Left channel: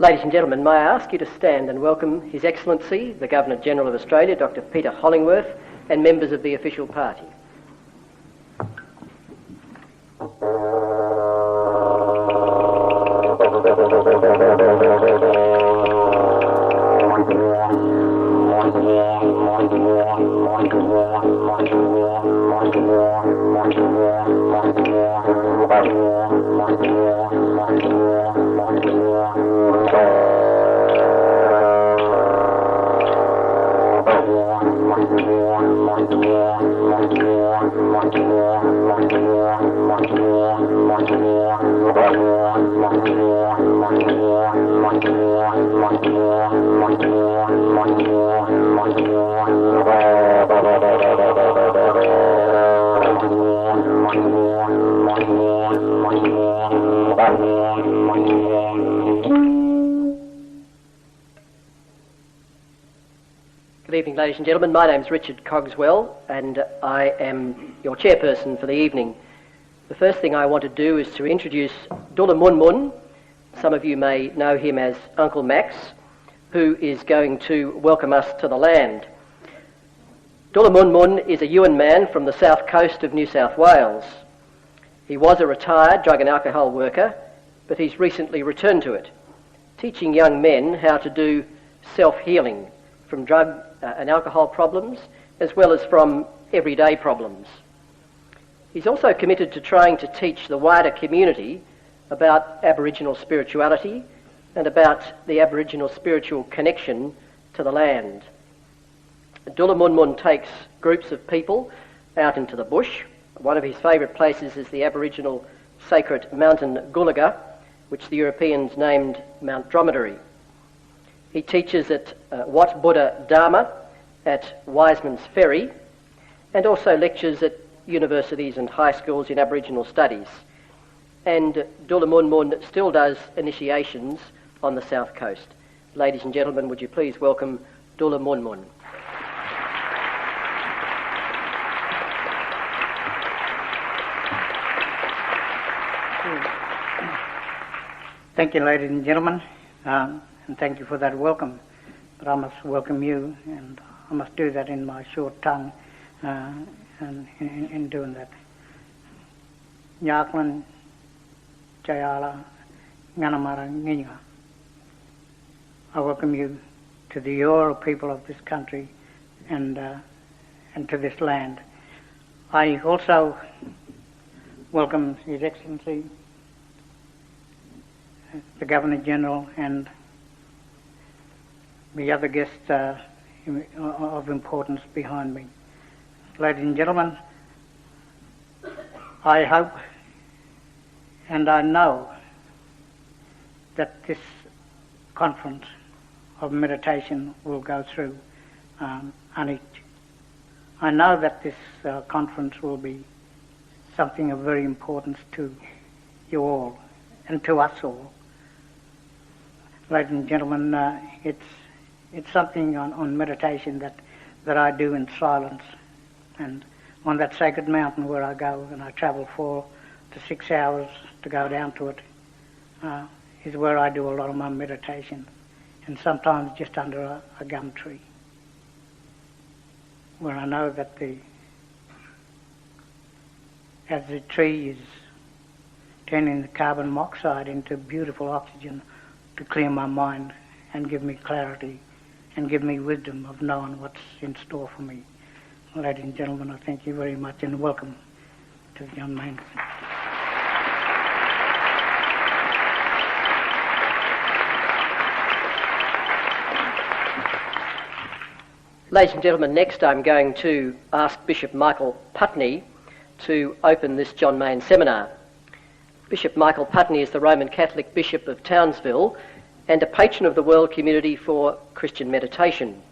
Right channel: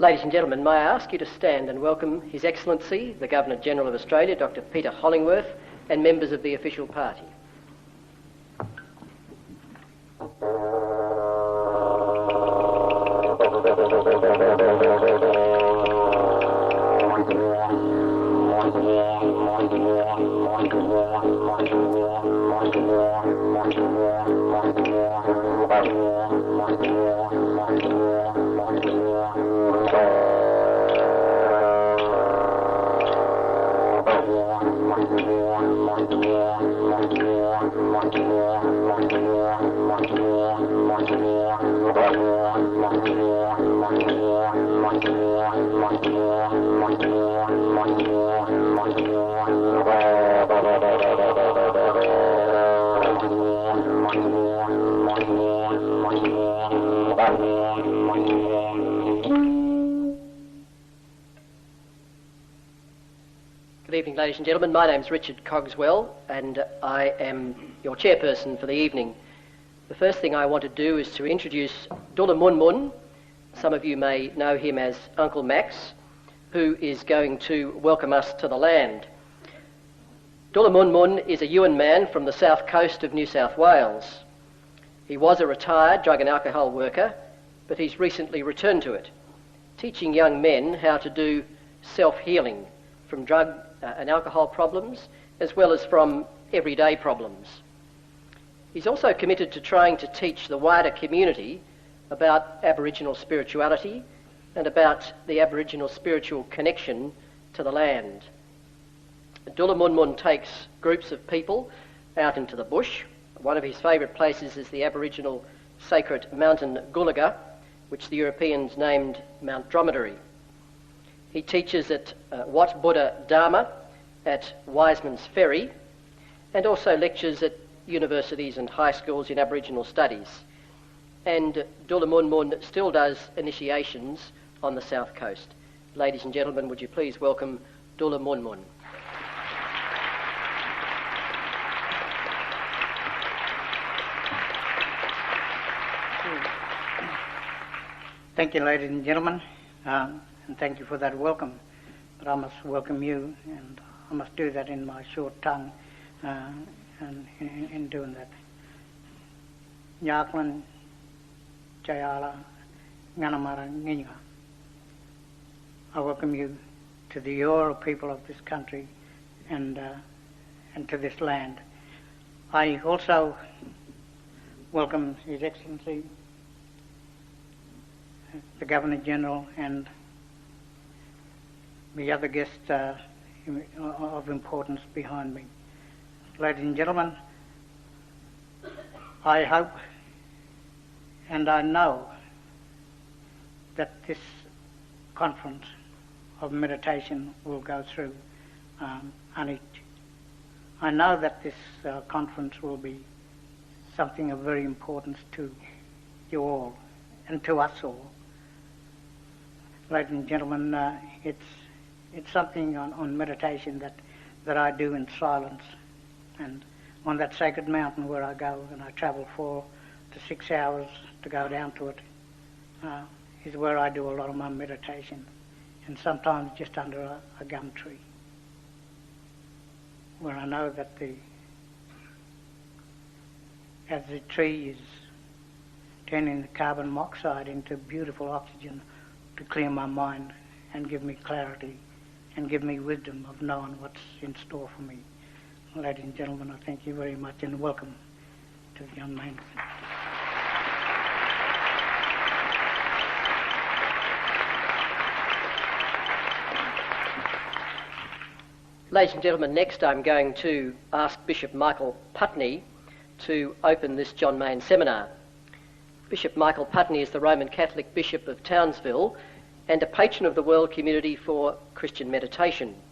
Ladies and gentlemen, may I ask you to stand and welcome His Excellency, the Governor-General of Australia, Dr. Peter Hollingworth, and members of the official party. Good evening, ladies and gentlemen. My name's Richard Cogswell, and I am your chairperson for the evening. The first thing I want to do is to introduce Dula Mun Mun. Some of you may know him as Uncle Max, who is going to welcome us to the land. Dula Mun Mun is a Yuin man from the south coast of New South Wales. He was a retired drug and alcohol worker, but he's recently returned to it, teaching young men how to do self-healing from drug and alcohol problems, as well as from everyday problems. He's also committed to trying to teach the wider community about Aboriginal spirituality and about the Aboriginal spiritual connection to the land. Dula Mun Mun takes groups of people out into the bush. One of his favourite places is the Aboriginal sacred mountain Gulaga, which the Europeans named Mount Dromedary. He teaches at Wat Buddha Dharma at Wiseman's Ferry, and also lectures at universities and high schools in Aboriginal studies. And Dula Mun Mun still does initiations on the south coast. Ladies and gentlemen, would you please welcome Dula Mun Mun. Thank you, ladies and gentlemen. And thank you for that welcome. But I must welcome you, and I must do that in my short tongue, and in doing that. Nyaklan, Jayala, Nganamara, Nginga. I welcome you to the Eora people of this country and to this land. I also welcome His Excellency, the Governor-General, and the other guests of importance behind me. Ladies and gentlemen, I hope and I know that this conference of meditation will go through uneach. I know that this conference will be something of very importance to you all and to us all. Ladies and gentlemen, it's something on meditation that I do in silence, and on that sacred mountain where I go and I travel 4 to 6 hours to go down to it, is where I do a lot of my meditation, and sometimes just under a gum tree, where I know that as the tree is turning the carbon monoxide into beautiful oxygen to clear my mind and give me clarity and give me wisdom of knowing what's in store for me. Ladies and gentlemen, I thank you very much and welcome to the young man. Ladies and gentlemen, next I'm going to ask Bishop Michael Putney to open this John Maine seminar. Bishop Michael Putney is the Roman Catholic Bishop of Townsville and a patron of the world community for Christian meditation.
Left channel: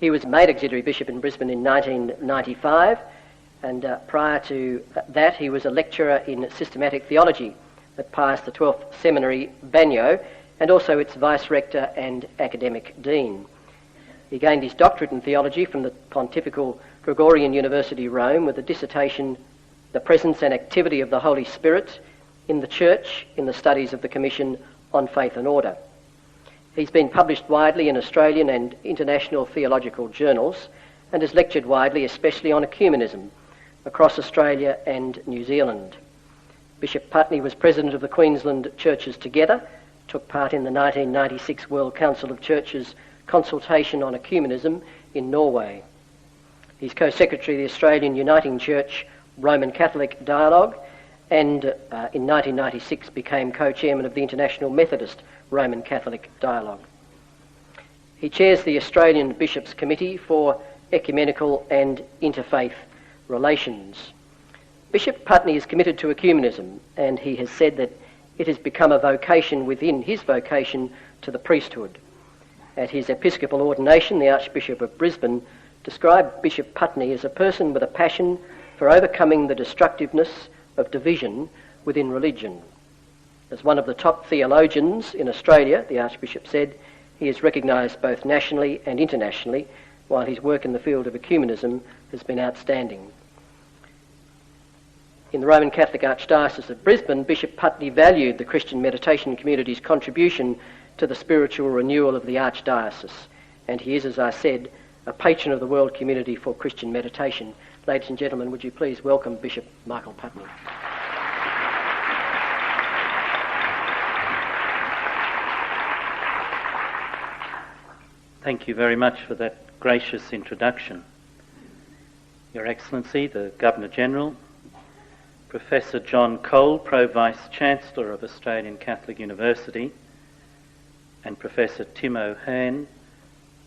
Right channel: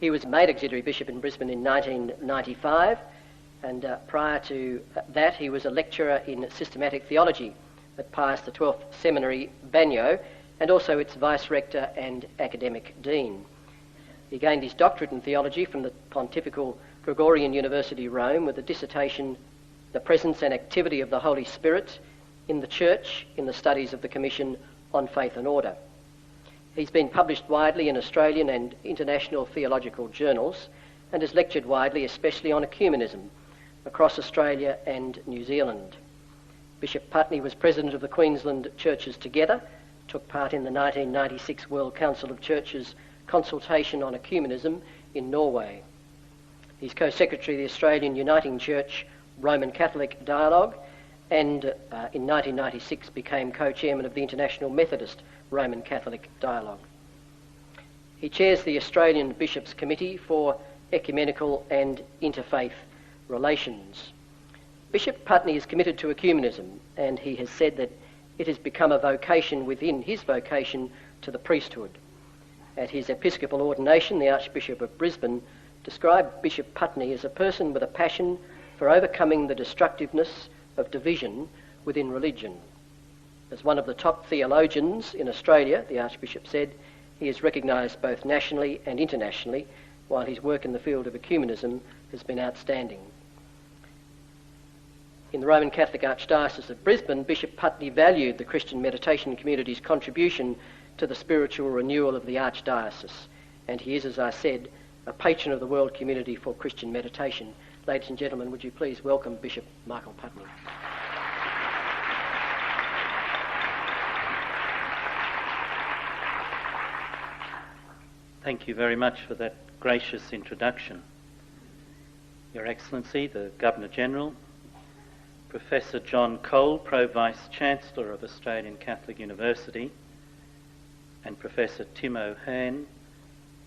He was made auxiliary bishop in Brisbane in 1995, and prior to that he was a lecturer in systematic theology at Pius XII Seminary, Banyo, and also its vice-rector and academic dean. He gained his doctorate in theology from the Pontifical Gregorian University, Rome, with a dissertation, The Presence and Activity of the Holy Spirit in the Church in the Studies of the Commission on Faith and Order. He's been published widely in Australian and international theological journals and has lectured widely, especially on ecumenism, across Australia and New Zealand. Bishop Putney was president of the Queensland Churches Together, took part in the 1996 World Council of Churches consultation on ecumenism in Norway. He's co-secretary of the Australian Uniting Church Roman Catholic Dialogue, and in 1996 became co-chairman of the International Methodist Roman Catholic Dialogue. He chairs the Australian Bishops' Committee for Ecumenical and Interfaith Relations. Bishop Putney is committed to ecumenism, and he has said that it has become a vocation within his vocation to the priesthood. At his episcopal ordination, the Archbishop of Brisbane described Bishop Putney as a person with a passion for overcoming the destructiveness of division within religion. As one of the top theologians in Australia, the Archbishop said, he is recognised both nationally and internationally, while his work in the field of ecumenism has been outstanding. In the Roman Catholic Archdiocese of Brisbane, Bishop Putney valued the Christian meditation community's contribution to the spiritual renewal of the Archdiocese, and he is, as I said, a patron of the World Community for Christian Meditation. Ladies and gentlemen, would you please welcome Bishop Michael Putney. Thank you very much for that gracious introduction. Your Excellency, the Governor-General, Professor John Cole, Pro-Vice-Chancellor of Australian Catholic University, and Professor Tim O'Hearn,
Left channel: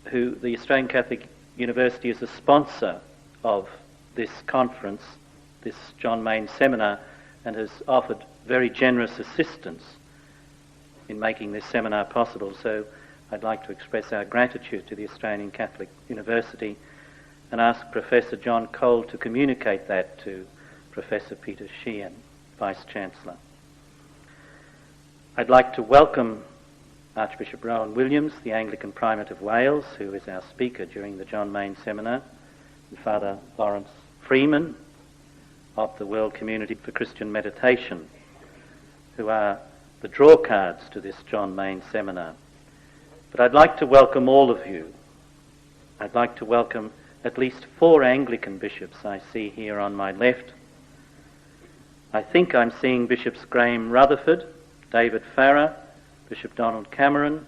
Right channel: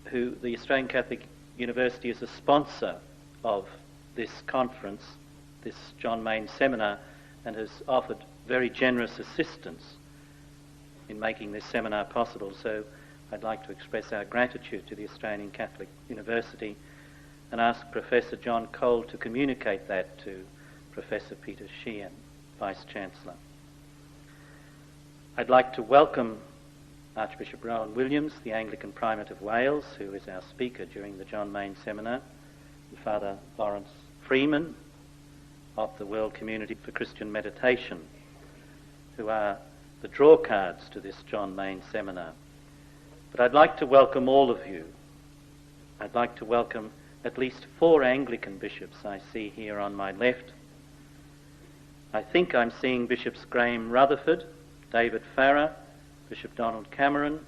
who the Australian Catholic University is a sponsor of this conference, this John Maine seminar, and has offered very generous assistance in making this seminar possible. So I'd like to express our gratitude to the Australian Catholic University and ask Professor John Cole to communicate that to Professor Peter Sheehan, Vice-Chancellor. I'd like to welcome Archbishop Rowan Williams, the Anglican Primate of Wales, who is our speaker during the John Maine seminar, and Father Lawrence Freeman of the World Community for Christian Meditation, who are the draw cards to this John Maine seminar. But I'd like to welcome all of you. I'd like to welcome at least 4 Anglican bishops I see here on my left. I think I'm seeing Bishops Graham Rutherford, David Farrer, Bishop Donald Cameron,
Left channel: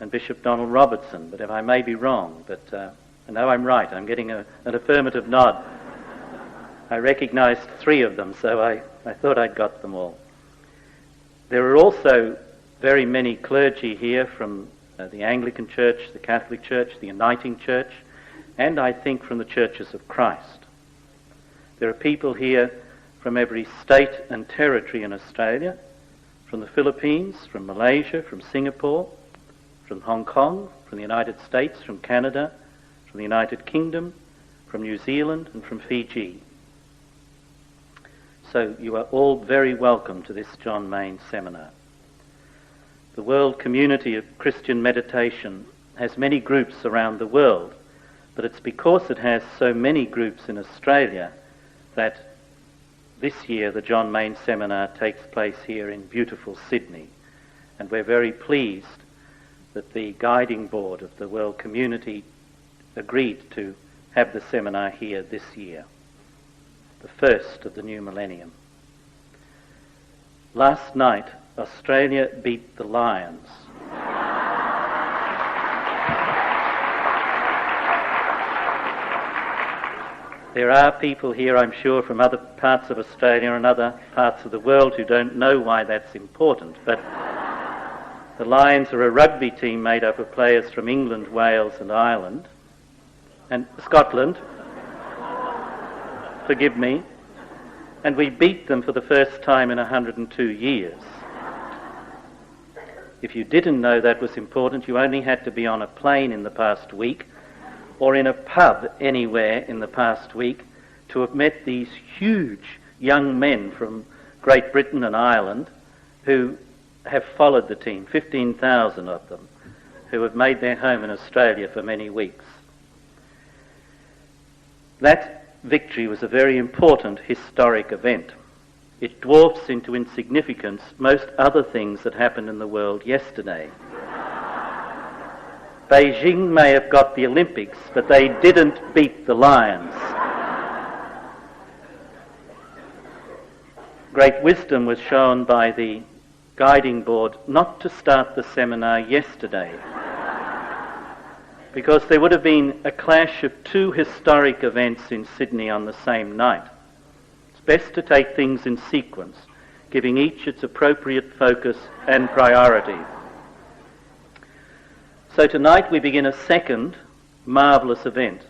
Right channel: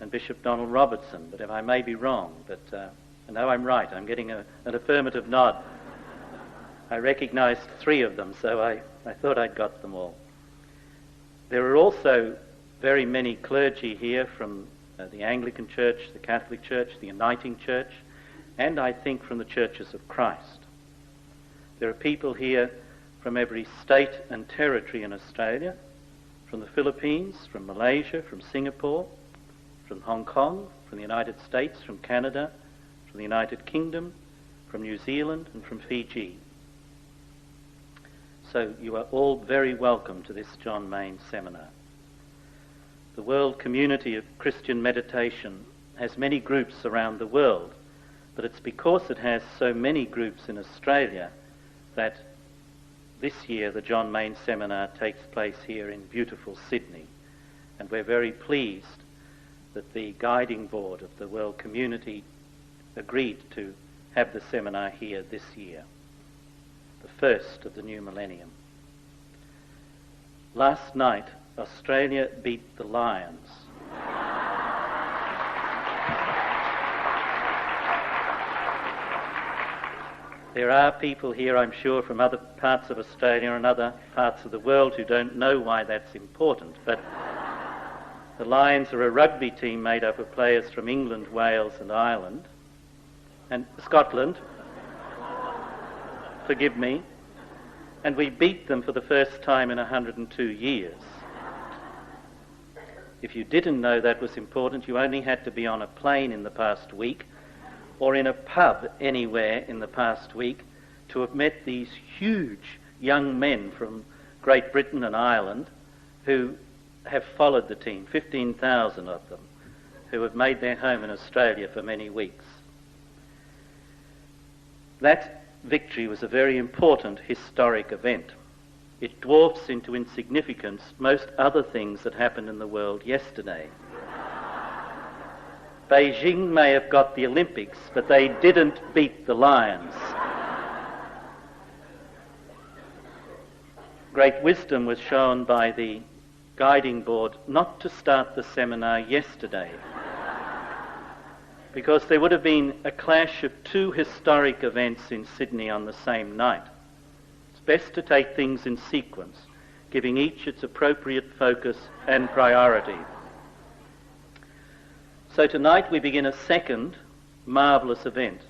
and Bishop Donald Robertson, but if I may be wrong, but I know I'm right. I'm getting an affirmative nod. I recognised 3 of them, so I thought I'd got them all. There are also very many clergy here from the Anglican Church, the Catholic Church, the Uniting Church, and I think from the Churches of Christ. There are people here from every state and territory in Australia, from the Philippines, from Malaysia, from Singapore, from Hong Kong, from the United States, from Canada, from the United Kingdom, from New Zealand, and from Fiji. So you are all very welcome to this John Maine seminar. The World Community of Christian Meditation has many groups around the world, but it's because it has so many groups in Australia that this year the John Maine seminar takes place here in beautiful Sydney, and we're very pleased that the guiding board of the World Community agreed to have the seminar here this year, the first of the new millennium. Last night, Australia beat the Lions. There are people here, I'm sure, from other parts of Australia and other parts of the world who don't know why that's important, but the Lions are a rugby team made up of players from England, Wales and Ireland, and Scotland, forgive me, and we beat them for the first time in 102 years. If you didn't know that was important, you only had to be on a plane in the past week or in a pub anywhere in the past week to have met these huge young men from Great Britain and Ireland who have followed the team, 15,000 of them, who have made their home in Australia for many weeks. That victory was a very important historic event. It dwarfs into insignificance most other things that happened in the world yesterday. Beijing may have got the Olympics, but they didn't beat the Lions. Great wisdom was shown by the guiding board not to start the seminar yesterday, because there would have been a clash of two historic events in Sydney on the same night. It's best to take things in sequence, giving each its appropriate focus and priority. So tonight we begin a second marvellous event,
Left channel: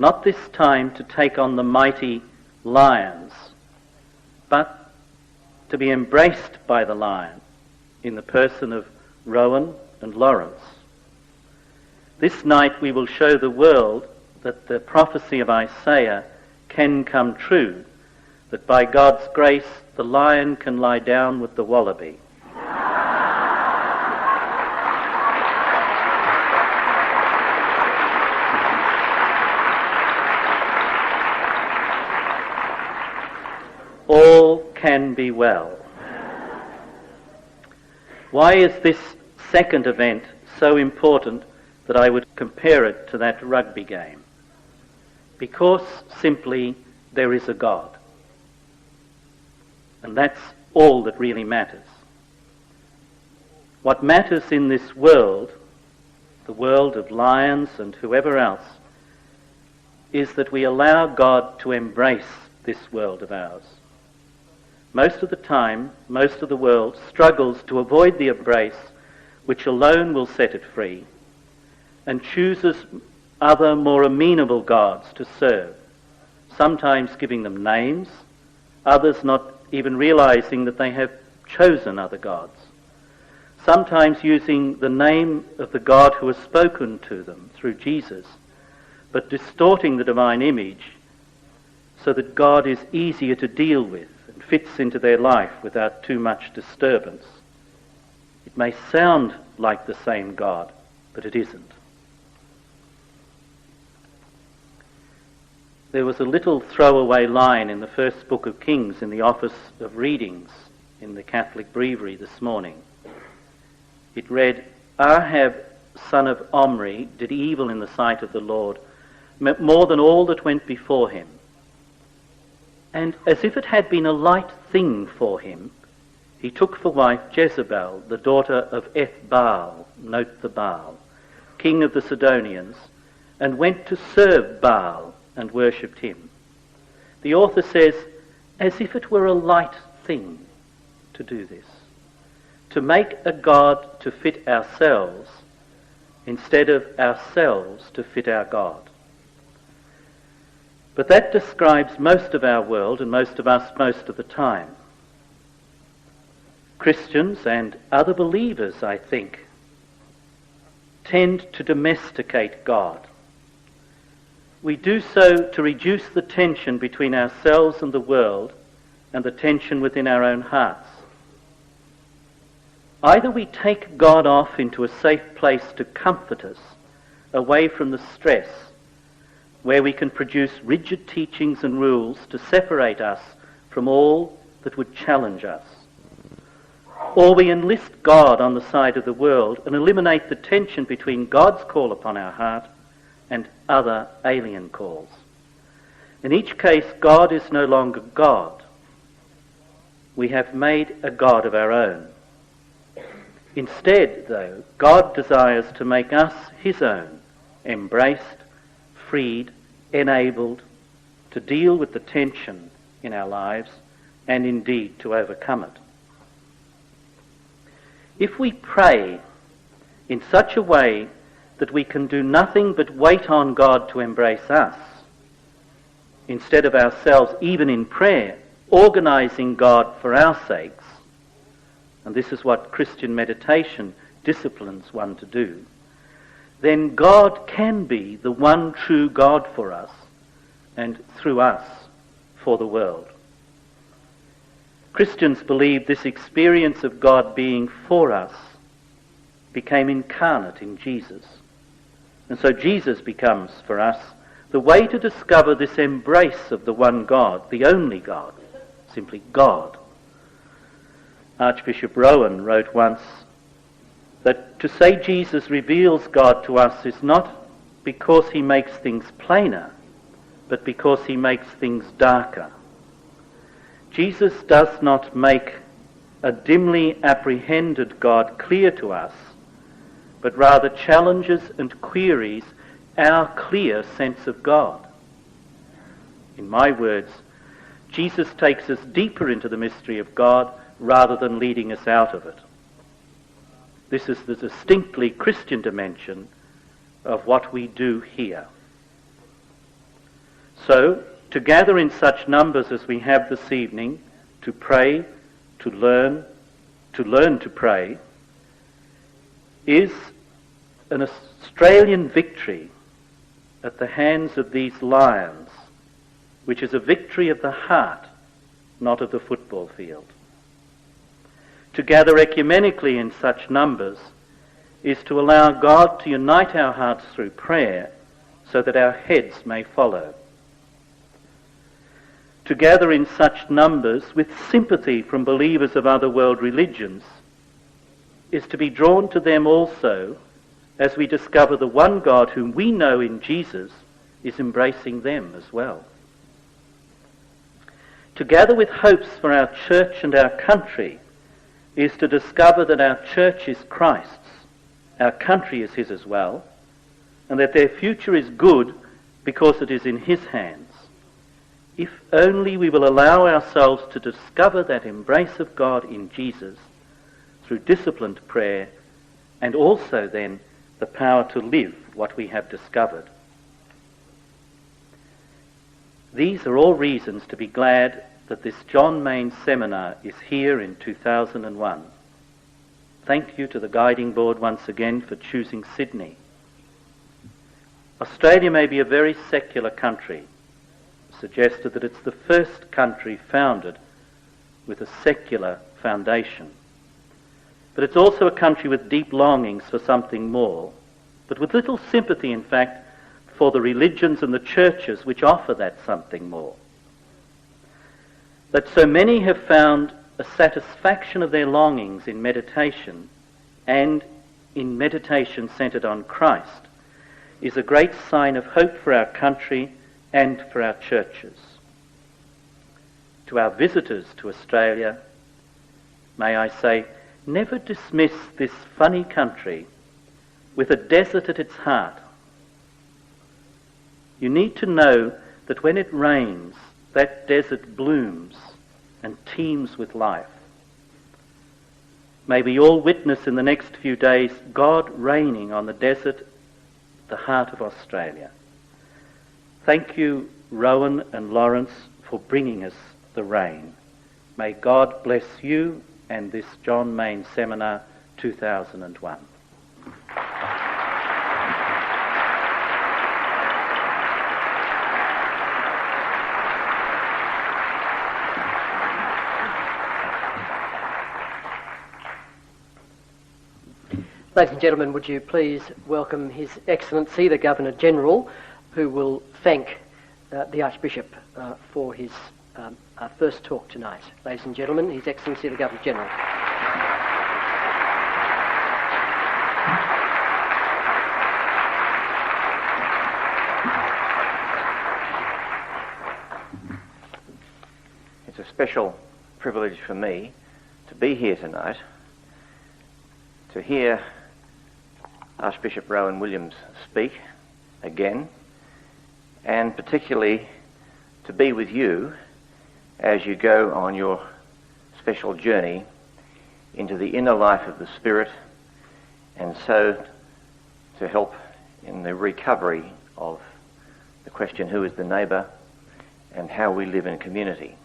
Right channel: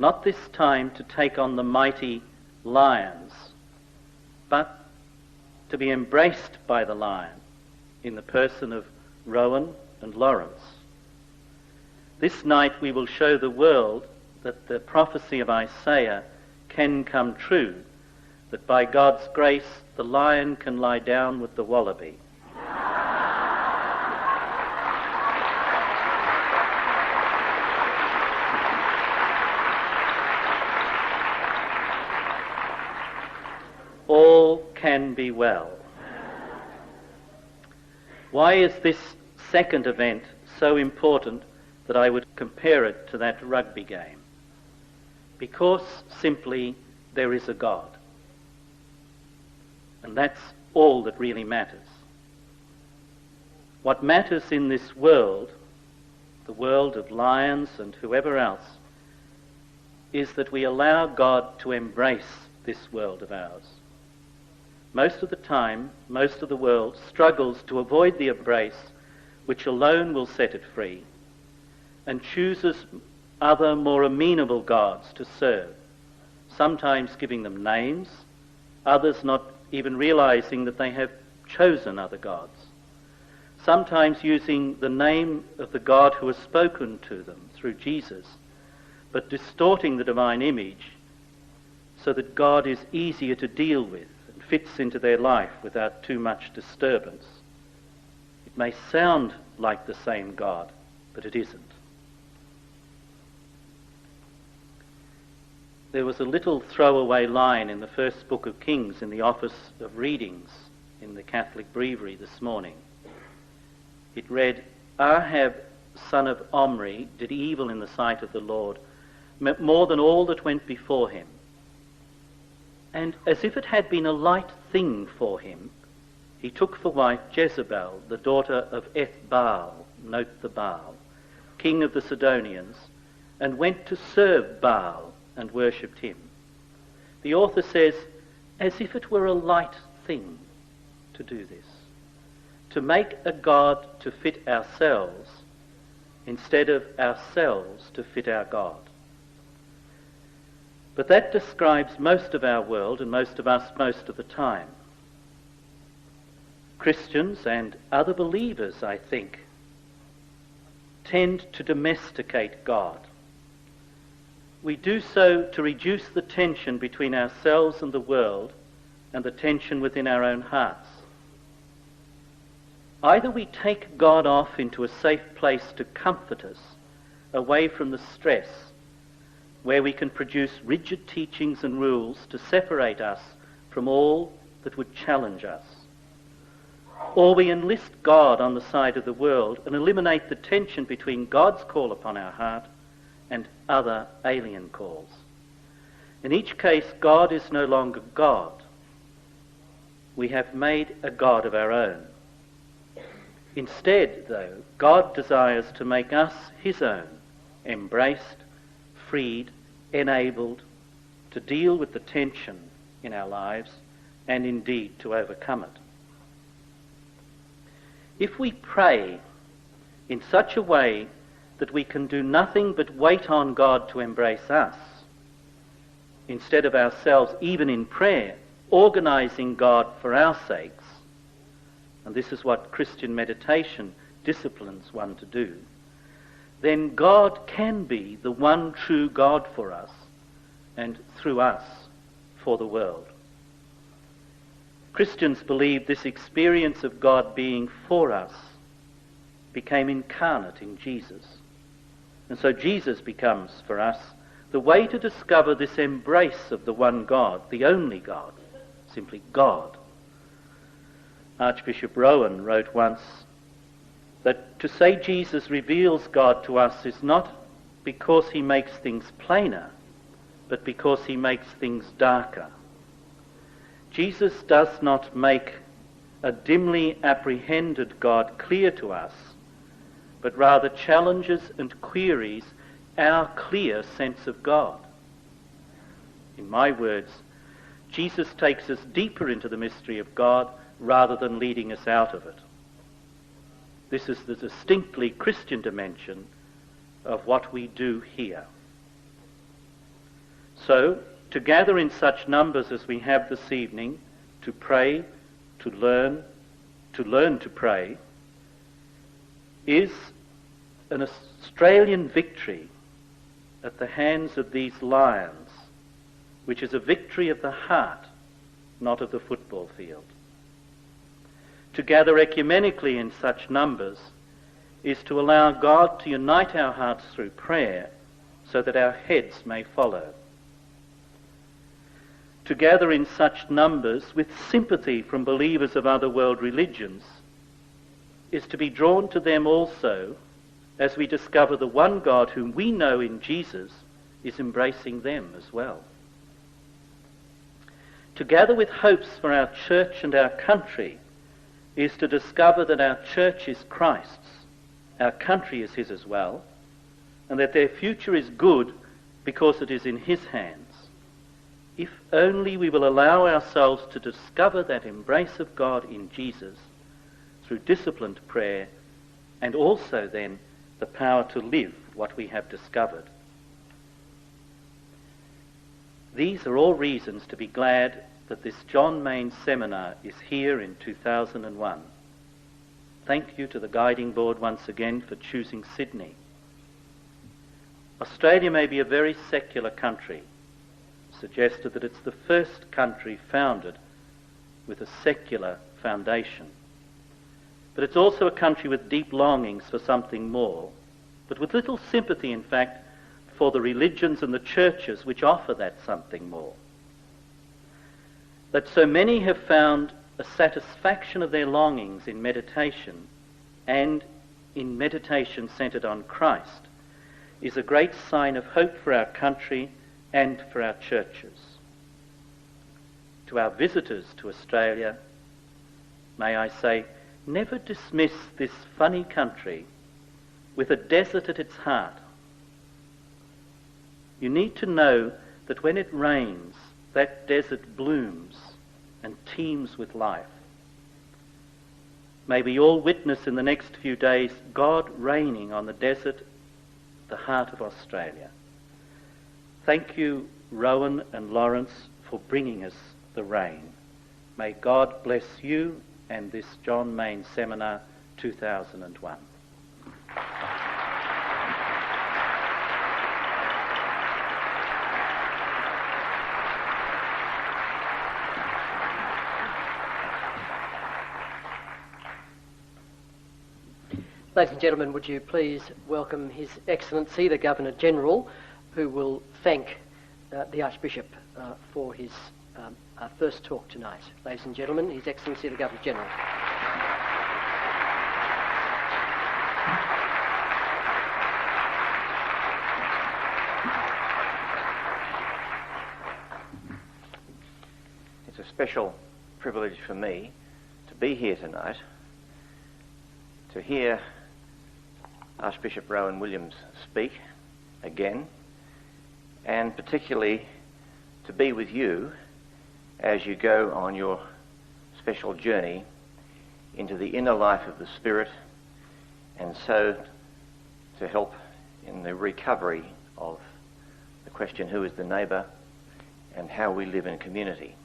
not this time to take on the mighty lions, but to be embraced by the lion in the person of Rowan and Lawrence. This night we will show the world that the prophecy of Isaiah can come true, that by God's grace the lion can lie down with the wallaby. All can be well. Why is this second event so important that I would compare it to that rugby game? Because simply there is a God. And that's all that really matters. What matters in this world, the world of lions and whoever else, is that we allow God to embrace this world of ours. Most of the time, most of the world struggles to avoid the embrace which alone will set it free, and chooses other more amenable gods to serve, sometimes giving them names, others not even realizing that they have chosen other gods, sometimes using the name of the God who has spoken to them through Jesus, but distorting the divine image so that God is easier to deal with and fits into their life without too much disturbance. It may sound like the same God, but it isn't. There was a little throwaway line in the first book of Kings in the office of readings in the Catholic breviary this morning. It read, "Ahab, son of Omri, did evil in the sight of the Lord, more than all that went before him. And as if it had been a light thing for him, he took for wife Jezebel, the daughter of Ethbaal," note the Baal, king of the Sidonians, "and went to serve Baal and worshipped him." The author says, as if it were a light thing to do this, to make a God to fit ourselves instead of ourselves to fit our God. But that describes most of our world and most of us most of the time. Christians and other believers, I think, tend to domesticate God. We do so to reduce the tension between ourselves and the world and the tension within our own hearts. Either we take God off into a safe place to comfort us, away from the stress, where we can produce rigid teachings and rules to separate us from all that would challenge us. Or we enlist God on the side of the world and eliminate the tension between God's call upon our heart and other alien calls. In each case, God is no longer God. We have made a God of our own. Instead, though, God desires to make us his own, embraced, freed, enabled to deal with the tension in our lives and indeed to overcome it. If we pray in such a way that we can do nothing but wait on God to embrace us, instead of ourselves, even in prayer, organising God for our sakes, and this is what Christian meditation disciplines one to do, then God can be the one true God for us and through us for the world. Christians believe this experience of God being for us became incarnate in Jesus. And so Jesus becomes for us the way to discover this embrace of the one God, the only God, simply God. Archbishop Rowan wrote once, That to say Jesus reveals God to us is not because he makes things plainer, but because he makes things darker. Jesus does not make a dimly apprehended God clear to us, but rather challenges and queries our clear sense of God. In my words, Jesus takes us deeper into the mystery of God rather than leading us out of it. This is the distinctly Christian dimension of what we do here. So, to gather in such numbers as we have this evening, to pray, to learn to pray, is an Australian victory at the hands of these lions, which is a victory of the heart, not of the football field. To gather ecumenically in such numbers is to allow God to unite our hearts through prayer so that our heads may follow. To gather in such numbers with sympathy from believers of other world religions is to be drawn to them also as we discover the one God whom we know in Jesus is embracing them as well. To gather with hopes for our church and our country is to discover that our church is Christ's, our country is his as well, and that their future is good because it is in his hands. If only we will allow ourselves to discover that embrace of God in Jesus through disciplined prayer, and also then the power to live what we have discovered. These are all reasons to be glad that this John Maine seminar is here in 2001. Thank you to the guiding board once again for choosing Sydney. Australia may be a very secular country, suggested that it's the first country founded with a secular foundation. But it's also a country with deep longings for something more, but with little sympathy, in fact, for the religions and the churches which offer that something more. That so many have found a satisfaction of their longings in meditation, and in meditation centred on Christ, is a great sign of hope for our country and for our churches. To our visitors to Australia, may I say, never dismiss this funny country with a desert at its heart. You need to know that when it rains, that desert blooms and teems with life. May we all witness in the next few days God reigning on the desert, the heart of Australia. Thank you, Rowan and Lawrence, for bringing us the rain. May God bless you and this John Maine Seminar 2001. Ladies and gentlemen, would you please welcome His Excellency the Governor-General, who will thank the Archbishop for his first talk tonight. Ladies and gentlemen, His Excellency the Governor-General. It's a special privilege for me to be here tonight, to hear Archbishop Rowan Williams speak again, and particularly to be with you as you go on your special journey into the inner life of the Spirit, and so to help in the recovery of the question, who is the neighbour, and how we live in community.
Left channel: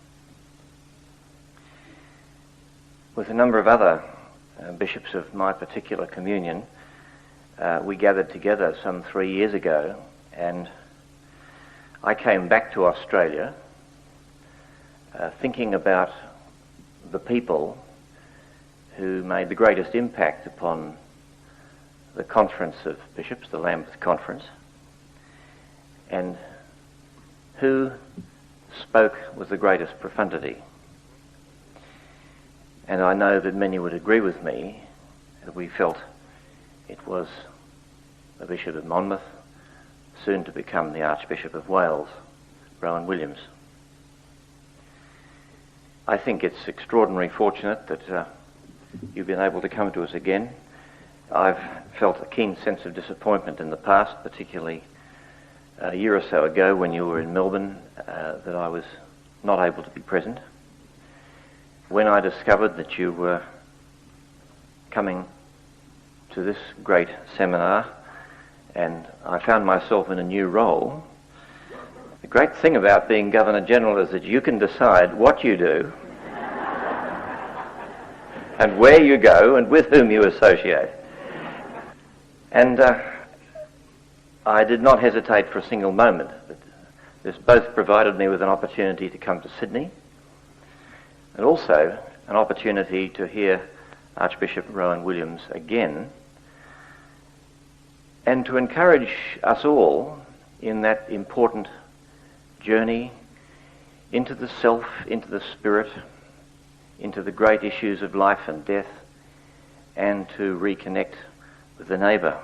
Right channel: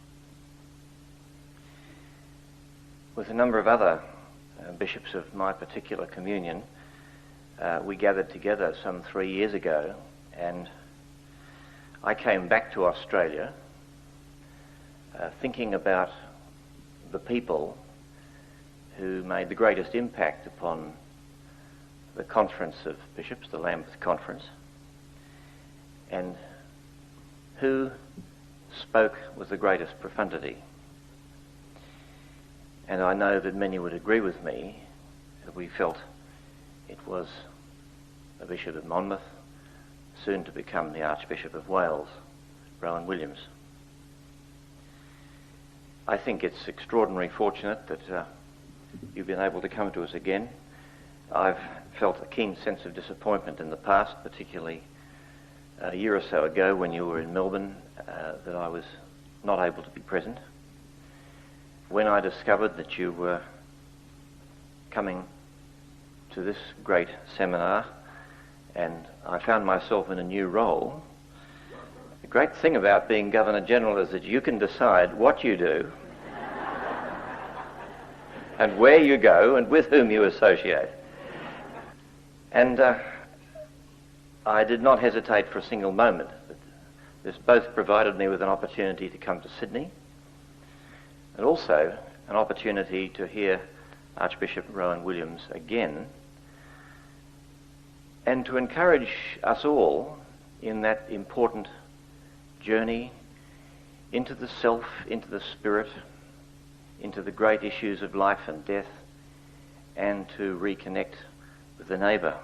With a number of other bishops of my particular communion, we gathered together some 3 years ago, and I came back to Australia thinking about the people who made the greatest impact upon the Conference of Bishops, the Lambeth Conference, and who spoke with the greatest profundity. And I know that many would agree with me that we felt it was the Bishop of Monmouth, soon to become the Archbishop of Wales, Rowan Williams. I think it's extraordinarily fortunate that you've been able to come to us again. I've felt a keen sense of disappointment in the past, particularly a year or so ago when you were in Melbourne, that I was not able to be present. When I discovered that you were coming to this great seminar and I found myself in a new role, the great thing about being Governor-General is that you can decide what you do and where you go and with whom you associate. And I did not hesitate for a single moment. This both provided me with an opportunity to come to Sydney and also an opportunity to hear Archbishop Rowan Williams again and to encourage us all in that important journey into the self, into the spirit, into the great issues of life and death, and to reconnect with the neighbour.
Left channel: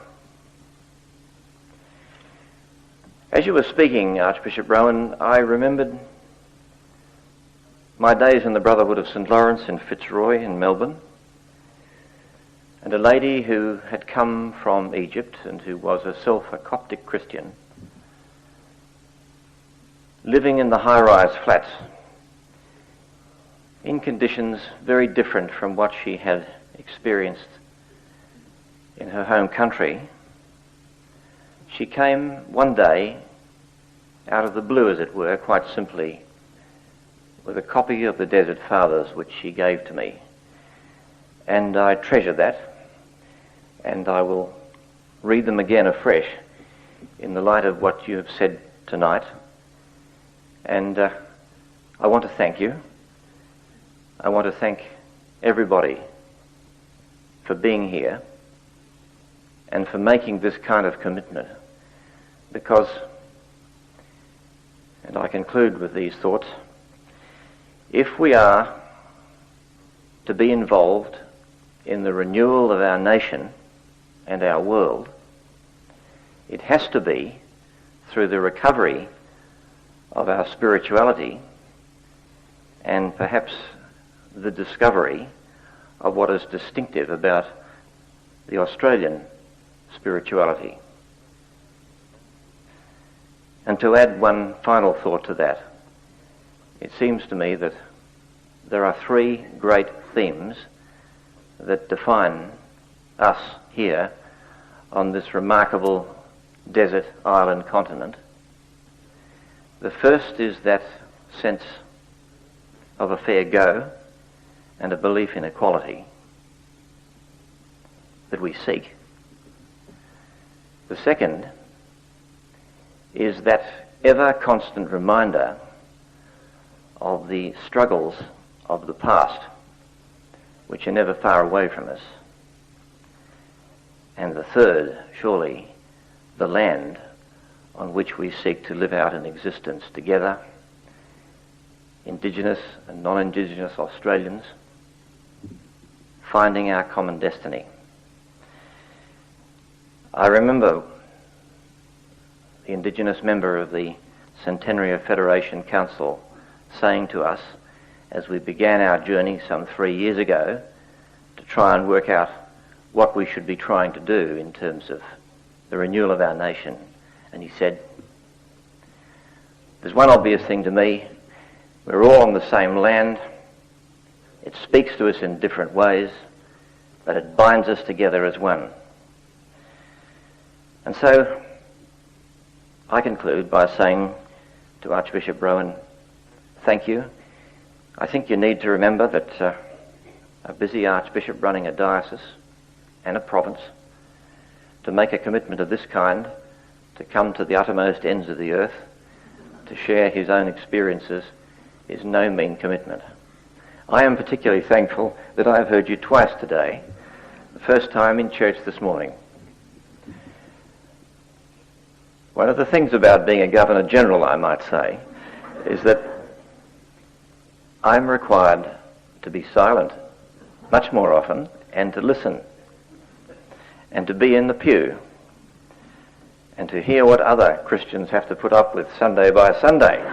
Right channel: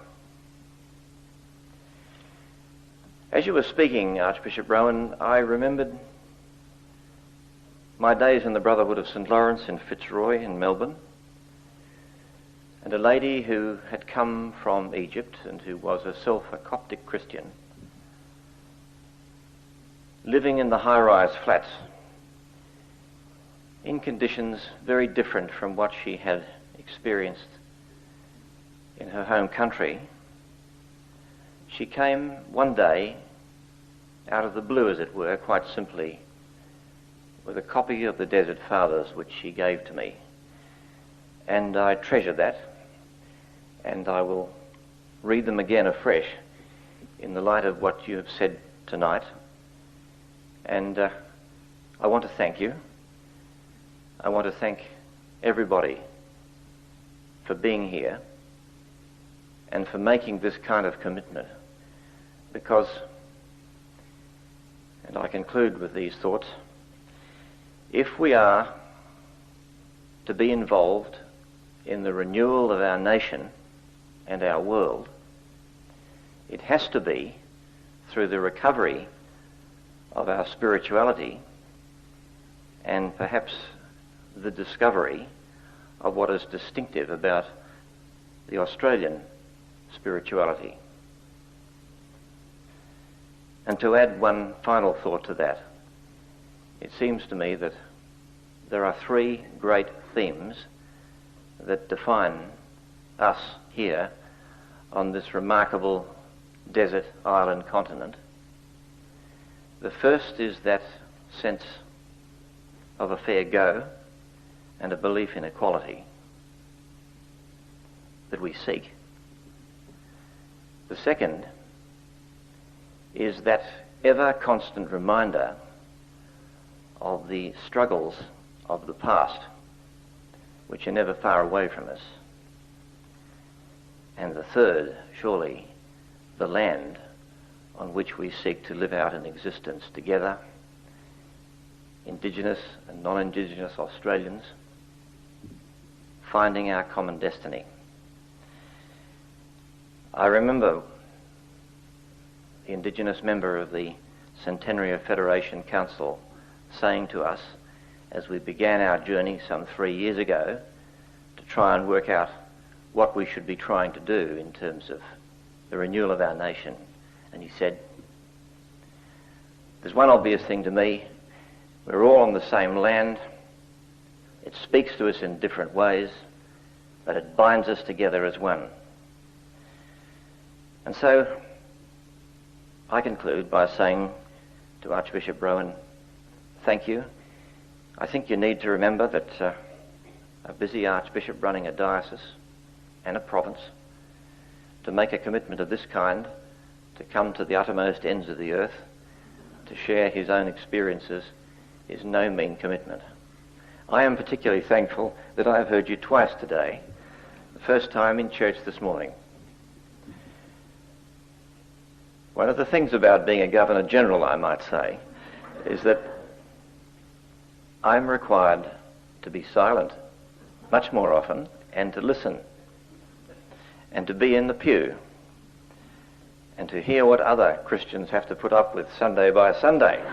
As you were speaking, Archbishop Rowan, I remembered my days in the Brotherhood of St Lawrence in Fitzroy in Melbourne, and a lady who had come from Egypt and who was herself a Coptic Christian, living in the high-rise flats in conditions very different from what she had experienced in her home country. She came one day, out of the blue as it were, quite simply, with a copy of the Desert Fathers which she gave to me. And I treasure that, and I will read them again afresh in the light of what you have said tonight. And I want to thank you. I want to thank everybody for being here and for making this kind of commitment, because, and I conclude with these thoughts, if we are to be involved in the renewal of our nation and our world, it has to be through the recovery of our spirituality and perhaps the discovery of what is distinctive about the Australian spirituality. And to add one final thought to that, it seems to me that there are three great themes that define us here on this remarkable desert island continent. The first is that sense of a fair go and a belief in equality that we seek. The second is that ever constant reminder of the struggles of the past, which are never far away from us. And the third, surely, the land on which we seek to live out an existence together, Indigenous and non-Indigenous Australians, finding our common destiny. I remember the Indigenous member of the Centenary Federation Council saying to us as we began our journey some 3 years ago to try and work out what we should be trying to do in terms of the renewal of our nation. And he said, "There's one obvious thing to me. We're all on the same land. It speaks to us in different ways, but it binds us together as one." And so I conclude by saying to Archbishop Rowan, thank you. I think you need to remember that a busy archbishop running a diocese and a province, to make a commitment of this kind, to come to the uttermost ends of the earth, to share his own experiences, is no mean commitment. I am particularly thankful that I have heard you twice today, the first time in church this morning. One of the things about being a Governor-General, I might say, is that I'm required to be silent much more often and to listen. and to be in the pew and to hear what other Christians have to put up with Sunday by Sunday.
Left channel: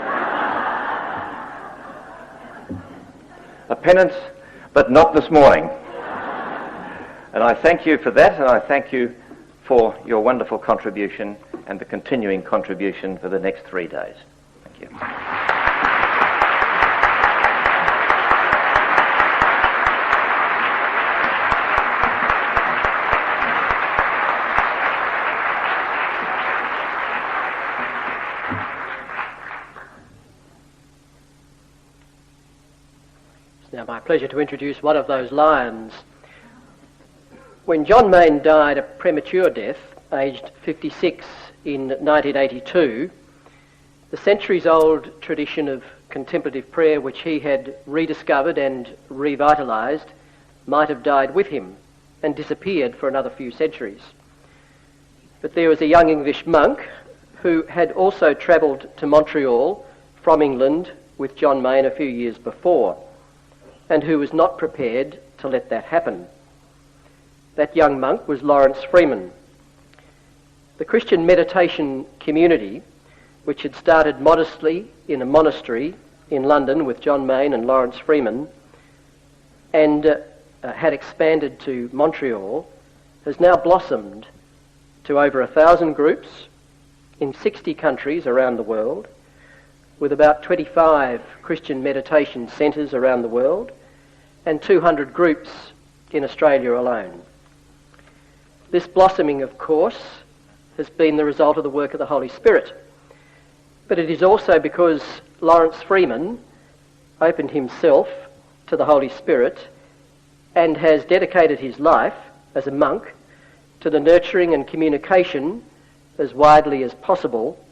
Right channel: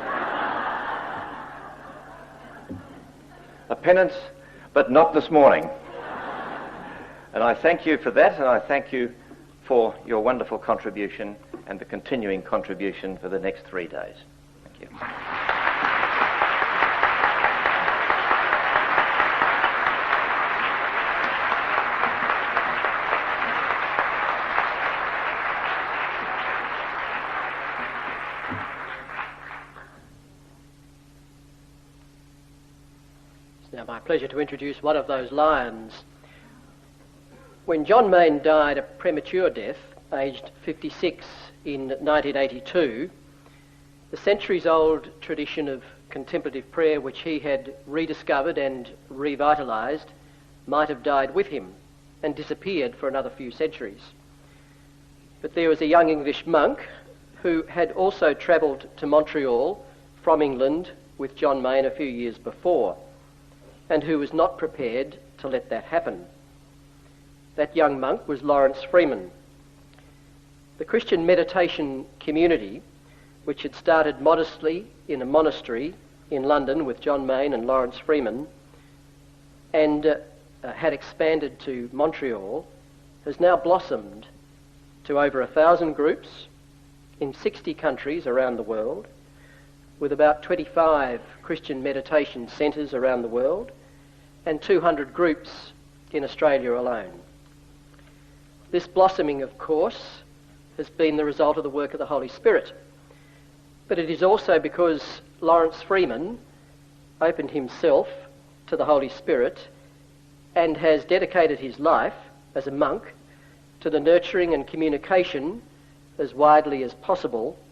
A penance, but not this morning. And I thank you for that, and I thank you for your wonderful contribution and the continuing contribution for the next 3 days. Thank you. It's now my pleasure to introduce one of those lions. When John Maine died a premature death, aged 56 in 1982, the centuries-old tradition of contemplative prayer which he had rediscovered and revitalised might have died with him and disappeared for another few centuries. But there was a young English monk who had also travelled to Montreal from England with John Maine a few years before, and who was not prepared to let that happen. That young monk was Lawrence Freeman. The Christian meditation community, which had started modestly in a monastery in London with John Maine and Lawrence Freeman, and had expanded to Montreal, has now blossomed to over 1,000 groups in 60 countries around the world, with about 25 Christian meditation centres around the world and 200 groups in Australia alone. This blossoming, of course, has been the result of the work of the Holy Spirit, but it is also because Lawrence Freeman opened himself to the Holy Spirit and has dedicated his life as a monk to the nurturing and communication as widely as possible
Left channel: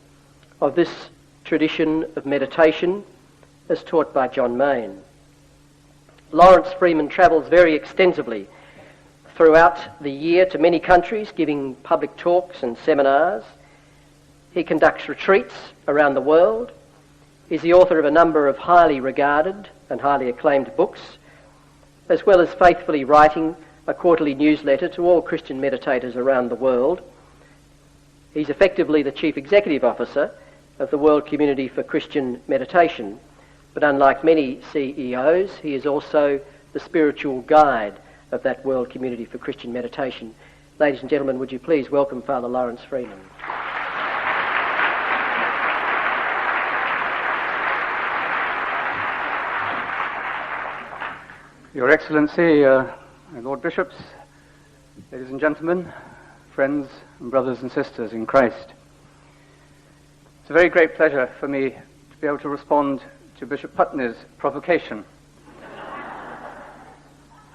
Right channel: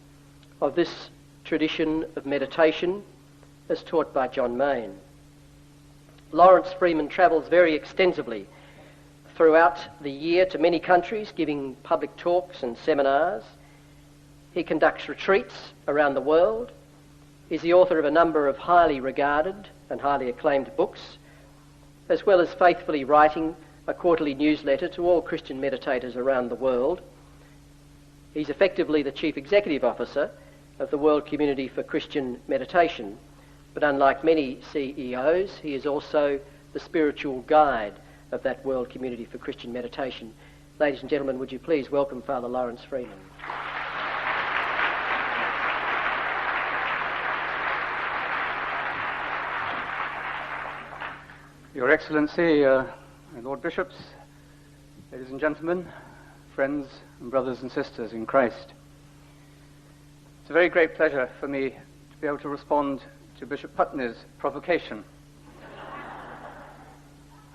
of this tradition of meditation as taught by John Maine. Lawrence Freeman travels very extensively throughout the year to many countries, giving public talks and seminars. He conducts retreats around the world, is the author of a number of highly regarded and highly acclaimed books, as well as faithfully writing a quarterly newsletter to all Christian meditators around the world. He's effectively the Chief Executive Officer of the World Community for Christian Meditation, but unlike many CEOs, he is also the spiritual guide of that World Community for Christian Meditation. Ladies and gentlemen, would you please welcome Father Lawrence Freeman. Your Excellency, my Lord Bishops, ladies and gentlemen, friends and brothers and sisters in Christ. It's a very great pleasure for me to be able to respond to Bishop Putney's provocation.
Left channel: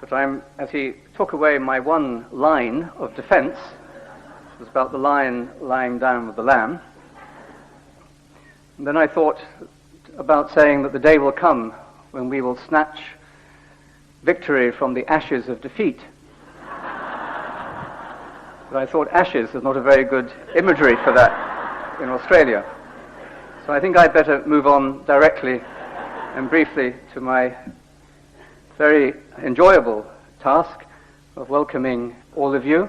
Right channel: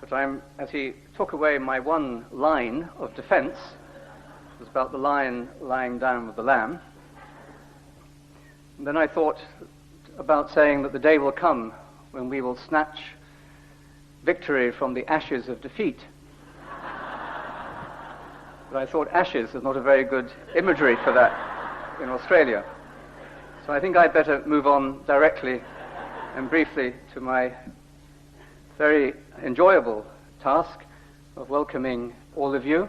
But as he took away my one line of defence, it was about the lion lying down with the lamb, and then I thought about saying that the day will come when we will snatch victory from the ashes of defeat. But I thought ashes is not a very good imagery for that in Australia. So I think I'd better move on directly and briefly to my very enjoyable task of welcoming all of you,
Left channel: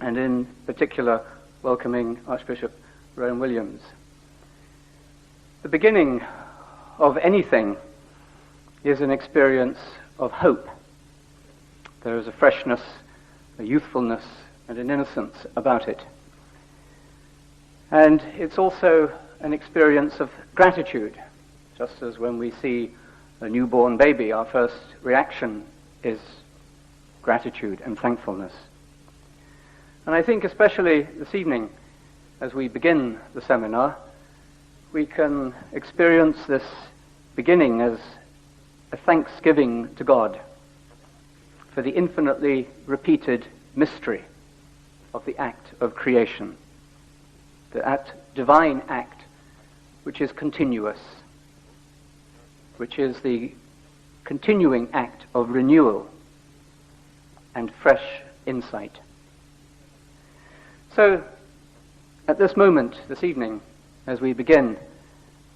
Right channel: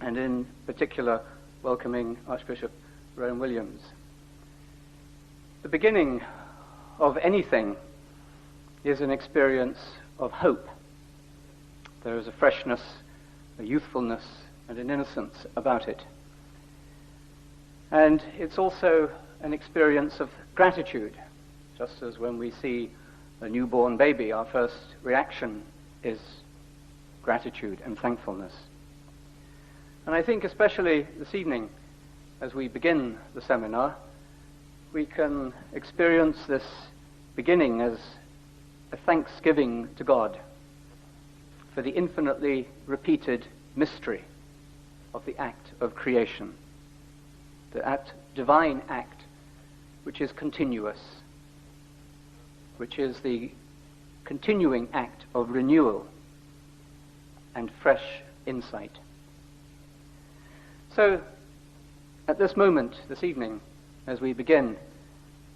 and in particular welcoming Archbishop Rowan Williams. The beginning of anything is an experience of hope. There is a freshness, a youthfulness, and an innocence about it. And it's also an experience of gratitude, just as when we see a newborn baby, our first reaction is gratitude and thankfulness. And I think especially this evening, as we begin the seminar, we can experience this beginning as a thanksgiving to God for the infinitely repeated mystery of the act of creation, that divine act which is continuous, which is the continuing act of renewal and fresh insight. So, at this moment, this evening, as we begin,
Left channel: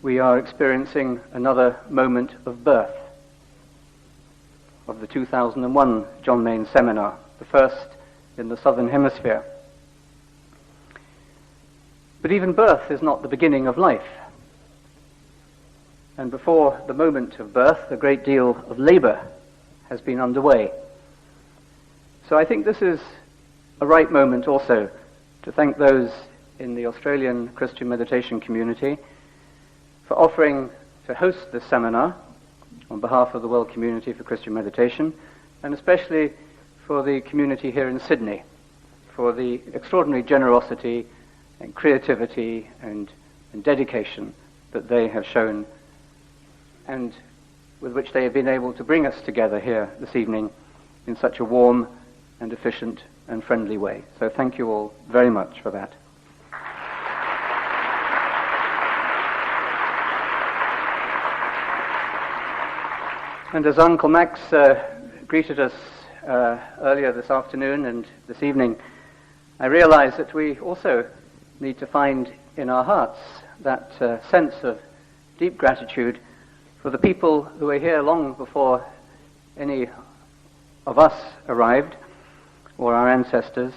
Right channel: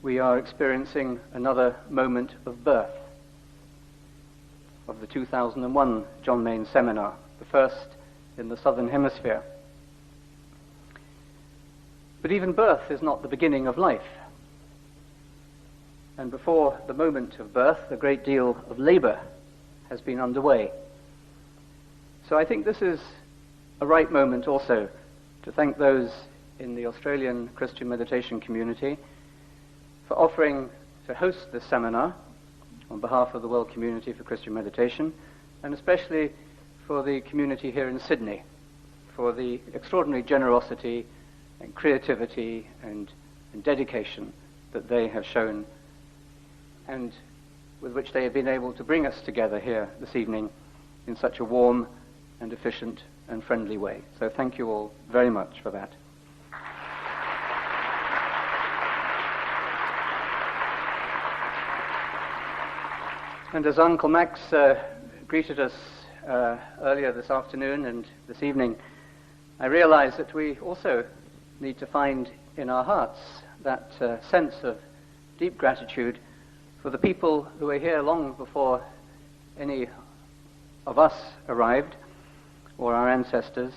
we are experiencing another moment of birth of the 2001 John Maine Seminar, the first in the southern hemisphere. But even birth is not the beginning of life. And before the moment of birth, a great deal of labor has been underway. So I think this is a right moment also to thank those in the Australian Christian meditation community for offering to host this seminar on behalf of the World Community for Christian Meditation, and especially for the community here in Sydney, for the extraordinary generosity and creativity and dedication that they have shown, and with which they have been able to bring us together here this evening in such a warm and efficient and friendly way. So thank you all very much for that. And as Uncle Max greeted us earlier this afternoon and this evening, I realize that we also need to find in our hearts that sense of deep gratitude for the people who were here long before any of us arrived, or our ancestors,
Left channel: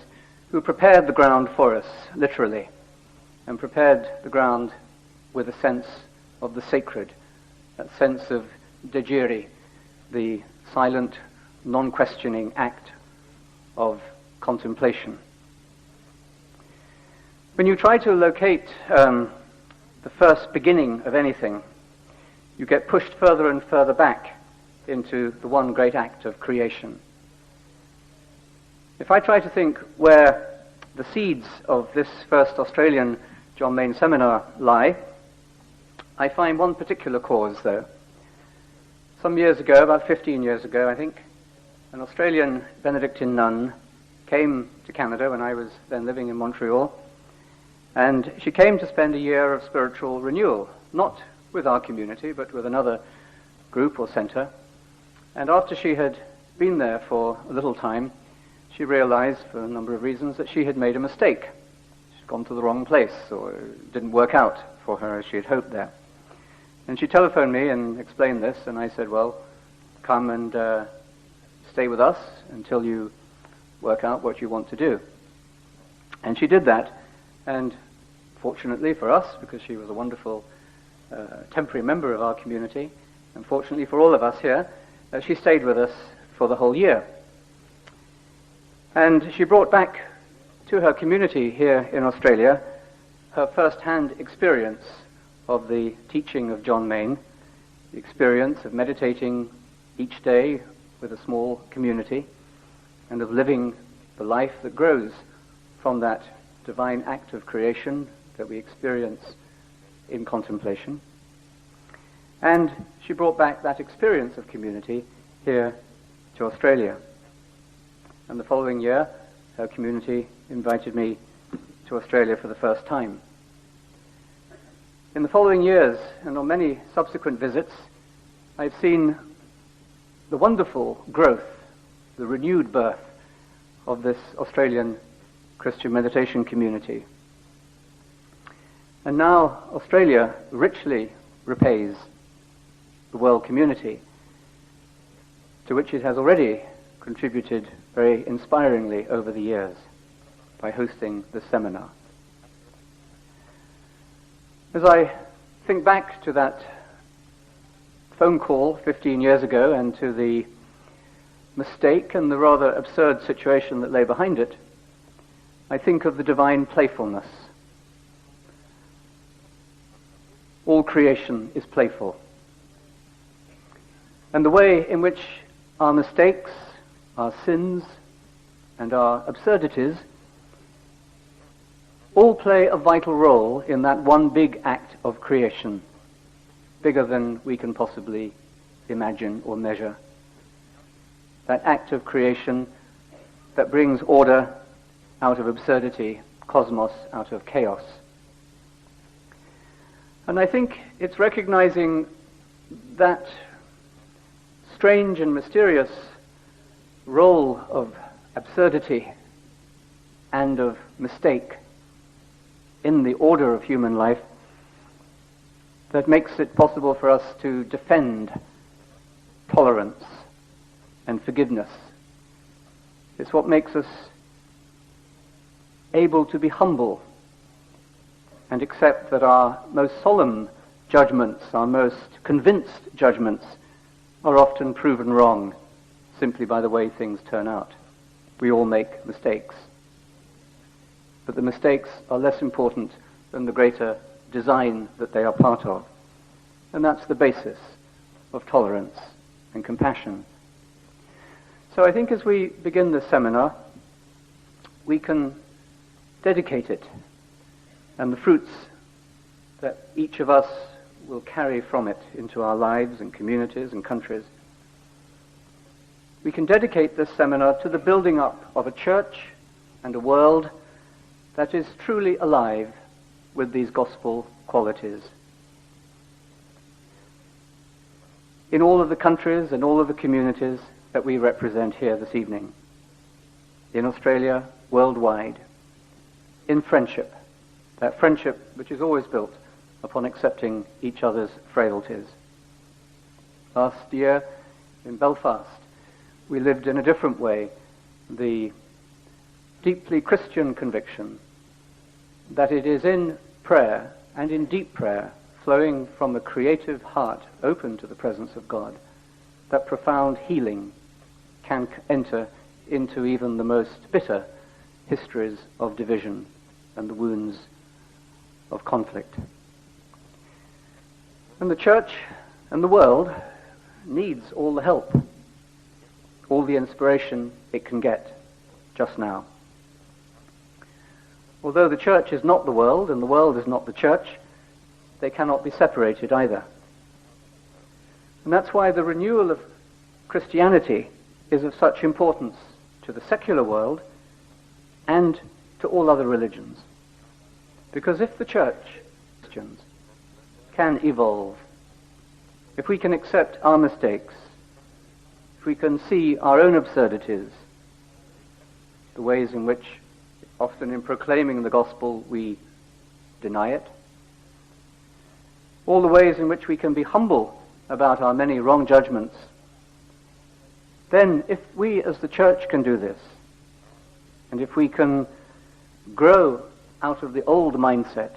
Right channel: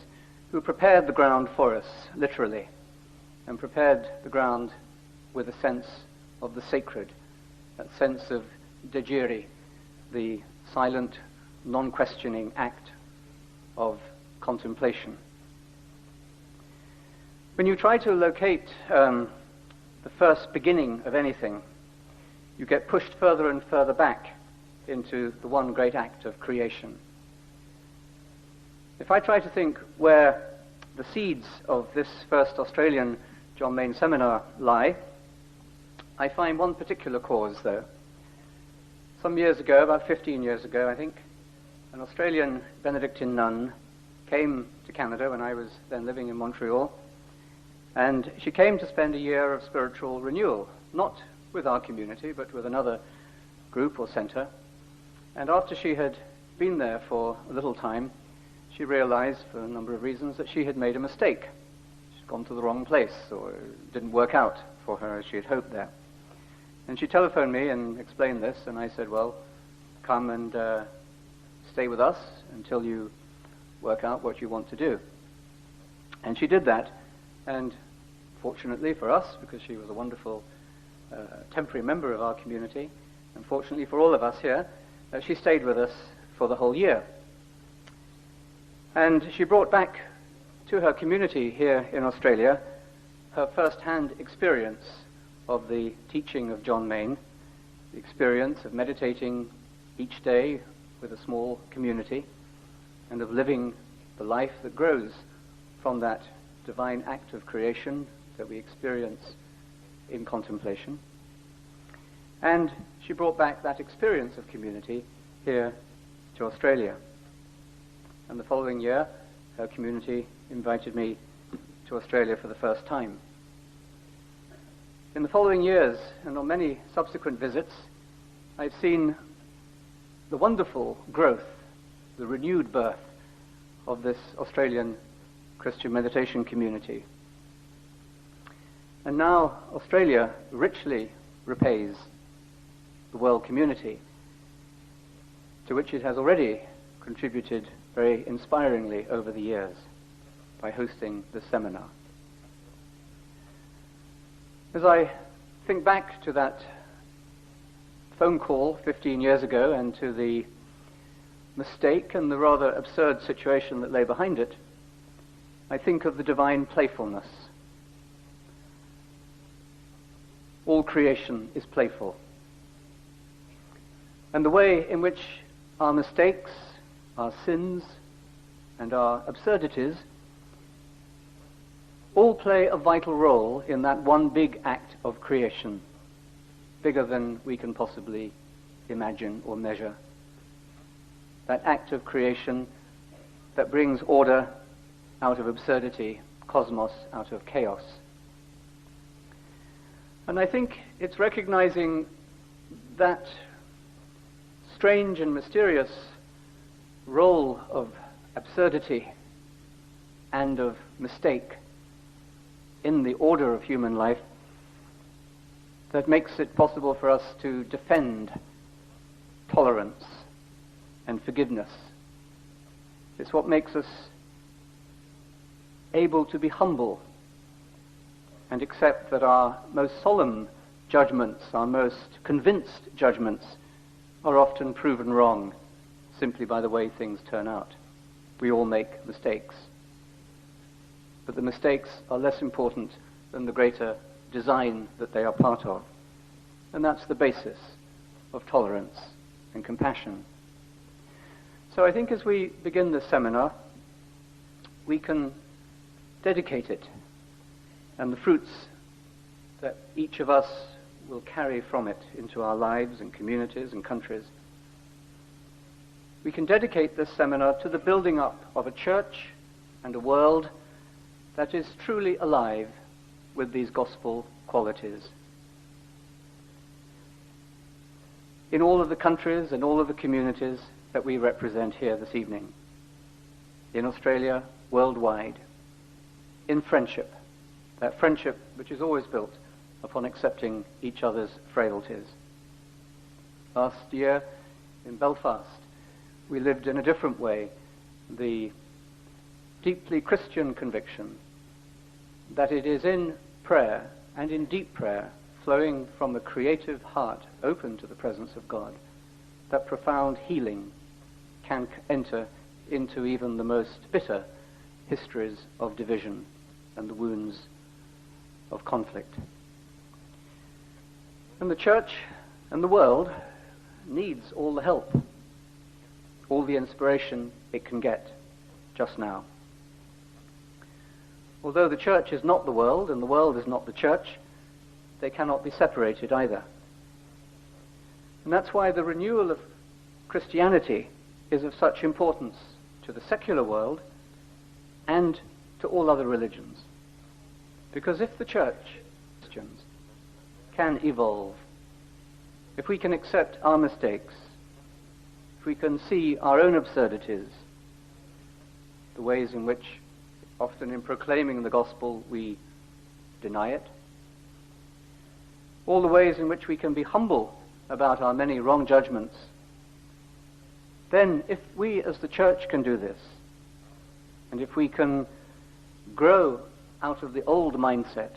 who prepared the ground for us, literally, and prepared the ground with a sense of the sacred, that sense of degiri, the silent, non-questioning act of contemplation. When you try to locate the first beginning of anything, you get pushed further and further back into the one great act of creation. If I try to think where the seeds of this first Australian John Maine seminar lie, I find one particular cause, though. Some years ago, about 15 years ago, I think, an Australian Benedictine nun came to Canada when I was then living in Montreal, and she came to spend a year of spiritual renewal, not with our community, but with another group or center. And after she had been there for a little time, she realized, for a number of reasons, that she had made a mistake. She'd gone to the wrong place, or it didn't work out for her as she had hoped there. And she telephoned me and explained this, and I said, well, come and stay with us until you work out what you want to do. And she did that, and fortunately for us, because she was a wonderful temporary member of our community, and fortunately for all of us here, she stayed with us for the whole year. And she brought back to her community here in Australia her first-hand experience of the teaching of John Maine, the experience of meditating each day with a small community, and of living the life that grows from that divine act of creation that we experience in contemplation. And she brought back that experience of community here to Australia. And the following year, her community invited me to Australia for the first time. In the following years, and on many subsequent visits, I've seen the wonderful growth, the renewed birth of this Australian Christian meditation community. And now Australia richly repays the world community, to which it has already contributed very inspiringly over the years by hosting this seminar. As I think back to that phone call 15 years ago and to the mistake and the rather absurd situation that lay behind it, I think of the divine playfulness. All creation is playful. And the way in which our mistakes, our sins, and our absurdities all play a vital role in that one big act of creation, bigger than we can possibly imagine or measure. That act of creation that brings order out of absurdity, cosmos out of chaos. And I think it's recognizing that strange and mysterious role of absurdity and of mistake in the order of human life that makes it possible for us to defend tolerance and forgiveness. It's what makes us able to be humble and accept that our most solemn judgments, our most convinced judgments, are often proven wrong simply by the way things turn out. We all make mistakes. But the mistakes are less important than the greater design that they are part of. And that's the basis of tolerance and compassion. So I think as we begin this seminar, we can dedicate it, and the fruits that each of us will carry from it into our lives and communities and countries. We can dedicate this seminar to the building up of a church and a world that is truly alive with these gospel qualities. In all of the countries and all of the communities that we represent here this evening, in Australia, worldwide, in friendship, that friendship which is always built upon accepting each other's frailties. Last year in Belfast, we lived in a different way the deeply Christian conviction that it is in prayer and in deep prayer, flowing from a creative heart open to the presence of God, that profound healing can enter into even the most bitter histories of division and the wounds of conflict. And the church and the world needs all the help, all the inspiration it can get just now. Although the church is not the world and the world is not the church, they cannot be separated either. And that's why the renewal of Christianity is of such importance to the secular world and to all other religions. Because if the church, Christians, can evolve, if we can accept our mistakes, if we can see our own absurdities, the ways in which often in proclaiming the gospel we deny it, all the ways in which we can be humble about our many wrong judgments, then if we as the church can do this, and if we can grow out of the old mindset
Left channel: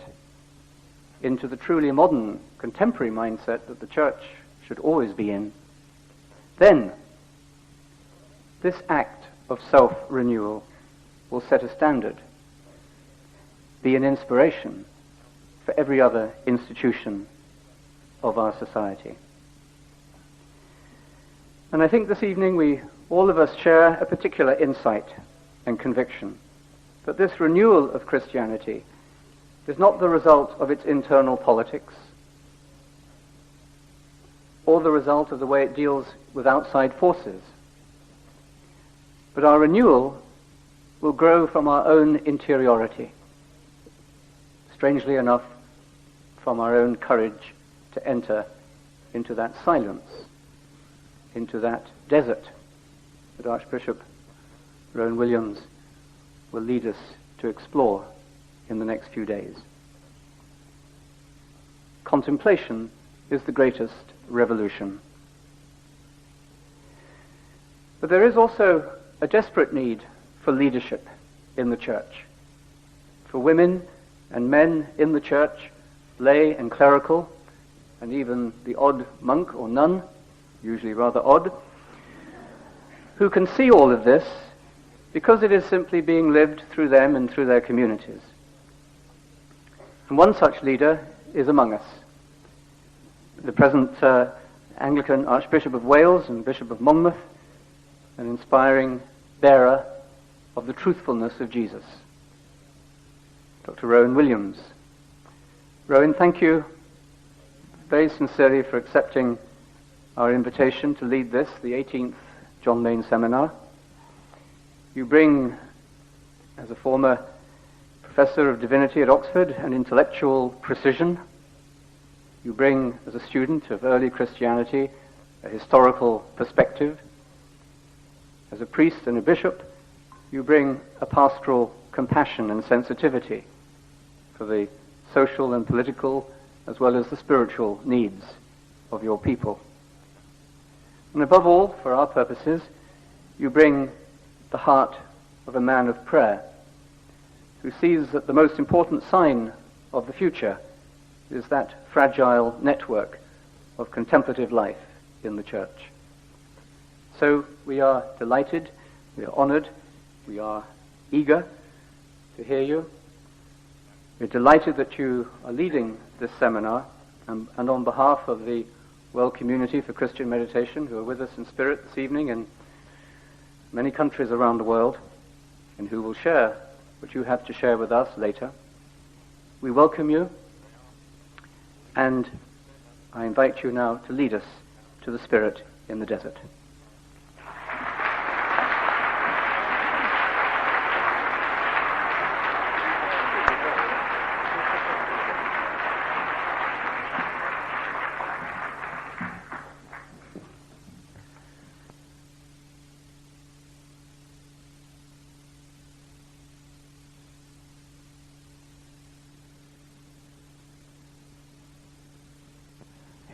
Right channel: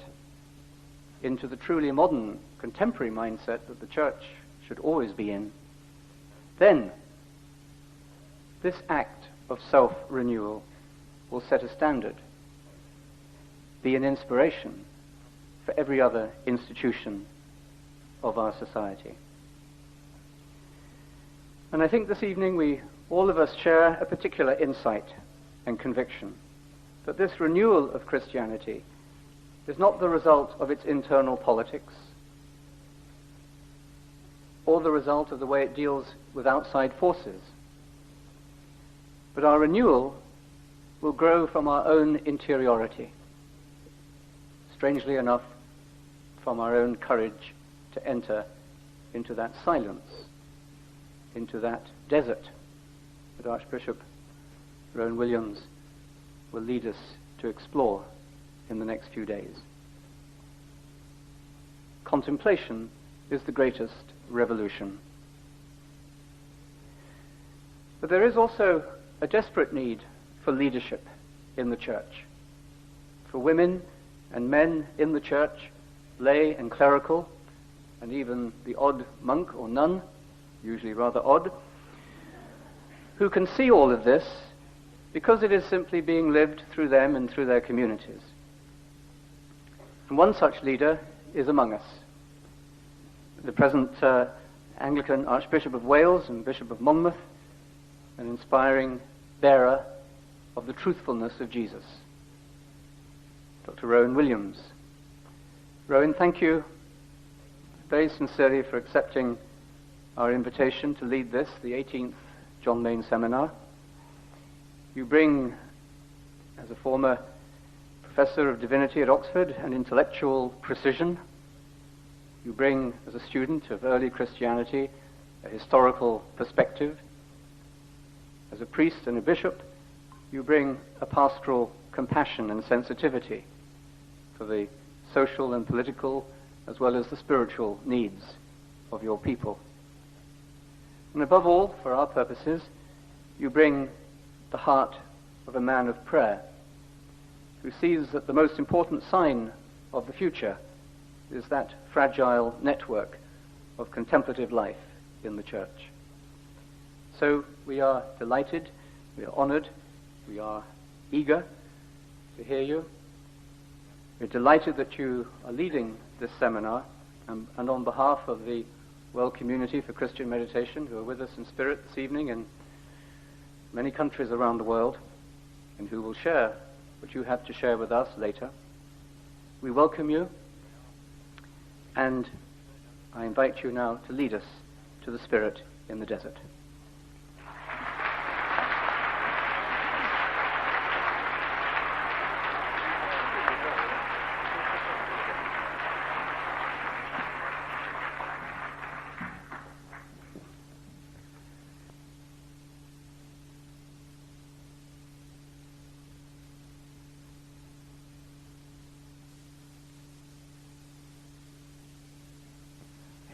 into the truly modern, contemporary mindset that the church should always be in, then this act of self-renewal will set a standard, be an inspiration for every other institution of our society. And I think this evening all of us share a particular insight and conviction that this renewal of Christianity is not the result of its internal politics or the result of the way it deals with outside forces, but our renewal will grow from our own interiority, strangely enough, from our own courage to enter into that silence, into that desert that Archbishop Rowan Williams will lead us to explore in the next few days. Contemplation is the greatest revolution. But there is also a desperate need for leadership in the church, for women and men in the church, lay and clerical, and even the odd monk or nun, usually rather odd, who can see all of this because it is simply being lived through them and through their communities. And one such leader is among us, the present Anglican Archbishop of Wales and Bishop of Monmouth, an inspiring bearer of the truthfulness of Jesus, Dr. Rowan Williams. Rowan, thank you very sincerely for accepting our invitation to lead this, the 18th John Maine Seminar. You bring, as a former Professor of Divinity at Oxford, an intellectual precision. You bring, as a student of early Christianity, a historical perspective. As a priest and a bishop, you bring a pastoral compassion and sensitivity for the social and political as well as the spiritual needs of your people. And above all, for our purposes, you bring the heart of a man of prayer, who sees that the most important sign of the future is that fragile network of contemplative life in the church. So we are delighted, we are honored, we are eager to hear you. We're delighted that you are leading this seminar, and on behalf of the World Community for Christian Meditation, who are with us in spirit this evening in many countries around the world, and who will share what you have to share with us later, we welcome you, and I invite you now to lead us to the Spirit in the desert.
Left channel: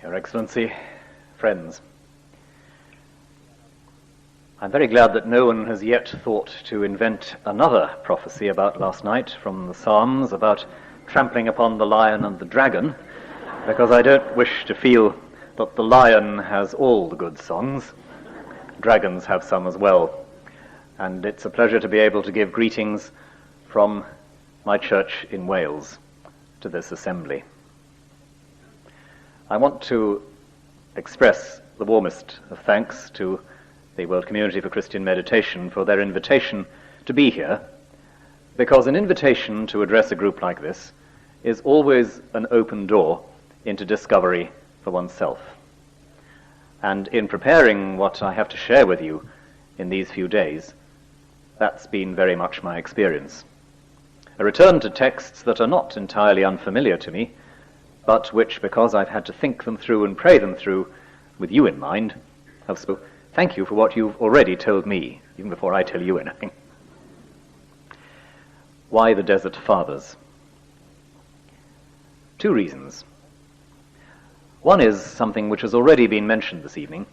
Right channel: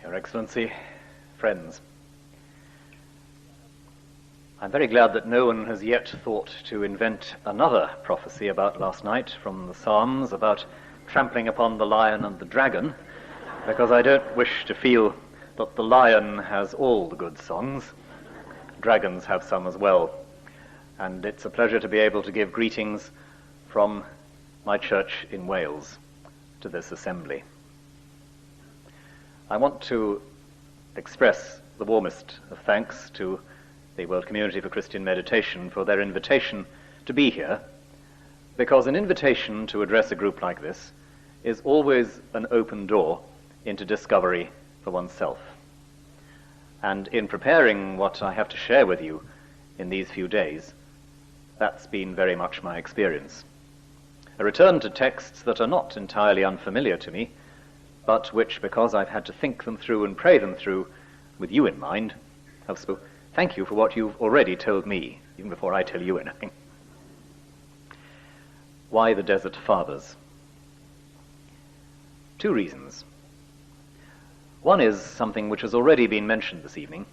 Your Excellency, friends, I'm very glad that no one has yet thought to invent another prophecy about last night from the Psalms about trampling upon the lion and the dragon, because I don't wish to feel that the lion has all the good songs. Dragons have some as well, and it's a pleasure to be able to give greetings from my church in Wales to this assembly. I want to express the warmest of thanks to the World Community for Christian Meditation for their invitation to be here, because an invitation to address a group like this is always an open door into discovery for oneself. And in preparing what I have to share with you in these few days, that's been very much my experience. A return to texts that are not entirely unfamiliar to me, but which, because I've had to think them through and pray them through with you in mind, have spoken. Thank you for what you've already told me, even before I tell you anything. Why the Desert Fathers? Two reasons. One is something which has already been mentioned this evening.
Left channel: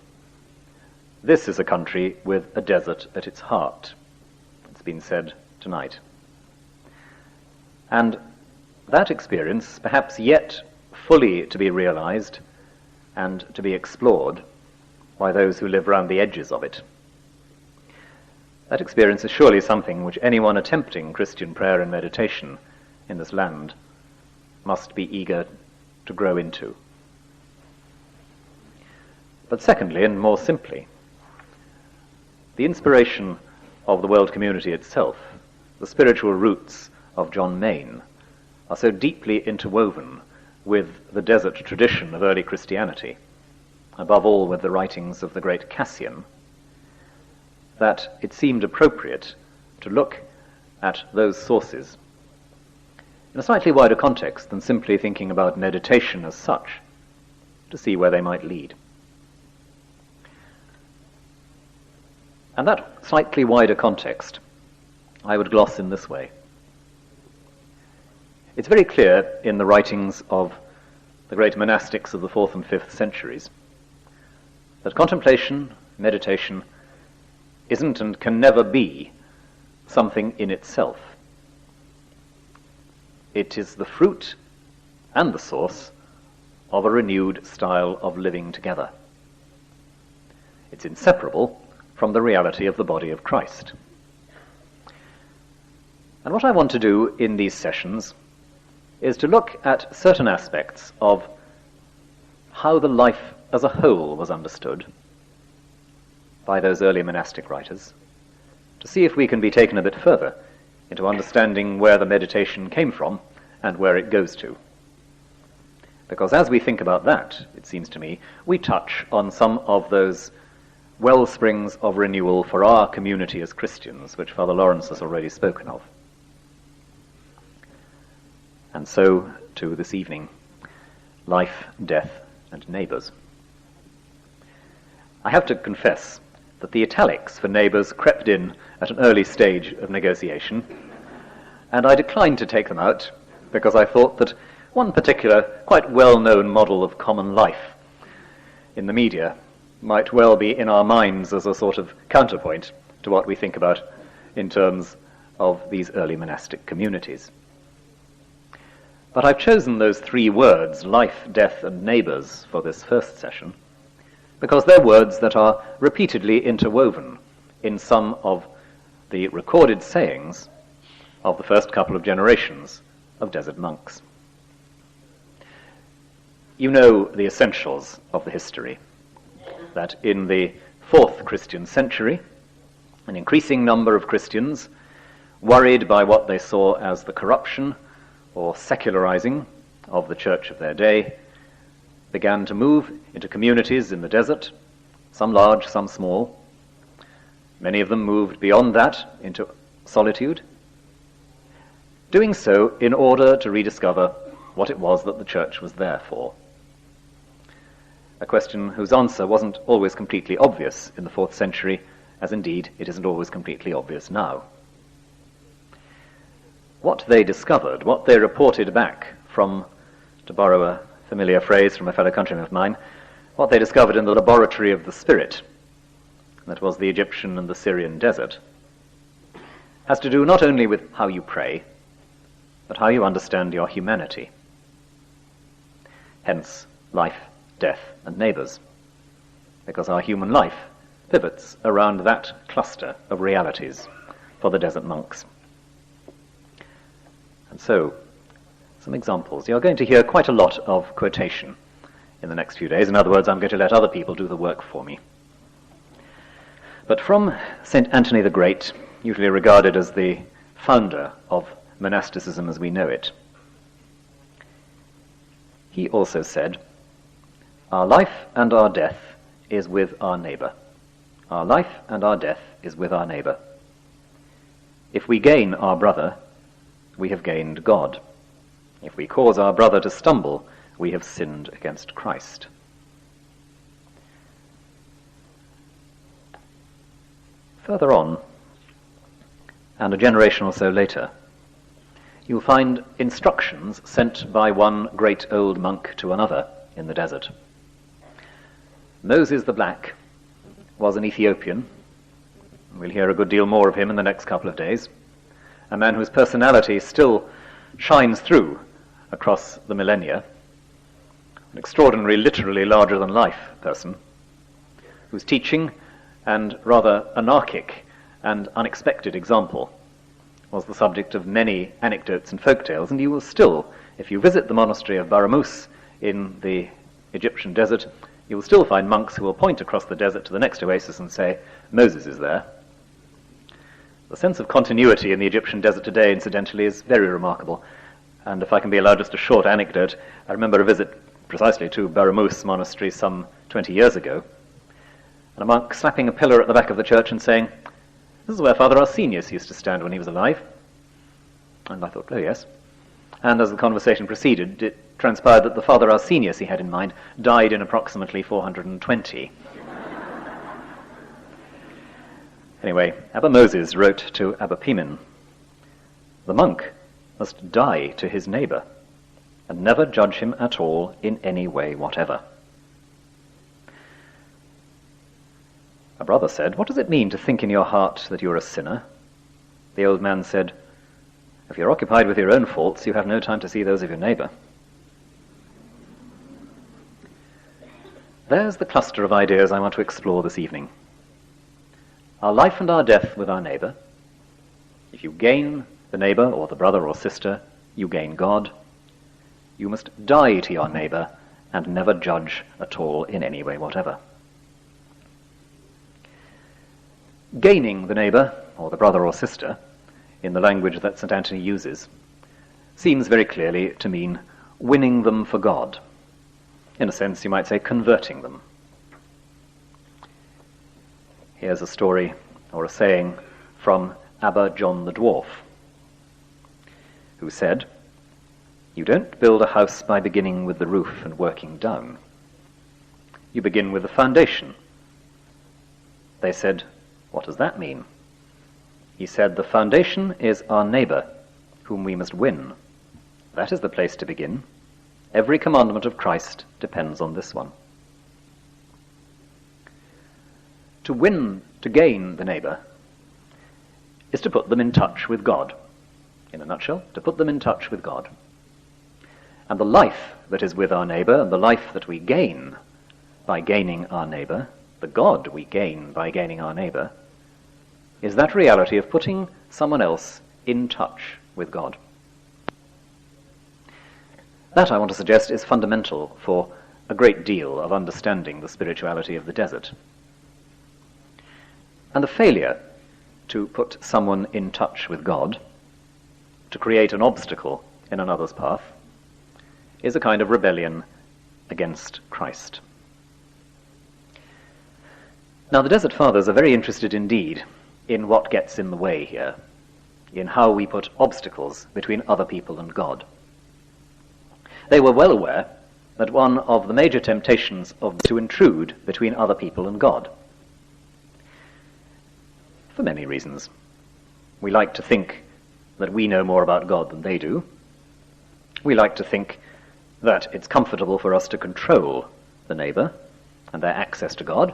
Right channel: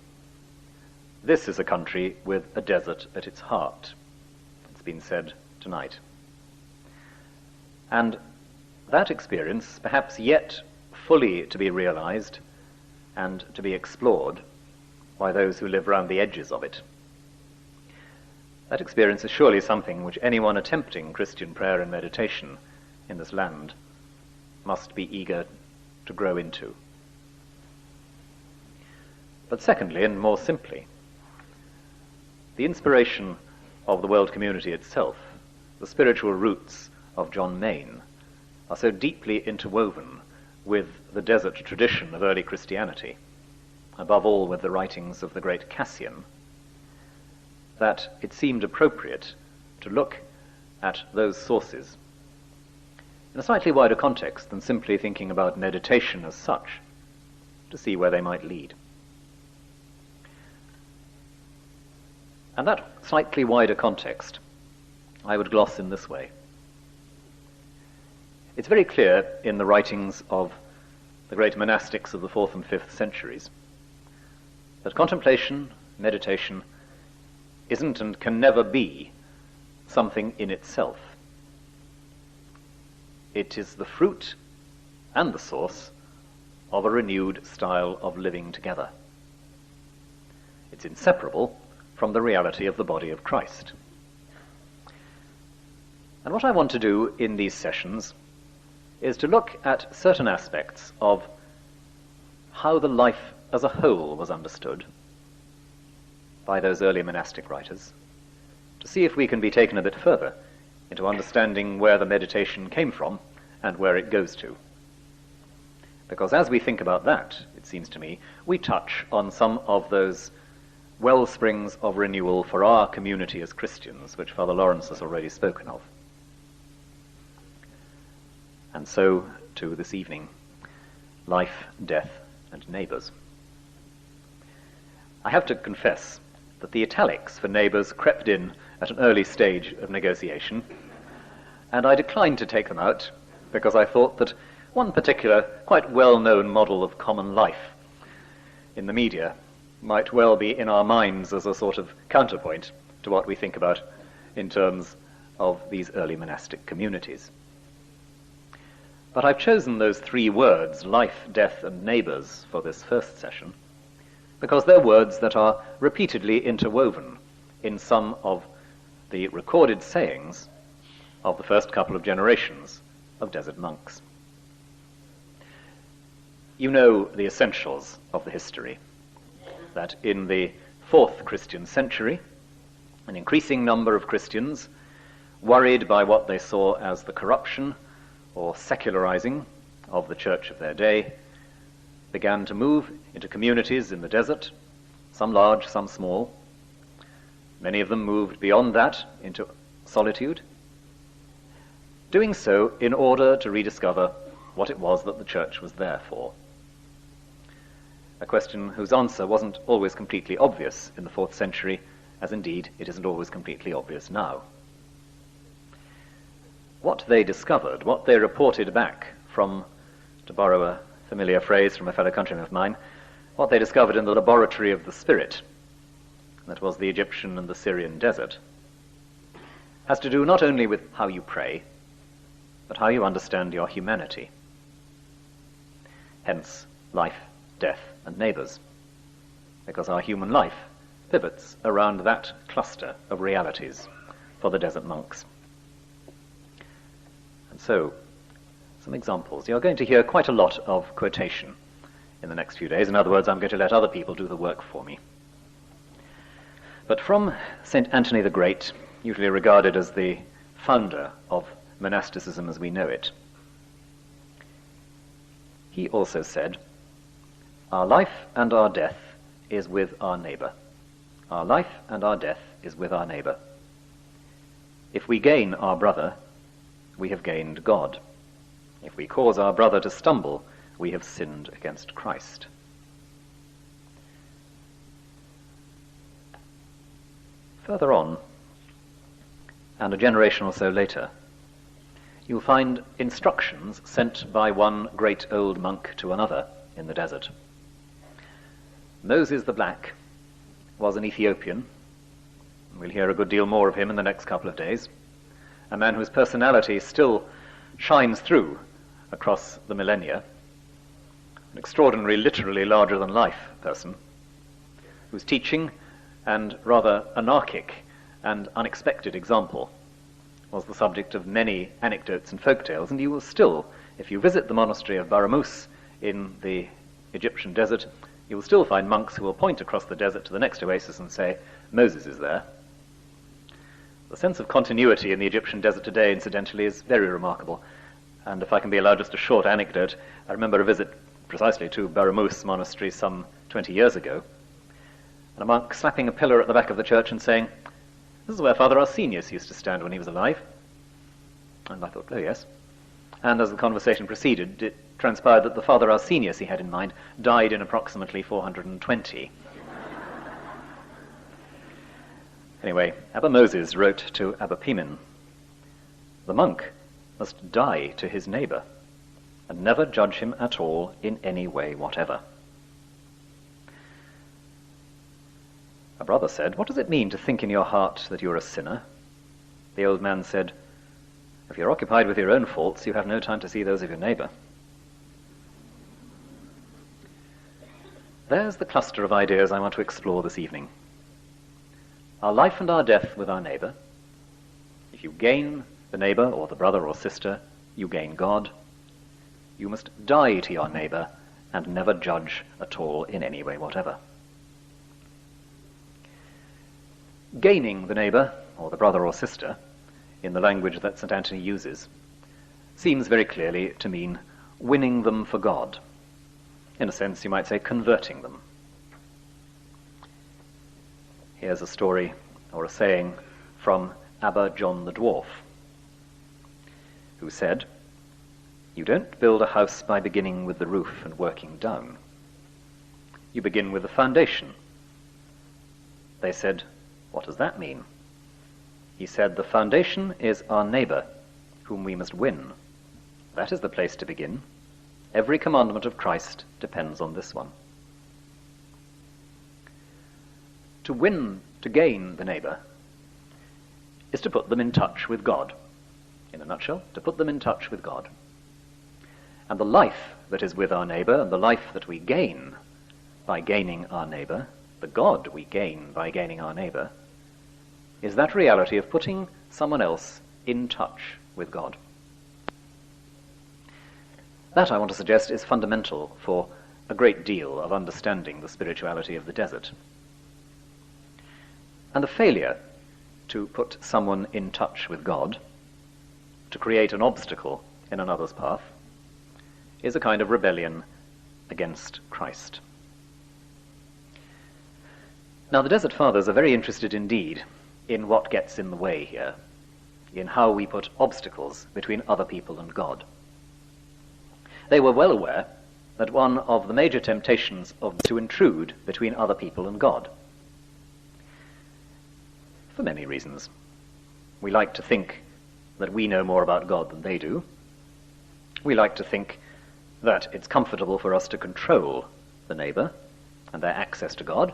This is a country with a desert at its heart. It's been said tonight. And that experience, perhaps yet fully to be realized and to be explored by those who live round the edges of it. That experience is surely something which anyone attempting Christian prayer and meditation in this land must be eager to grow into. But secondly, and more simply, the inspiration of the world community itself, the spiritual roots of John Maine, are so deeply interwoven with the desert tradition of early Christianity, above all with the writings of the great Cassian, that it seemed appropriate to look at those sources in a slightly wider context than simply thinking about meditation as such, to see where they might lead. And that slightly wider context I would gloss in this way. It's very clear in the writings of the great monastics of the 4th and 5th centuries that contemplation, meditation, isn't and can never be something in itself. It is the fruit and the source of a renewed style of living together. It's inseparable from the reality of the body of Christ. And what I want to do in these sessions is to look at certain aspects of how the life as a whole was understood by those early monastic writers, to see if we can be taken a bit further into understanding where the meditation came from and where it goes to. Because as we think about that, it seems to me, we touch on some of those well springs of renewal for our community as Christians, which Father Lawrence has already spoken of. And so, to this evening, life, death, and neighbours. I have to confess that the italics for neighbours crept in at an early stage of negotiation, and I declined to take them out because I thought that one particular, quite well-known model of common life in the media might well be in our minds as a sort of counterpoint to what we think about in terms of these early monastic communities. But I've chosen those three words, life, death, and neighbours, for this first session, because they're words that are repeatedly interwoven in some of the recorded sayings of the first couple of generations of desert monks. You know the essentials of the history, that in the 4th Christian century, an increasing number of Christians, worried by what they saw as the corruption or secularizing of the church of their day, began to move into communities in the desert, some large, some small. Many of them moved beyond that into solitude, doing so in order to rediscover what it was that the church was there for. A question whose answer wasn't always completely obvious in the 4th century, as indeed it isn't always completely obvious now. What they discovered, what they reported back from, to borrow a familiar phrase from a fellow countryman of mine, what they discovered in the laboratory of the spirit, that was the Egyptian and the Syrian desert, has to do not only with how you pray, but how you understand your humanity. Hence, life, death, and neighbours, because our human life pivots around that cluster of realities for the desert monks. And so, some examples. You're going to hear quite a lot of quotation in the next few days. In other words, I'm going to let other people do the work for me. But from St. Anthony the Great, usually regarded as the founder of monasticism as we know it, he also said, "Our life and our death is with our neighbour. Our life and our death is with our neighbour. If we gain our brother, we have gained God. If we cause our brother to stumble, we have sinned against Christ." Further on, and a generation or so later, you'll find instructions sent by one great old monk to another in the desert. Moses the Black was an Ethiopian. We'll hear a good deal more of him in the next couple of days. A man whose personality still shines through across the millennia. An extraordinary, literally larger-than-life person, whose teaching and rather anarchic and unexpected example was the subject of many anecdotes and folk tales, and you will still, if you visit the monastery of Baramus in the Egyptian desert, you will still find monks who will point across the desert to the next oasis and say, "Moses is there." The sense of continuity in the Egyptian desert today, incidentally, is very remarkable. And if I can be allowed just a short anecdote, I remember a visit precisely to Baramus monastery some 20 years ago, and a monk slapping a pillar at the back of the church and saying, "This is where Father Arsenius used to stand when he was alive." And I thought, oh yes. And as the conversation proceeded, it transpired that the Father Arsenius he had in mind died in approximately 420. Anyway, Abba Moses wrote to Abba Pimen, "The monk must die to his neighbour, and never judge him at all in any way whatever." A brother said, "What does it mean to think in your heart that you're a sinner?" The old man said, "If you're occupied with your own faults, you have no time to see those of your neighbour." There's the cluster of ideas I want to explore this evening. Our life and our death with our neighbour. If you gain the neighbour or the brother or sister, you gain God. You must die to your neighbour and never judge at all in any way whatever. Gaining the neighbour or the brother or sister, in the language that St. Anthony uses, seems very clearly to mean winning them for God. In a sense, you might say converting them. Here's a story or a saying from Abba John the Dwarf, who said, "You don't build a house by beginning with the roof and working down. You begin with the foundation." They said, "What does that mean?" He said, "The foundation is our neighbour, whom we must win. That is the place to begin. Every commandment of Christ depends on this one." To win, to gain the neighbour, is to put them in touch with God. In a nutshell, to put them in touch with God. And the life that is with our neighbour, and the life that we gain by gaining our neighbour, the God we gain by gaining our neighbour, is that reality of putting someone else in touch with God. That, I want to suggest, is fundamental for a great deal of understanding the spirituality of the desert. And the failure to put someone in touch with God, to create an obstacle in another's path, is a kind of rebellion against Christ. Now, the Desert Fathers are very interested indeed in what gets in the way here, in how we put obstacles between other people and God. They were well aware that one of the major temptations of to intrude between other people and God. For many reasons. We like to think that we know more about God than they do. We like to think that it's comfortable for us to control the neighbour and their access to God.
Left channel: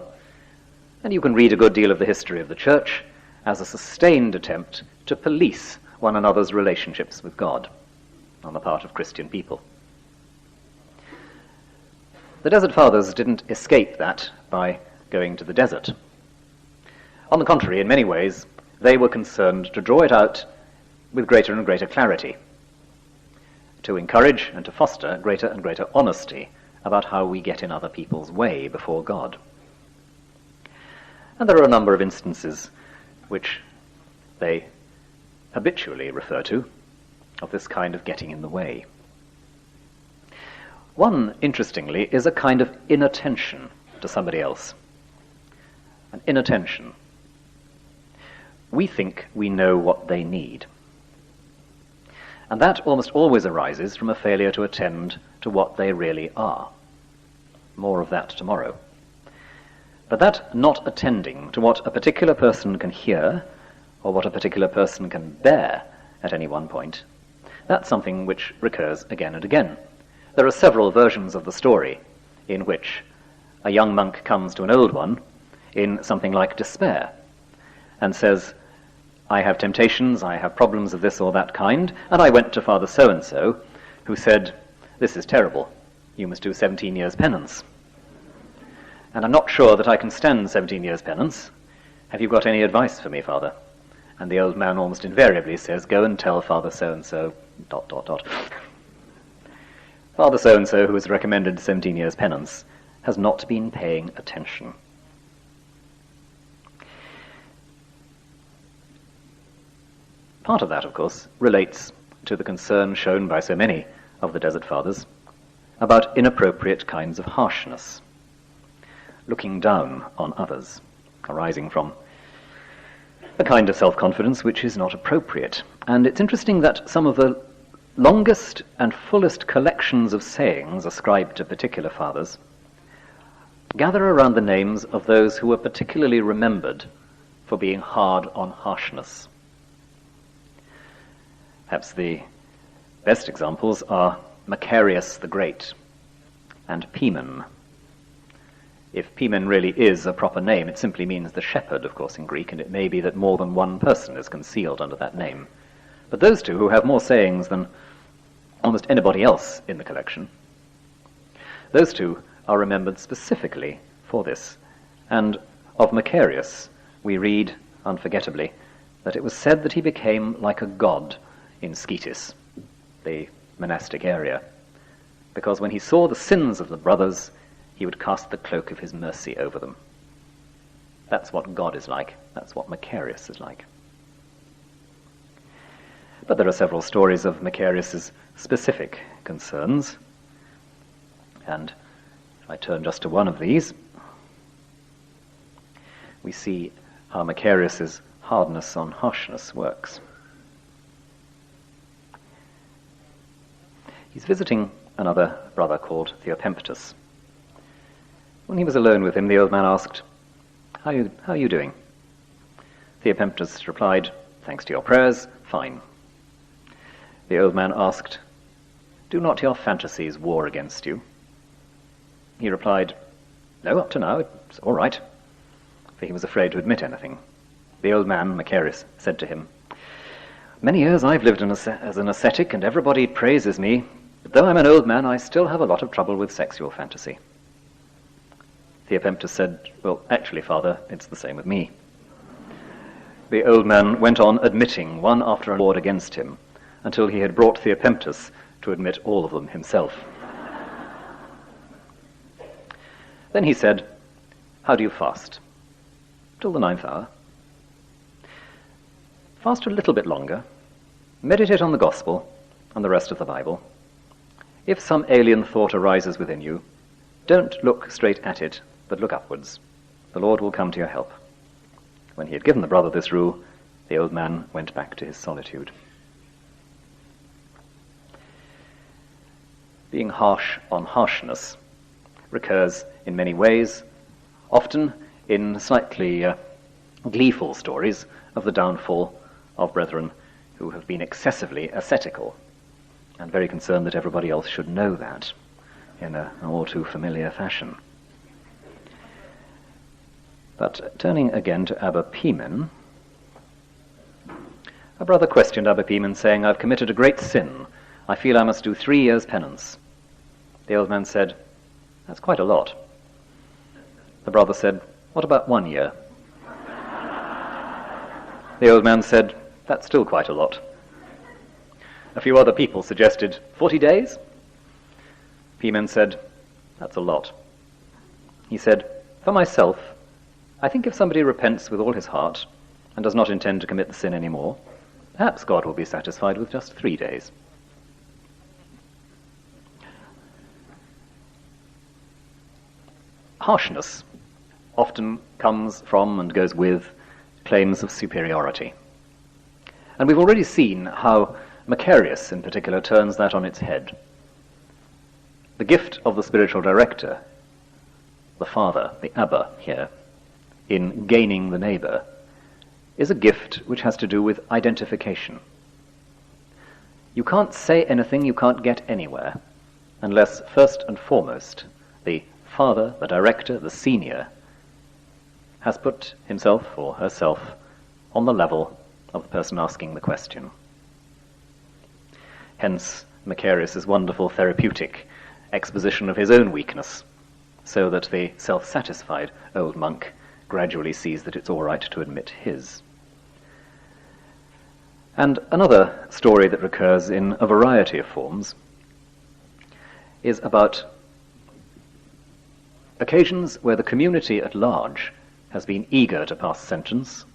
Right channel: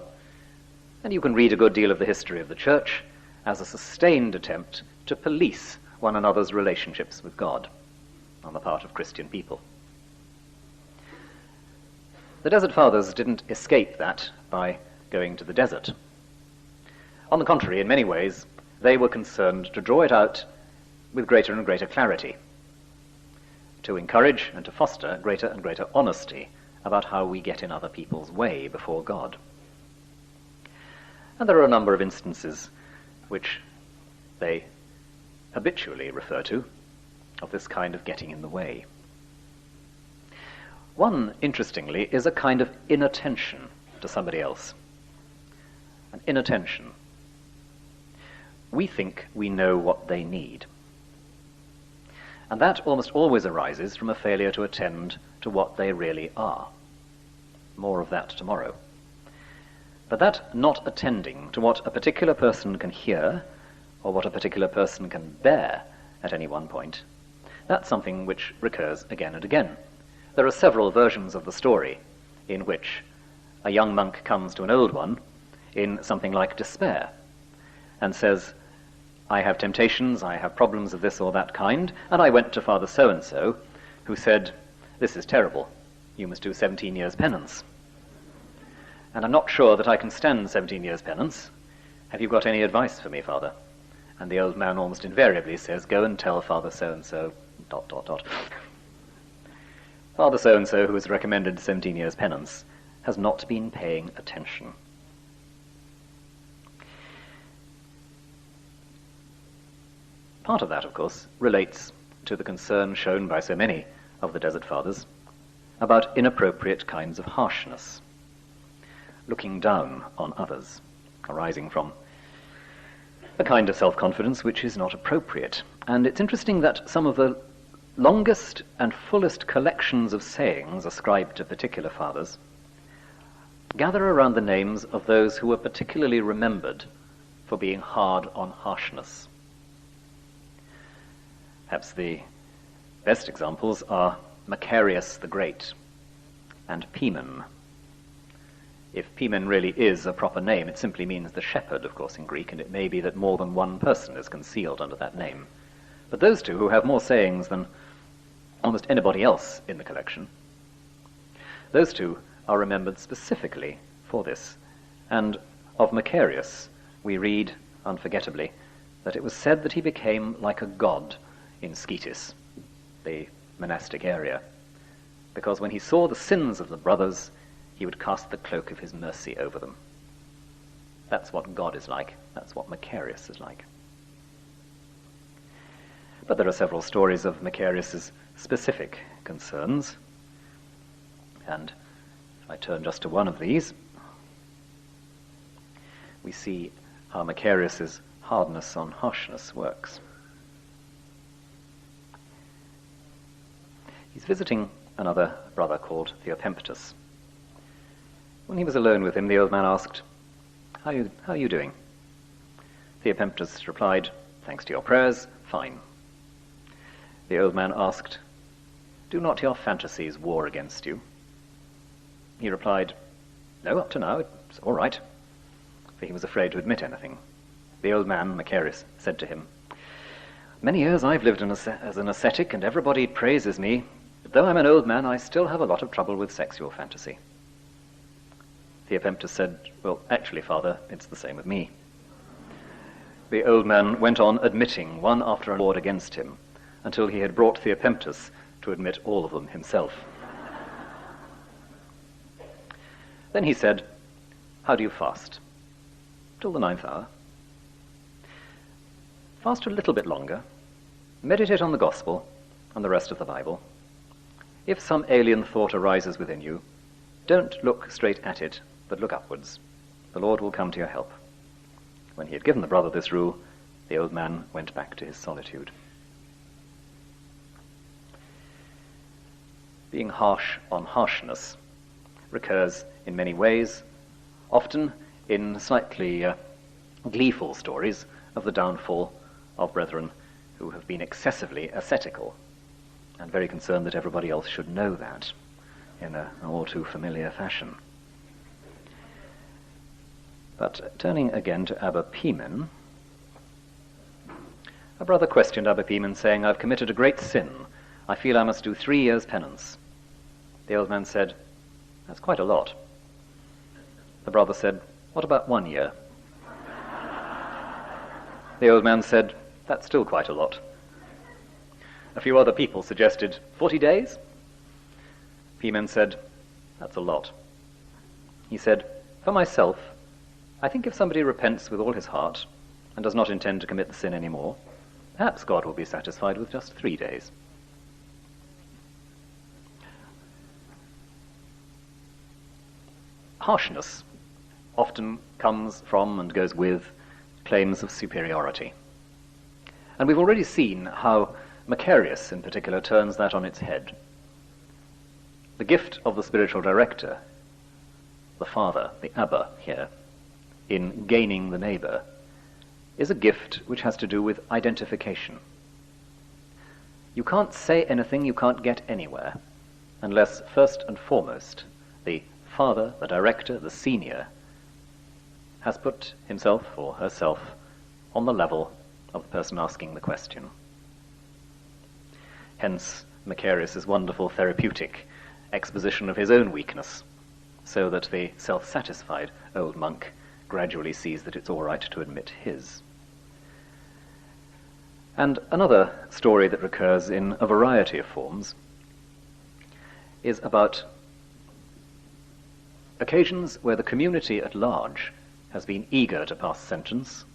And you can read a good deal of the history of the Church as a sustained attempt to police one another's relationships with God on the part of Christian people. The Desert Fathers didn't escape that by going to the desert. On the contrary, in many ways, they were concerned to draw it out with greater and greater clarity, to encourage and to foster greater and greater honesty about how we get in other people's way before God. And there are a number of instances which they habitually refer to of this kind of getting in the way. One, interestingly, is a kind of inattention to somebody else. An inattention. We think we know what they need. And that almost always arises from a failure to attend to what they really are. More of that tomorrow. But that not attending to what a particular person can hear, or what a particular person can bear at any one point, that's something which recurs again and again. There are several versions of the story in which a young monk comes to an old one in something like despair and says, I have temptations, I have problems of this or that kind, and I went to Father so-and-so, who said, this is terrible, you must do 17 years penance. And I'm not sure that I can stand 17 years penance. Have you got any advice for me, Father? And the old man almost invariably says, go and tell Father so-and-so, ... Father so-and-so, who has recommended 17 years penance, has not been paying attention. Part of that, of course, relates to the concern shown by so many of the Desert Fathers about inappropriate kinds of harshness, looking down on others, arising from a kind of self-confidence which is not appropriate. And it's interesting that some of the longest and fullest collections of sayings ascribed to particular fathers gather around the names of those who were particularly remembered for being hard on harshness. Perhaps the best examples are Macarius the Great and Pimen. If Pimen really is a proper name, it simply means the shepherd, of course, in Greek, and it may be that more than one person is concealed under that name. But those two, who have more sayings than almost anybody else in the collection, those two are remembered specifically for this. And of Macarius, we read, unforgettably, that it was said that he became like a god in Scetis, the monastic area, because when he saw the sins of the brothers, he would cast the cloak of his mercy over them. That's what God is like. That's what Macarius is like. But there are several stories of Macarius's specific concerns, and if I turn just to one of these, we see how Macarius's hardness on harshness works. He's visiting another brother called Theopemptus. When he was alone with him, the old man asked, How are you doing? Theopemptus replied, thanks to your prayers, fine. The old man asked, do not your fantasies war against you? He replied, no, up to now, it's all right. For he was afraid to admit anything. The old man, Macarius, said to him, "Many years I've lived as an ascetic, and everybody praises me, but though I'm an old man, I still have a lot of trouble with sexual fantasy." Theopemptus said, "Well, actually, Father, it's the same with me." The old man went on admitting one after another against him, until he had brought Theopemptus to admit all of them himself. Then he said, "How do you fast?" "Till the 9th hour." "Fast a little bit longer. Meditate on the Gospel and the rest of the Bible. If some alien thought arises within you, don't look straight at it, but look upwards. The Lord will come to your help." When he had given the brother this rule, the old man went back to his solitude. Being harsh on harshness recurs in many ways, often in slightly gleeful stories of the downfall of brethren who have been excessively ascetical, and very concerned that everybody else should know that in an all too familiar fashion. But turning again to Abba Pimen, a brother questioned Abba Pimen, saying, "I've committed a great sin. I feel I must do 3 years' penance." The old man said, "That's quite a lot." The brother said, "What about 1 year?" The old man said, "That's still quite a lot." A few other people suggested 40 days. Pimen said, "That's a lot." He said, "For myself, I think if somebody repents with all his heart and does not intend to commit the sin any more, perhaps God will be satisfied with just 3 days." Harshness often comes from and goes with claims of superiority. And we've already seen how Macarius, in particular, turns that on its head. The gift of the spiritual director, the father, the Abba here, in gaining the neighbour, is a gift which has to do with identification. You can't say anything you can't get anywhere, unless first and foremost the father, the director, the senior, has put himself or herself on the level of the person asking the question. Hence Macarius' wonderful therapeutic exposition of his own weakness, so that the self-satisfied old monk gradually sees that it's all right to admit his. And another story that recurs in a variety of forms is about occasions where the community at large has been eager to pass sentence,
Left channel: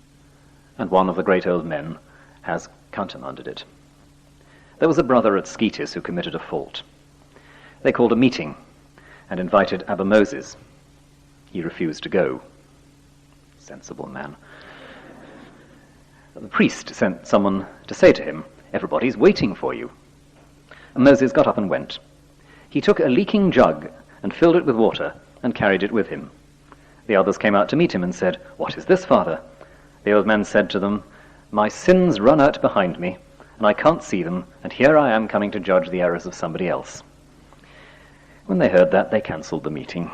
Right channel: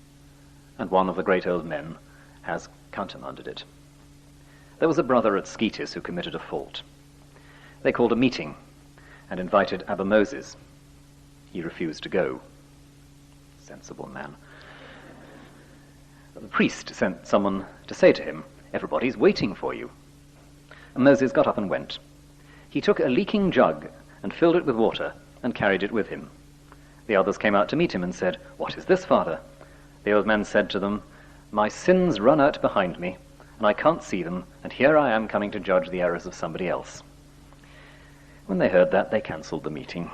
and one of the great old men has countermanded it. There was a brother at Scetis who committed a fault. They called a meeting and invited Abba Moses. He refused to go. Sensible man. The priest sent someone to say to him, "Everybody's waiting for you." And Moses got up and went. He took a leaking jug and filled it with water and carried it with him. The others came out to meet him and said, "What is this, Father?" The old man said to them, "My sins run out behind me, and I can't see them, and here I am coming to judge the errors of somebody else." When they heard that, they cancelled the meeting.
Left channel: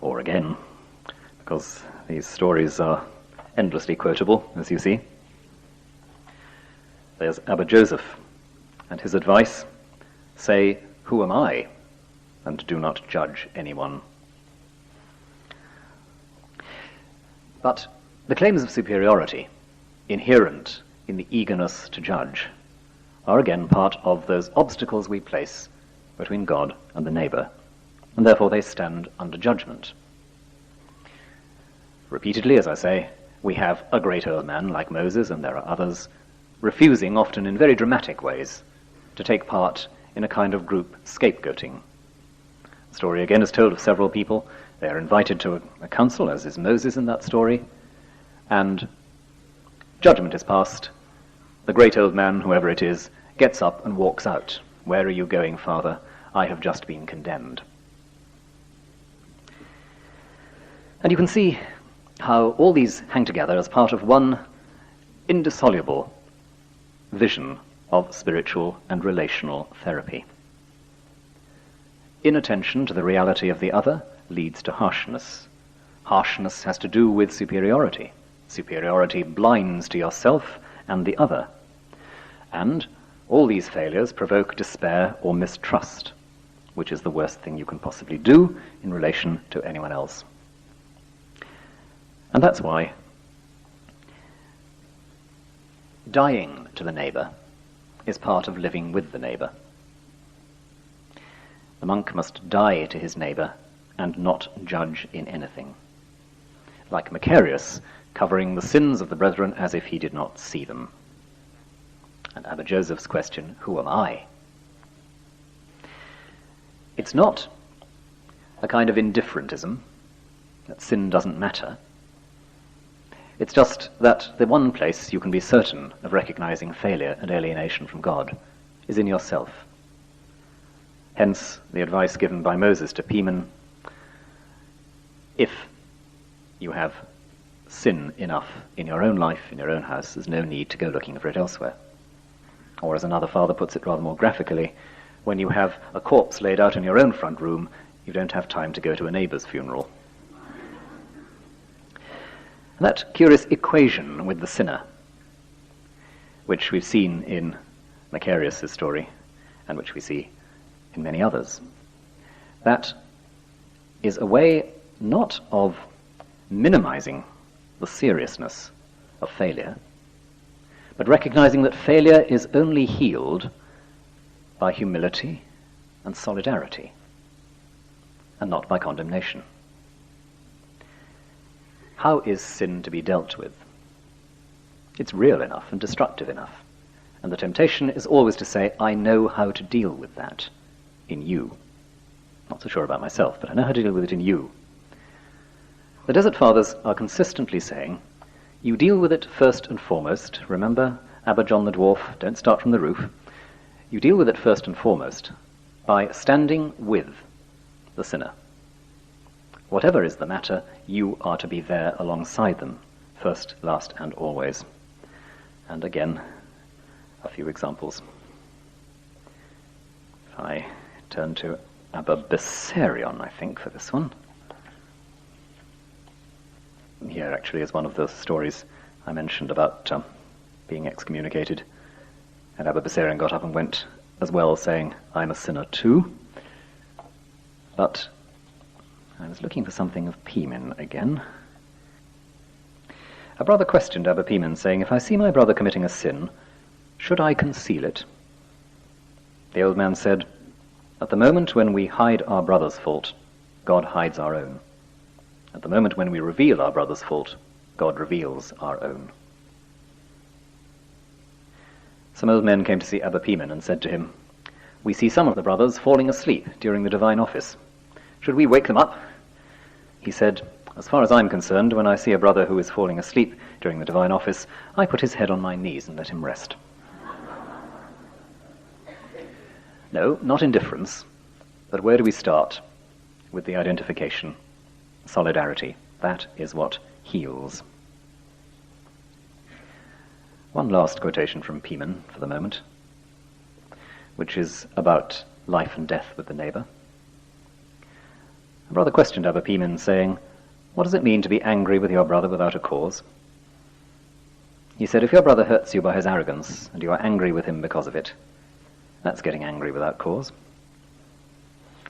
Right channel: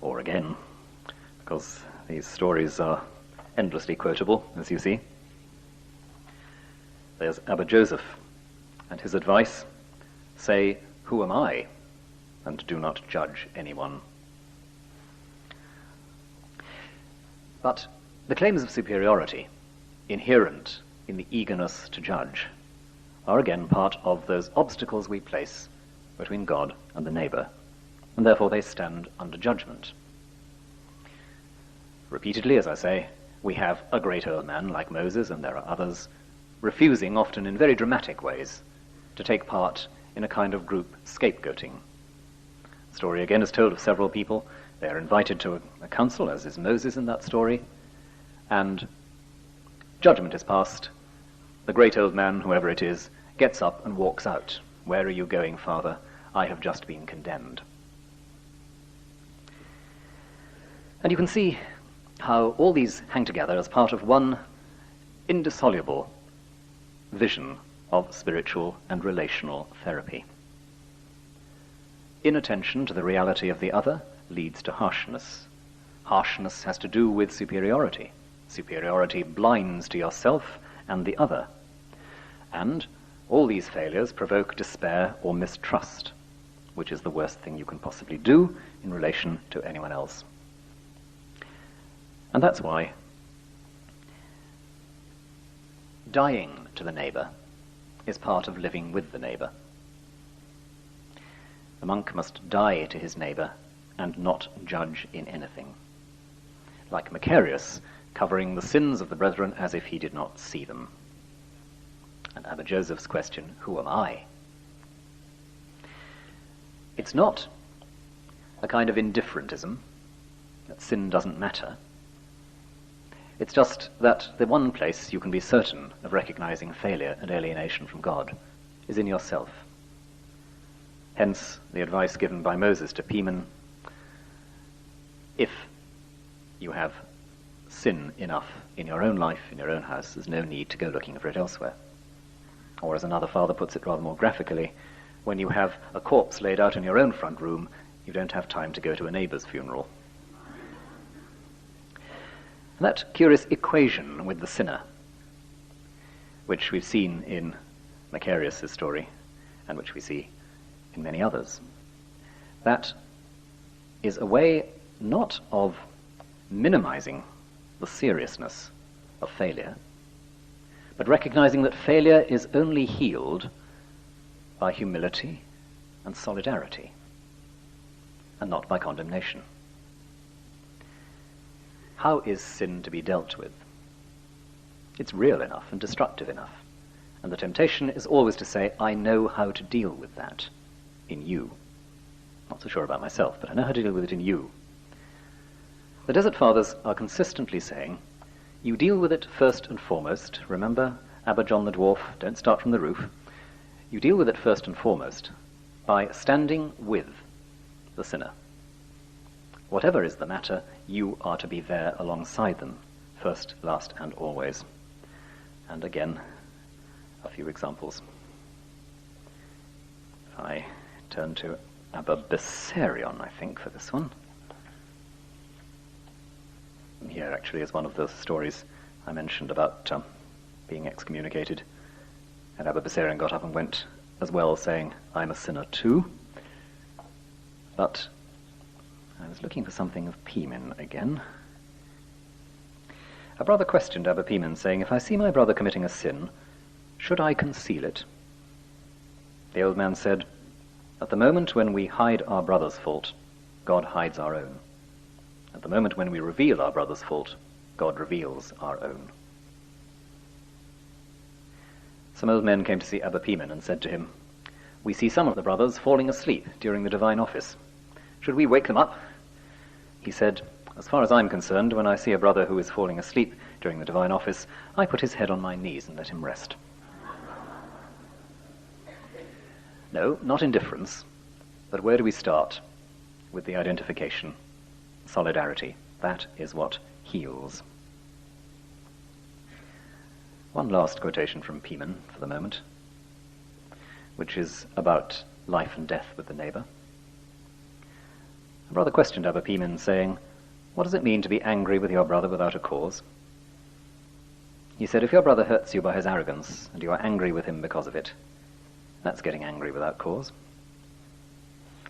Or again, because these stories are endlessly quotable, as you see, there's Abba Joseph, and his advice, say, "Who am I?" and do not judge anyone. But the claims of superiority, inherent in the eagerness to judge, are again part of those obstacles we place between God and the neighbour, and therefore they stand under judgment. Repeatedly, as I say, we have a great old man like Moses, and there are others, refusing, often in very dramatic ways, to take part in a kind of group scapegoating. The story again is told of several people. They are invited to a council, as is Moses in that story, and judgment is passed. The great old man, whoever it is, gets up and walks out. "Where are you going, Father? I have just been condemned." And you can see how all these hang together as part of one indissoluble vision of spiritual and relational therapy. Inattention to the reality of the other leads to harshness. Harshness has to do with superiority. Superiority blinds to yourself and the other. And all these failures provoke despair or mistrust, which is the worst thing you can possibly do in relation to anyone else. And that's why dying to the neighbour is part of living with the neighbour. The monk must die to his neighbour and not judge in anything. Like Macarius, covering the sins of the brethren as if he did not see them. And Abba Joseph's question, who am I? It's not a kind of indifferentism, that sin doesn't matter. It's just that the one place you can be certain of recognizing failure and alienation from God is in yourself. Hence the advice given by Moses to Pimen, if you have sin enough in your own life, in your own house, there's no need to go looking for it elsewhere. Or as another father puts it rather more graphically, when you have a corpse laid out in your own front room, you don't have time to go to a neighbour's funeral. That curious equation with the sinner, which we've seen in Macarius' story, and which we see in many others, that is a way not of minimizing the seriousness of failure, but recognizing that failure is only healed by humility and solidarity, and not by condemnation. How is sin to be dealt with? It's real enough and destructive enough, and the temptation is always to say, I know how to deal with that in you. Not so sure about myself, but I know how to deal with it in you. The Desert Fathers are consistently saying, you deal with it first and foremost. Remember, Abba John the Dwarf, don't start from the roof. You deal with it first and foremost by standing with the sinner. Whatever is the matter, you are to be there alongside them, first, last, and always. And again, a few examples. If I turn to Abba Bessarion, I think, for this one. Here actually is one of the stories I mentioned about being excommunicated. And Abba Bessarion got up and went as well, saying, I'm a sinner too. But I was looking for something of Pimen again. A brother questioned Abba Pimen, saying, if I see my brother committing a sin, should I conceal it? The old man said, at the moment when we hide our brother's fault, God hides our own. At the moment when we reveal our brother's fault, God reveals our own. Some old men came to see Abba Pimen and said to him, we see some of the brothers falling asleep during the divine office. Should we wake them up? He said, as far as I'm concerned, when I see a brother who is falling asleep during the divine office, I put his head on my knees and let him rest. No, not indifference. But where do we start? With the identification, solidarity. That is what heals. One last quotation from Pimen for the moment, which is about life and death with the neighbour. A brother questioned Abba Pimen, saying, what does it mean to be angry with your brother without a cause? He said, if your brother hurts you by his arrogance, and you are angry with him because of it, that's getting angry without cause.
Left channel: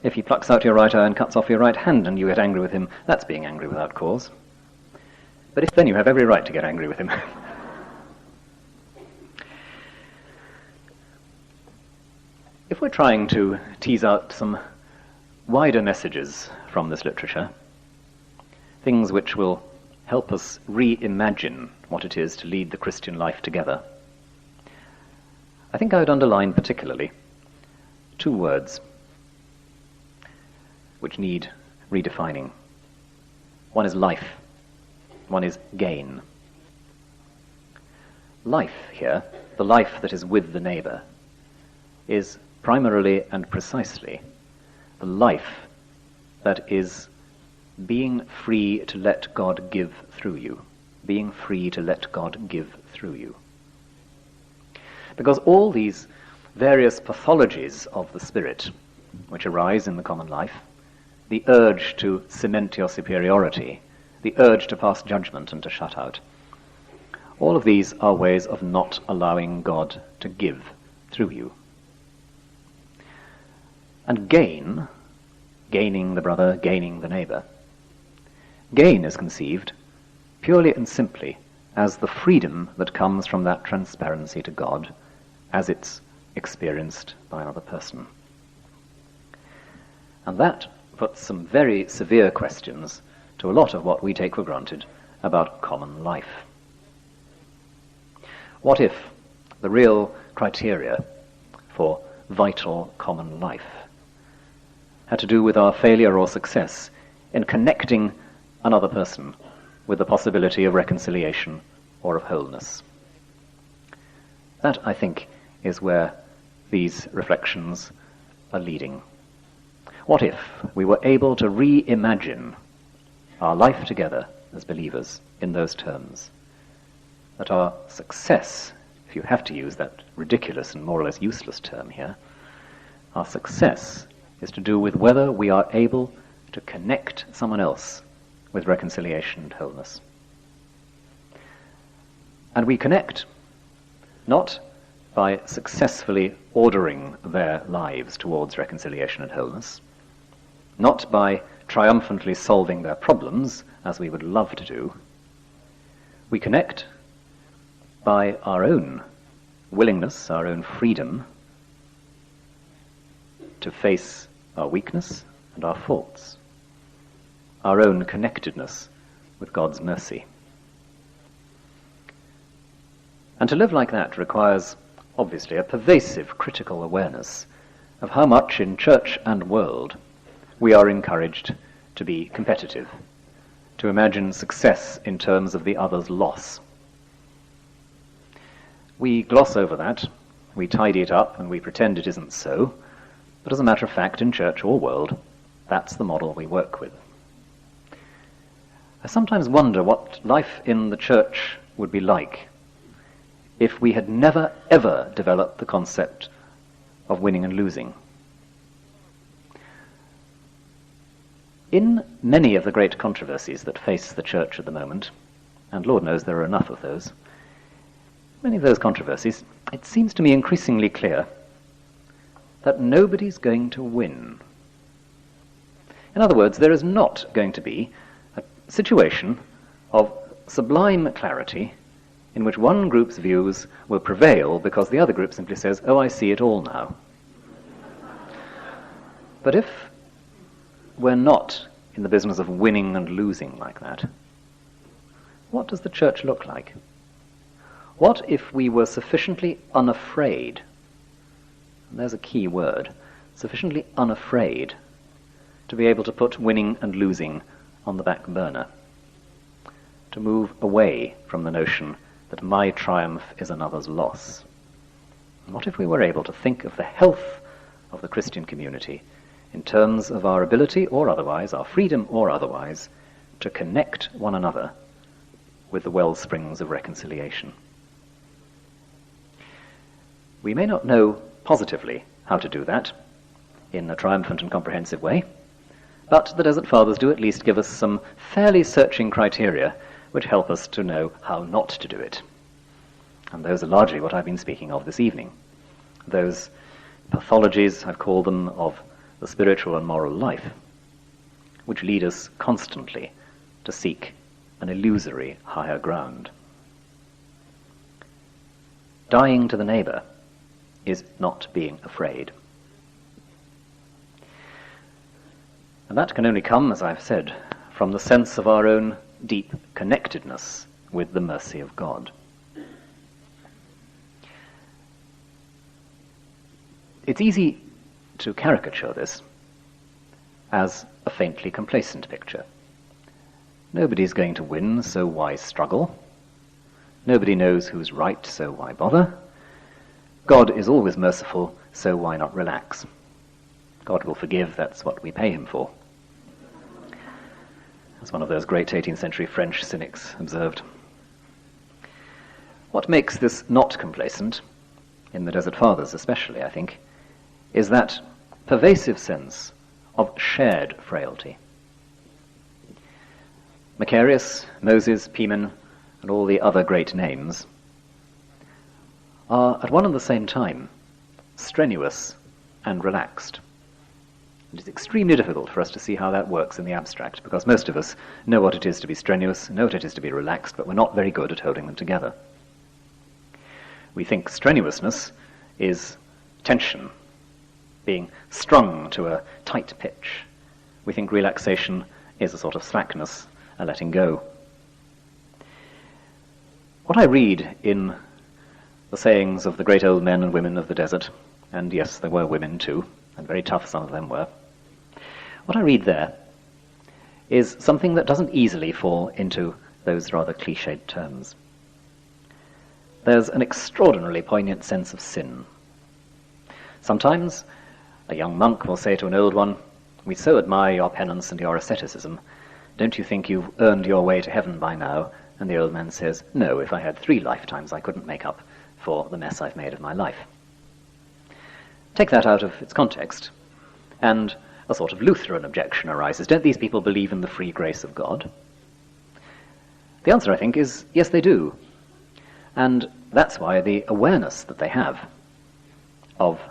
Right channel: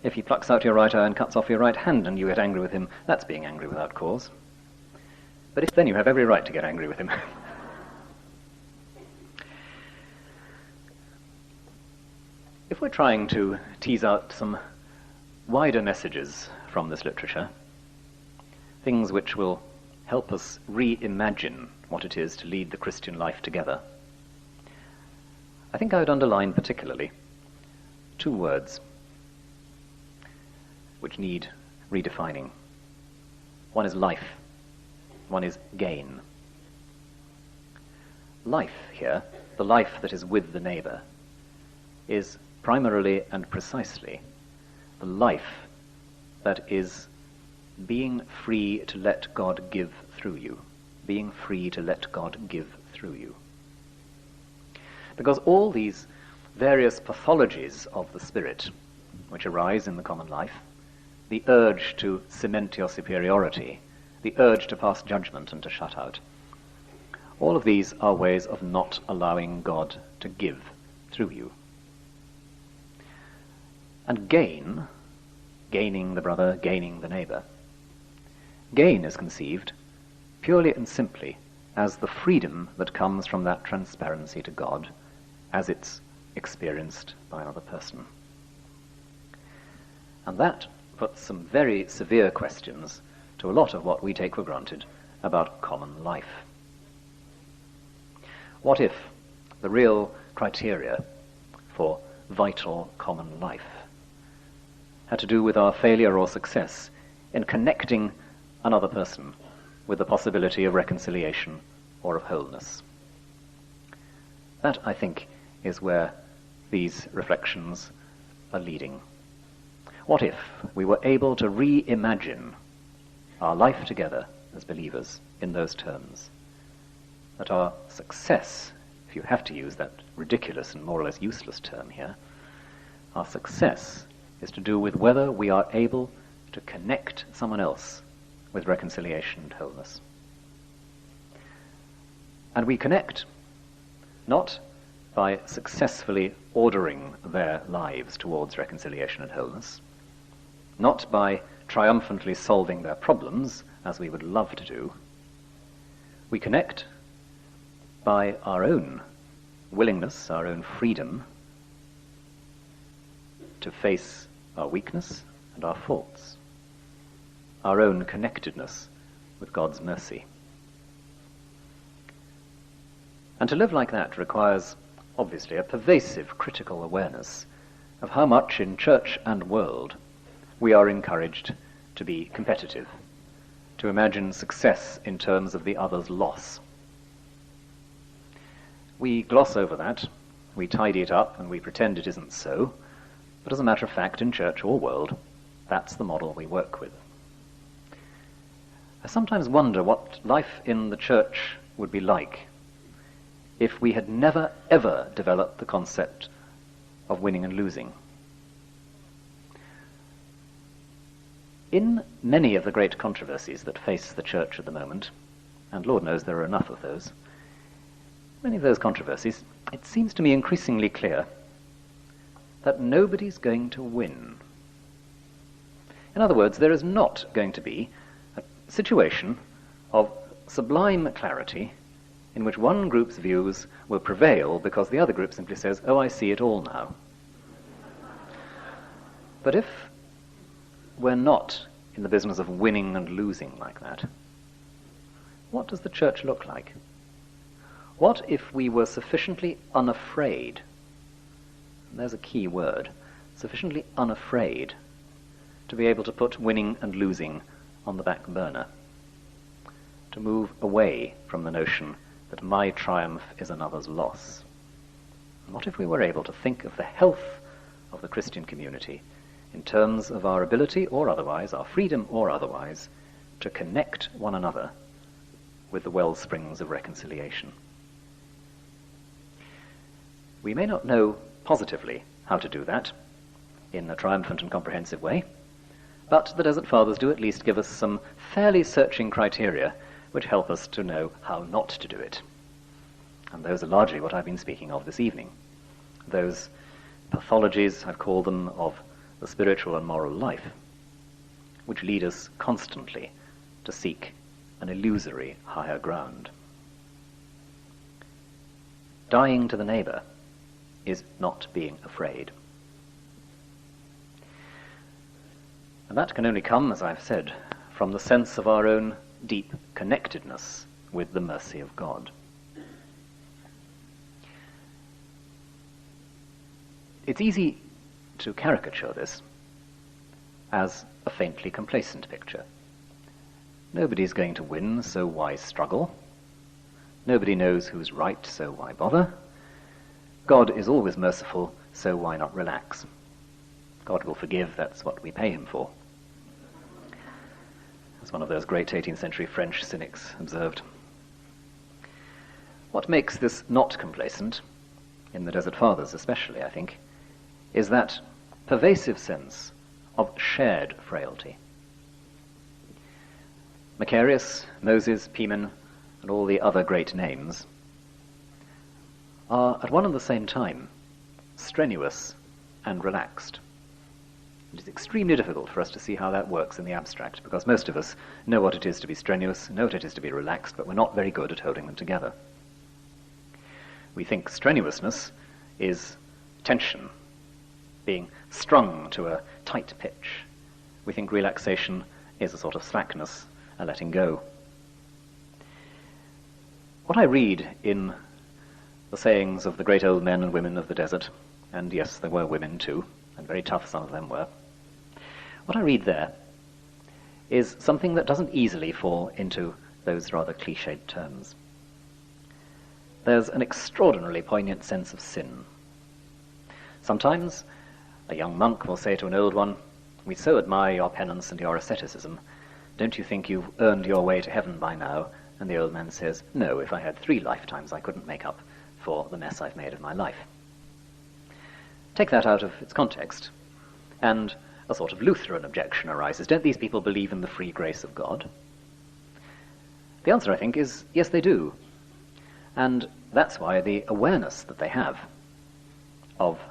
If he plucks out your right eye and cuts off your right hand, and you get angry with him, that's being angry without cause. But if then you have every right to get angry with him. If we're trying to tease out some wider messages from this literature, things which will help us reimagine what it is to lead the Christian life together, I think I would underline particularly two words which need redefining. One is life, one is gain. Life here, the life that is with the neighbour, is primarily and precisely the life that is being free to let God give through you. Being free to let God give through you. Because all these various pathologies of the spirit which arise in the common life the urge to cement your superiority, the urge to pass judgment and to shut out. All of these are ways of not allowing God to give through you. And gaining the brother, gaining the neighbour. Gain is conceived purely and simply as the freedom that comes from that transparency to God as it's experienced by another person. And that puts some very severe questions to a lot of what we take for granted about common life. What if the real criteria for vital common life had to do with our failure or success in connecting another person with the possibility of reconciliation or of wholeness? That, I think, is where these reflections are leading. What if we were able to reimagine our life together as believers in those terms? That our success, if you have to use that ridiculous and more or less useless term here, our success is to do with whether we are able to connect someone else with reconciliation and wholeness. And we connect not by successfully ordering their lives towards reconciliation and wholeness, not by triumphantly solving their problems, as we would love to do. We connect by our own willingness, our own freedom to face our weakness and our faults, our own connectedness with God's mercy. And to live like that requires, obviously, a pervasive critical awareness of how much in church and world we are encouraged to be competitive, to imagine success in terms of the other's loss. We gloss over that, we tidy it up, and we pretend it isn't so, but as a matter of fact, in church or world, that's the model we work with. I sometimes wonder what life in the church would be like if we had never, ever developed the concept of winning and losing. In many of the great controversies that face the church at the moment, and Lord knows there are enough of those, many of those controversies, it seems to me increasingly clear that nobody's going to win. In other words, there is not going to be a situation of sublime clarity in which one group's views will prevail because the other group simply says, "Oh, I see it all now." But if we're not in the business of winning and losing like that, what does the church look like? What if we were sufficiently unafraid, and there's a key word, sufficiently unafraid to be able to put winning and losing on the back burner, to move away from the notion that my triumph is another's loss? What if we were able to think of the health of the Christian community in terms of our ability or otherwise, our freedom or otherwise, to connect one another with the well springs of reconciliation? We may not know positively how to do that in a triumphant and comprehensive way, but the Desert Fathers do at least give us some fairly searching criteria which help us to know how not to do it. And those are largely what I've been speaking of this evening. Those pathologies, I've called them, of the spiritual and moral life, which lead us constantly to seek an illusory higher ground. Dying to the neighbour is not being afraid. And that can only come, as I've said, from the sense of our own deep connectedness with the mercy of God. It's easy to caricature this as a faintly complacent picture. Nobody's going to win, so why struggle? Nobody knows who's right, so why bother? God is always merciful, so why not relax? God will forgive, that's what we pay him for. As one of those great 18th century French cynics observed. What makes this not complacent, in the Desert Fathers especially, I think, is that pervasive sense of shared frailty. Macarius, Moses, Pimen, and all the other great names are at one and the same time strenuous and relaxed. It is extremely difficult for us to see how that works in the abstract, because most of us know what it is to be strenuous, know what it is to be relaxed, but we're not very good at holding them together. We think strenuousness is tension, being strung to a tight pitch. We think relaxation is a sort of slackness, a letting go. What I read in the sayings of the great old men and women of the desert, and yes, there were women too, and very tough some of them were, what I read there is something that doesn't easily fall into those rather cliched terms. There's an extraordinarily poignant sense of sin. Sometimes a young monk will say to an old one, "We so admire your penance and your asceticism. Don't you think you've earned your way to heaven by now?" And the old man says, "No, if I had 3 lifetimes I couldn't make up for the mess I've made of my life." Take that out of its context, and a sort of Lutheran objection arises. Don't these people believe in the free grace of God? The answer, I think, is yes, they do. And that's why the awareness that they have of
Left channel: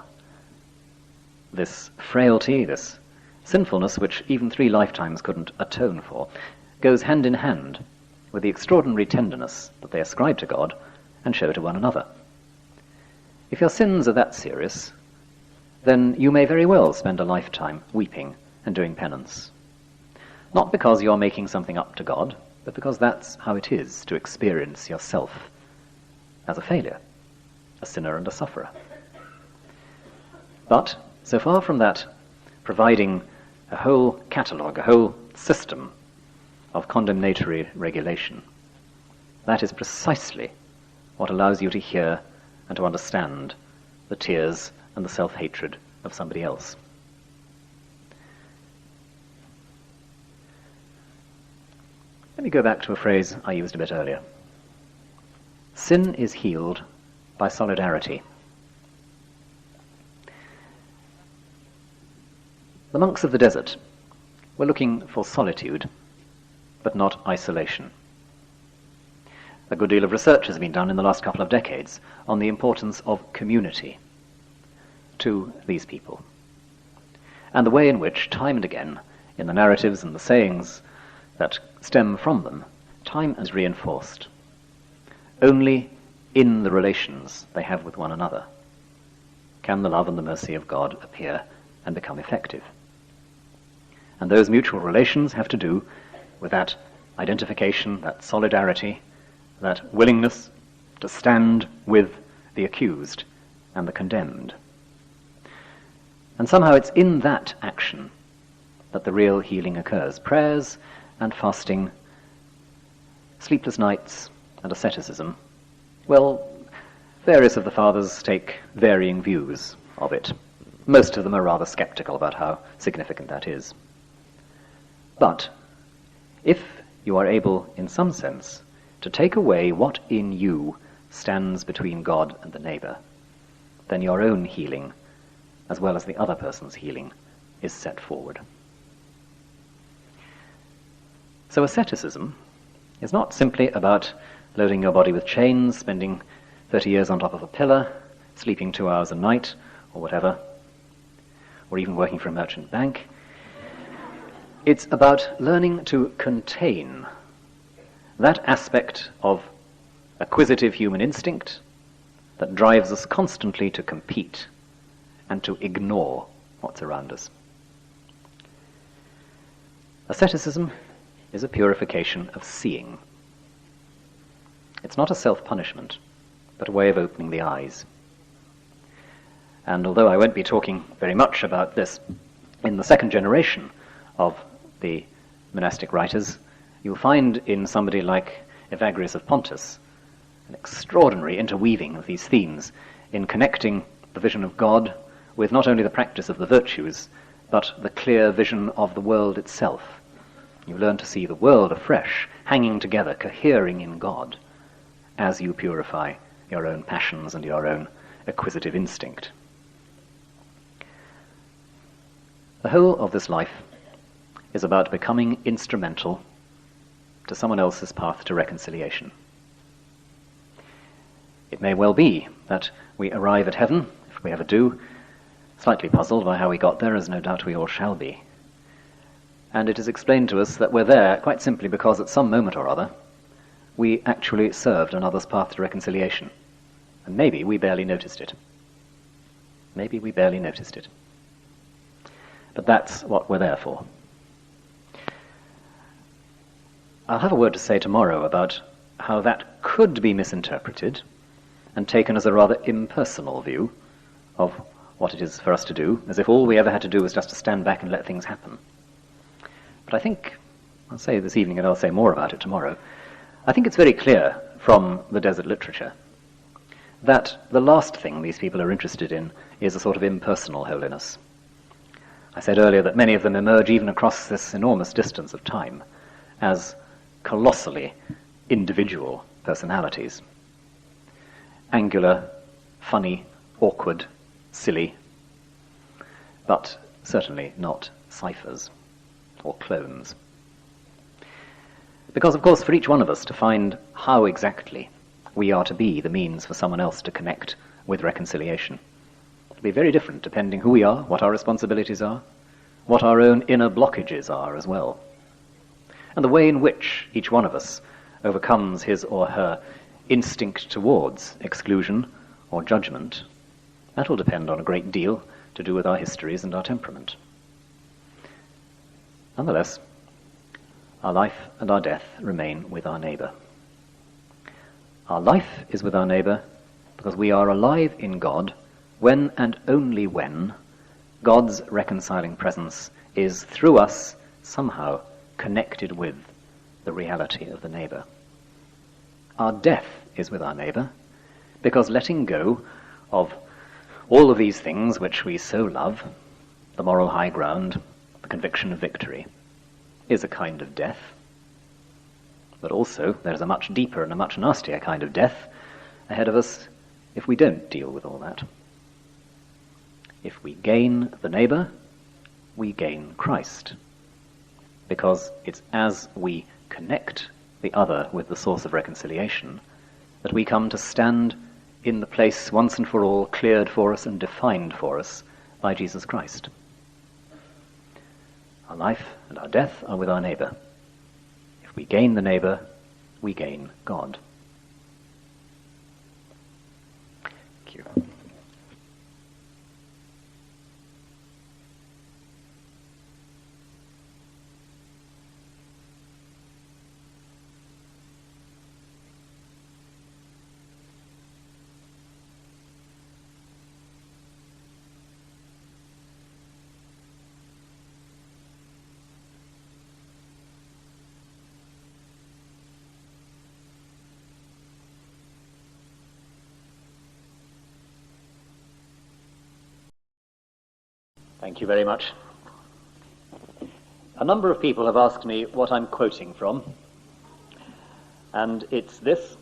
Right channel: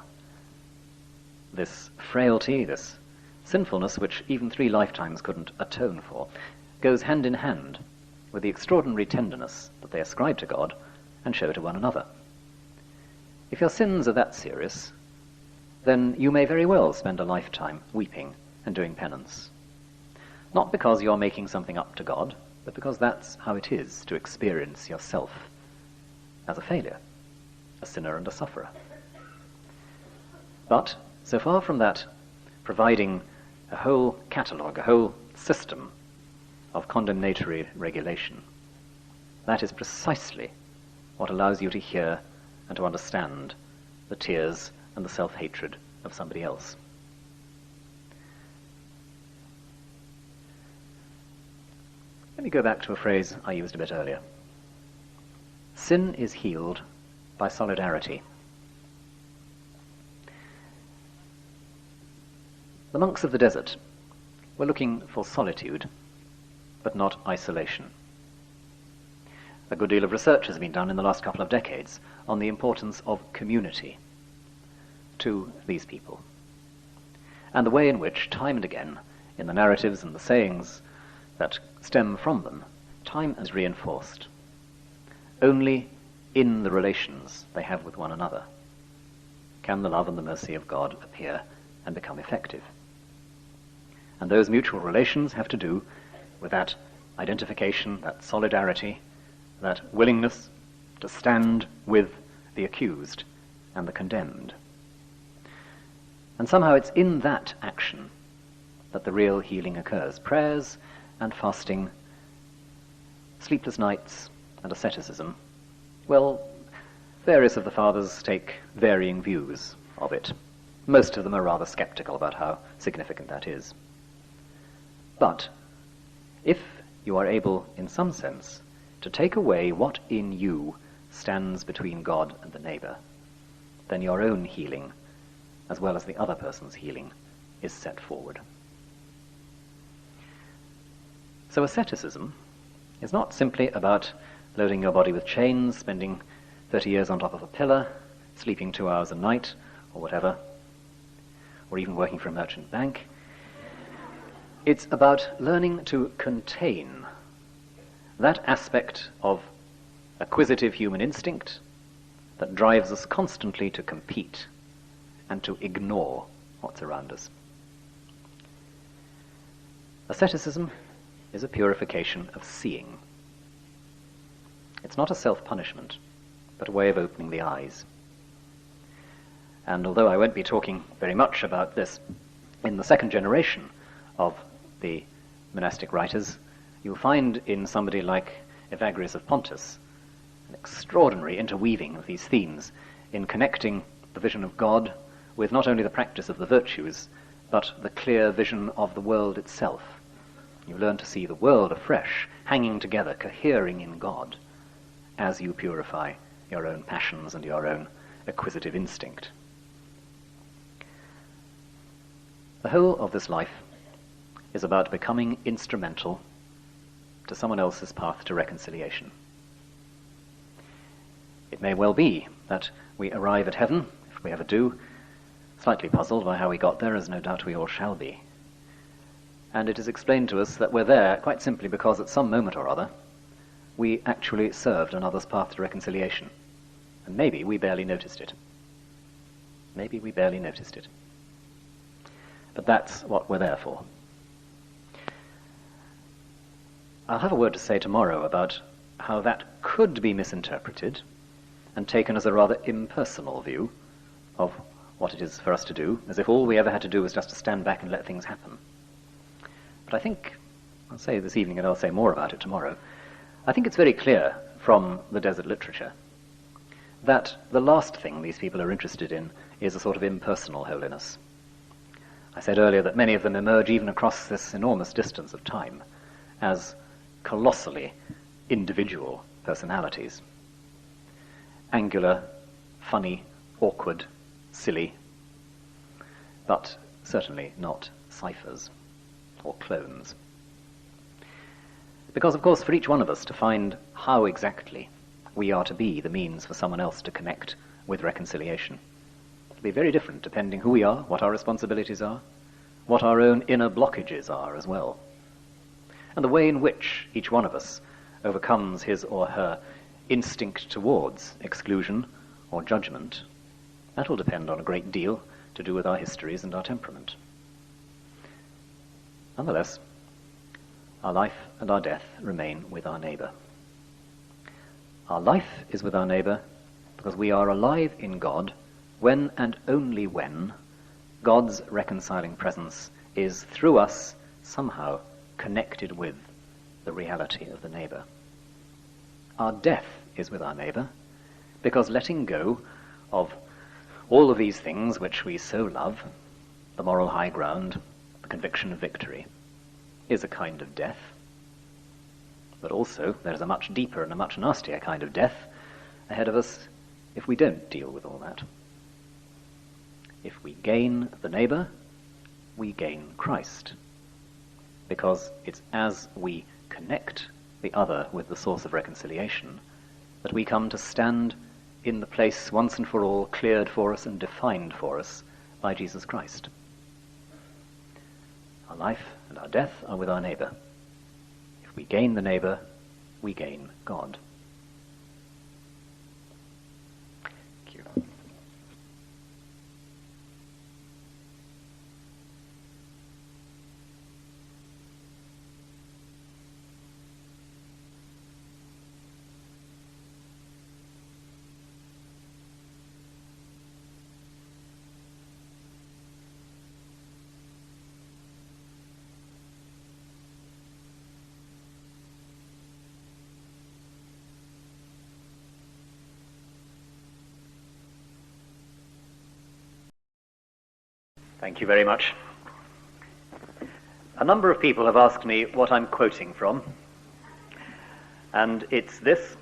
this frailty, this sinfulness, which even 3 lifetimes couldn't atone for, goes hand in hand with the extraordinary tenderness that they ascribe to God and show to one another. If your sins are that serious, then you may very well spend a lifetime weeping and doing penance. Not because you're making something up to God, but because that's how it is to experience yourself as a failure, a sinner and a sufferer. But, so far from that providing a whole catalogue, a whole system of condemnatory regulation, that is precisely what allows you to hear and to understand the tears and the self-hatred of somebody else. Let me go back to a phrase I used a bit earlier. Sin is healed by solidarity. The monks of the desert were looking for solitude, but not isolation. A good deal of research has been done in the last couple of decades on the importance of community to these people, and the way in which, time and again, in the narratives and the sayings that stem from them, time has reinforced. Only in the relations they have with one another can the love and the mercy of God appear and become effective. And those mutual relations have to do with that identification, that solidarity, that willingness to stand with the accused and the condemned. And somehow it's in that action that the real healing occurs. Prayers and fasting, sleepless nights and asceticism, well, various of the fathers take varying views of it. Most of them are rather skeptical about how significant that is. But if you are able, in some sense, to take away what in you stands between God and the neighbour, then your own healing, as well as the other person's healing, is set forward. So asceticism is not simply about loading your body with chains, spending 30 years on top of a pillar, sleeping 2 hours a night, or whatever, or even working for a merchant bank. It's about learning to contain that aspect of acquisitive human instinct that drives us constantly to compete and to ignore what's around us. Asceticism is a purification of seeing. It's not a self-punishment, but a way of opening the eyes. And although I won't be talking very much about this in the second generation of the monastic writers, you'll find in somebody like Evagrius of Pontus an extraordinary interweaving of these themes in connecting the vision of God with not only the practice of the virtues, but the clear vision of the world itself. You learn to see the world afresh, hanging together, cohering in God, as you purify your own passions and your own acquisitive instinct. The whole of this life is about becoming instrumental to someone else's path to reconciliation. It may well be that we arrive at heaven, if we ever do, slightly puzzled by how we got there, as no doubt we all shall be. And it is explained to us that we're there quite simply because at some moment or other we actually served another's path to reconciliation. And maybe we barely noticed it. Maybe we barely noticed it. But that's what we're there for. I'll have a word to say tomorrow about how that could be misinterpreted and taken as a rather impersonal view of what it is for us to do, as if all we ever had to do was just to stand back and let things happen. But I think, I'll say this evening and I'll say more about it tomorrow, I think it's very clear from the desert literature that the last thing these people are interested in is a sort of impersonal holiness. I said earlier that many of them emerge even across this enormous distance of time as colossally individual personalities. Angular, funny, awkward, silly, but certainly not ciphers or clones. Because, of course, for each one of us to find how exactly we are to be the means for someone else to connect with reconciliation, it'll be very different depending who we are, what our responsibilities are, what our own inner blockages are as well, and the way in which each one of us overcomes his or her instinct towards exclusion or judgment. That will depend on a great deal to do with our histories and our temperament. Nonetheless, our life and our death remain with our neighbour. Our life is with our neighbour because we are alive in God when and only when God's reconciling presence is, through us, somehow connected with the reality of the neighbour. Our death is with our neighbour because letting go of all of these things which we so love, the moral high ground, the conviction of victory, is a kind of death. But also there's a much deeper and a much nastier kind of death ahead of us if we don't deal with all that. If we gain the neighbour, we gain Christ. Because it's as we connect the other with the source of reconciliation that we come to stand in the place once and for all cleared for us and defined for us by Jesus Christ. Our life and our death are with our neighbour. If we gain the neighbour, we gain God. Thank you. Thank you very much. A number of people have asked me what I'm quoting from, and it's this,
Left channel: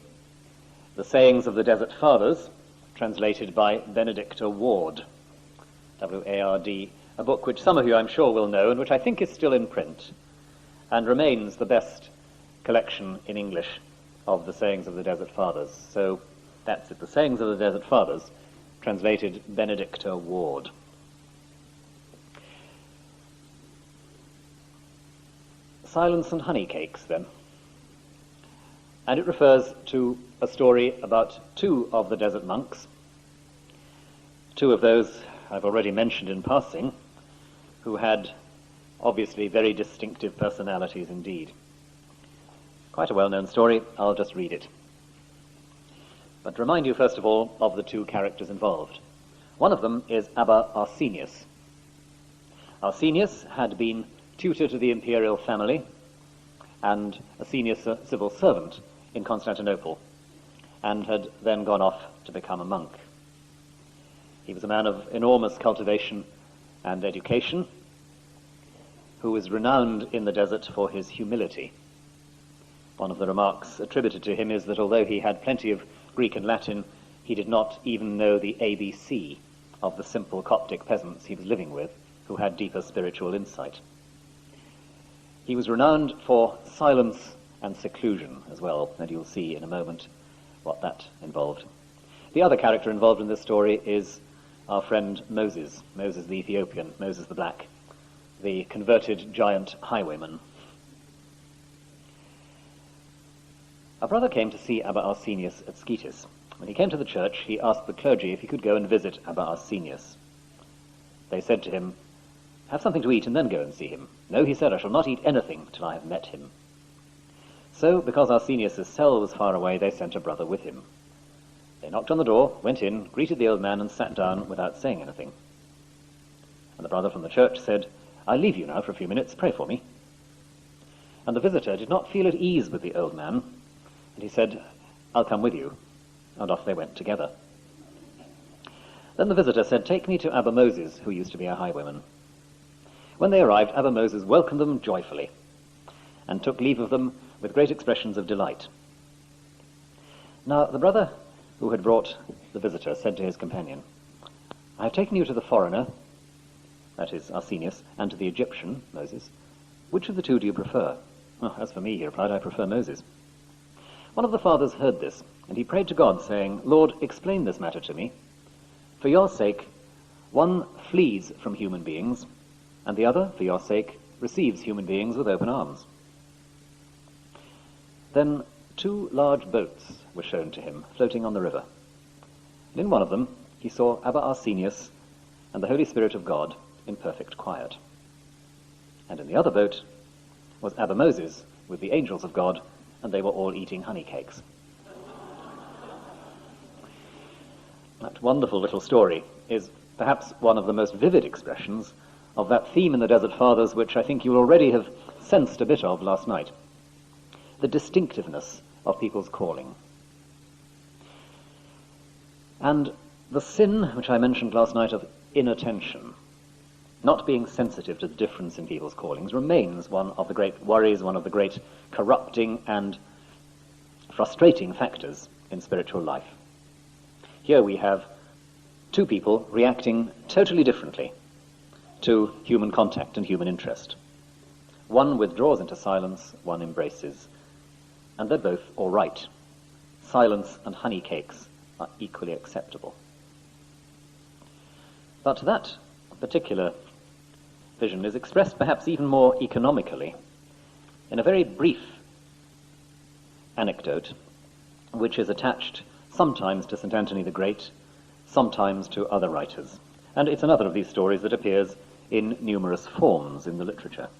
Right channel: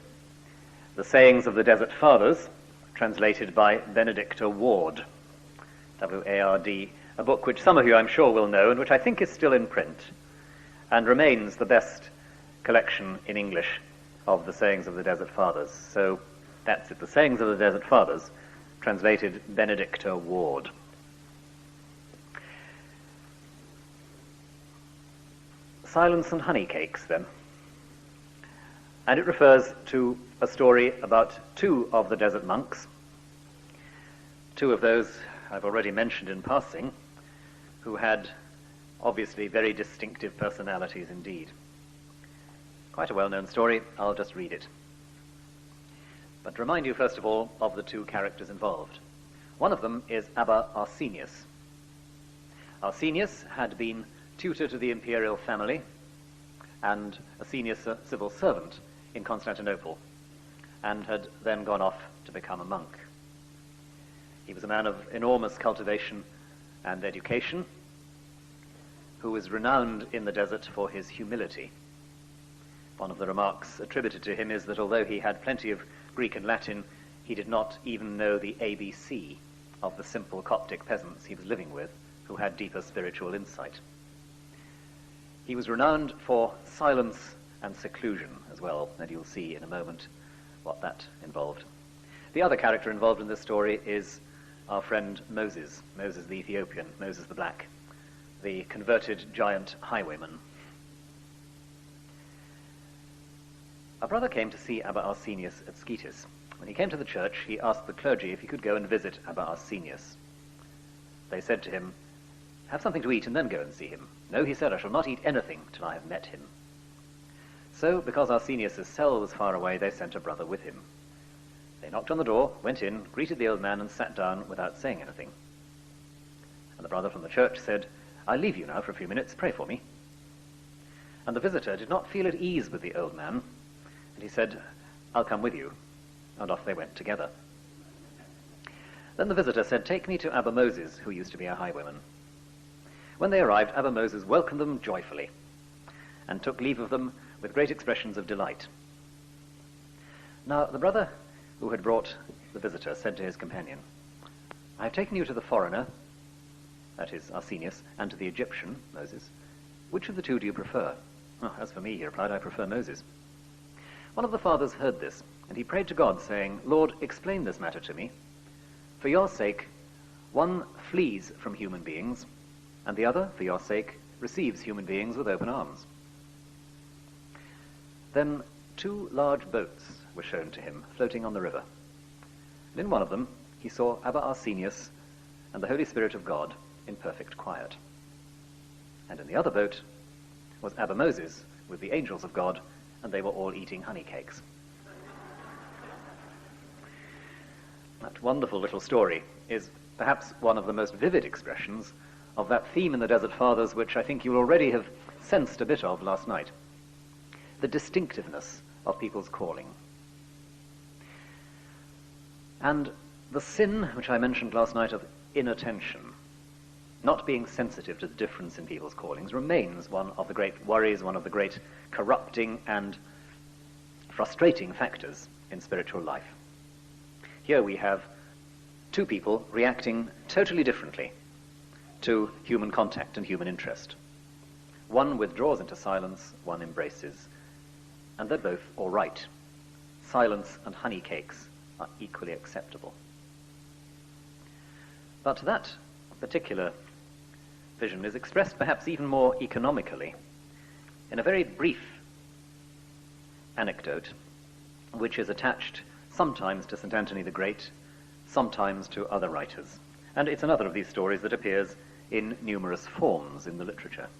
The Sayings of the Desert Fathers, translated by Benedicta Ward, W-A-R-D, a book which some of you I'm sure will know and which I think is still in print and remains the best collection in English of the Sayings of the Desert Fathers. So that's it, The Sayings of the Desert Fathers, translated Benedicta Ward. Silence and Honey Cakes, then. And it refers to a story about two of the desert monks, two of those I've already mentioned in passing, who had obviously very distinctive personalities indeed. Quite a well-known story, I'll just read it. But remind you first of all of the two characters involved. One of them is Abba Arsenius. Arsenius had been tutor to the imperial family and a senior civil servant in Constantinople, and had then gone off to become a monk. He was a man of enormous cultivation and education, who was renowned in the desert for his humility. One of the remarks attributed to him is that although he had plenty of Greek and Latin, he did not even know the ABC of the simple Coptic peasants he was living with, who who had deeper spiritual insight. He was renowned for silence and seclusion as well, and you'll see in a moment what that involved. The other character involved in this story is our friend Moses, Moses the Ethiopian, Moses the Black, the converted giant highwayman. A brother came to see Abba Arsenius at Scetis. When he came to the church, he asked the clergy if he could go and visit Abba Arsenius. They said to him, "Have something to eat and then go and see him." "No," he said, "I shall not eat anything till I have met him." So, because Arsenius' cell was far away, they sent a brother with him. They knocked on the door, went in, greeted the old man, and sat down without saying anything. And the brother from the church said, "I'll leave you now for a few minutes, pray for me." And the visitor did not feel at ease with the old man, and he said, "I'll come with you." And off they went together. Then the visitor said, "Take me to Abba Moses, who used to be a highwayman." When they arrived, Abba Moses welcomed them joyfully and took leave of them with great expressions of delight. Now the brother who had brought the visitor said to his companion, "I have taken you to the foreigner," that is Arsenius, "and to the Egyptian, Moses. Which of the two do you prefer?" "Oh, as for me," he replied, "I prefer Moses." One of the fathers heard this, and he prayed to God, saying, "Lord, explain this matter to me. For your sake, one flees from human beings, and the other, for your sake, receives human beings with open arms." Then 2 large boats were shown to him, floating on the river. And in one of them he saw Abba Arsenius and the Holy Spirit of God in perfect quiet. And in the other boat was Abba Moses with the angels of God, and they were all eating honey cakes. That wonderful little story is perhaps one of the most vivid expressions of that theme in the Desert Fathers which I think you already have sensed a bit of last night. The distinctiveness of people's calling. And the sin which I mentioned last night of inattention, not being sensitive to the difference in people's callings, remains one of the great worries, one of the great corrupting and frustrating factors in spiritual life. Here we have 2 people reacting totally differently to human contact and human interest. One withdraws into silence, one embraces, and they're both all right. Silence and honey cakes are equally acceptable. But that particular vision is expressed perhaps even more economically in a very brief anecdote which is attached sometimes to St. Anthony the Great, sometimes to other writers. And it's another of these stories that appears in numerous forms in the literature.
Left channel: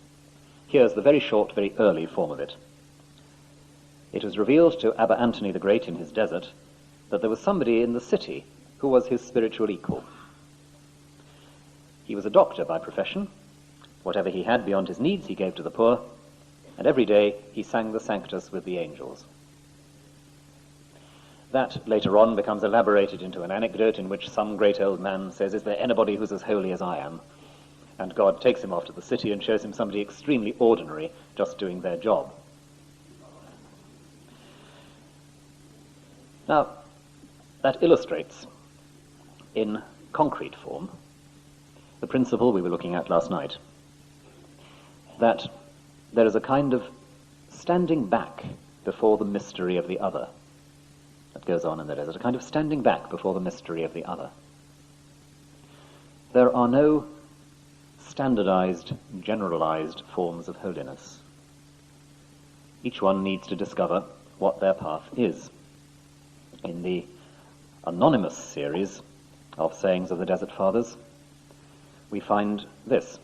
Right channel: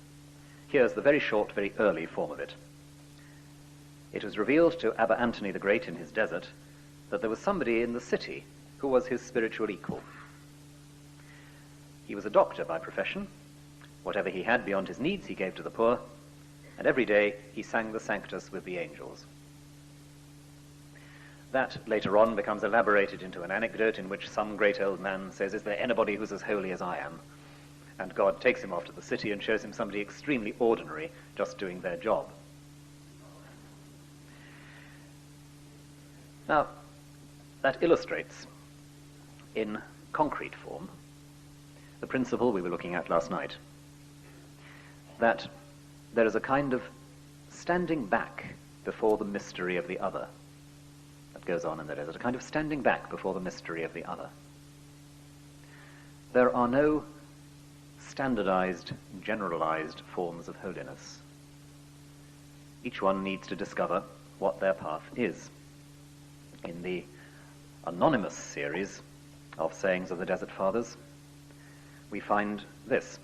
Here's the very short, very early form of it. It was revealed to Abba Anthony the Great in his desert that there was somebody in the city who was his spiritual equal. He was a doctor by profession. Whatever he had beyond his needs he gave to the poor, and every day he sang the Sanctus with the angels. That later on becomes elaborated into an anecdote in which some great old man says, "Is there anybody who's as holy as I am?" And God takes him off to the city and shows him somebody extremely ordinary just doing their job. Now, that illustrates in concrete form the principle we were looking at last night, that there is a kind of standing back before the mystery of the other that goes on in the desert, a kind of standing back before the mystery of the other. There are no standardized, generalized forms of holiness. Each one needs to discover what their path is. In the anonymous series of sayings of the Desert Fathers, we find this.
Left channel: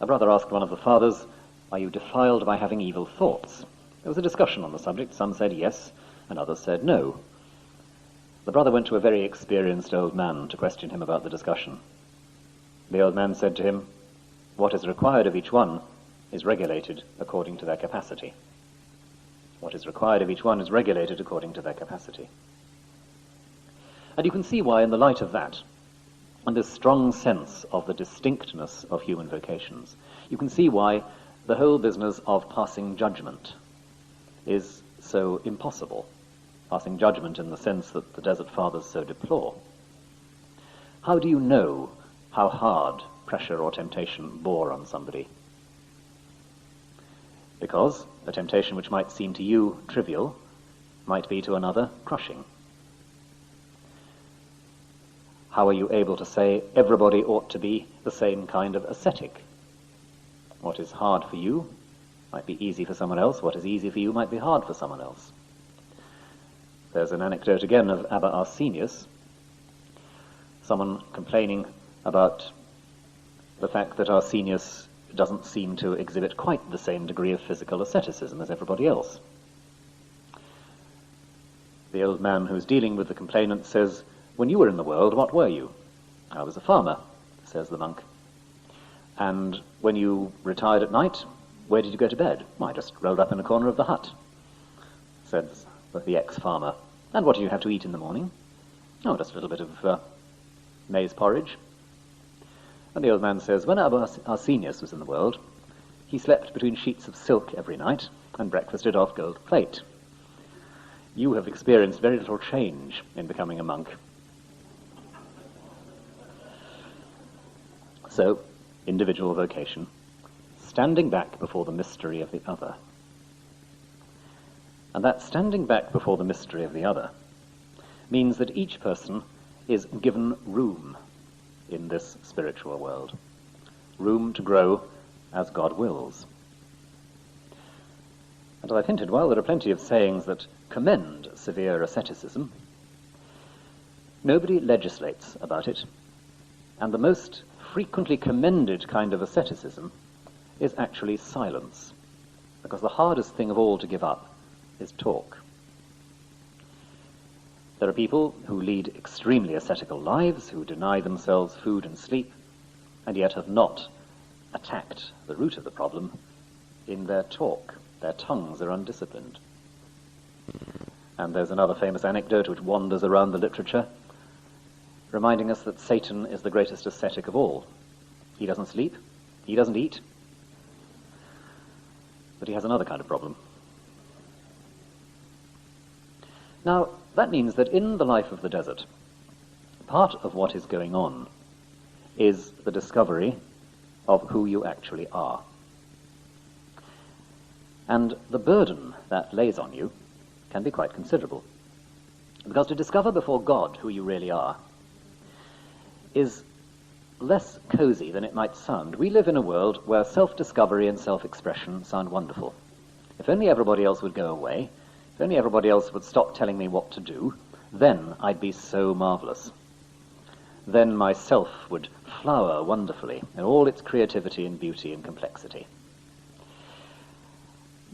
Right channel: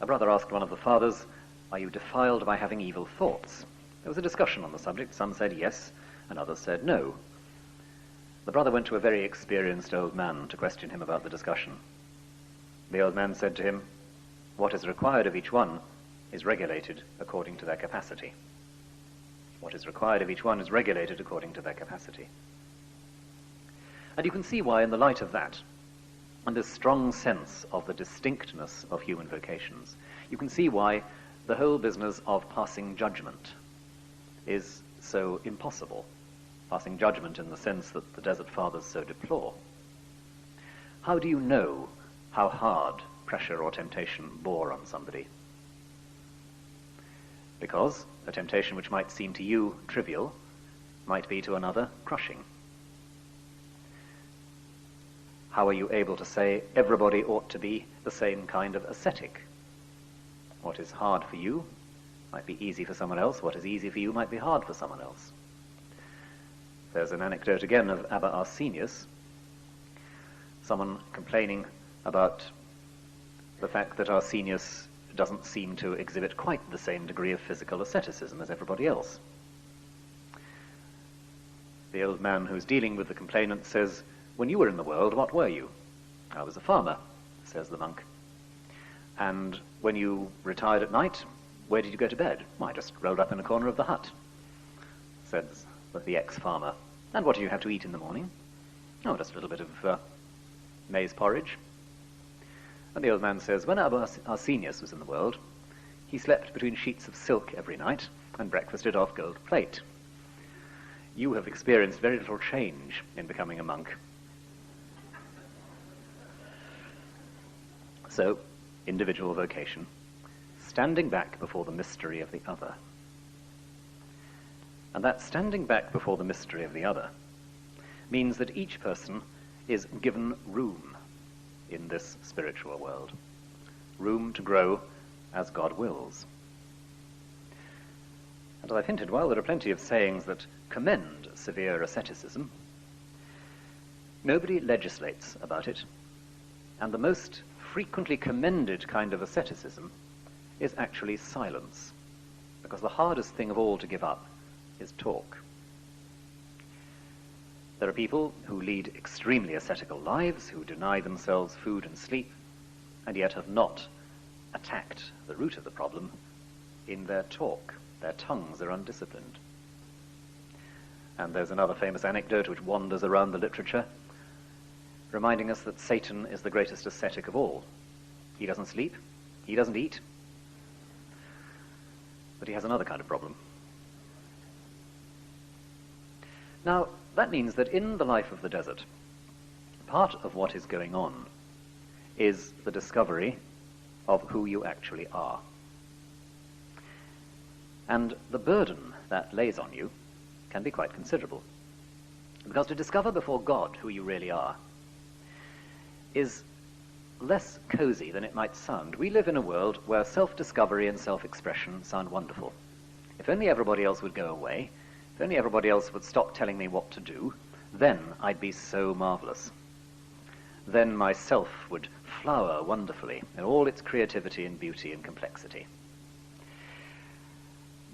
A brother asked one of the fathers, "Are you defiled by having evil thoughts?" There was a discussion on the subject. Some said yes, and others said no. The brother went to a very experienced old man to question him about the discussion. The old man said to him, "What is required of each one is regulated according to their capacity." What is required of each one is regulated according to their capacity. And you can see why, in the light of that, and this strong sense of the distinctness of human vocations, you can see why the whole business of passing judgment is so impossible. Passing judgment in the sense that the Desert Fathers so deplore. How do you know how hard pressure or temptation bore on somebody. Because a temptation which might seem to you trivial might be to another crushing. How are you able to say everybody ought to be the same kind of ascetic? What is hard for you might be easy for someone else. What is easy for you might be hard for someone else. There's an anecdote again of Abba Arsenius, someone complaining about the fact that Arsenius doesn't seem to exhibit quite the same degree of physical asceticism as everybody else. The old man who's dealing with the complainant says, "When you were in the world, what were you?" "I was a farmer," says the monk. "And when you retired at night, where did you go to bed?" "I just rolled up in a corner of the hut," says the ex-farmer. "And what do you have to eat in the morning?" "Oh, just a little bit of maize porridge." And the old man says, "When Abba Arsenius was in the world, he slept between sheets of silk every night and breakfasted off gold plate. You have experienced very little change in becoming a monk." So, individual vocation, standing back before the mystery of the other. And that standing back before the mystery of the other means that each person is given room in this spiritual world, room to grow as God wills. And as I've hinted, while there are plenty of sayings that commend severe asceticism, nobody legislates about it, and the most frequently commended kind of asceticism is actually silence, because the hardest thing of all to give up is talk. There are people who lead extremely ascetical lives, who deny themselves food and sleep, and yet have not attacked the root of the problem in their talk. Their tongues are undisciplined. And there's another famous anecdote which wanders around the literature, reminding us that Satan is the greatest ascetic of all. He doesn't sleep, he doesn't eat, but he has another kind of problem. Now, that means that in the life of the desert, part of what is going on is the discovery of who you actually are. And the burden that lays on you can be quite considerable. Because to discover before God who you really are is less cozy than it might sound. We live in a world where self-discovery and self-expression sound wonderful. If only everybody else would go away, if only everybody else would stop telling me what to do, then I'd be so marvelous. Then myself would flower wonderfully in all its creativity and beauty and complexity.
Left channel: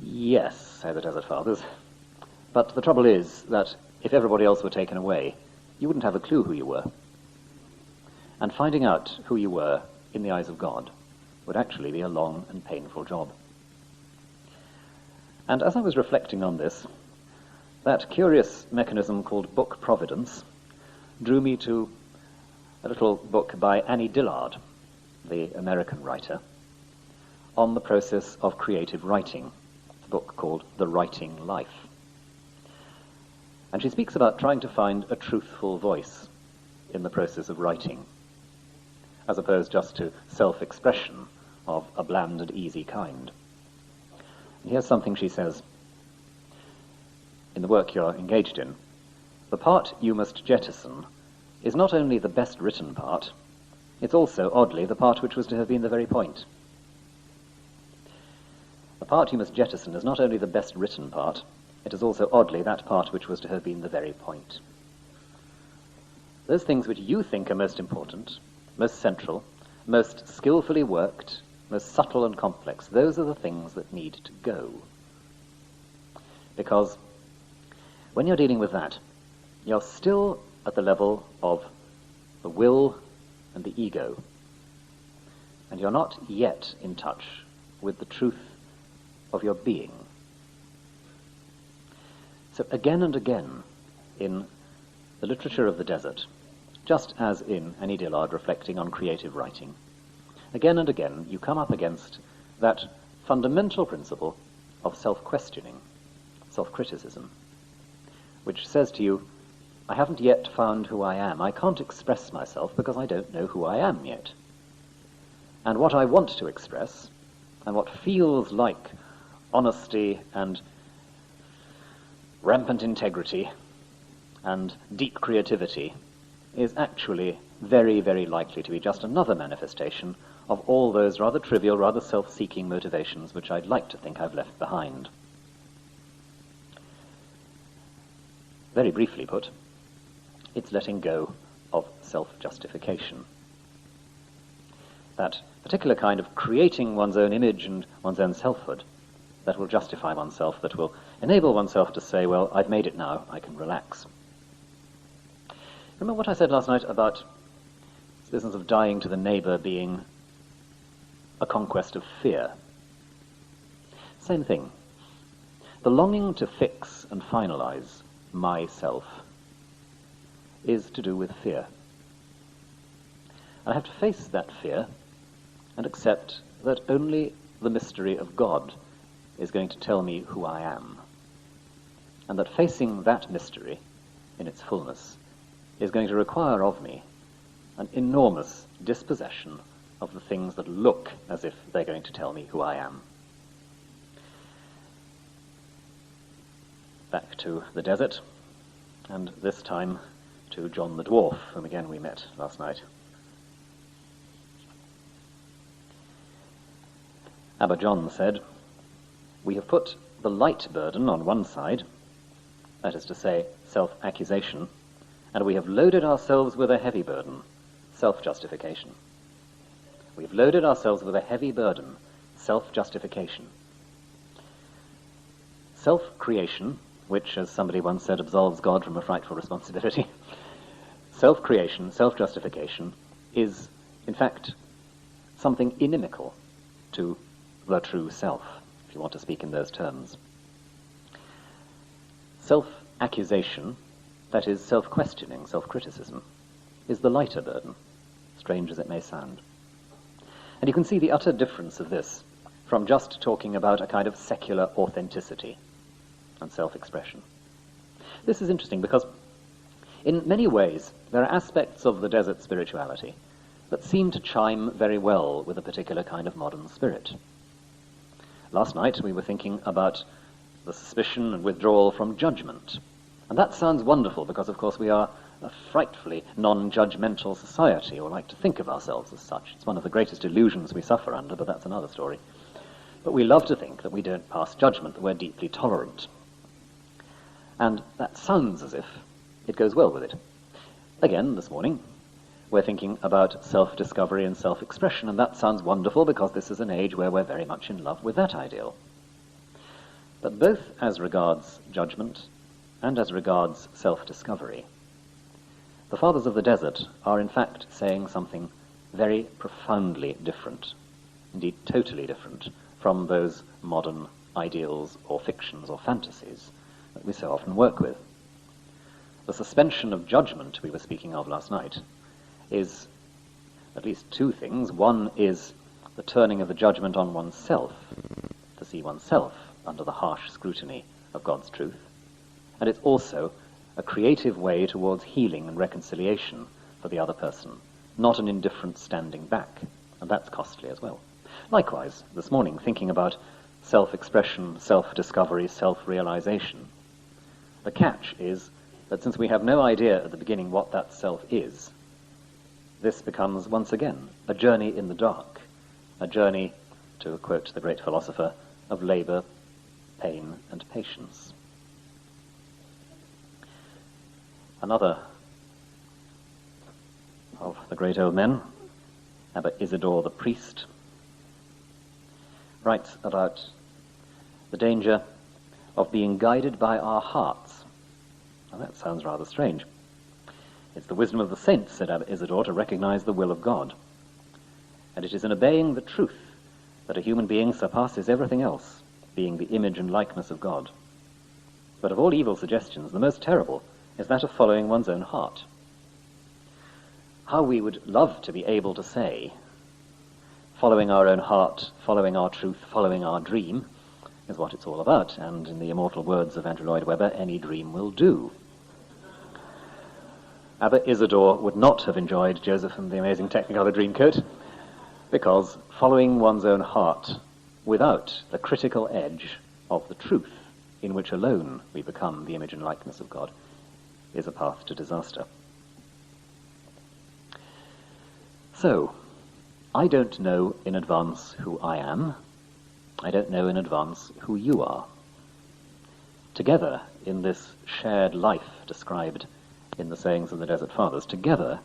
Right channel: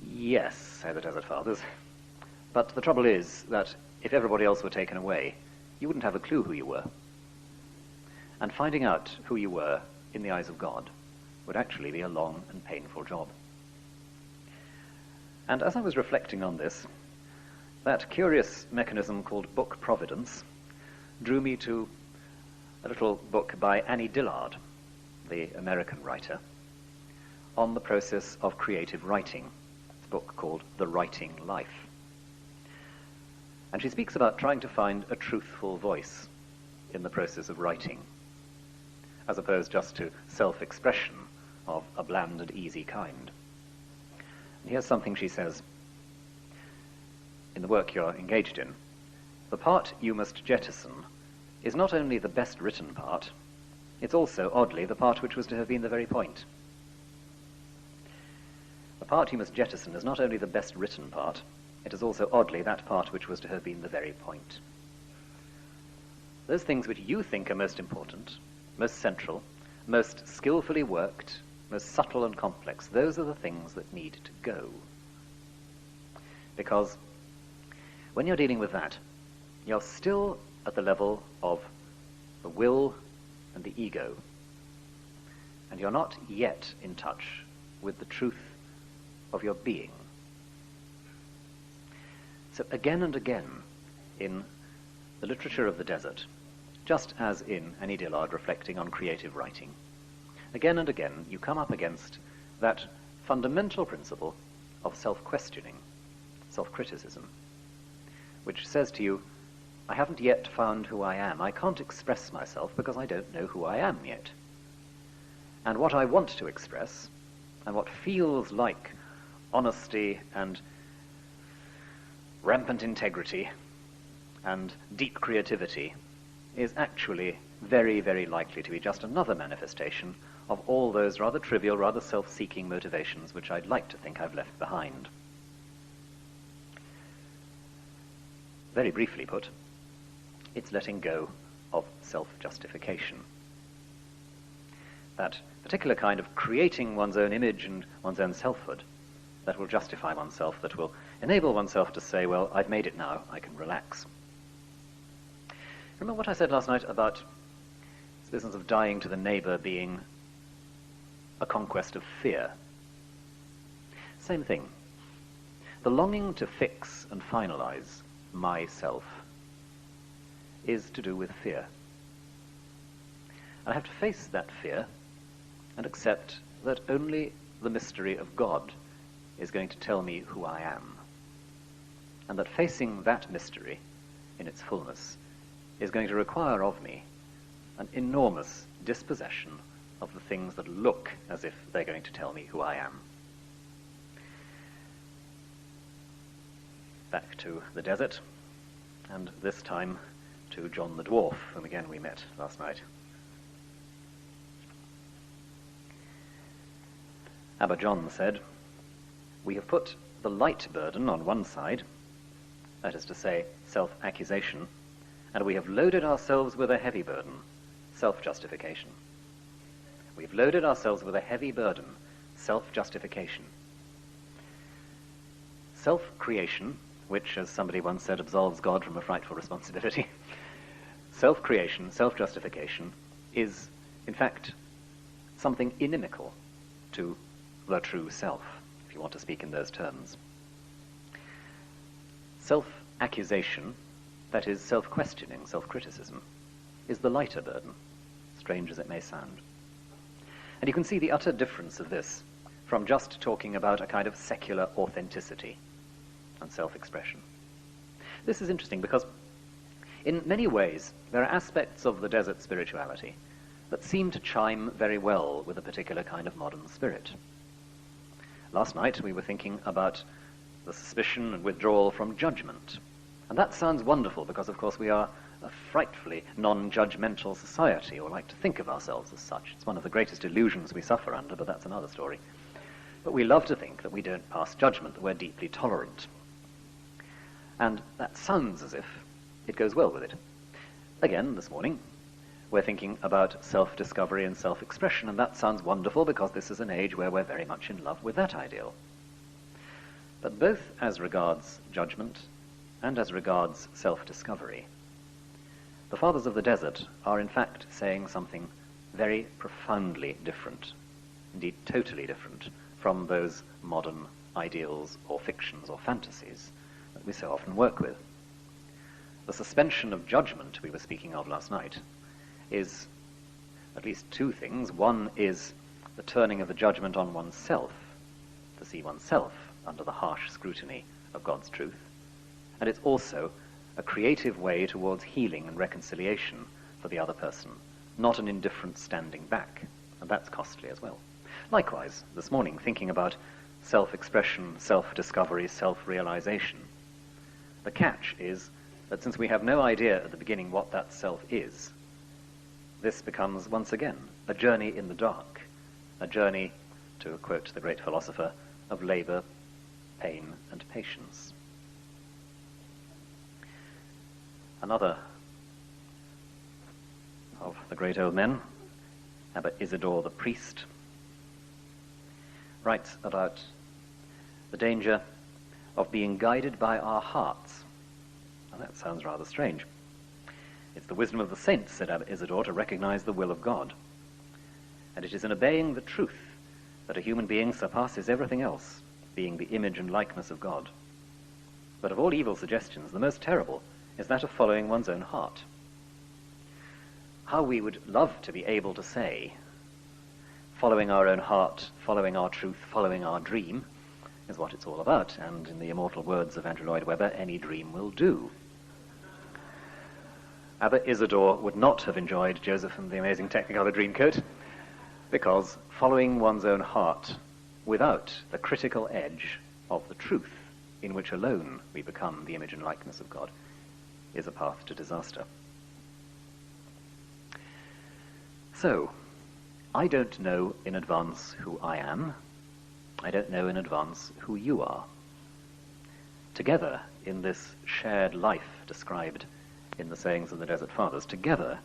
Yes, say the Desert Fathers, but the trouble is that if everybody else were taken away, you wouldn't have a clue who you were. And finding out who you were in the eyes of God would actually be a long and painful job. And as I was reflecting on this, that curious mechanism called book providence drew me to a little book by Annie Dillard, the American writer, on the process of creative writing. It's a book called The Writing Life. And she speaks about trying to find a truthful voice in the process of writing, as opposed just to self-expression of a bland and easy kind. And here's something she says: in the work you're engaged in, the part you must jettison is not only the best written part, it's also, oddly, the part which was to have been the very point. The part you must jettison is not only the best written part, it is also, oddly, that part which was to have been the very point. Those things which you think are most important, most central, most skillfully worked, most subtle and complex, those are the things that need to go. Because when you're dealing with that, you're still at the level of the will and the ego, and you're not yet in touch with the truth of your being. So again and again in the literature of the desert, just as in Annie Dillard reflecting on creative writing, again and again you come up against that fundamental principle of self-questioning, self-criticism, which says to you, I haven't yet found who I am. I can't express myself because I don't know who I am yet. and what I want to express, and what feels like honesty and rampant integrity and deep creativity, is actually very, very likely to be just another manifestation of all those rather trivial, rather self-seeking motivations which I'd like to think I've left behind. Very briefly put, it's letting go of self-justification. That particular kind of creating one's own image and one's own selfhood that will justify oneself, that will enable oneself to say, well, I've made it now, I can relax. Remember what I said last night about this business of dying to the neighbour being a conquest of fear? Same thing. The longing to fix and finalise myself is to do with fear. I have to face that fear and accept that only the mystery of God is going to tell me who I am, and that facing that mystery in its fullness is going to require of me an enormous dispossession of the things that look as if they're going to tell me who I am. Back to the desert, and this time to John the Dwarf, whom again we met last night. Abba John said, "We have put the light burden on one side, that is to say, self-accusation, and we have loaded ourselves with a heavy burden, self-justification." We've loaded ourselves with a heavy burden, self-justification. Self-creation, which, as somebody once said, absolves God from a frightful responsibility. Self-creation, self-justification, is, in fact, something inimical to the true self, if you want to speak in those terms. Self-accusation, that is self-questioning, self-criticism, is the lighter burden, strange as it may sound. And you can see the utter difference of this from just talking about a kind of secular authenticity and self-expression. This is interesting because in many ways there are aspects of the desert spirituality that seem to chime very well with a particular kind of modern spirit. Last night we were thinking about the suspicion and withdrawal from judgment. And that sounds wonderful because, of course, we are a frightfully non-judgmental society, or like to think of ourselves as such. It's one of the greatest illusions we suffer under, but that's another story. But we love to think that we don't pass judgment, that we're deeply tolerant. And that sounds as if it goes well with it. Again, this morning, we're thinking about self-discovery and self-expression, and that sounds wonderful because this is an age where we're very much in love with that ideal. But both as regards judgment and as regards self-discovery, the Fathers of the Desert are in fact saying something very profoundly different, indeed totally different, from those modern ideals or fictions or fantasies that we so often work with. The suspension of judgment we were speaking of last night is at least two things. One is the turning of the judgment on oneself, to see oneself under the harsh scrutiny of God's truth. And it's also a creative way towards healing and reconciliation for the other person, not an indifferent standing back, and that's costly as well. Likewise, this morning, thinking about self-expression, self-discovery, self-realization, the catch is that since we have no idea at the beginning what that self is, this becomes, once again, a journey in the dark, a journey, to quote the great philosopher, of labour, pain, and patience. Another of the great old men, Abba Isidore the priest, writes about the danger of being guided by our hearts. Now that sounds rather strange. It's the wisdom of the saints, said Abba Isidore, to recognize the will of God. And it is in obeying the truth that a human being surpasses everything else, being the image and likeness of God. But of all evil suggestions, the most terrible is that of following one's own heart. How we would love to be able to say, following our own heart, following our truth, following our dream, is what it's all about, and in the immortal words of Andrew Lloyd Webber, any dream will do. Abba Isidore would not have enjoyed Joseph and the Amazing Technicolor Dreamcoat, Because following one's own heart without the critical edge of the truth in which alone we become the image and likeness of God is a path to disaster. So, I don't know in advance who I am. I don't know in advance who you are. Together, in this shared life described in the sayings of the Desert Fathers, together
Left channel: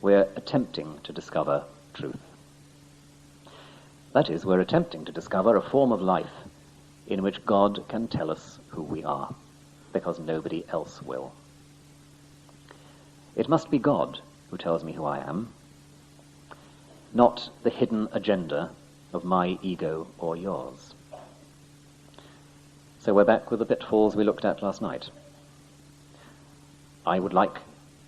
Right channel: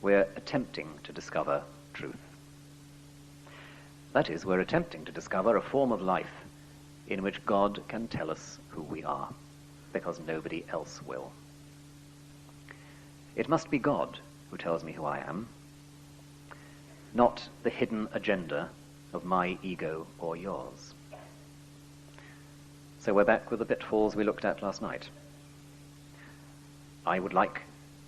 we're attempting to discover truth. That is, we're attempting to discover a form of life in which God can tell us who we are, because nobody else will. It must be God who tells me who I am, not the hidden agenda of my ego or yours. So we're back with the pitfalls we looked at last night. I would like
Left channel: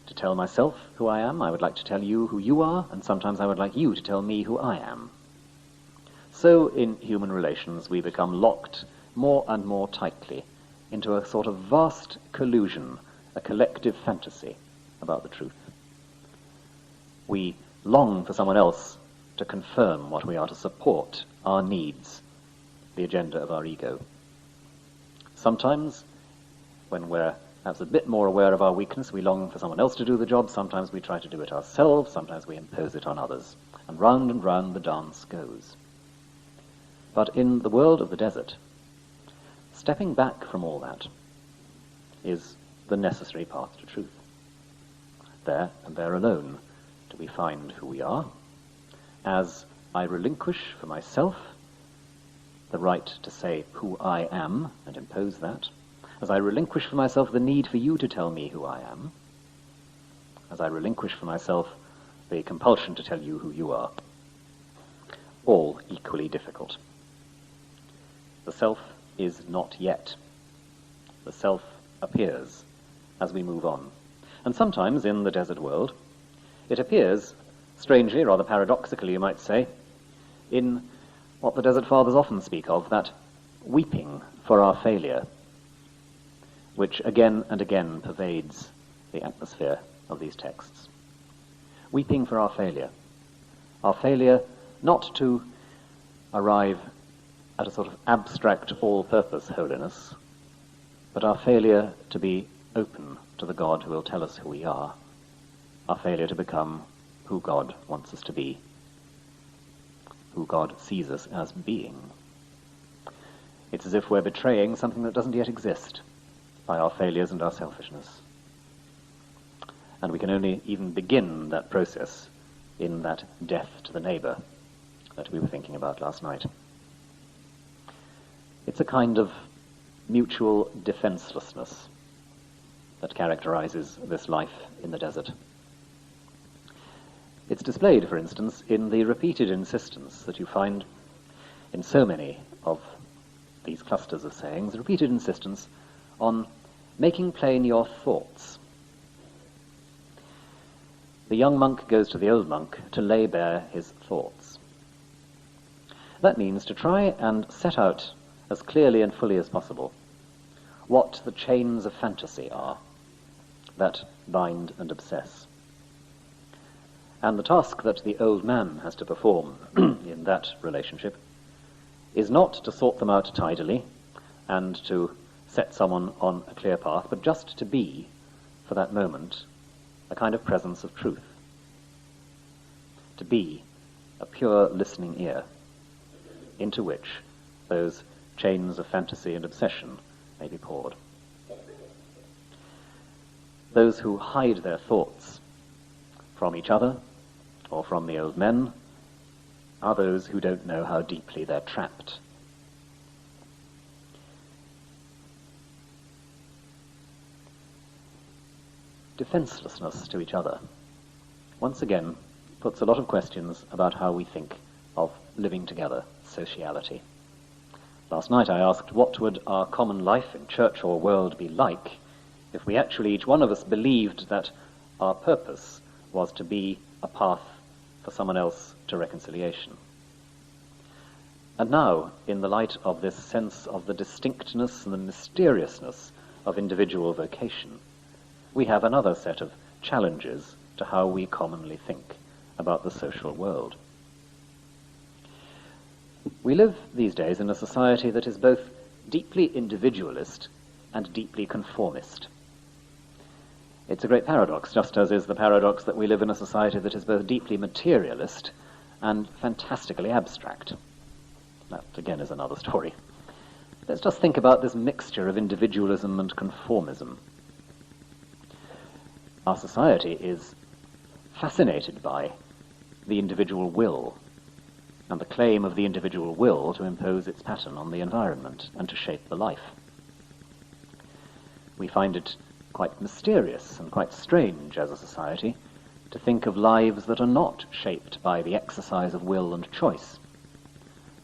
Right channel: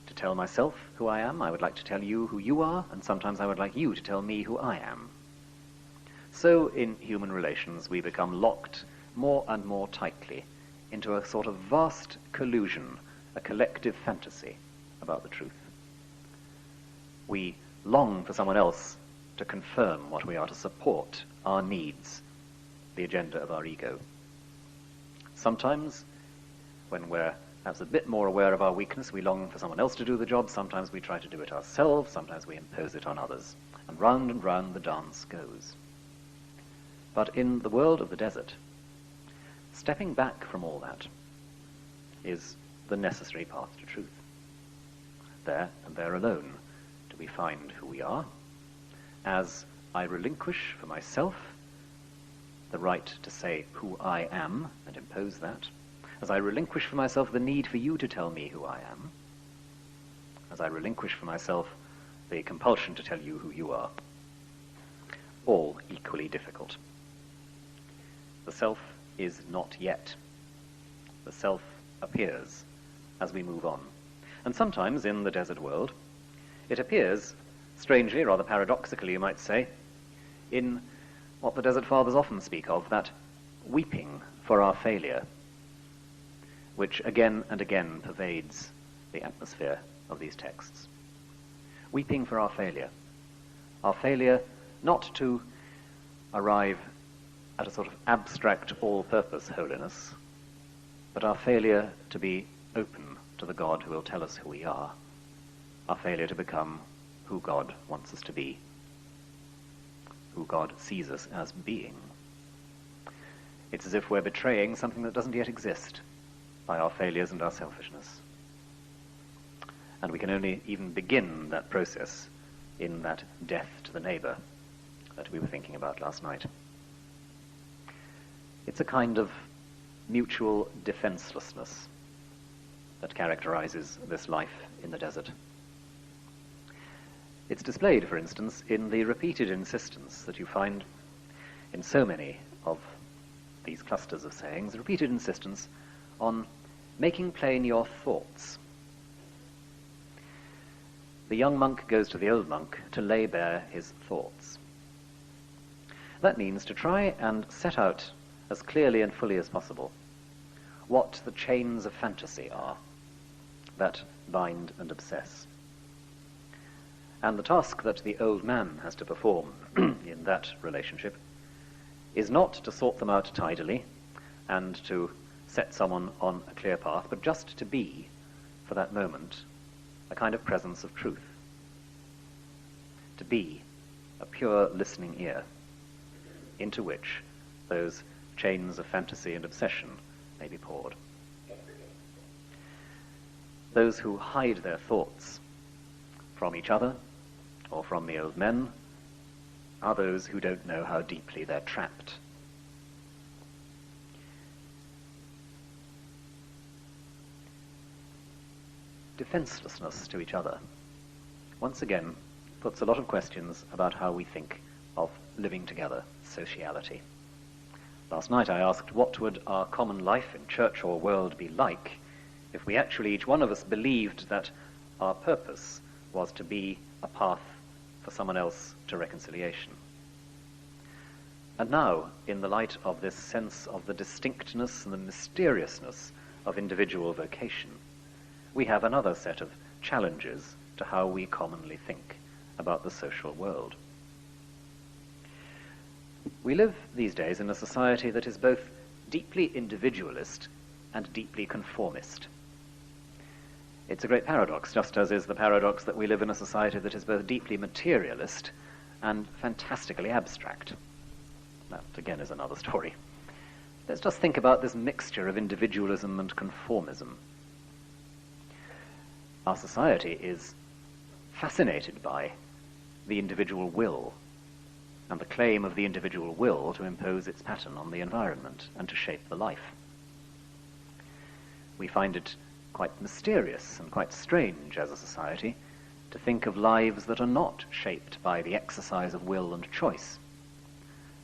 to tell myself who I am, I would like to tell you who you are, and sometimes I would like you to tell me who I am. So in human relations we become locked more and more tightly into a sort of vast collusion, a collective fantasy about the truth. We long for someone else to confirm what we are, to support our needs, the agenda of our ego. Sometimes, when we're perhaps a bit more aware of our weakness, we long for someone else to do the job. Sometimes we try to do it ourselves. Sometimes we impose it on others. And round the dance goes. But in the world of the desert, stepping back from all that is the necessary path to truth. There, and there alone, do we find who we are, as I relinquish for myself the right to say who I am and impose that, as I relinquish for myself the need for you to tell me who I am, as I relinquish for myself the compulsion to tell you who you are, all equally difficult. The self is not yet. The self appears as we move on. And sometimes in the desert world, it appears, strangely, rather paradoxically you might say, in what the Desert Fathers often speak of, that weeping for our failure, which again and again pervades the atmosphere of these texts. Weeping for our failure not to arrive at a sort of abstract all-purpose holiness, but our failure to be open to the God who will tell us who we are, our failure to become who God wants us to be, who God sees us as being. It's as if we're betraying something that doesn't yet exist by our failures and our selfishness. And we can only even begin that process in that death to the neighbour that we were thinking about last night. It's a kind of mutual defenselessness that characterizes this life in the desert. It's displayed, for instance, in the repeated insistence that you find in so many of these clusters of sayings, repeated insistence on making plain your thoughts. The young monk goes to the old monk to lay bare his thoughts. That means to try and set out as clearly and fully as possible what the chains of fantasy are that bind and obsess. And the task that the old man has to perform in that relationship is not to sort them out tidily and to set someone on a clear path, but just to be, for that moment, a kind of presence of truth. To be a pure listening ear into which those chains of fantasy and obsession may be poured. Those who hide their thoughts from each other or from the old men are those who don't know how deeply they're trapped. Defenselessness to each other once again puts a lot of questions about how we think of living together, sociality. Last night I asked, what would our common life in church or world be like if we actually, each one of us, believed that our purpose was to be a path for someone else to reconciliation? And now, in the light of this sense of the distinctness and the mysteriousness of individual vocation, we have another set of challenges to how we commonly think about the social world. We live these days in a society that is both deeply individualist and deeply conformist. It's a great paradox, just as is the paradox that we live in a society that is both deeply materialist and fantastically abstract. That, again, is another story. Let's just think about this mixture of individualism and conformism. Our society is fascinated by the individual will and the claim of the individual will to impose its pattern on the environment and to shape the life. We find it quite mysterious and quite strange as a society to think of lives that are not shaped by the exercise of will and choice.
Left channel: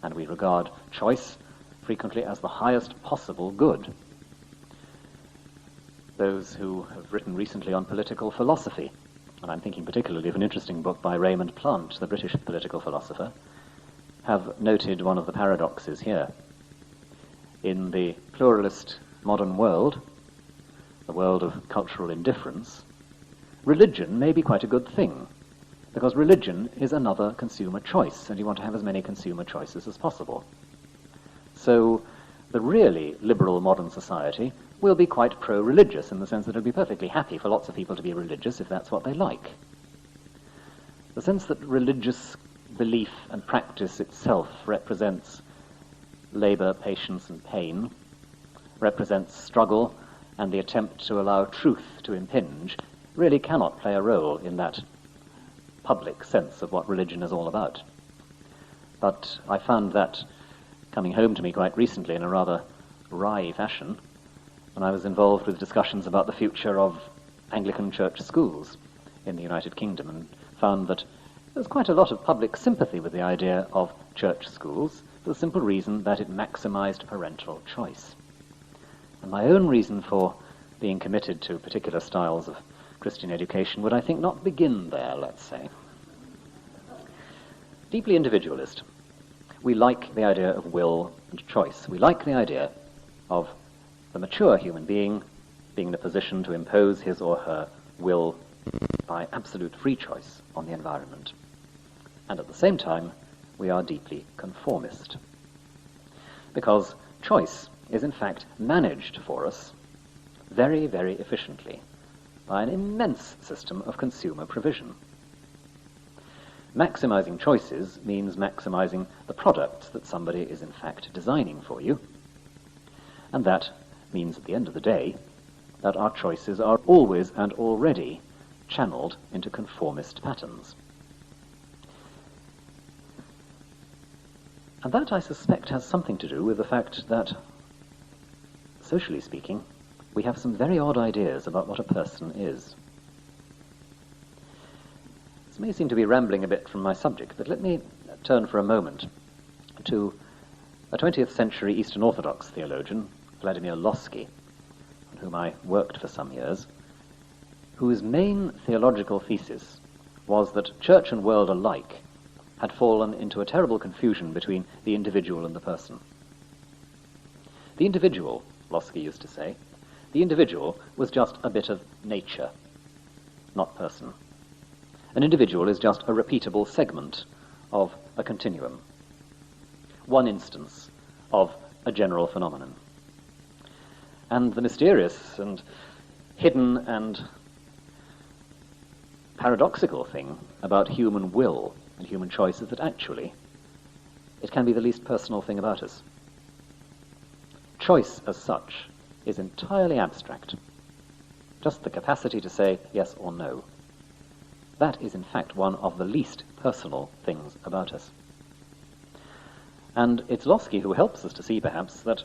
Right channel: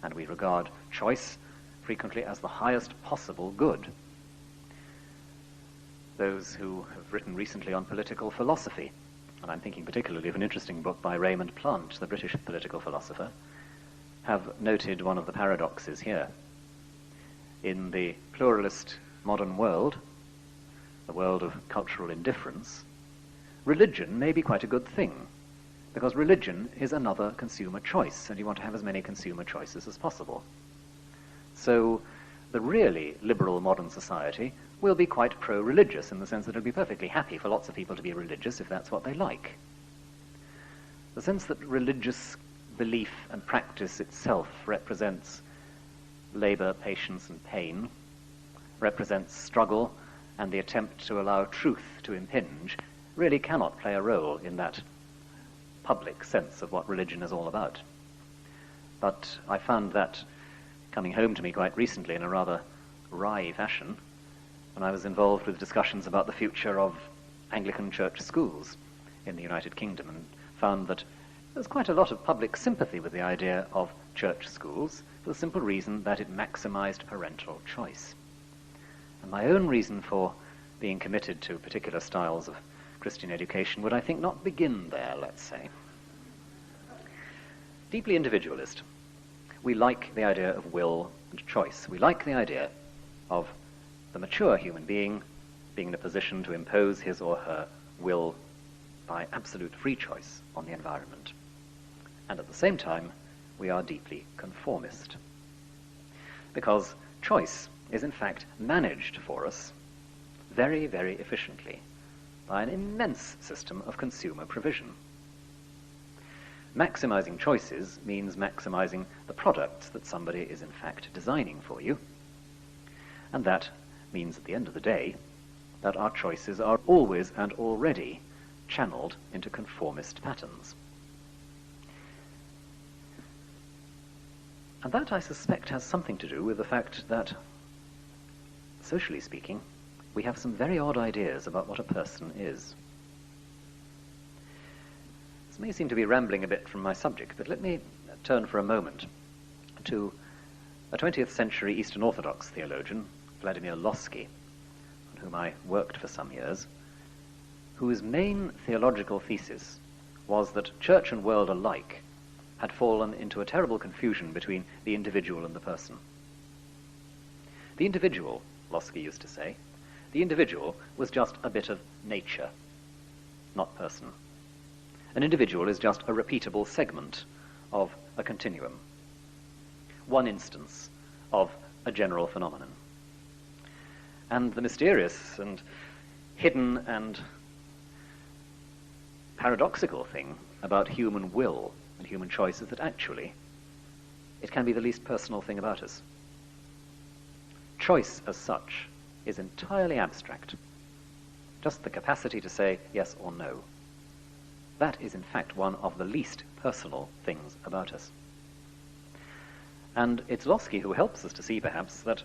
And we regard choice frequently as the highest possible good. Those who have written recently on political philosophy, and I'm thinking particularly of an interesting book by Raymond Plant, the British political philosopher, have noted one of the paradoxes here. In the pluralist modern world, the world of cultural indifference, religion may be quite a good thing, because religion is another consumer choice, and you want to have as many consumer choices as possible. So the really liberal modern society will be quite pro-religious, in the sense that it'll be perfectly happy for lots of people to be religious if that's what they like. The sense that religious belief and practice itself represents labour, patience and pain, represents struggle and the attempt to allow truth to impinge, really cannot play a role in that public sense of what religion is all about. But I found that coming home to me quite recently in a rather wry fashion when I was involved with discussions about the future of Anglican church schools in the United Kingdom, and found that there's quite a lot of public sympathy with the idea of church schools for the simple reason that it maximized parental choice. And my own reason for being committed to particular styles of Christian education would, I think, not begin there, let's say. Deeply individualist. We like the idea of will and choice. We like the idea of the mature human being being in a position to impose his or her will by absolute free choice on the environment. And at the same time, we are deeply conformist. Because choice is in fact managed for us very, very efficiently by an immense system of consumer provision. Maximizing choices means maximizing the products that somebody is in fact designing for you, and that means at the end of the day that our choices are always and already channeled into conformist patterns. And that, I suspect, has something to do with the fact that, socially speaking, we have some very odd ideas about what a person is. This may seem to be rambling a bit from my subject, but let me turn for a moment to a 20th century Eastern Orthodox theologian, Vladimir Lossky, on whom I worked for some years, whose main theological thesis was that church and world alike had fallen into a terrible confusion between the individual and the person. The individual, Lossky used to say, the individual was just a bit of nature, not person. An individual is just a repeatable segment of a continuum, one instance of a general phenomenon. And the mysterious and hidden and paradoxical thing about human will and human choice is that actually it can be the least personal thing about us. Choice as such is entirely abstract. Just the capacity to say yes or no. That is in fact one of the least personal things about us. And it's Lossky who helps us to see perhaps that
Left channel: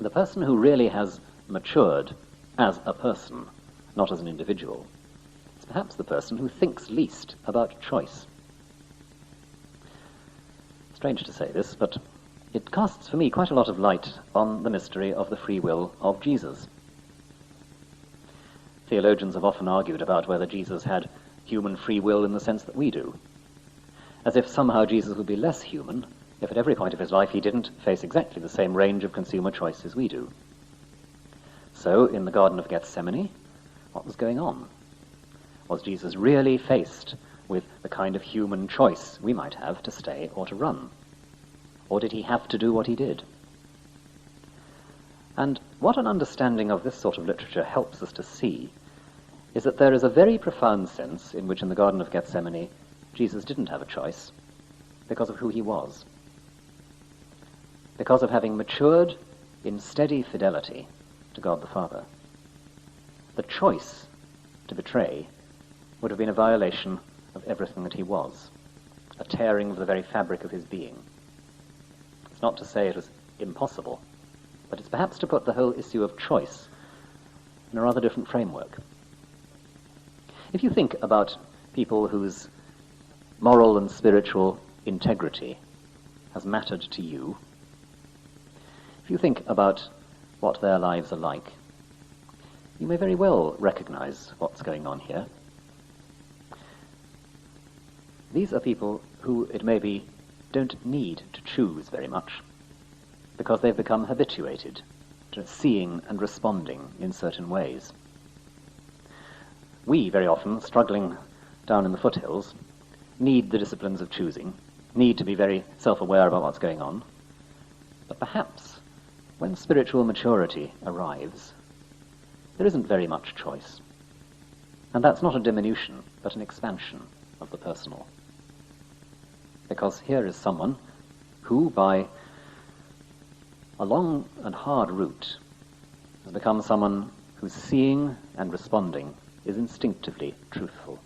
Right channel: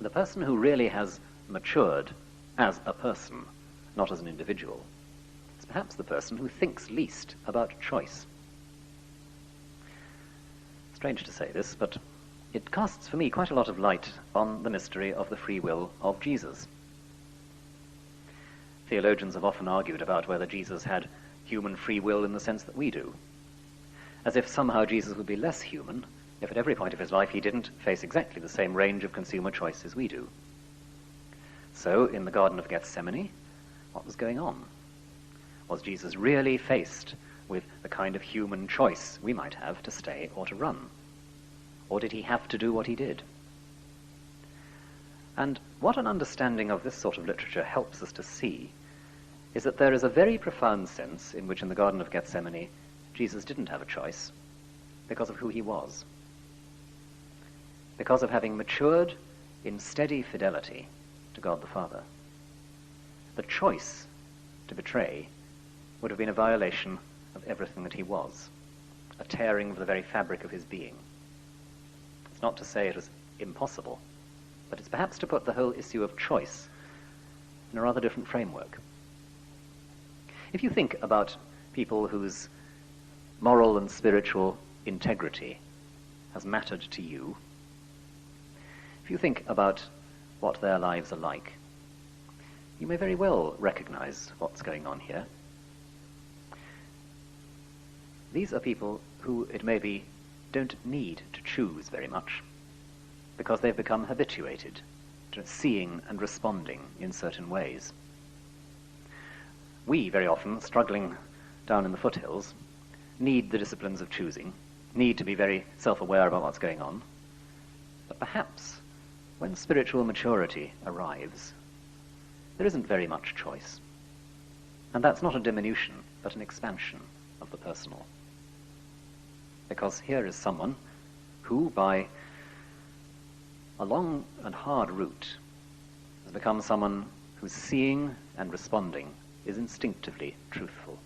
the person who really has matured as a person, not as an individual, is perhaps the person who thinks least about choice. Strange to say this, but it casts for me quite a lot of light on the mystery of the free will of Jesus. Theologians have often argued about whether Jesus had human free will in the sense that we do, as if somehow Jesus would be less human if at every point of his life he didn't face exactly the same range of consumer choices we do. So, in the Garden of Gethsemane, what was going on? Was Jesus really faced with the kind of human choice we might have to stay or to run? Or did he have to do what he did? And what an understanding of this sort of literature helps us to see is that there is a very profound sense in which in the Garden of Gethsemane Jesus didn't have a choice because of who he was. Because of having matured in steady fidelity to God the Father. The choice to betray would have been a violation of everything that he was, a tearing of the very fabric of his being. It's not to say it was impossible, but it's perhaps to put the whole issue of choice in a rather different framework. If you think about people whose moral and spiritual integrity has mattered to you, if you think about what their lives are like, you may very well recognize what's going on here. These are people who, it may be, don't need to choose very much, because they've become habituated to seeing and responding in certain ways. We, very often, struggling down in the foothills, need the disciplines of choosing, need to be very self-aware about what's going on. But perhaps, when spiritual maturity arrives, there isn't very much choice. And that's not a diminution, but an expansion of the personal. Because here is someone who, by a long and hard route, has become someone whose seeing and responding is instinctively truthful.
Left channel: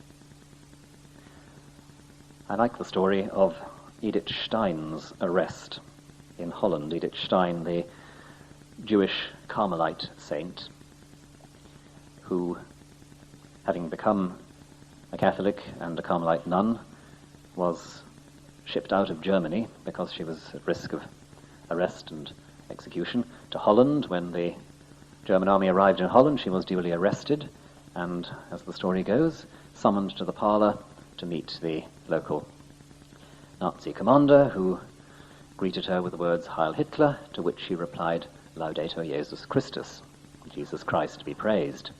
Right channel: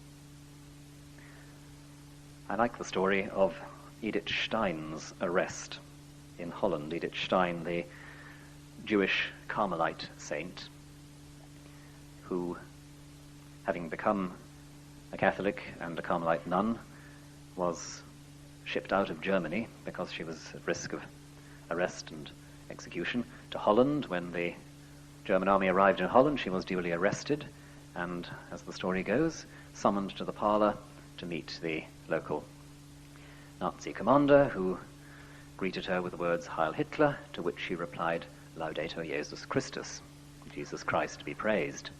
I like the story of Edith Stein's arrest in Holland. Edith Stein, the Jewish Carmelite saint, who, having become a Catholic and a Carmelite nun, was shipped out of Germany because she was at risk of arrest and execution to Holland. When the German army arrived in Holland, she was duly arrested and, as the story goes, summoned to the parlour to meet the local Nazi commander, who greeted her with the words "Heil Hitler," to which she replied, "Laudetur Jesus Christus," Jesus Christ be praised.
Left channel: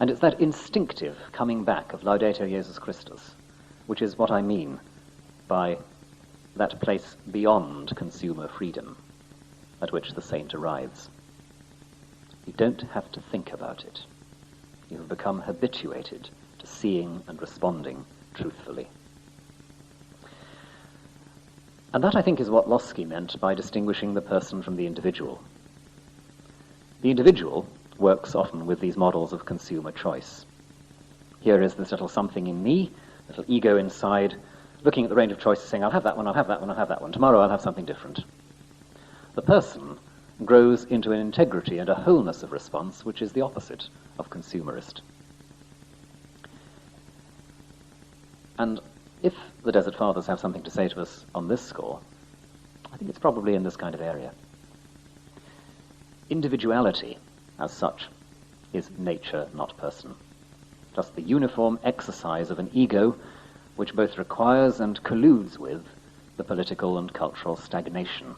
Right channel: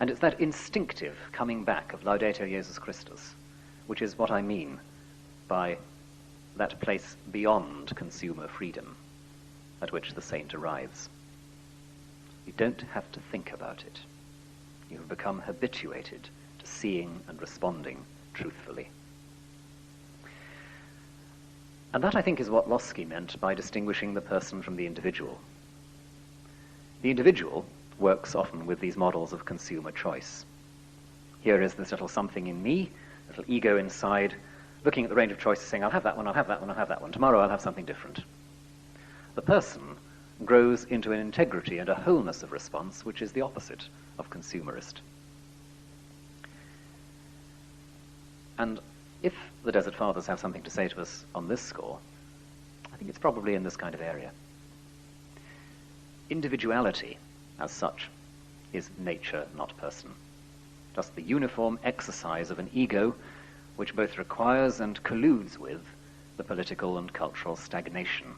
And it's that instinctive coming back of Laudetur Jesus Christus, which is what I mean by that place beyond consumer freedom at which the saint arrives. You don't have to think about it. You have become habituated to seeing and responding truthfully. And that, I think, is what Losky meant by distinguishing the person from the individual. The individual works often with these models of consumer choice. Here is this little something in me, little ego inside, looking at the range of choices, saying, I'll have that one, I'll have that one, I'll have that one. Tomorrow I'll have something different. The person grows into an integrity and a wholeness of response which is the opposite of consumerist. And if the Desert Fathers have something to say to us on this score, I think it's probably in this kind of area. Individuality, as such, is nature, not person. Just the uniform exercise of an ego which both requires and colludes with the political and cultural stagnation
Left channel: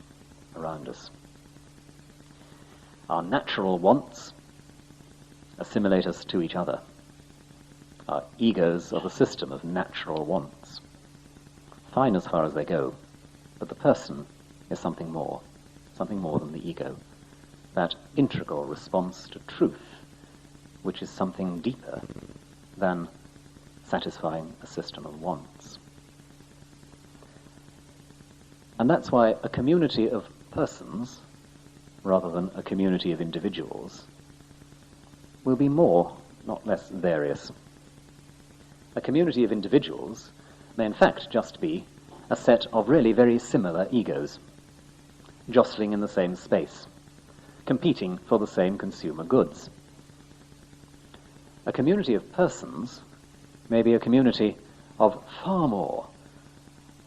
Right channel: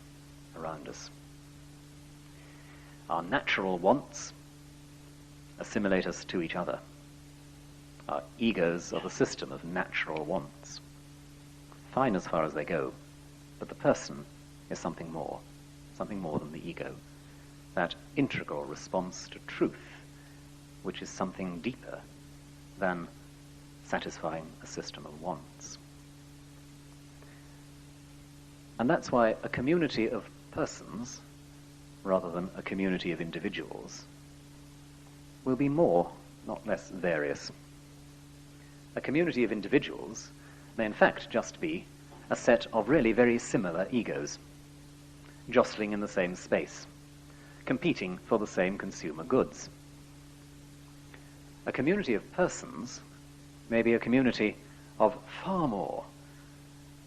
around us. Our natural wants assimilate us to each other. Our egos are the system of natural wants. Fine as far as they go, but the person is something more than the ego. That integral response to truth, which is something deeper than satisfying a system of wants. And that's why a community of persons, rather than a community of individuals, will be more, not less, various. A community of individuals may in fact just be a set of really very similar egos, jostling in the same space, competing for the same consumer goods. A community of persons may be a community of far more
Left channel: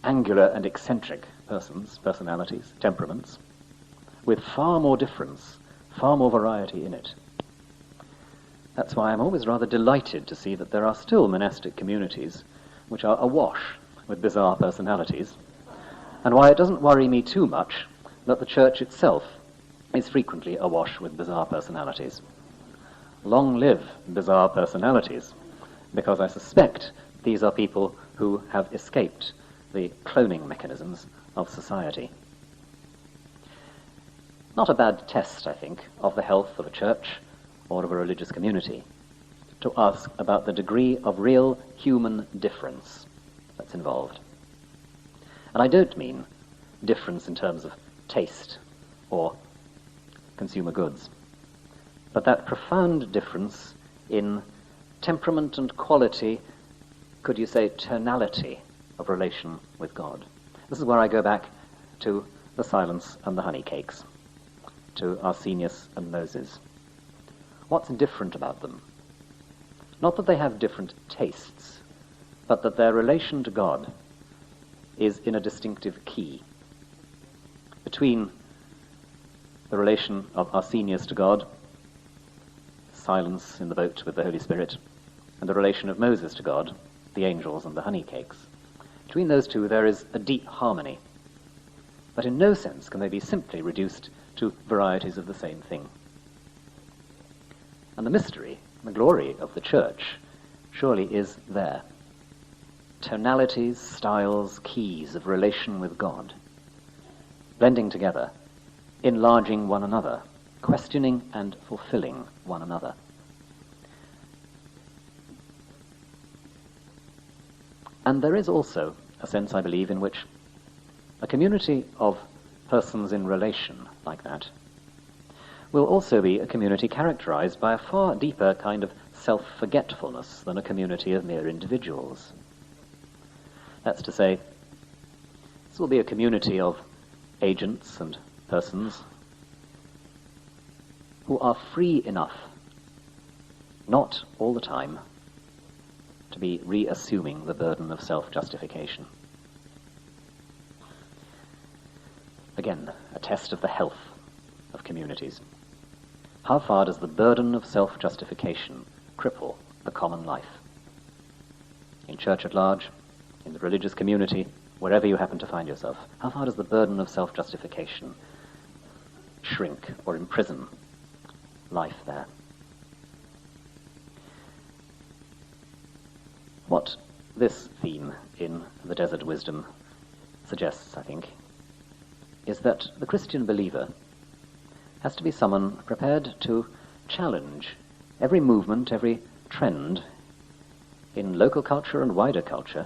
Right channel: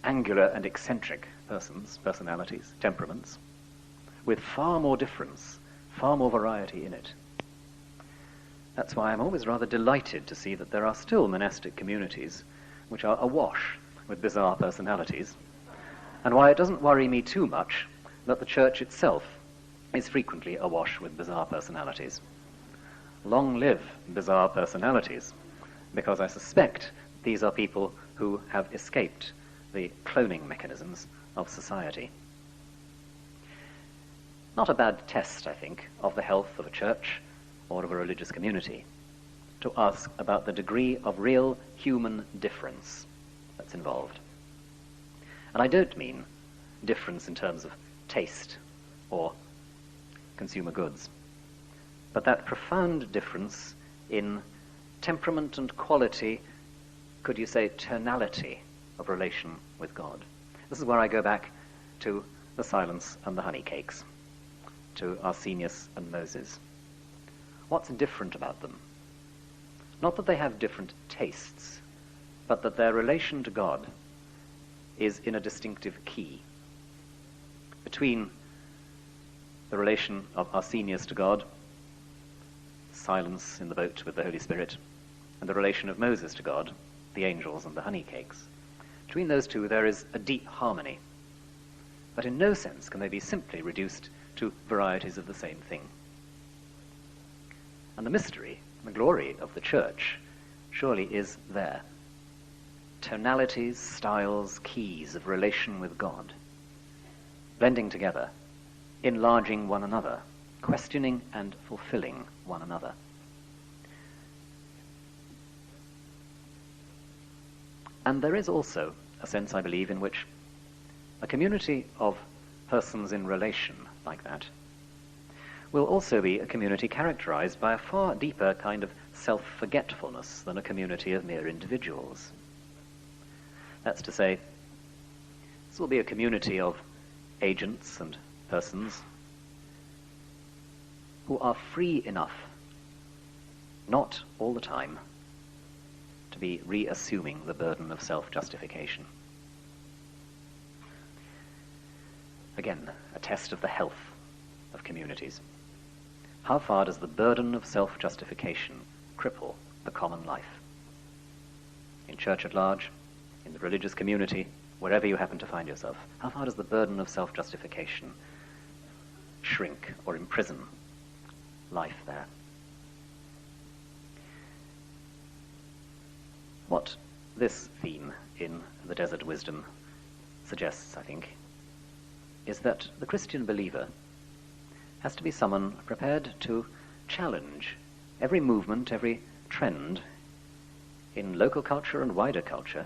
angular and eccentric persons, personalities, temperaments, with far more difference, far more variety in it. That's why I'm always rather delighted to see that there are still monastic communities which are awash with bizarre personalities, and why it doesn't worry me too much that the church itself is frequently awash with bizarre personalities. Long live bizarre personalities, because I suspect these are people who have escaped the cloning mechanisms of society. not a bad test, I think, of the health of a church or of a religious community, to ask about the degree of real human difference that's involved. And I don't mean difference in terms of taste or consumer goods, but that profound difference in temperament and quality, could you say tonality, of relation with God. This is where I go back to the silence and the honey cakes, to Arsenius and Moses. What's different about them? Not that they have different tastes, but that their relation to God is in a distinctive key. Between the relation of Arsenius to God, silence in the boat with the Holy Spirit, and the relation of Moses to God, the angels and the honey cakes. Between those two there is a deep harmony, but in no sense can they be simply reduced to varieties of the same thing. And the mystery, the glory of the church, surely is there. Tonalities, styles, keys of relation with God, blending together, enlarging one another, questioning and fulfilling one another. And there is also a sense, I believe, in which a community of persons in relation like that will also be a community characterized by a far deeper kind of self-forgetfulness than a community of mere individuals. That's to say, this will be a community of agents and persons who are free enough, not all the time, to be reassuming the burden of self-justification. Again, a test of the health of communities. How far does the burden of self-justification cripple the common life? In church at large, in the religious community, wherever you happen to find yourself, how far does the burden of self-justification shrink or imprison life there? What this theme in the Desert Wisdom suggests, I think, is that the Christian believer has to be someone prepared to challenge every movement, every trend in local culture and wider culture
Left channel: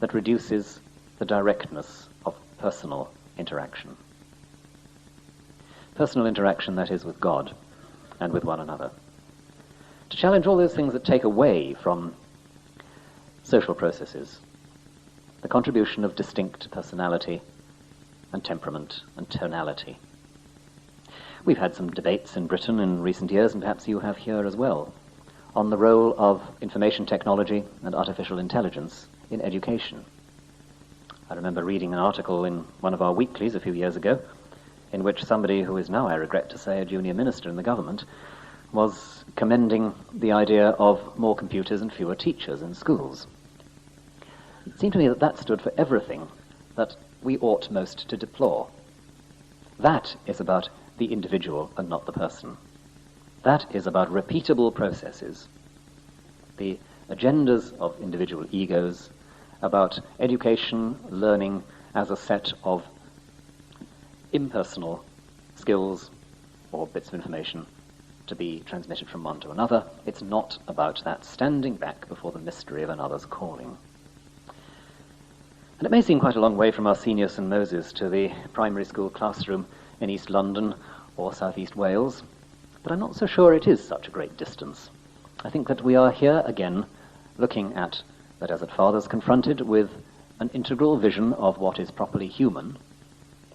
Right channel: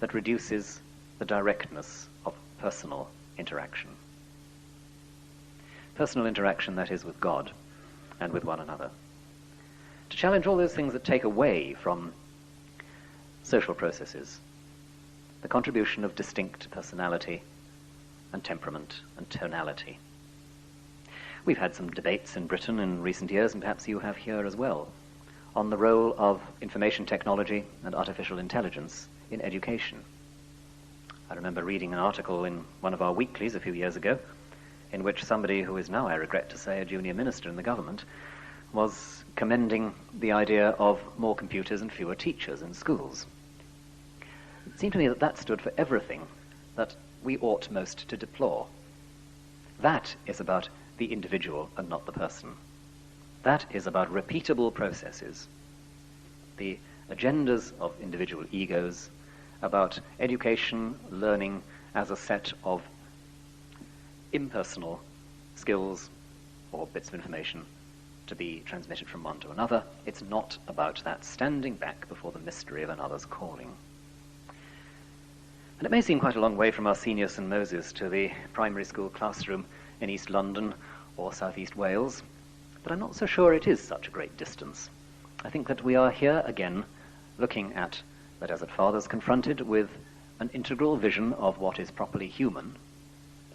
that reduces the directness of personal interaction. Personal interaction, that is, with God and with one another. To challenge all those things that take away from social processes the contribution of distinct personality and temperament and tonality. We've had some debates in Britain in recent years, and perhaps you have here as well, on the role of information technology and artificial intelligence in education. I remember reading an article in one of our weeklies a few years ago in which somebody who is now, I regret to say, a junior minister in the government was commending the idea of more computers and fewer teachers in schools. It seemed to me that that stood for everything that we ought most to deplore. That is about the individual and not the person. That is about repeatable processes, the agendas of individual egos, about education, learning as a set of impersonal skills or bits of information to be transmitted from one to another. It's not about that standing back before the mystery of another's calling. And it may seem quite a long way from Arsenius and Moses to the primary school classroom in East London or South East Wales, but I'm not so sure it is such a great distance. I think that we are here again looking at the Desert Fathers confronted with an integral vision of what is properly human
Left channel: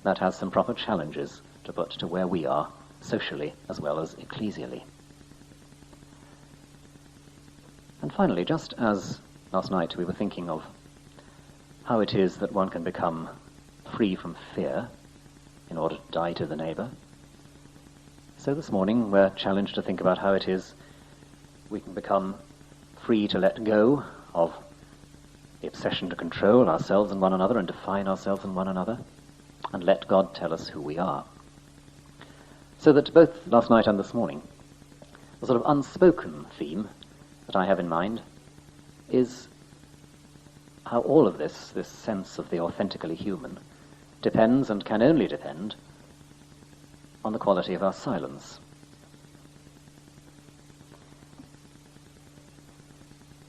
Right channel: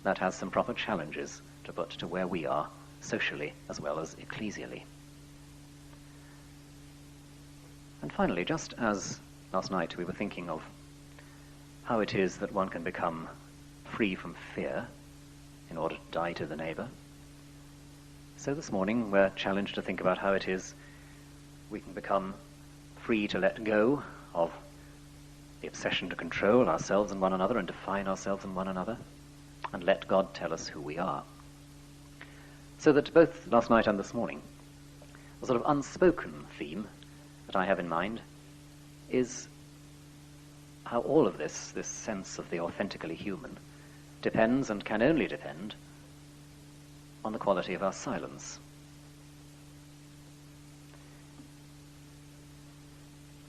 that has some proper challenges to put to where we are, socially as well as ecclesially. And finally, just as last night we were thinking of how it is that one can become free from fear in order to die to the neighbour, so this morning we're challenged to think about how it is we can become free to let go of the obsession to control ourselves and one another and define ourselves and one another, and let God tell us who we are. So that both last night and this morning, the sort of unspoken theme that I have in mind is how all of this sense of the authentically human, depends and can only depend on the quality of our silence.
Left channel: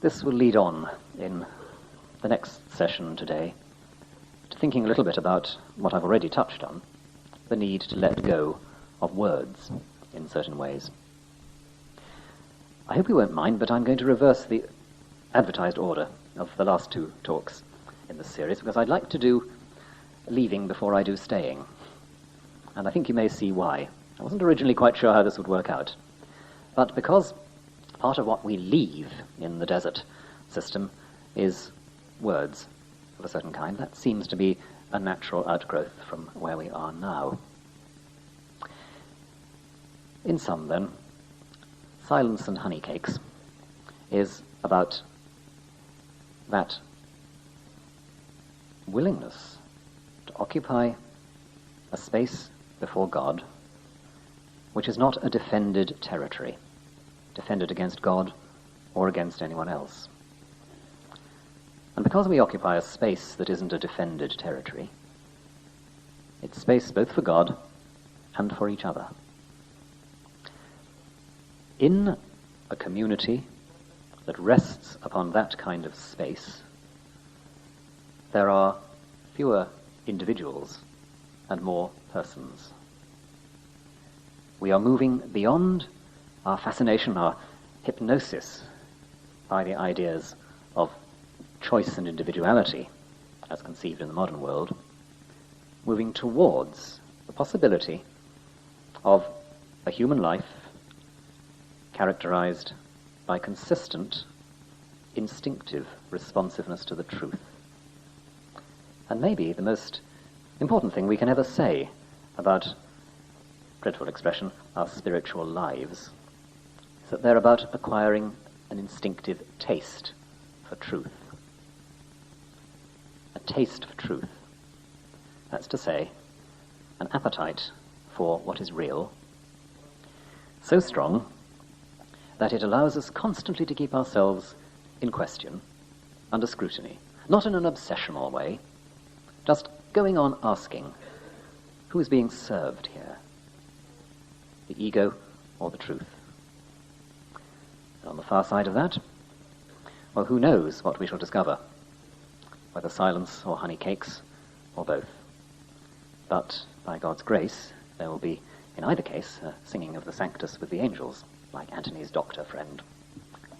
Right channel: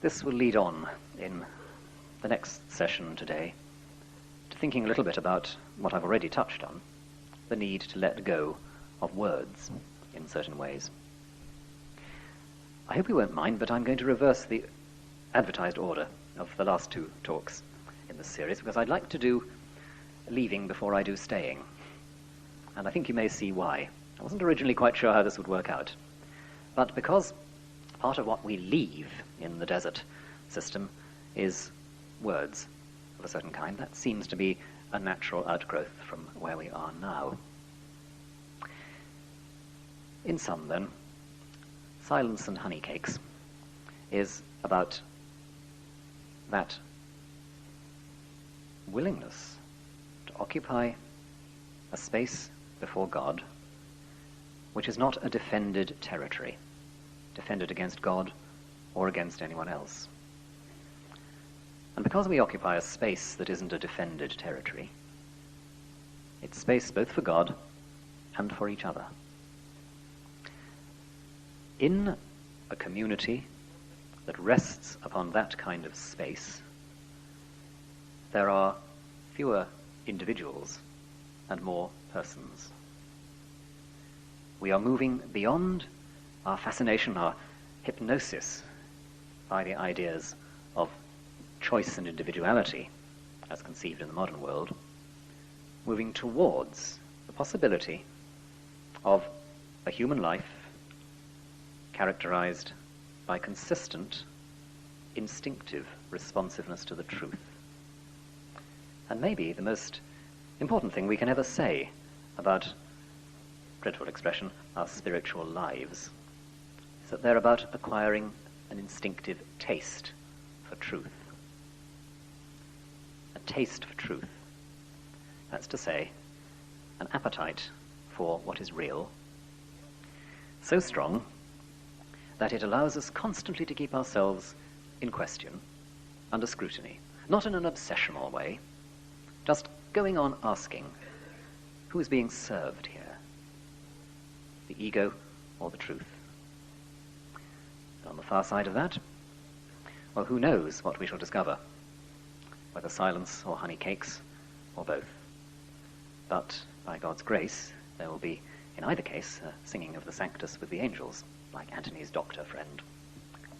This will lead on in the next session today to thinking a little bit about what I've already touched on, the need to let go of words in certain ways. I hope you won't mind, but I'm going to reverse the advertised order of the last two talks in this series, because I'd like to do leaving before I do staying. And I think you may see why. I wasn't originally quite sure how this would work out. But because part of what we leave in the desert system is words of a certain kind, that seems to be a natural outgrowth from where we are now. In sum, then, Silence and Honey Cakes is about that willingness to occupy a space before God which is not a defended territory, defended against God or against anyone else. And because we occupy a space that isn't a defended territory, it's space both for God and for each other. In a community that rests upon that kind of space, there are fewer individuals and more persons. We are moving beyond our fascination, our hypnosis by the ideas of choice and individuality as conceived in the modern world, moving towards the possibility of a human life characterized by consistent, instinctive responsiveness to the truth. And maybe the most important thing we can ever say about, dreadful expression, our spiritual lives, is that they're about acquiring an instinctive taste for truth. A taste for truth. That's to say, an appetite for what is real, so strong that it allows us constantly to keep ourselves in question, under scrutiny, not in an obsessional way, just going on asking, who is being served here? The ego or the truth? And on the far side of that, well, who knows what we shall discover, whether silence or honey cakes or both. But by God's grace, there will be, in either case, a singing of the Sanctus with the angels, like Antony's doctor friend.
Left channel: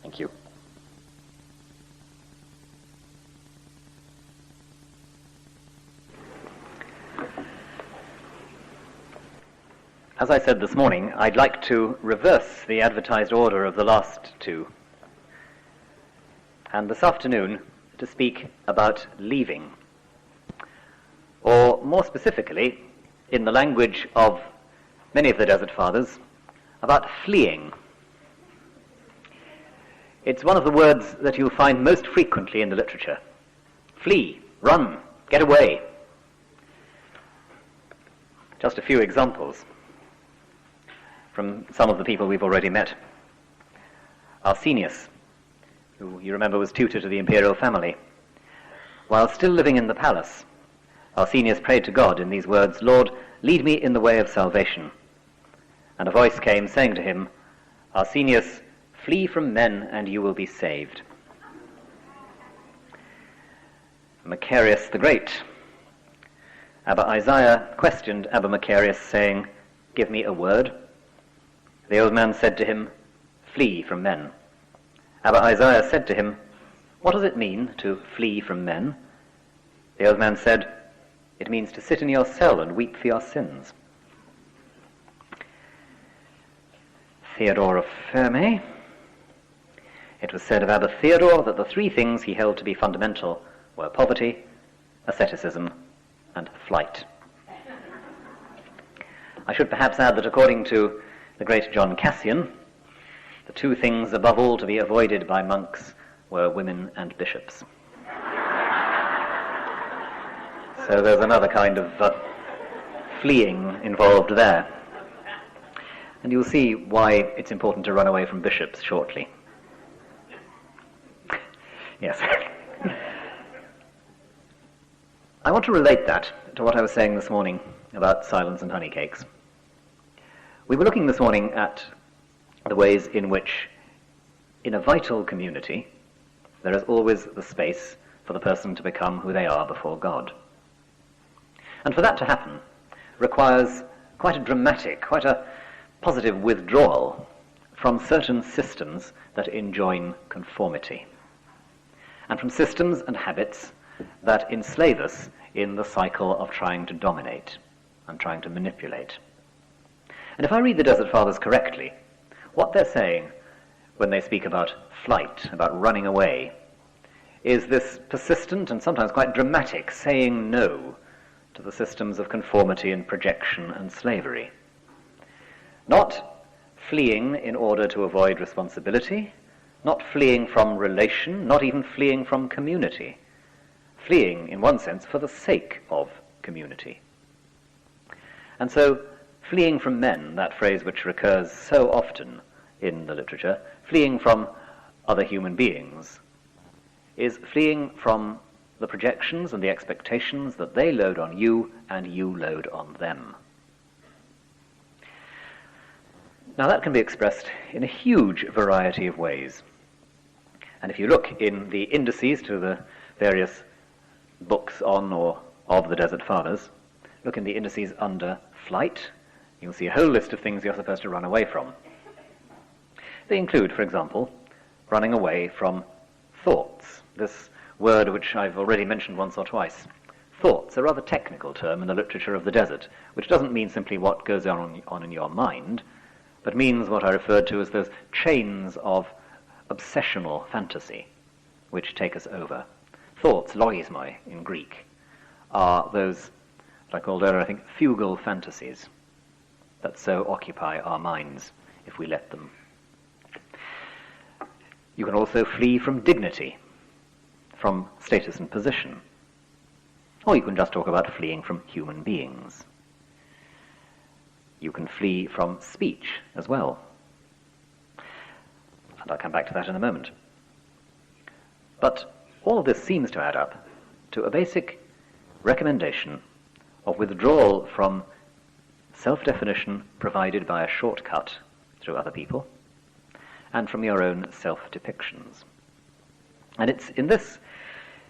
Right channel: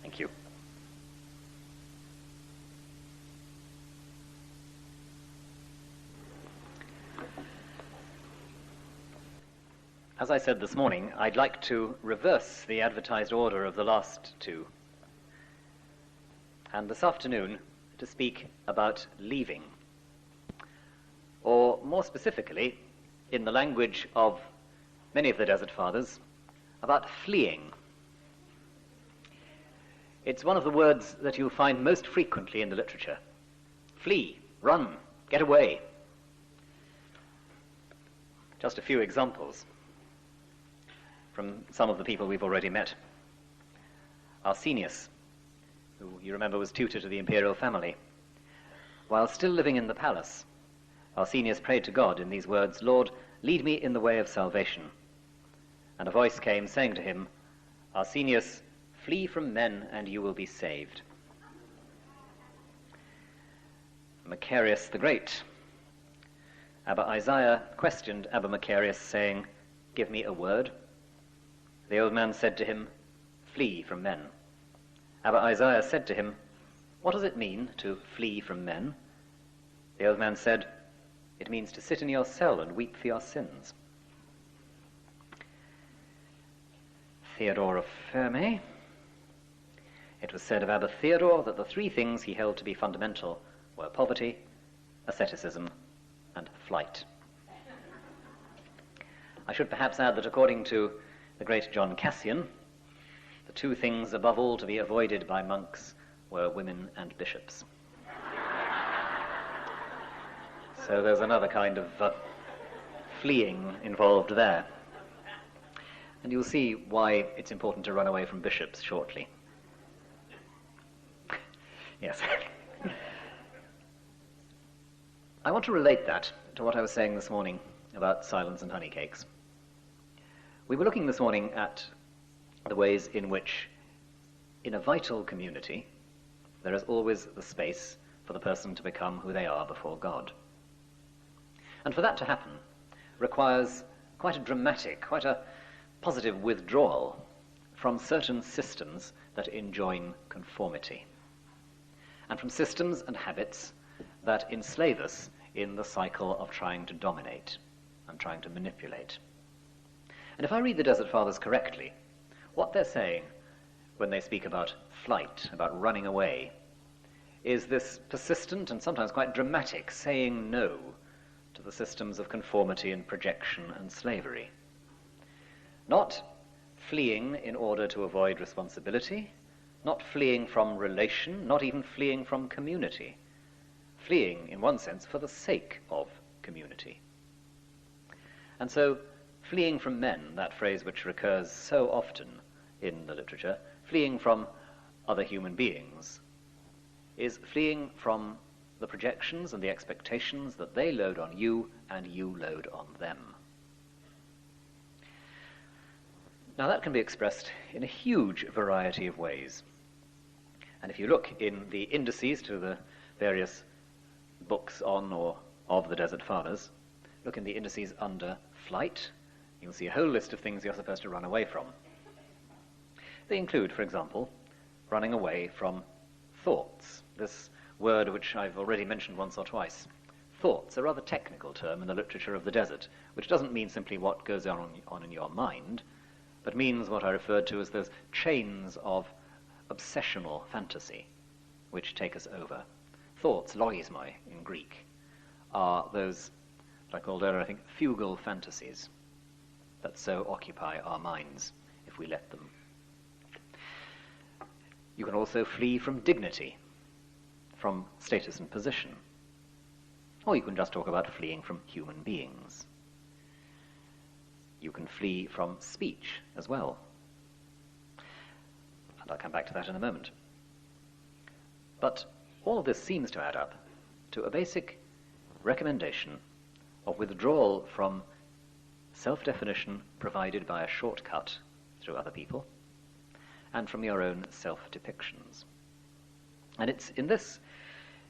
Thank you. As I said this morning, I'd like to reverse the advertised order of the last two, and this afternoon to speak about leaving, or more specifically, in the language of many of the Desert Fathers, about fleeing. It's one of the words that you'll find most frequently in the literature. Flee, run, get away. Just a few examples from some of the people we've already met. Arsenius, who you remember was tutor to the imperial family. While still living in the palace, Arsenius prayed to God in these words, "Lord, lead me in the way of salvation." And a voice came saying to him, "Arsenius, flee from men and you will be saved." Macarius the Great. Abba Isaiah questioned Abba Macarius, saying, "Give me a word." The old man said to him, "Flee from men." Abba Isaiah said to him, "What does it mean to flee from men?" The old man said, "It means to sit in your cell and weep for your sins." Theodore of Ferme. It was said of Abba Theodore that the three things he held to be fundamental were poverty, asceticism, and flight. I should perhaps add that according to the great John Cassian, the two things above all to be avoided by monks were women and bishops. So there's another kind of fleeing involved there. And you'll see why it's important to run away from bishops shortly. Yes. I want to relate that to what I was saying this morning about silence and honey cakes. We were looking this morning at the ways in which, in a vital community, there is always the space for the person to become who they are before God. And for that to happen requires quite a dramatic, quite a positive withdrawal from certain systems that enjoin conformity, and from systems and habits that enslave us in the cycle of trying to dominate and trying to manipulate. And if I read the Desert Fathers correctly, what they're saying when they speak about flight, about running away, is this persistent and sometimes quite dramatic saying no to the systems of conformity and projection and slavery. Not fleeing in order to avoid responsibility, not fleeing from relation, not even fleeing from community. Fleeing, in one sense, for the sake of community. And so, fleeing from men, that phrase which recurs so often in the literature, fleeing from other human beings, is fleeing from the projections and the expectations that they load on you and you load on them. Now that can be expressed in a huge variety of ways. And if you look in the indices to the various books on or of the Desert Fathers, look in the indices under flight, you'll see a whole list of things you're supposed to run away from. They include, for example, running away from thoughts, this word which I've already mentioned once or twice. Thoughts, a rather technical term in the literature of the desert, which doesn't mean simply what goes on in your mind, but means what I referred to as those chains of obsessional fantasy which take us over. Thoughts, logismoi in Greek, are those, what I called earlier, I think, fugal fantasies that so occupy our minds if we let them. You can also flee from dignity, from status and position. Or you can just talk about fleeing from human beings. You can flee from speech as well. And I'll come back to that in a moment. But all of this seems to add up to a basic recommendation of withdrawal from self-definition provided by a shortcut through other people and from your own self-depictions. And it's in this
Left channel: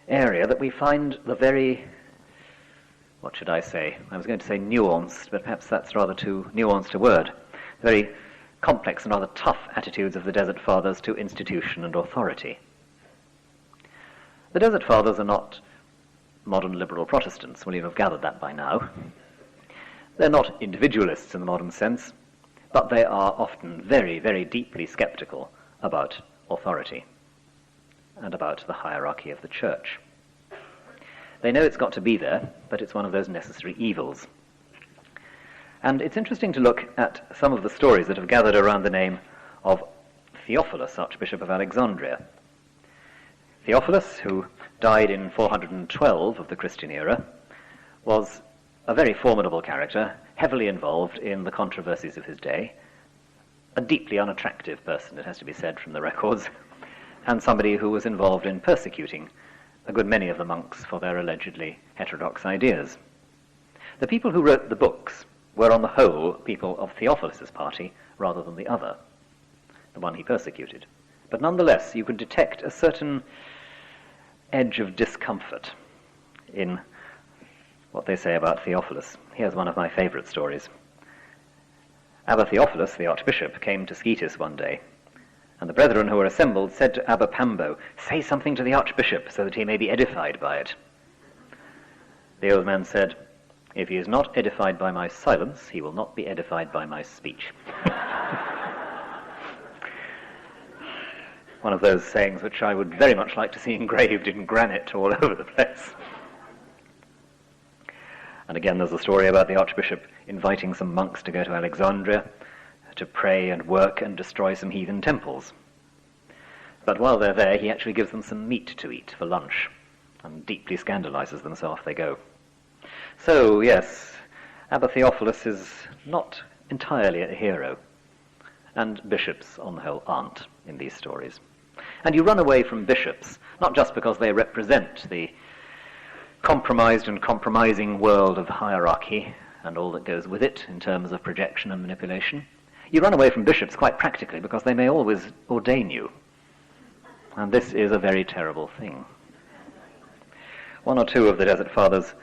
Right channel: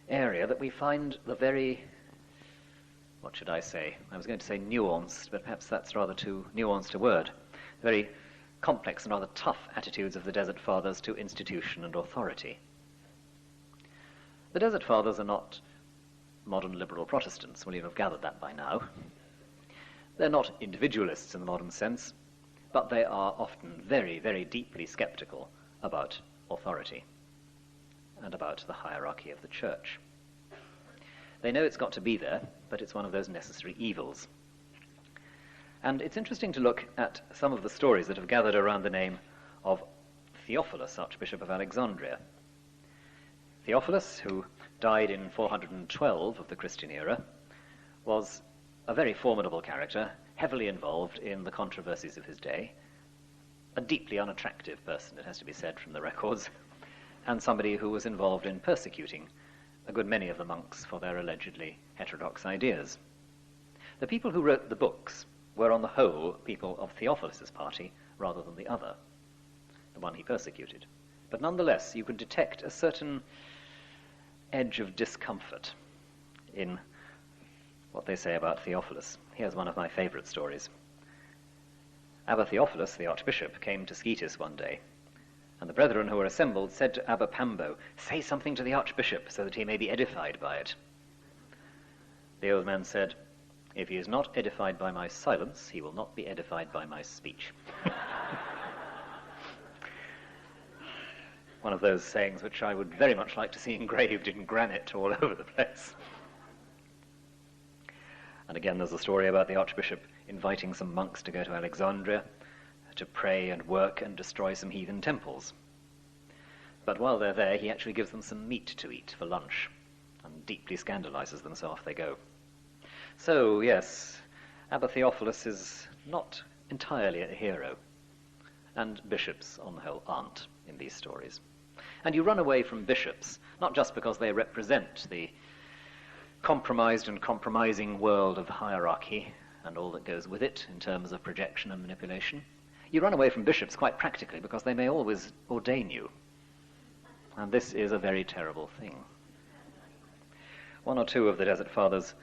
area that we find the very, what should I say? I was going to say nuanced, but perhaps that's rather too nuanced a word. Very complex and rather tough attitudes of the Desert Fathers to institution and authority. The Desert Fathers are not modern liberal Protestants. Well, you'll have gathered that by now. They're not individualists in the modern sense, but they are often very, very deeply skeptical about authority and about the hierarchy of the church. They know it's got to be there, but it's one of those necessary evils. And it's interesting to look at some of the stories that have gathered around the name of Theophilus, Archbishop of Alexandria. Theophilus, who died in 412 of the Christian era, was a very formidable character, heavily involved in the controversies of his day, a deeply unattractive person, it has to be said from the records, and somebody who was involved in persecuting a good many of the monks for their allegedly heterodox ideas. The people who wrote the books were on the whole people of Theophilus's party rather than the other, the one he persecuted. But nonetheless, you could detect a certain edge of discomfort in what they say about Theophilus. Here's one of my favourite stories. Abba Theophilus, the archbishop, came to Scetis one day, and the brethren who were assembled said to Abba Pambo, "Say something to the archbishop so that he may be edified by it." The old man said, "If he is not edified by my silence, he will not be edified by my speech." One of those sayings which I would very much like to see engraved in granite all over the place. And again, there's a story about the archbishop inviting some monks to go to Alexandria to pray and work and destroy some heathen temples. But while they're there, he actually gives them some meat to eat for lunch and deeply scandalizes them, so off they go. So, yes, Abba Theophilus is not entirely a hero, and bishops, on the whole, aren't in these stories. And you run away from bishops, not just because they represent the compromised and compromising world of hierarchy and all that goes with it in terms of projection and manipulation. You run away from bishops quite practically because they may always ordain you. And this is a very terrible thing. One or two of the Desert Fathers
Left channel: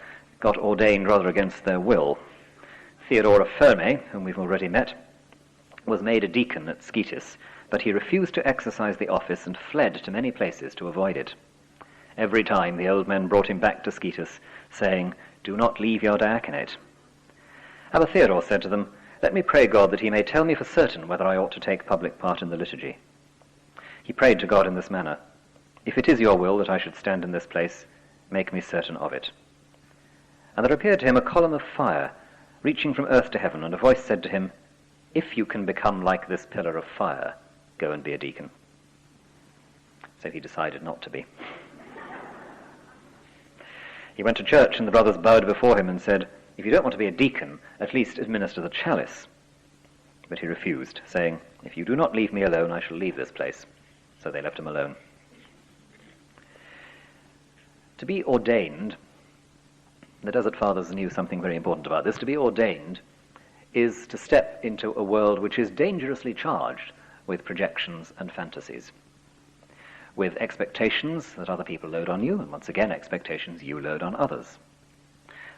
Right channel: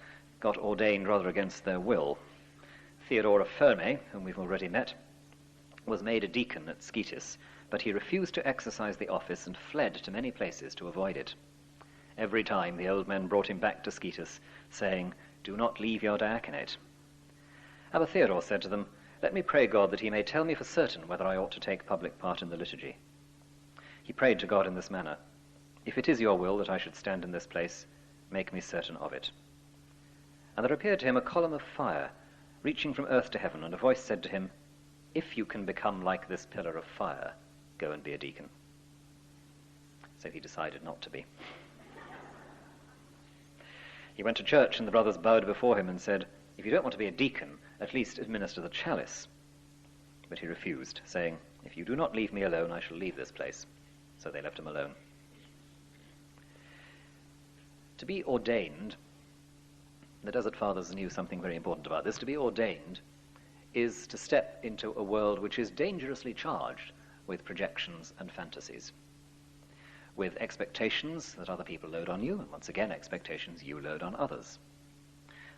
got ordained rather against their will. Theodore of Ferme, whom we've already met, was made a deacon at Scetis, but he refused to exercise the office and fled to many places to avoid it. Every time the old men brought him back to Scetis, saying, "Do not leave your diaconate." Abba Theodore said to them, "Let me pray God that he may tell me for certain whether I ought to take public part in the liturgy." He prayed to God in this manner, "If it is your will that I should stand in this place, make me certain of it." And there appeared to him a column of fire, reaching from earth to heaven, and a voice said to him, "If you can become like this pillar of fire, go and be a deacon." So he decided not to be. He went to church, and the brothers bowed before him and said, "If you don't want to be a deacon, at least administer the chalice." But he refused, saying, "If you do not leave me alone, I shall leave this place." So they left him alone. To be ordained, the Desert Fathers knew something very important about this. To be ordained is to step into a world which is dangerously charged with projections and fantasies, with expectations that other people load on you, and once again expectations you load on others.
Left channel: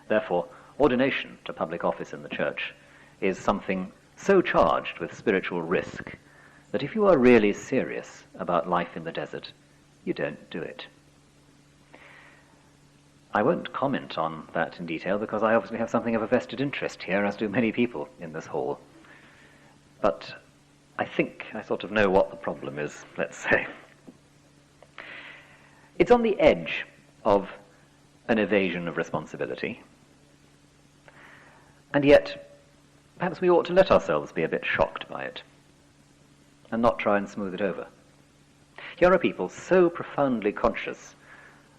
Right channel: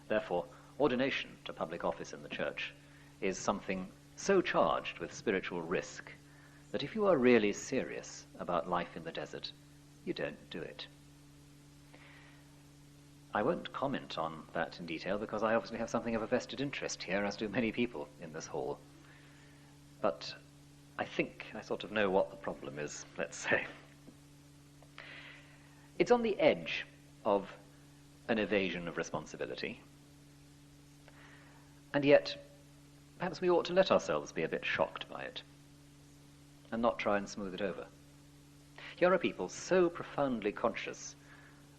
Therefore, ordination to public office in the church is something so charged with spiritual risk that if you are really serious about life in the desert, you don't do it. I won't comment on that in detail because I obviously have something of a vested interest here, as do many people in this hall. But I think I sort of know what the problem is, let's say. It's on the edge of an evasion of responsibility. And yet, perhaps we ought to let ourselves be a bit shocked by it and not try and smooth it over. Here are people so profoundly conscious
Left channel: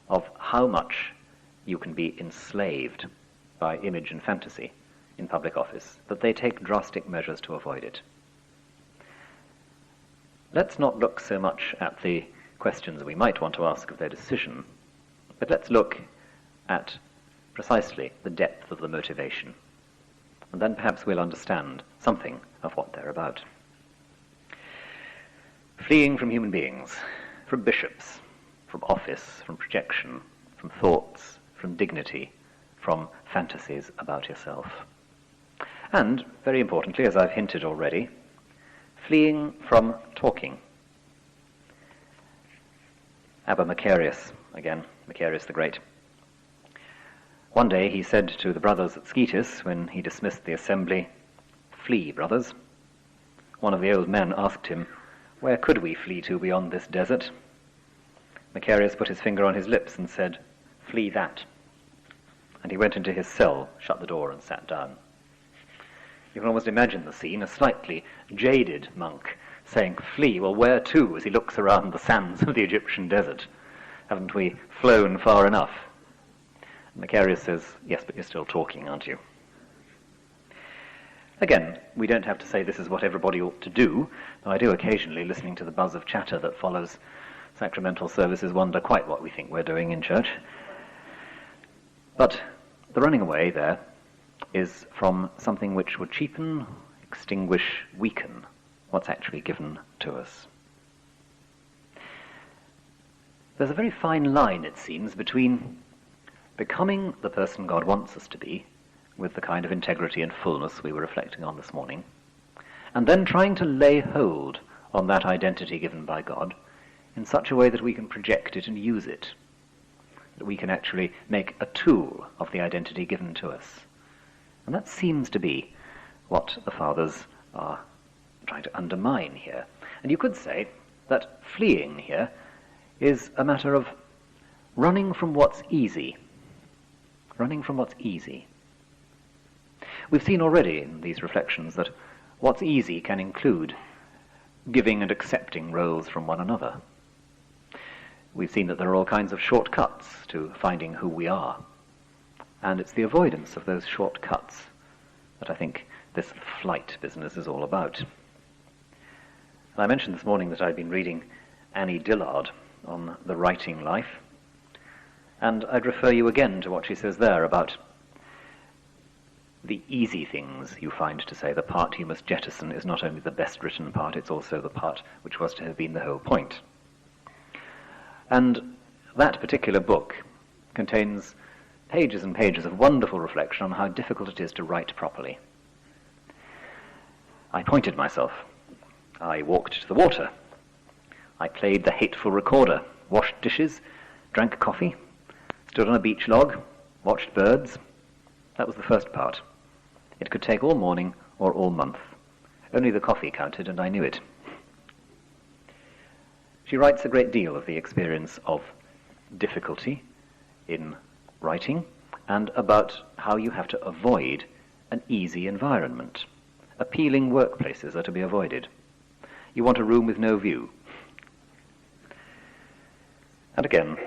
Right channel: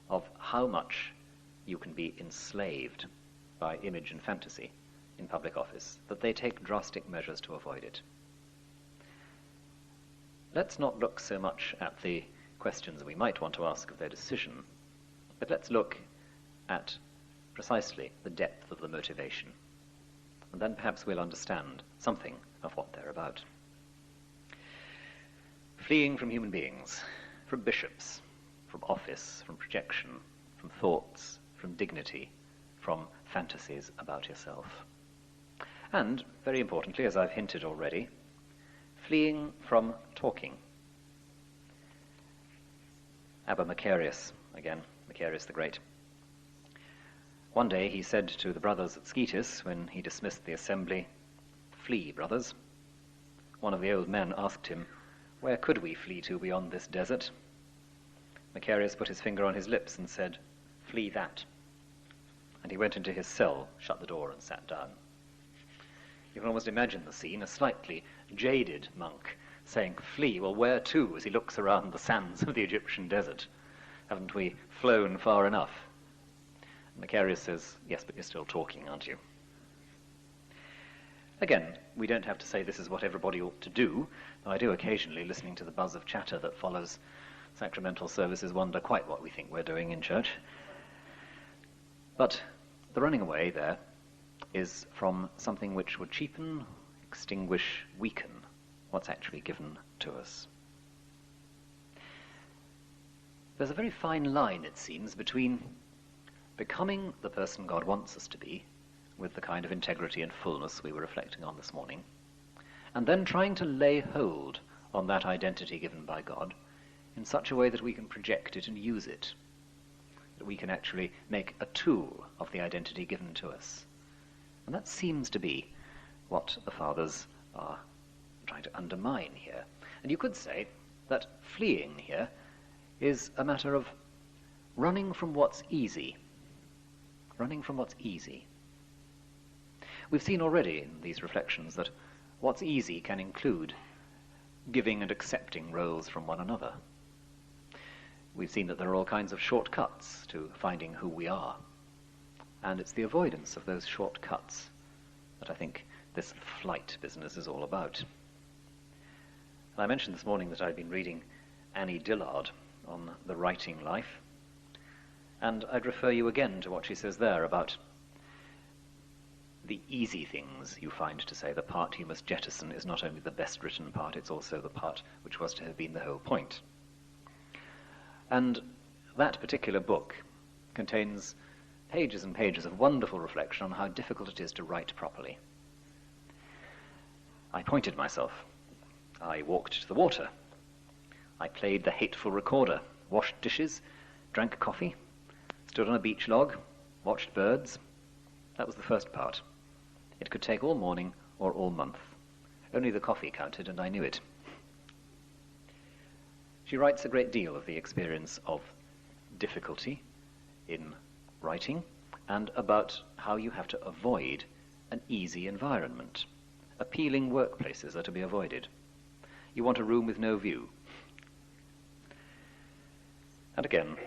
of how much you can be enslaved by image and fantasy in public office that they take drastic measures to avoid it. Let's not look so much at the questions we might want to ask of their decision, but let's look at precisely the depth of the motivation, and then perhaps we'll understand something of what they're about. Fleeing from human beings, from bishops, from office, from projection, from thoughts, from dignity, from fantasies about yourself. And, very importantly, as I've hinted already, fleeing from talking. Abba Macarius, again, Macarius the Great. One day he said to the brothers at Scetis, when he dismissed the assembly, "Flee, brothers." One of the old men asked him, "Where could we flee to beyond this desert?" Macarius put his finger on his lips and said, "Flee that." And he went into his cell, shut the door, and sat down. You can almost imagine the scene, a slightly jaded monk saying, "Flee, well, where to?" as he looks around the sands of the Egyptian desert. Haven't we flown far enough? And Macarius says, "Yes, but you're still talking, aren't you?" Again, we don't have to say this is what everybody ought to do, though I do occasionally, listening to the buzz of chatter that follows sacramental services, wonder quite what we think we're doing in church. But the running away there is from something which would cheapen, extinguish, weaken what's actually given to us. There's a very fine line, it seems, between becoming the person God wants us to be, with the kind of integrity and fullness we were reflecting on this morning, and then trying to lay hold on that identity given by God in such a way that we can project it and use it, that we can actually make a tool of the identity given to us. And that seems to be what the Fathers are trying to undermine here. And you could say that fleeing here is a matter of running from what's easy. Running from what's easy. We've seen already in these reflections that what's easy can include giving and accepting roles from one another. We've seen that there are all kinds of shortcuts to finding who we are. And it's the avoidance of those shortcuts that I think this flight business is all about. And I mentioned this morning that I'd been reading Annie Dillard on the writing life, and I'd refer you again to what she says there about the easy things you find to say. The part you must jettison is not only the best written part, it's also the part which was to have been the whole point. And that particular book contains pages and pages of wonderful reflection on how difficult it is to write properly. I pointed myself. I walked to the water. I played the hateful recorder, washed dishes, drank coffee, stood on a beach log, watched birds. That was the first part. It could take all morning or all month. Only the coffee counted, and I knew it. She writes a great deal of the experience of difficulty in writing and about how you have to avoid an easy environment. Appealing workplaces are to be avoided. You want a room with no view. And again,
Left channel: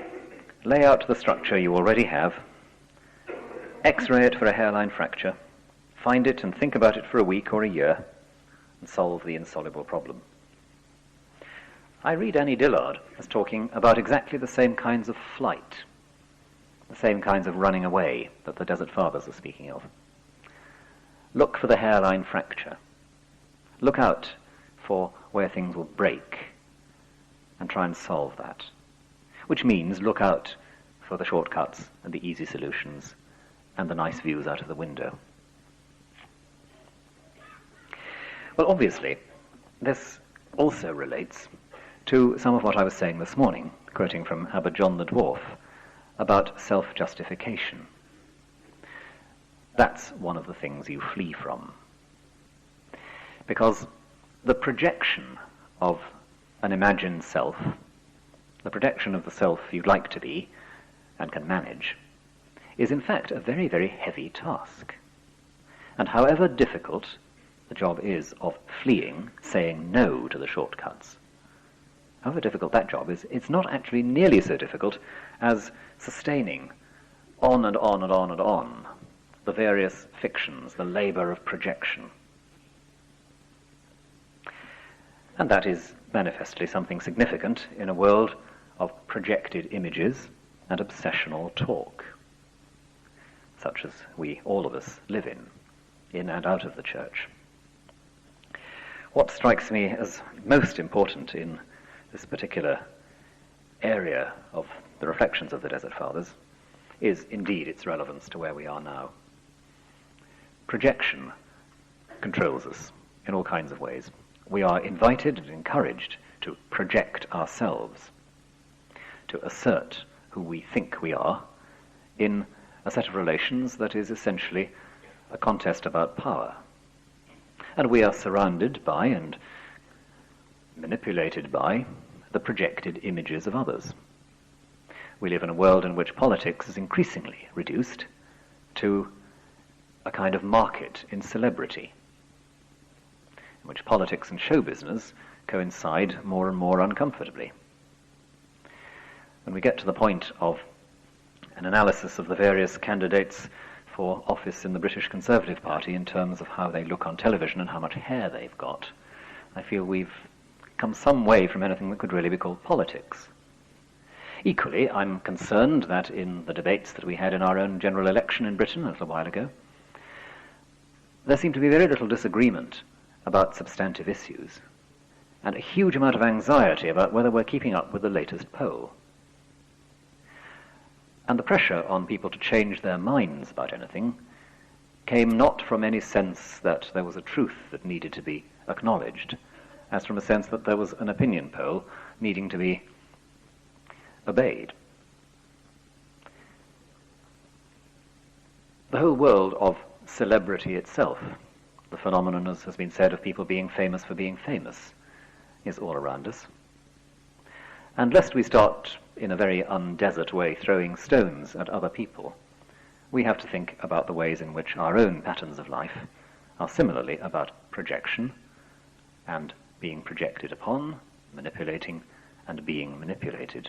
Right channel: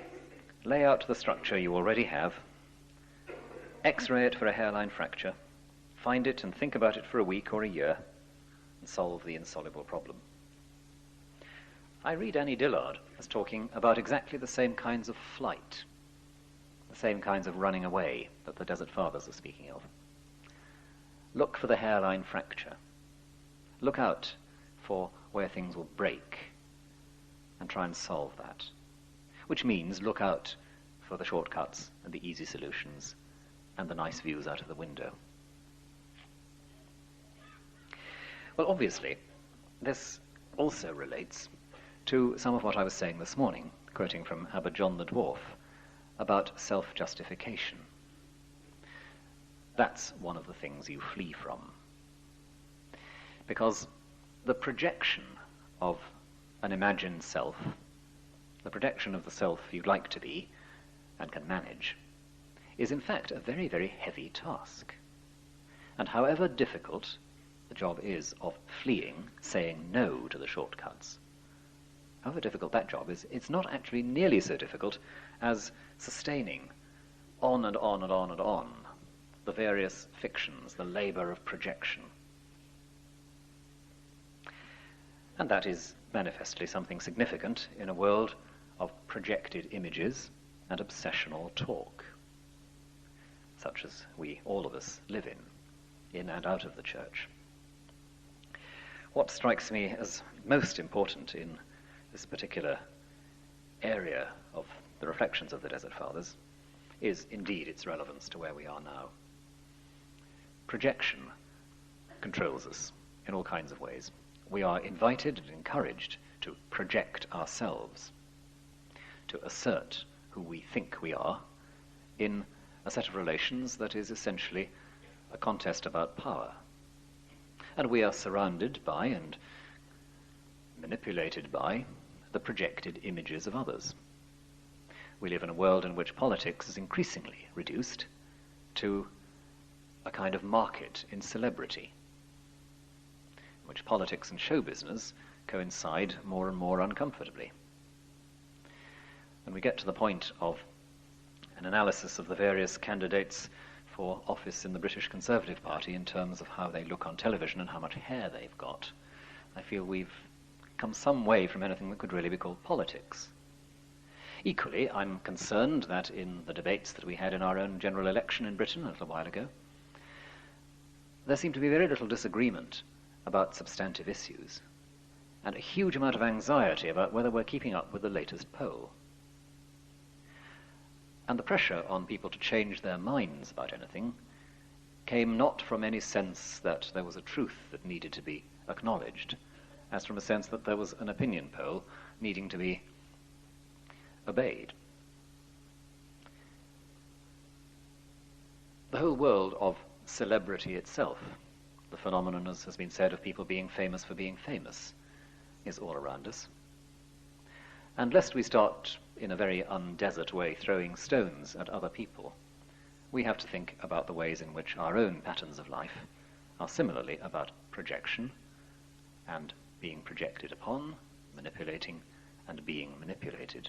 lay out the structure you already have, X-ray it for a hairline fracture, find it and think about it for a week or a year, and solve the insoluble problem. I read Annie Dillard as talking about exactly the same kinds of flight, the same kinds of running away that the Desert Fathers are speaking of. Look for the hairline fracture. Look out for where things will break and try and solve that. Which means look out for the shortcuts and the easy solutions and the nice views out of the window. Well, obviously, this also relates to some of what I was saying this morning, quoting from Abbot John the Dwarf, about self-justification. That's one of the things you flee from. Because the projection of an imagined self, the projection of the self you'd like to be and can manage, is in fact a very, very heavy task. And however difficult the job is of fleeing, saying no to the shortcuts, however difficult that job is, it's not actually nearly so difficult as sustaining on and on and on and on the various fictions, the labour of projection. And that is manifestly something significant in a world of projected images and obsessional talk, such as we, all of us, live in and out of the church. What strikes me as most important in this particular area of the reflections of the Desert Fathers is indeed its relevance to where we are now. Projection controls us in all kinds of ways. We are invited and encouraged to project ourselves, to assert who we think we are in a set of relations that is essentially a contest about power. And we are surrounded by and manipulated by the projected images of others. We live in a world in which politics is increasingly reduced to a kind of market in celebrity, in which politics and show business coincide more and more uncomfortably. When we get to the point of an analysis of the various candidates for office in the British Conservative Party in terms of how they look on television and how much hair they've got, I feel we've come some way from anything that could really be called politics. Equally, I'm concerned that in the debates that we had in our own general election in Britain a little while ago, there seemed to be very little disagreement about substantive issues, and a huge amount of anxiety about whether we're keeping up with the latest poll. And the pressure on people to change their minds about anything came not from any sense that there was a truth that needed to be acknowledged, as from a sense that there was an opinion poll needing to be obeyed. The whole world of celebrity itself, the phenomenon, as has been said, of people being famous for being famous, is all around us. And lest we start in a very undesert way throwing stones at other people, we have to think about the ways in which our own patterns of life are similarly about projection and being projected upon, manipulating and being manipulated.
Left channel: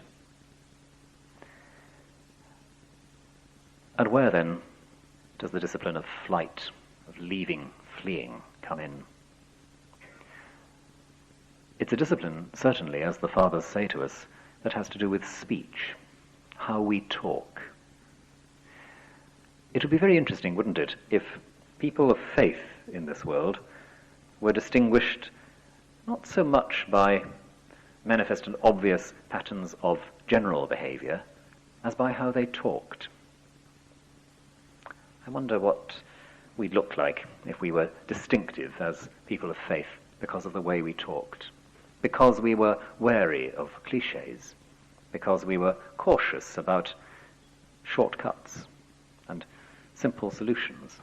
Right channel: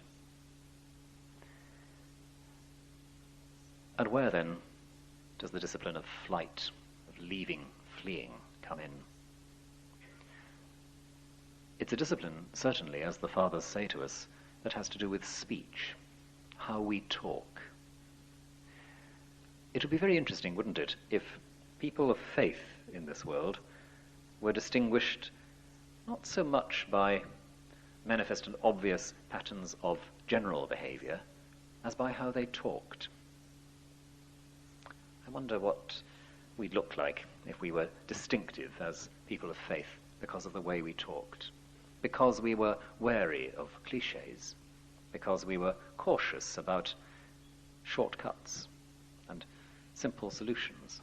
And where then does the discipline of flight, of leaving, fleeing, come in? It's a discipline, certainly, as the Fathers say to us, that has to do with speech, how we talk. It would be very interesting, wouldn't it, if people of faith in this world were distinguished not so much by manifest and obvious patterns of general behavior as by how they talked. I wonder what we'd look like if we were distinctive as people of faith because of the way we talked, because we were wary of cliches, because we were cautious about shortcuts and simple solutions,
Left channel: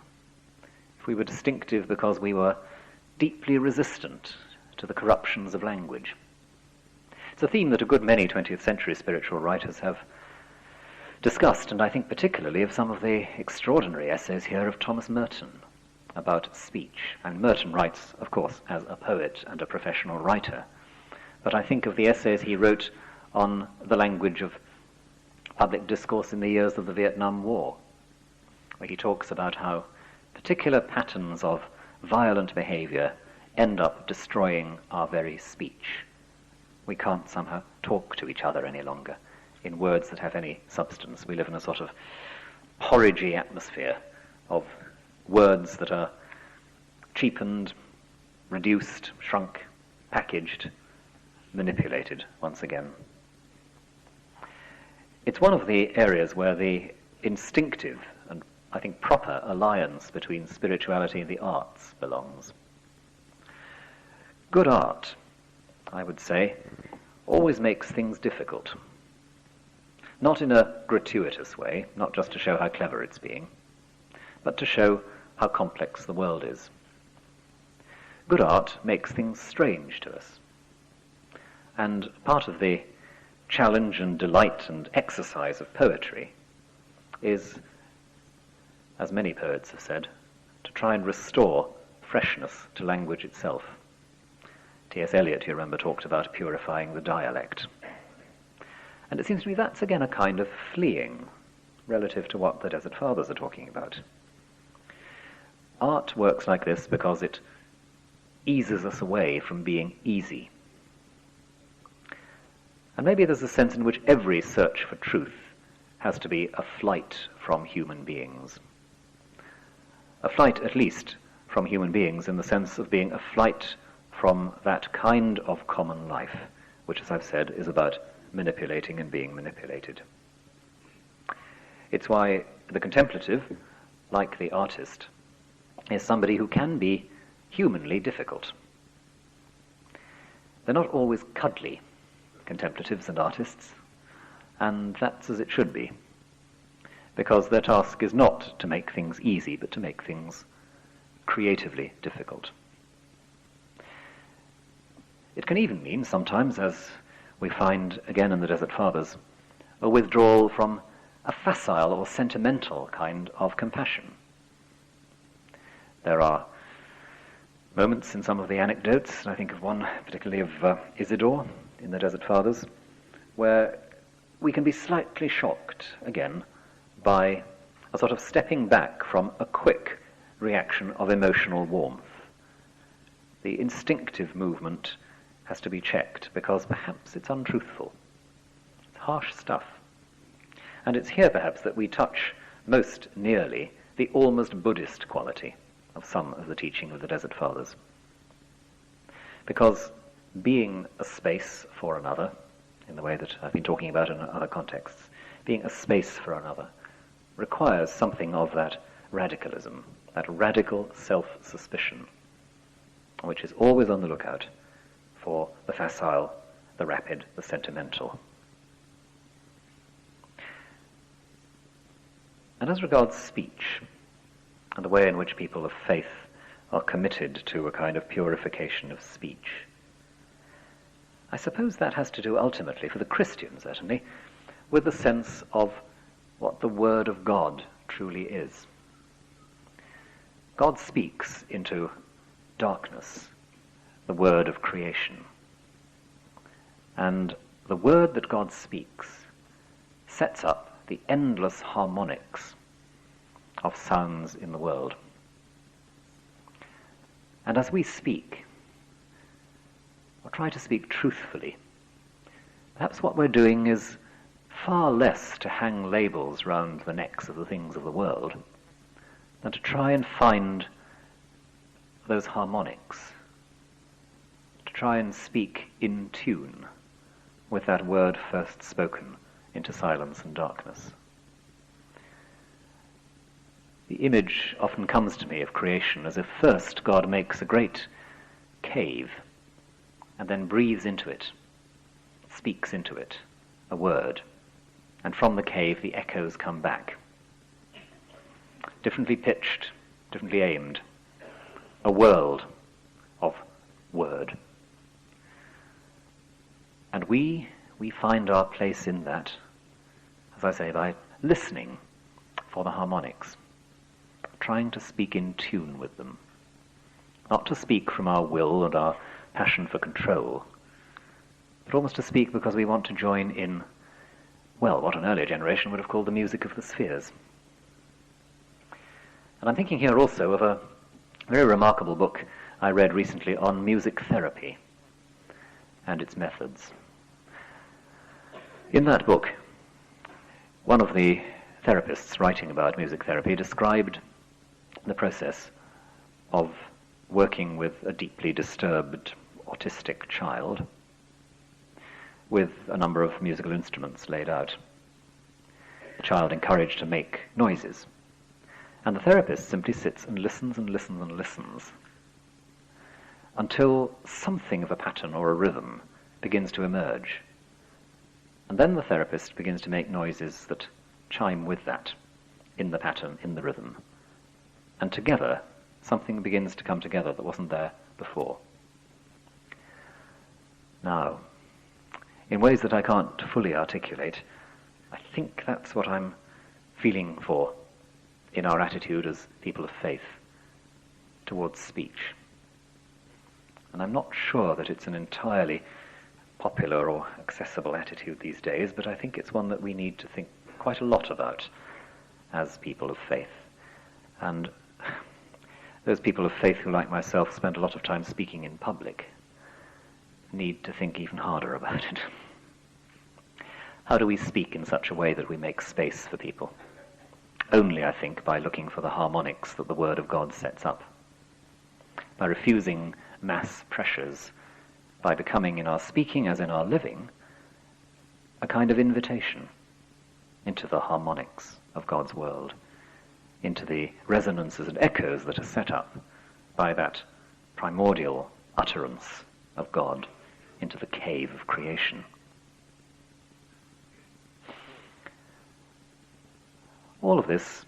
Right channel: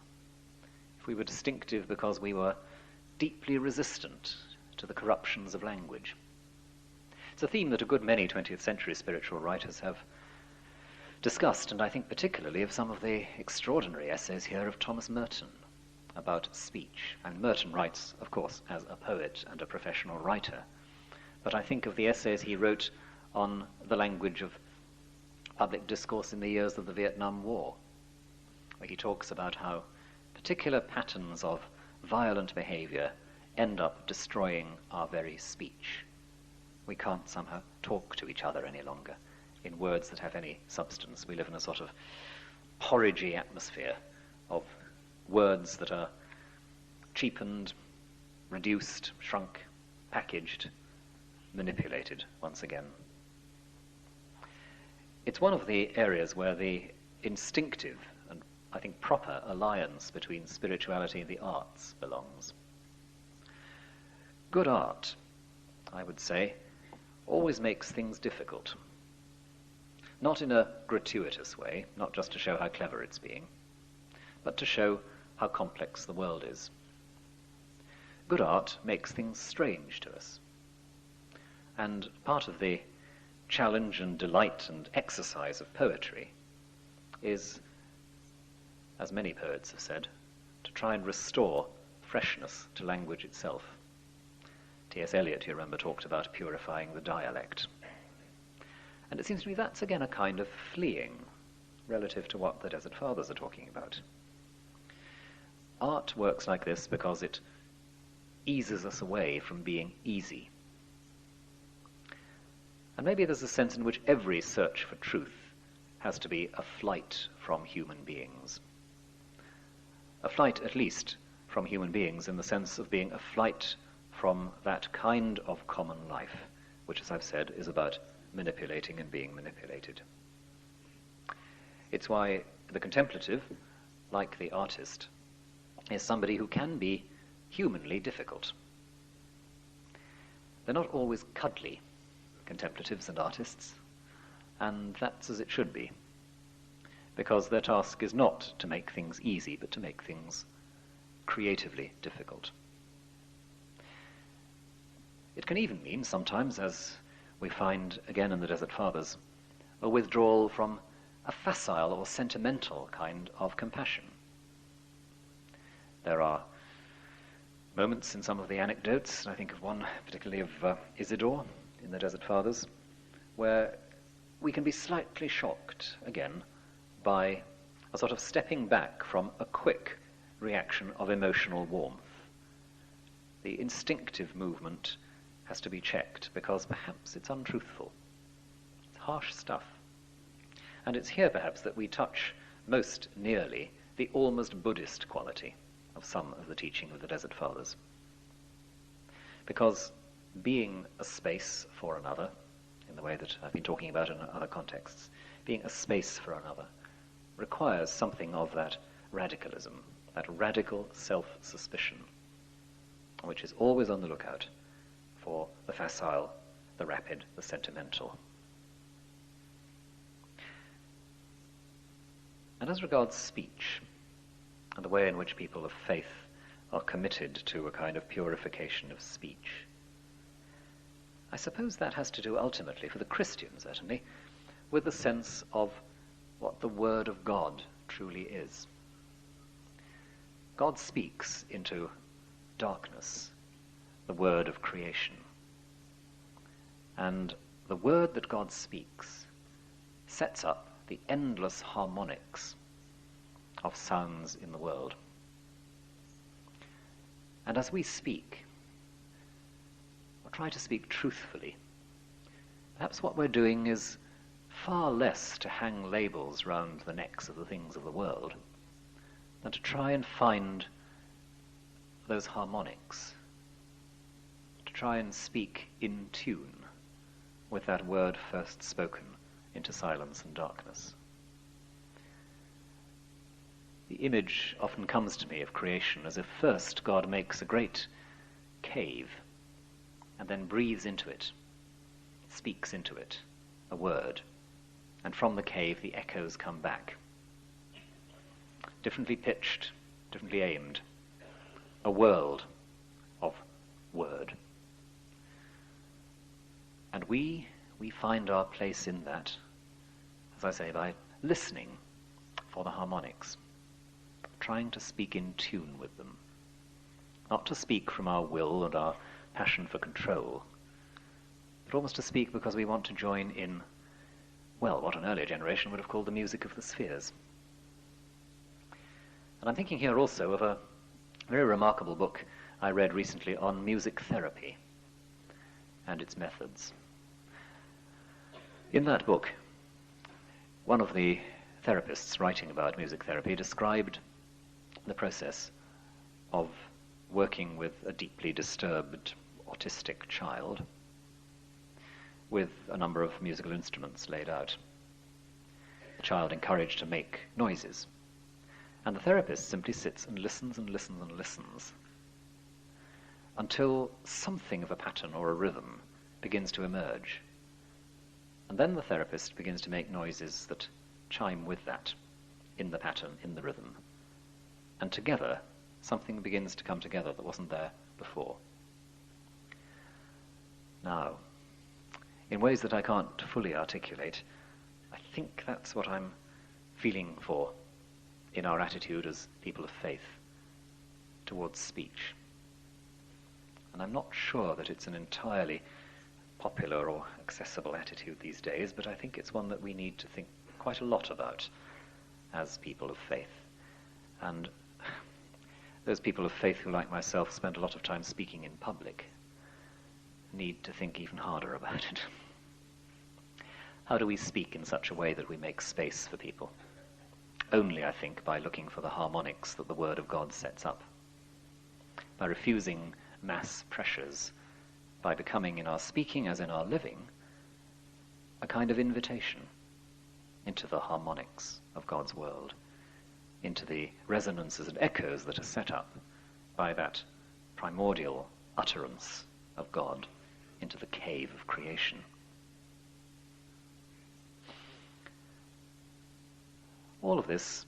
if we were distinctive because we were deeply resistant to the corruptions of language. It's a theme that a good many 20th century spiritual writers have discussed, and I think particularly of some of the extraordinary essays here of Thomas Merton about speech. And Merton writes, of course, as a poet and a professional writer, but I think of the essays he wrote on the language of public discourse in the years of the Vietnam War, where he talks about how particular patterns of violent behavior end up destroying our very speech. We can't somehow talk to each other any longer in words that have any substance. We live in a sort of porridgey atmosphere of words that are cheapened, reduced, shrunk, packaged, manipulated once again. It's one of the areas where the instinctive and, I think, proper alliance between spirituality and the arts belongs. Good art, I would say, always makes things difficult. Not in a gratuitous way, not just to show how clever it's being, but to show how complex the world is. Good art makes things strange to us. And part of the challenge and delight and exercise of poetry is, as many poets have said, to try and restore freshness to language itself. T.S. Eliot, you remember, talked about purifying the dialect. And it seems to me that's again a kind of fleeing relative to what the Desert Fathers are talking about. Art works like this because it eases us away from being easy. And maybe there's a sense in which every search for truth has to be a flight from human beings. A flight, at least, from human beings in the sense of being a flight from that kind of common life, which, as I've said, is about manipulating and being manipulated. It's why the contemplative, like the artist, is somebody who can be humanly difficult. They're not always cuddly, contemplatives and artists, and that's as it should be, because their task is not to make things easy, but to make things creatively difficult. It can even mean sometimes, as we find again in the Desert Fathers, a withdrawal from a facile or sentimental kind of compassion. There are moments in some of the anecdotes, and I think of one particularly of Isidore in the Desert Fathers, where we can be slightly shocked, again, by a sort of stepping back from a quick reaction of emotional warmth. The instinctive movement has to be checked because perhaps it's untruthful. It's harsh stuff. And it's here perhaps that we touch most nearly the almost Buddhist quality of some of the teaching of the Desert Fathers. Because being a space for another, in the way that I've been talking about in other contexts, being a space for another requires something of that radicalism, that radical self-suspicion, which is always on the lookout for the facile, the rapid, the sentimental. And as regards speech, and the way in which people of faith are committed to a kind of purification of speech, I suppose that has to do ultimately, for the Christian certainly, with the sense of what the Word of God truly is. God speaks into darkness, the word of creation. And the word that God speaks sets up the endless harmonics of sounds in the world. And as we speak, or try to speak truthfully, perhaps what we're doing is far less to hang labels round the necks of the things of the world than to try and find those harmonics, to try and speak in tune with that word first spoken into silence and darkness. The image often comes to me of creation as if first God makes a great cave and then breathes into it, speaks into it a word, and from the cave the echoes come back, differently pitched, differently aimed, a world of word. And we find our place in that, as I say, by listening for the harmonics, trying to speak in tune with them, not to speak from our will and our passion for control, but almost to speak because we want to join in, well, what an earlier generation would have called the music of the spheres. And I'm thinking here also of a very remarkable book I read recently on music therapy and its methods. In that book, one of the therapists writing about music therapy described the process of working with a deeply disturbed autistic child with a number of musical instruments laid out. The child encouraged to make noises, and the therapist simply sits and listens and listens and listens until something of a pattern or a rhythm begins to emerge. And then the therapist begins to make noises that chime with that, in the pattern, in the rhythm. And together, something begins to come together that wasn't there before. Now, in ways that I can't fully articulate, I think that's what I'm feeling for in our attitude as people of faith towards speech. And I'm not sure that it's an entirely popular or accessible attitude these days, but I think it's one that we need to think quite a lot about as people of faith. And those people of faith who, like myself, spend a lot of time speaking in public need to think even harder about it. How do we speak in such a way that we make space for people? Only, I think, by looking for the harmonics that the Word of God sets up, by refusing mass pressures, by becoming in our speaking as in our living a kind of invitation into the harmonics of God's world, into the resonances and echoes that are set up by that primordial utterance of God into the cave of creation. All of this,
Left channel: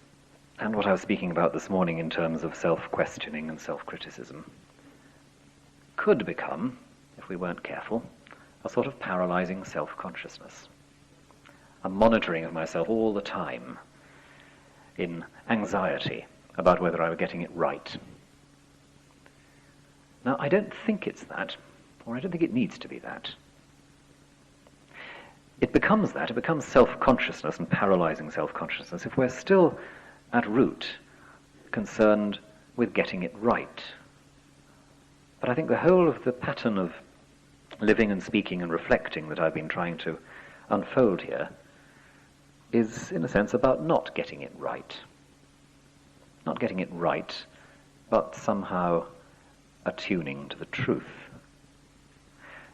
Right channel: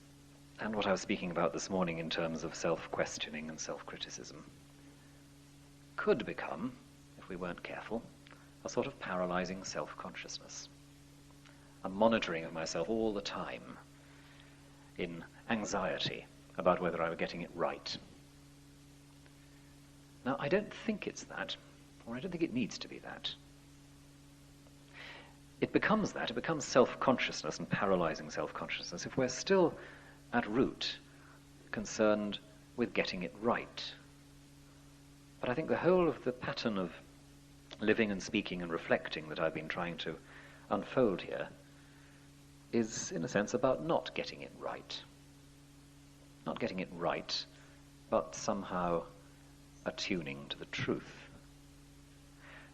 and what I was speaking about this morning in terms of self-questioning and self-criticism, could become, if we weren't careful, a sort of paralyzing self-consciousness, a monitoring of myself all the time in anxiety about whether I were getting it right. Now, I don't think it's that, or I don't think it needs to be that. It becomes that, it becomes self-consciousness and paralyzing self-consciousness if we're still at root concerned with getting it right. But I think the whole of the pattern of living and speaking and reflecting that I've been trying to unfold here is, in a sense, about not getting it right. Not getting it right, but somehow attuning to the truth.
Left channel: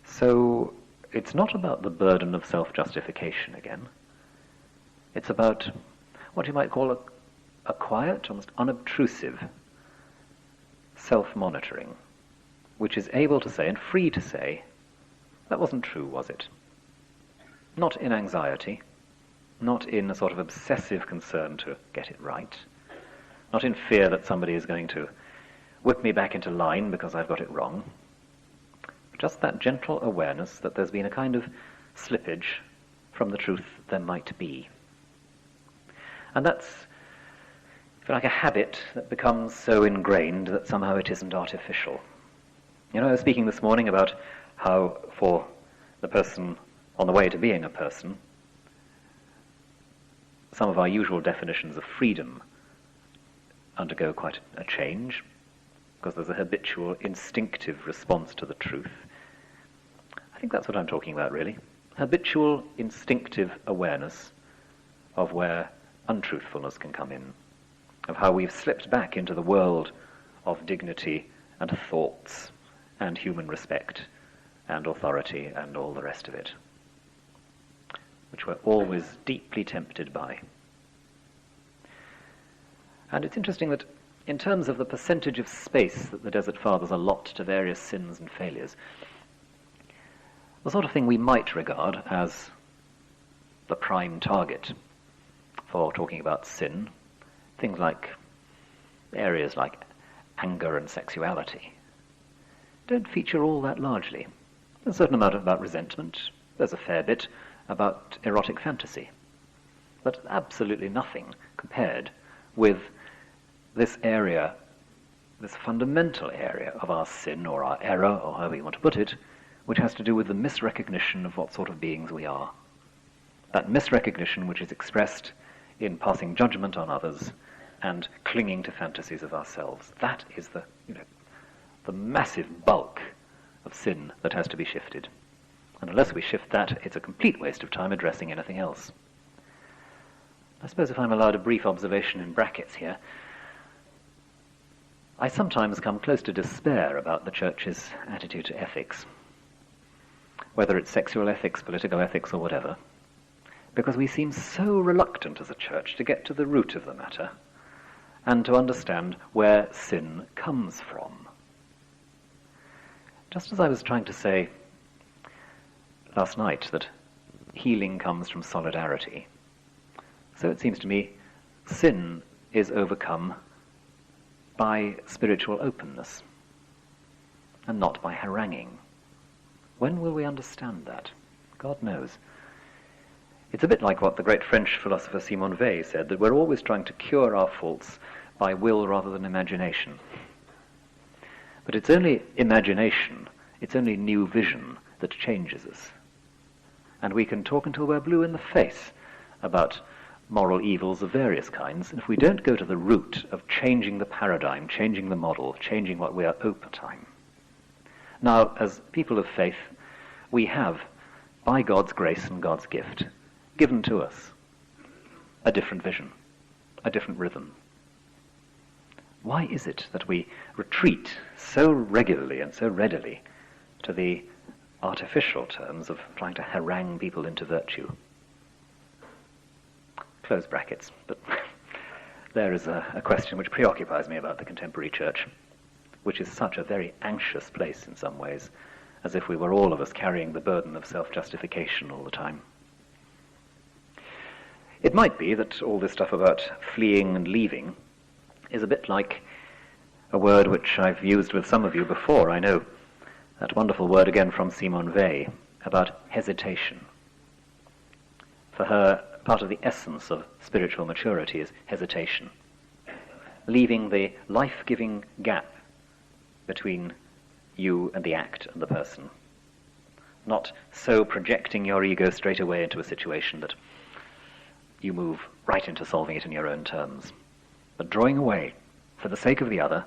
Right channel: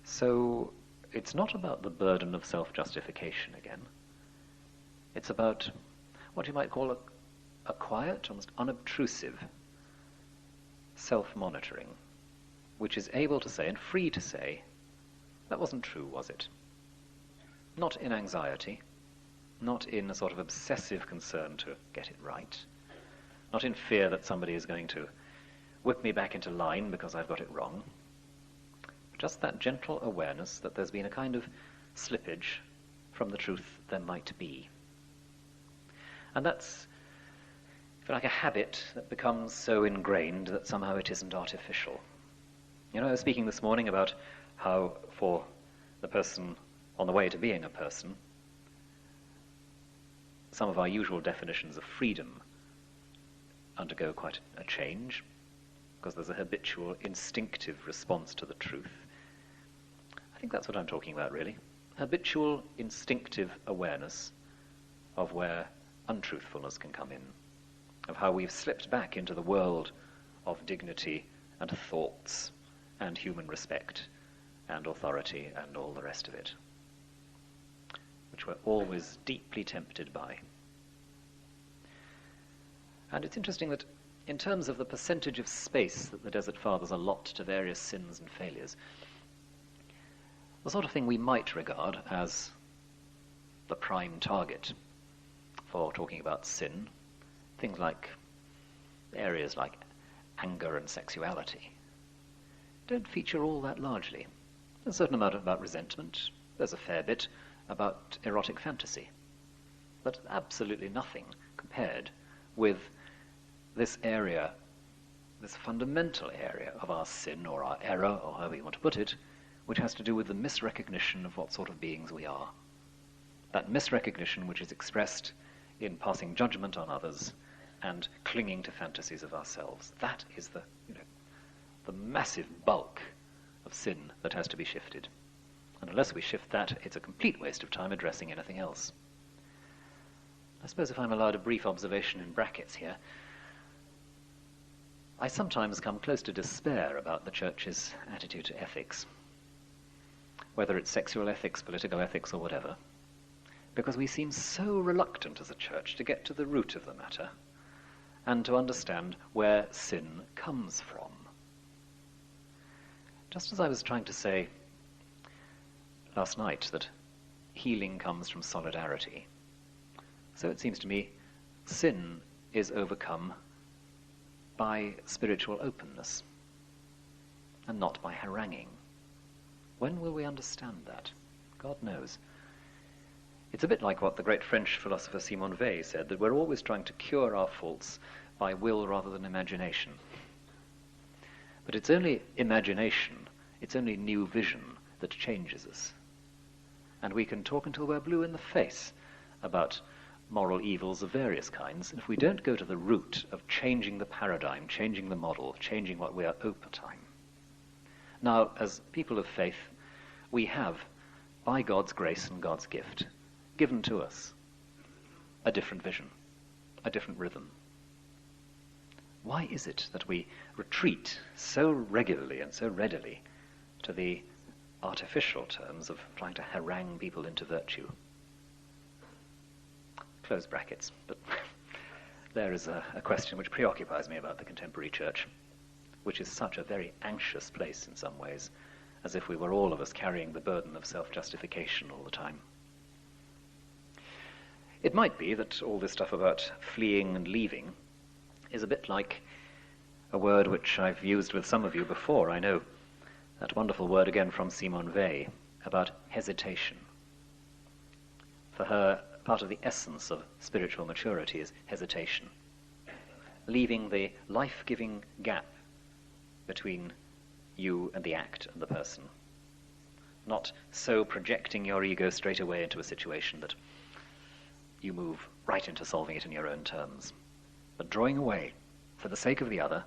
So it's not about the burden of self-justification again. It's about what you might call a quiet, almost unobtrusive self-monitoring, which is able to say and free to say, that wasn't true, was it? Not in anxiety, not in a sort of obsessive concern to get it right, not in fear that somebody is going to whip me back into line because I've got it wrong. Just that gentle awareness that there's been a kind of slippage from the truth there might be. And that's, if you like, a habit that becomes so ingrained that somehow it isn't artificial. You know, I was speaking this morning about how for the person on the way to being a person, some of our usual definitions of freedom undergo quite a change, because there's a habitual, instinctive response to the truth. I think that's what I'm talking about, really. Habitual, instinctive awareness of where untruthfulness can come in, of how we've slipped back into the world of dignity and thoughts and human respect and authority and all the rest of it, which we're always deeply tempted by. And it's interesting that in terms of the percentage of space that the Desert Fathers allot to various sins and failures, the sort of thing we might regard as the prime target for talking about sin, things like areas like anger and sexuality, don't feature all that largely. There's a certain amount about resentment, there's a fair bit about erotic fantasy, but absolutely nothing compared with this area, this fundamental area of our sin or our error, or however you want to put it, which has to do with the misrecognition of what sort of beings we are. That misrecognition which is expressed in passing judgment on others and clinging to fantasies of ourselves. That is the massive bulk of sin that has to be shifted. And unless we shift that, it's a complete waste of time addressing anything else. I suppose if I'm allowed a brief observation in brackets here, I sometimes come close to despair about the Church's attitude to ethics, whether it's sexual ethics, political ethics, or whatever, because we seem so reluctant as a Church to get to the root of the matter and to understand where sin comes from. Just as I was trying to say last night that healing comes from solidarity, so it seems to me sin is overcome by spiritual openness and not by haranguing. When will we understand that? God knows. It's a bit like what the great French philosopher Simone Weil said, that we're always trying to cure our faults by will rather than imagination. But it's only imagination, it's only new vision that changes us. And we can talk until we're blue in the face about moral evils of various kinds, and if we don't go to the root of changing the paradigm, changing the model, changing what we are over time. Now, as people of faith, we have, by God's grace and God's gift, given to us a different vision, a different rhythm. Why is it that we retreat so regularly and so readily to the artificial terms of trying to harangue people into virtue? Close brackets, but there is a question which preoccupies me about the contemporary Church, which is such a very anxious place in some ways, as if we were all of us carrying the burden of self-justification all the time. It might be that all this stuff about fleeing and leaving is a bit like a word which I've used with some of you before, I know, that wonderful word again from Simone Weil about hesitation. For her, part of the essence of spiritual maturity is hesitation, leaving the life-giving gap between you and the act and the person, not so projecting your ego straight away into a situation that you move right into solving it in your own terms, but drawing away for the sake of the other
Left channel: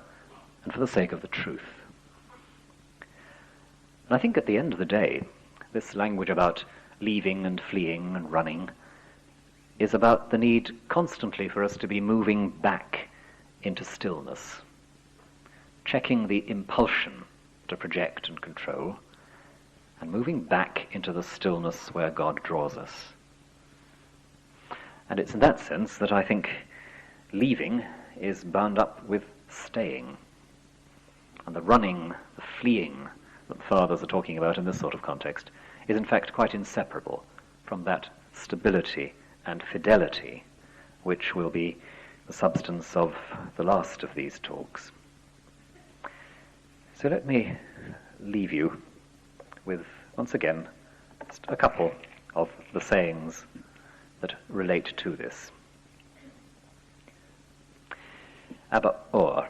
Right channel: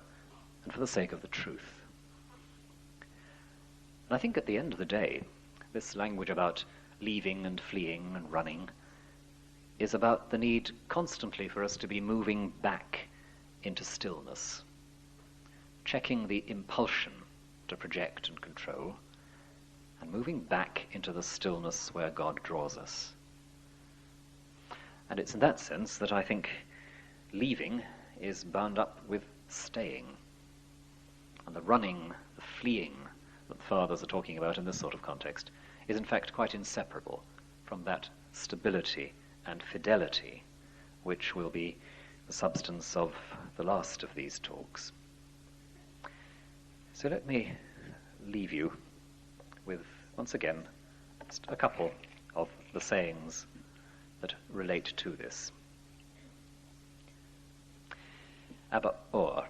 and for the sake of the truth. And I think at the end of the day, this language about leaving and fleeing and running is about the need constantly for us to be moving back into stillness, checking the impulsion to project and control, and moving back into the stillness where God draws us. And it's in that sense that I think leaving is bound up with staying. And the running, the fleeing that the fathers are talking about in this sort of context is in fact quite inseparable from that stability and fidelity which will be the substance of the last of these talks. So let me leave you with, once again, just a couple of the sayings that relate to this. Abba Or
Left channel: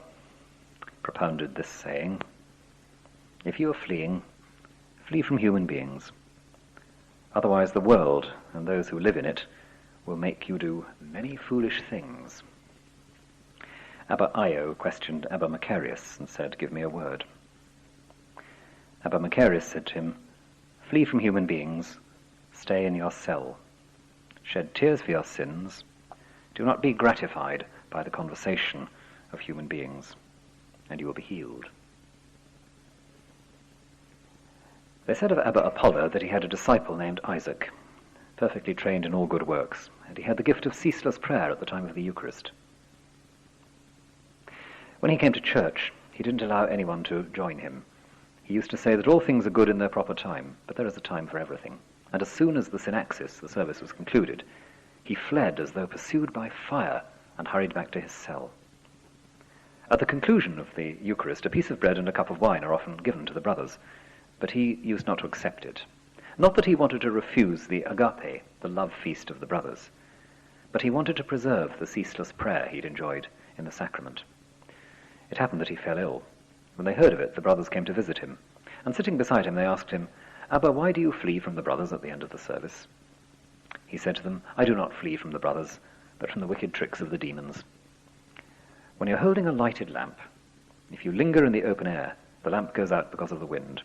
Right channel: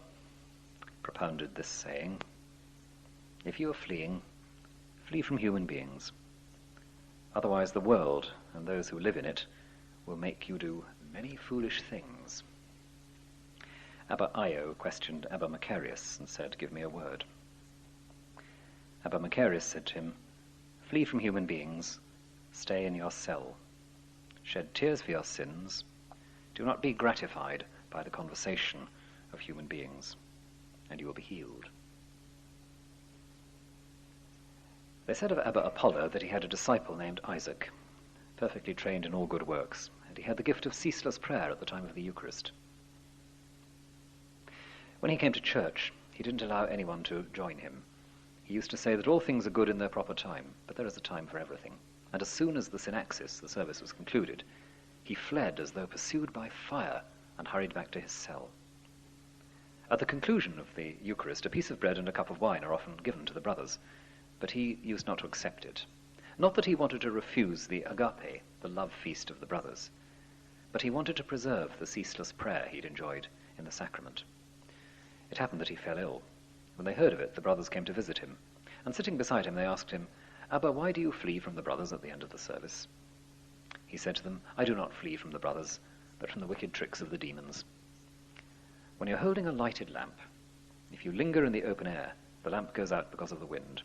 propounded this saying: if you are fleeing, flee from human beings. Otherwise the world and those who live in it will make you do many foolish things. Abba Io questioned Abba Macarius and said, give me a word. Abba Macarius said to him, flee from human beings, stay in your cell. Shed tears for your sins. Do not be gratified by the conversation of human beings, and you will be healed. They said of Abba Apollo that he had a disciple named Isaac, perfectly trained in all good works, and he had the gift of ceaseless prayer at the time of the Eucharist. When he came to church, he didn't allow anyone to join him. He used to say that all things are good in their proper time, but there is a time for everything. And as soon as the synaxis, the service, was concluded, he fled as though pursued by fire and hurried back to his cell. At the conclusion of the Eucharist, a piece of bread and a cup of wine are often given to the brothers, but he used not to accept it. Not that he wanted to refuse the agape, the love feast of the brothers, but he wanted to preserve the ceaseless prayer he'd enjoyed in the sacrament. It happened that he fell ill. When they heard of it, the brothers came to visit him, and sitting beside him they asked him, "Abba, why do you flee from the brothers at the end of the service?" He said to them, "I do not flee from the brothers, but from the wicked tricks of the demons. When you're holding a lighted lamp, if you linger in the open air, the lamp goes out because of the wind.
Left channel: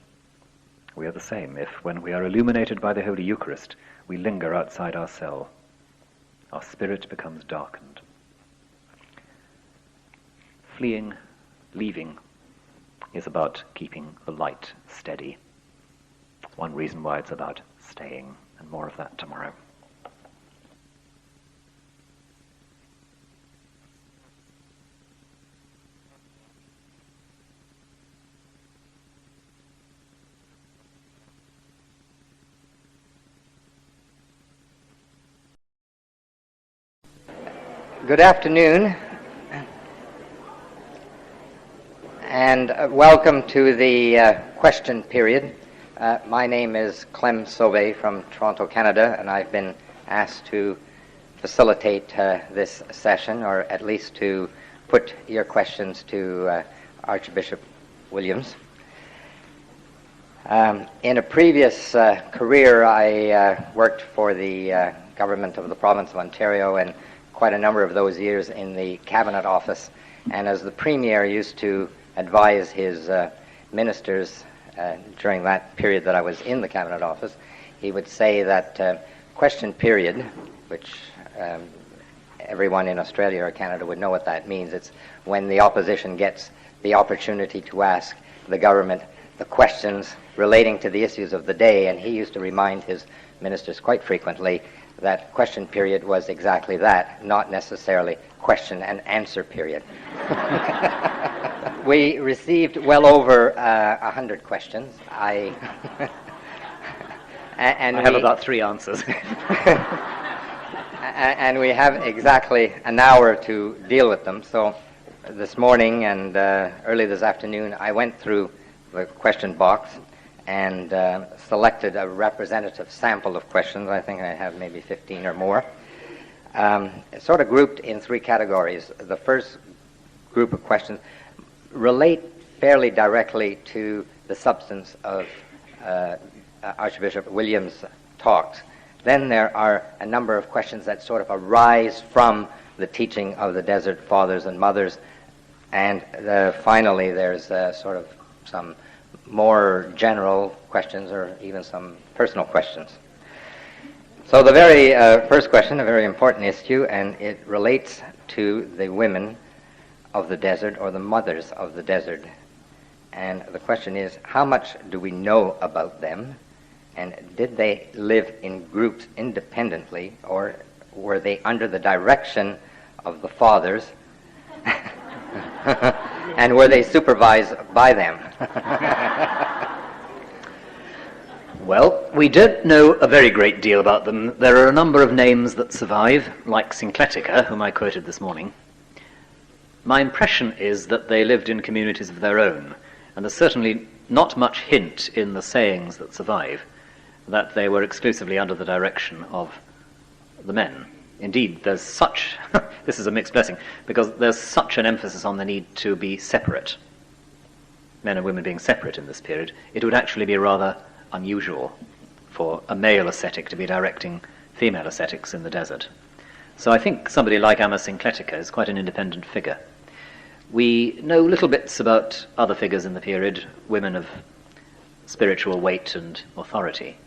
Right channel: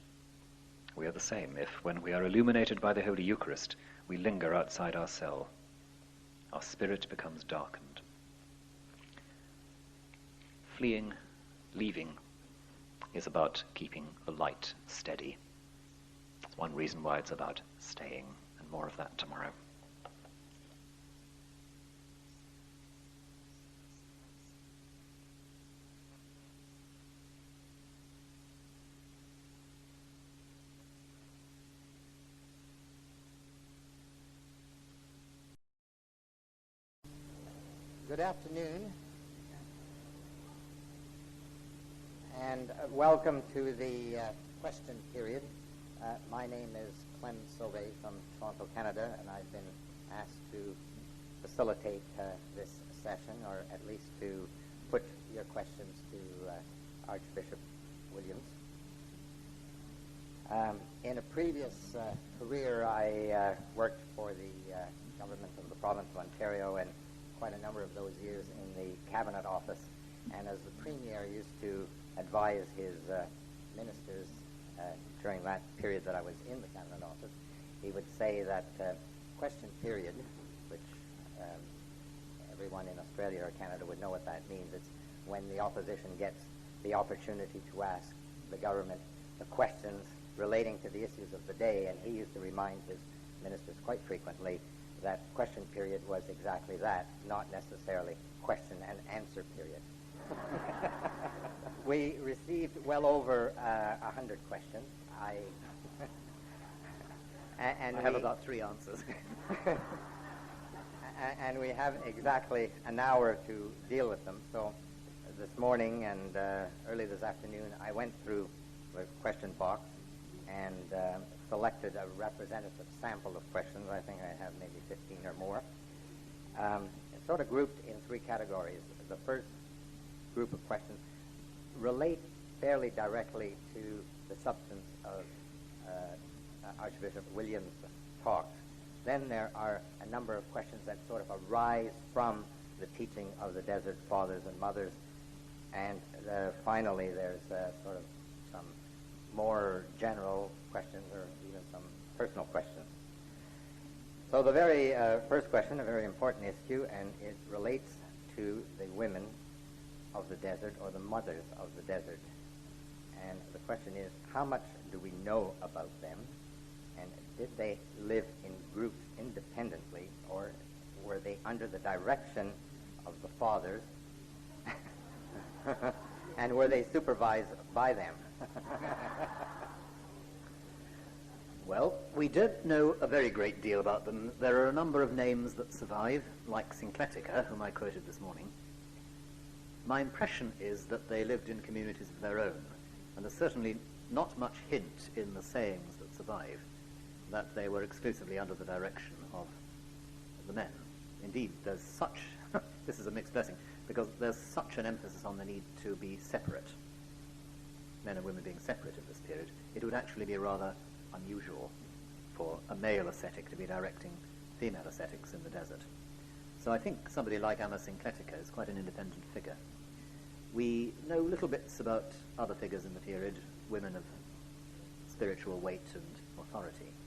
We are the same if, when we are illuminated by the Holy Eucharist, we linger outside our cell. Our spirit becomes darkened." Fleeing, leaving, is about keeping the light steady. It's one reason why it's about staying, and more of that tomorrow. Good afternoon, and welcome to the question period. My name is Clem Sauvé from Toronto, Canada, and I've been asked to facilitate this session, or at least to put your questions to Archbishop Williams. In a previous career, I worked for the government of the province of Ontario, and quite a number of those years in the Cabinet Office. And as the Premier used to advise his ministers during that period that I was in the Cabinet Office, he would say that question period, which everyone in Australia or Canada would know what that means. It's when the opposition gets the opportunity to ask the government the questions relating to the issues of the day, and he used to remind his ministers quite frequently that question period was exactly that, not necessarily question and answer period. We received well over 100 questions. I have about 3 answers. And we have exactly an hour to deal with them. So this morning and early this afternoon, I went through the question box and selected a representative sample of questions. I think I have maybe 15 or more. Sort of grouped in 3 categories. The first group of questions relate fairly directly to the substance of Archbishop Williams' talks. Then there are a number of questions that sort of arise from the teaching of the Desert Fathers and Mothers. And finally, there's sort of some more general questions or even some personal questions. So the very first question, a very important issue, and it relates to the women of the desert or the mothers of the desert. And the question is, how much do we know about them? And did they live in groups independently, or were they under the direction of the fathers? And were they supervised by them? Well, we don't know a very great deal about them. There are a number of names that survive, like Syncletica, whom I quoted this morning. My impression is that they lived in communities of their own, and there's certainly not much hint in the sayings that survive that they were exclusively under the direction of the men. Indeed, there's such, this is a mixed blessing, because there's such an emphasis on the need to be separate, men and women being separate in this period. It would actually be rather unusual for a male ascetic to be directing female ascetics in the desert. So I think somebody like Amma Syncletica is quite an independent figure. We know little bits about other figures in the period, women of spiritual weight and authority.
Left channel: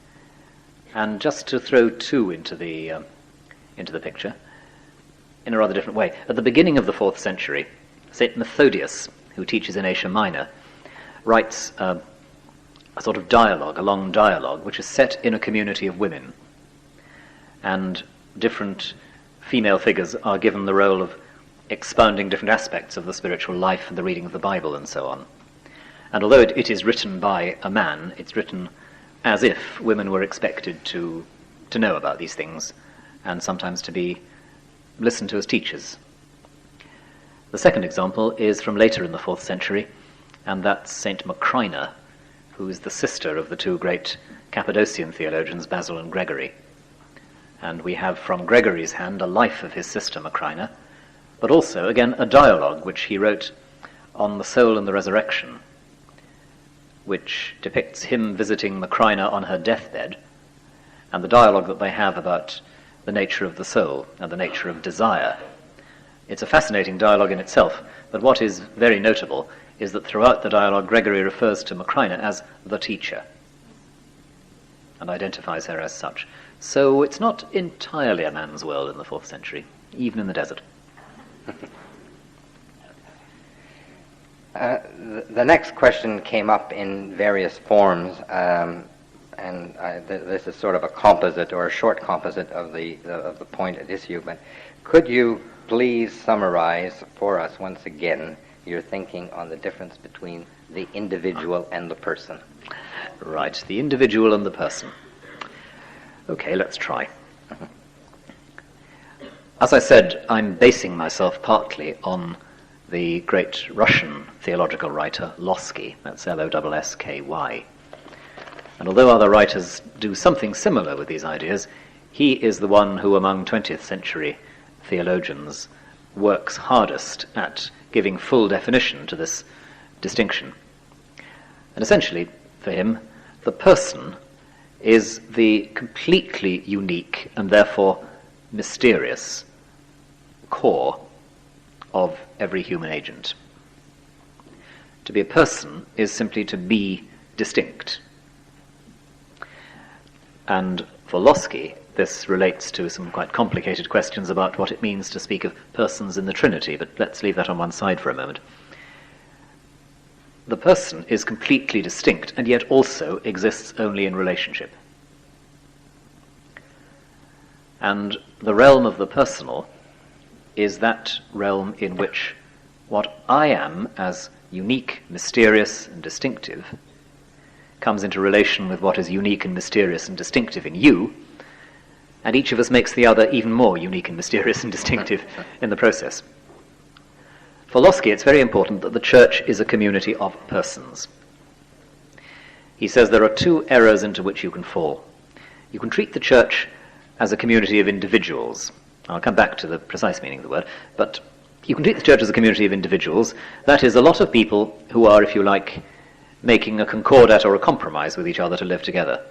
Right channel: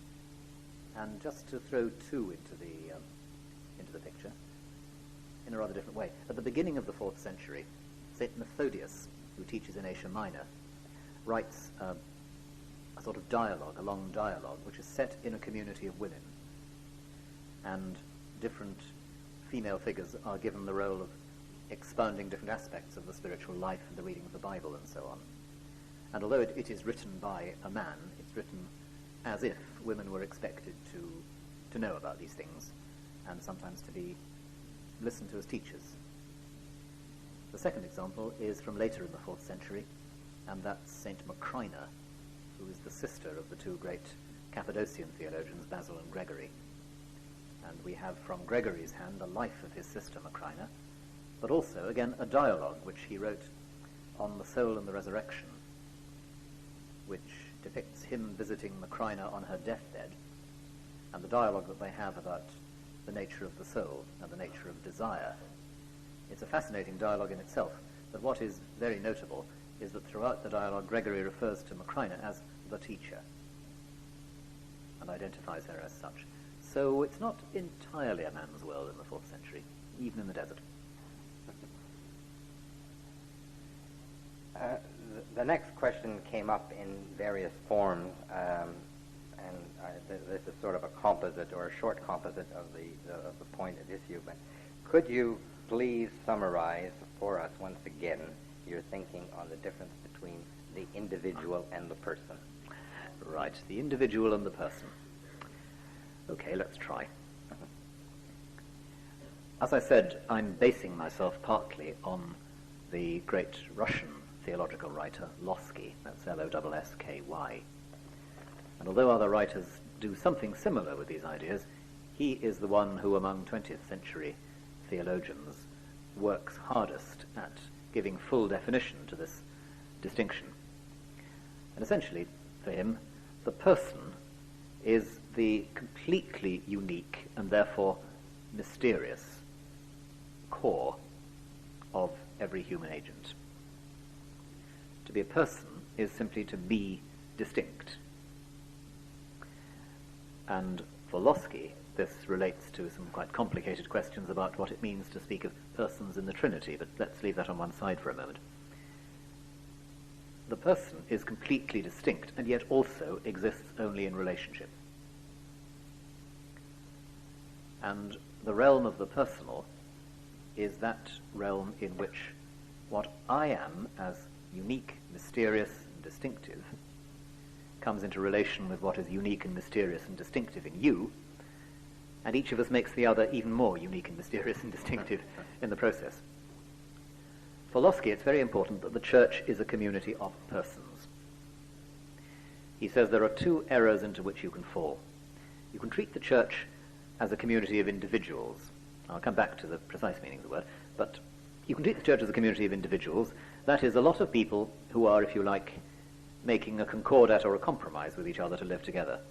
And just to throw 2 into the picture, in a rather different way. At the beginning of the 4th century, St. Methodius, who teaches in Asia Minor, writes a a sort of dialogue, a long dialogue, which is set in a community of women. And different female figures are given the role of expounding different aspects of the spiritual life and the reading of the Bible and so on. And although it is written by a man, it's written as if women were expected to know about these things and sometimes to be listened to as teachers. The second example is from later in the 4th century, and that's St. Macrina, who is the sister of the two great Cappadocian theologians, Basil and Gregory. And we have from Gregory's hand a life of his sister Macrina, but also, again, a dialogue which he wrote on the soul and the resurrection, which depicts him visiting Macrina on her deathbed, and the dialogue that they have about the nature of the soul and the nature of desire. It's a fascinating dialogue in itself, but what is very notable is that throughout the dialogue Gregory refers to Macrina as the teacher and identifies her as such. So it's not entirely a man's world in the 4th century, even in the desert. The next question came up in various forms, and this is sort of a composite or a short composite of the point at issue. But could you please summarize for us once again your thinking on the difference between the individual and the person? Right, the individual and the person. Okay, let's try. As I said, I'm basing myself partly on the great Russian theological writer Lossky, that's Lossky. And although other writers do something similar with these ideas, he is the one who among 20th century theologians works hardest at giving full definition to this distinction. And essentially, for him, the person is the completely unique and therefore mysterious core of every human agent. To be a person is simply to be distinct. And for Lossky, this relates to some quite complicated questions about what it means to speak of persons in the Trinity, but let's leave that on one side for a moment. The person is completely distinct and yet also exists only in relationship. And the realm of the personal is that realm in which what I am as unique, mysterious, and distinctive comes into relation with what is unique and mysterious and distinctive in you, and each of us makes the other even more unique and mysterious and distinctive in the process. For Lossky, it's very important that the church is a community of persons. He says there are two errors into which you can fall. You can treat the church as a community of individuals. I'll come back to the precise meaning of the word, but you can treat the church as a community of individuals. That is, a lot of people who are, if you like, making a concordat or a compromise with each other to live together.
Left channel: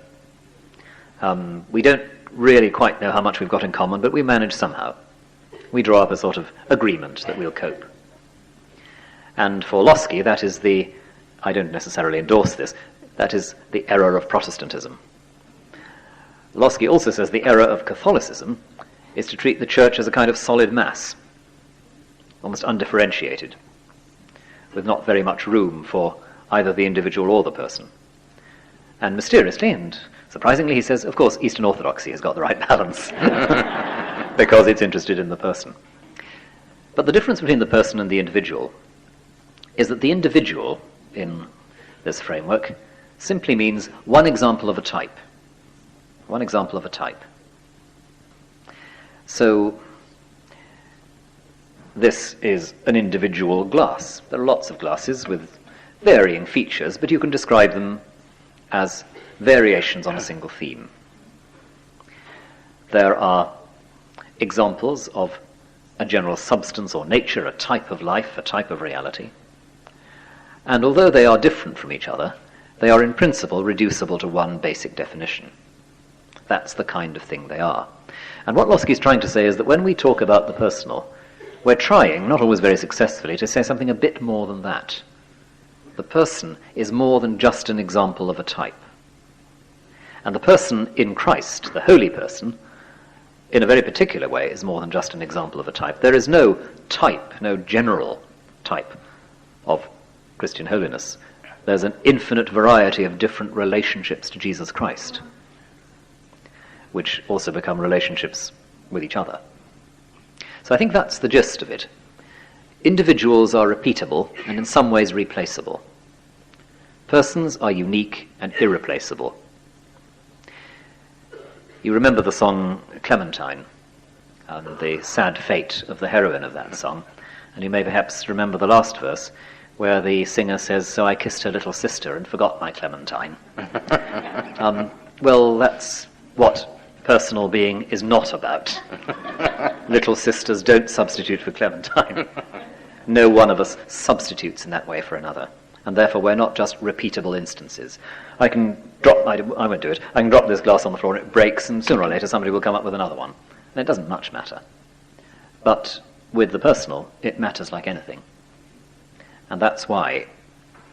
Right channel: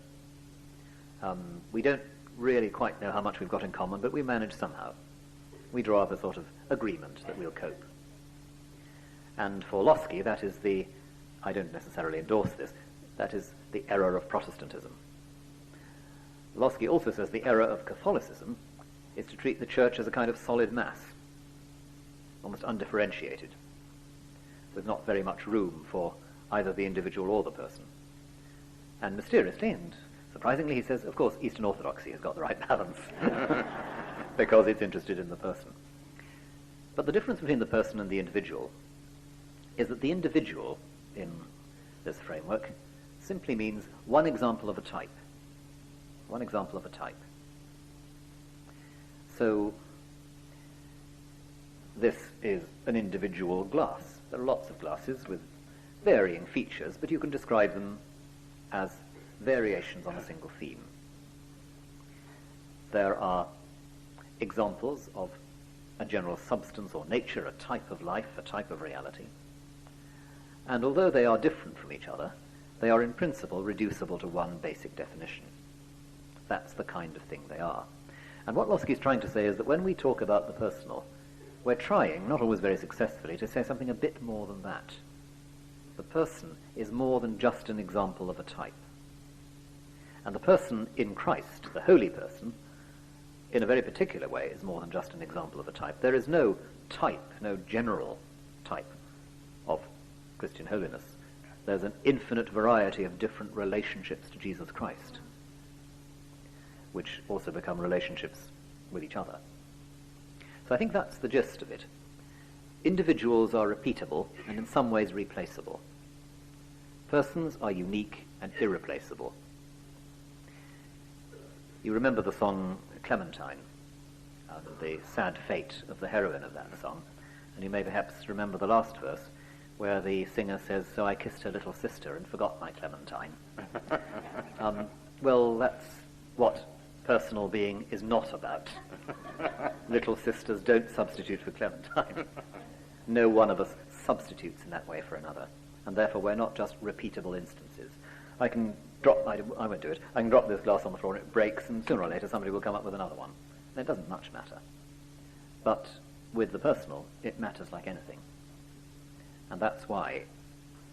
We don't really quite know how much we've got in common, but we manage somehow. We draw up a sort of agreement that we'll cope. And for Lossky, that is I don't necessarily endorse this, that is the error of Protestantism. Lossky also says the error of Catholicism is to treat the church as a kind of solid mass, almost undifferentiated, with not very much room for either the individual or the person. And mysteriously and surprisingly, he says, of course, Eastern Orthodoxy has got the right balance, because it's interested in the person. But the difference between the person and the individual is that the individual, in this framework, simply means one example of a type. One example of a type. So, this is an individual glass. There are lots of glasses with varying features, but you can describe them as variations on a single theme. There are examples of a general substance or nature, a type of life, a type of reality. And although they are different from each other, they are in principle reducible to one basic definition. That's the kind of thing they are. And what Lossky is trying to say is that when we talk about the personal, we're trying, not always very successfully, to say something a bit more than that. The person is more than just an example of a type. And the person in Christ, the holy person, in a very particular way, is more than just an example of a type. There is no type, no general type of Christian holiness. there's an infinite variety of different relationships to Jesus Christ, which also become relationships with each other. So I think that's the gist of it. Individuals are repeatable and in some ways replaceable. Persons are unique and irreplaceable. You remember the song Clementine, and the sad fate of the heroine of that song, and you may perhaps remember the last verse, where the singer says, "So I kissed her little sister and forgot my Clementine." Well, that's what personal being is not about. Little sisters don't substitute for Clementine. No one of us substitutes in that way for another. And therefore we're not just repeatable instances. I won't do it. I can drop this glass on the floor and it breaks, and sooner or later somebody will come up with another one. And it doesn't much matter. But with the personal, it matters like anything. And that's why,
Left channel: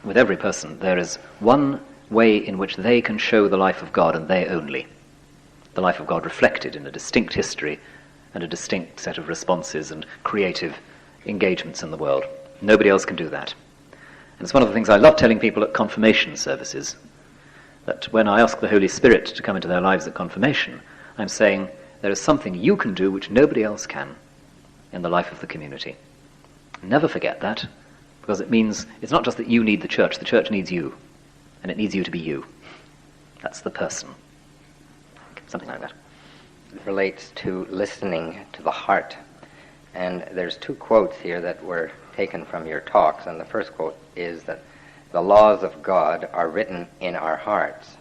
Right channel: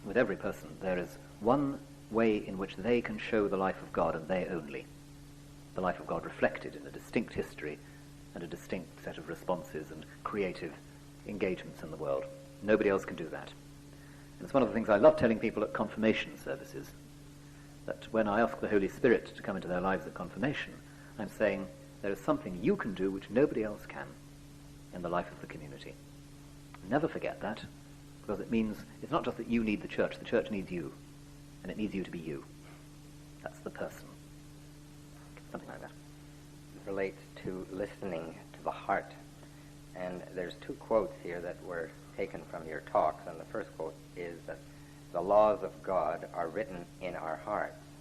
with every person, there is one way in which they can show the life of God, and they only. The life of God reflected in a distinct history and a distinct set of responses and creative engagements in the world. Nobody else can do that. And it's one of the things I love telling people at confirmation services, that when I ask the Holy Spirit to come into their lives at confirmation, I'm saying there is something you can do which nobody else can in the life of the community. Never forget that, because it means it's not just that you need the church needs you, and it needs you to be you. That's the person. Something like that. It relates to listening to the heart. And there's two quotes here that were taken from your talks, and the first quote is that the laws of God are written in our hearts.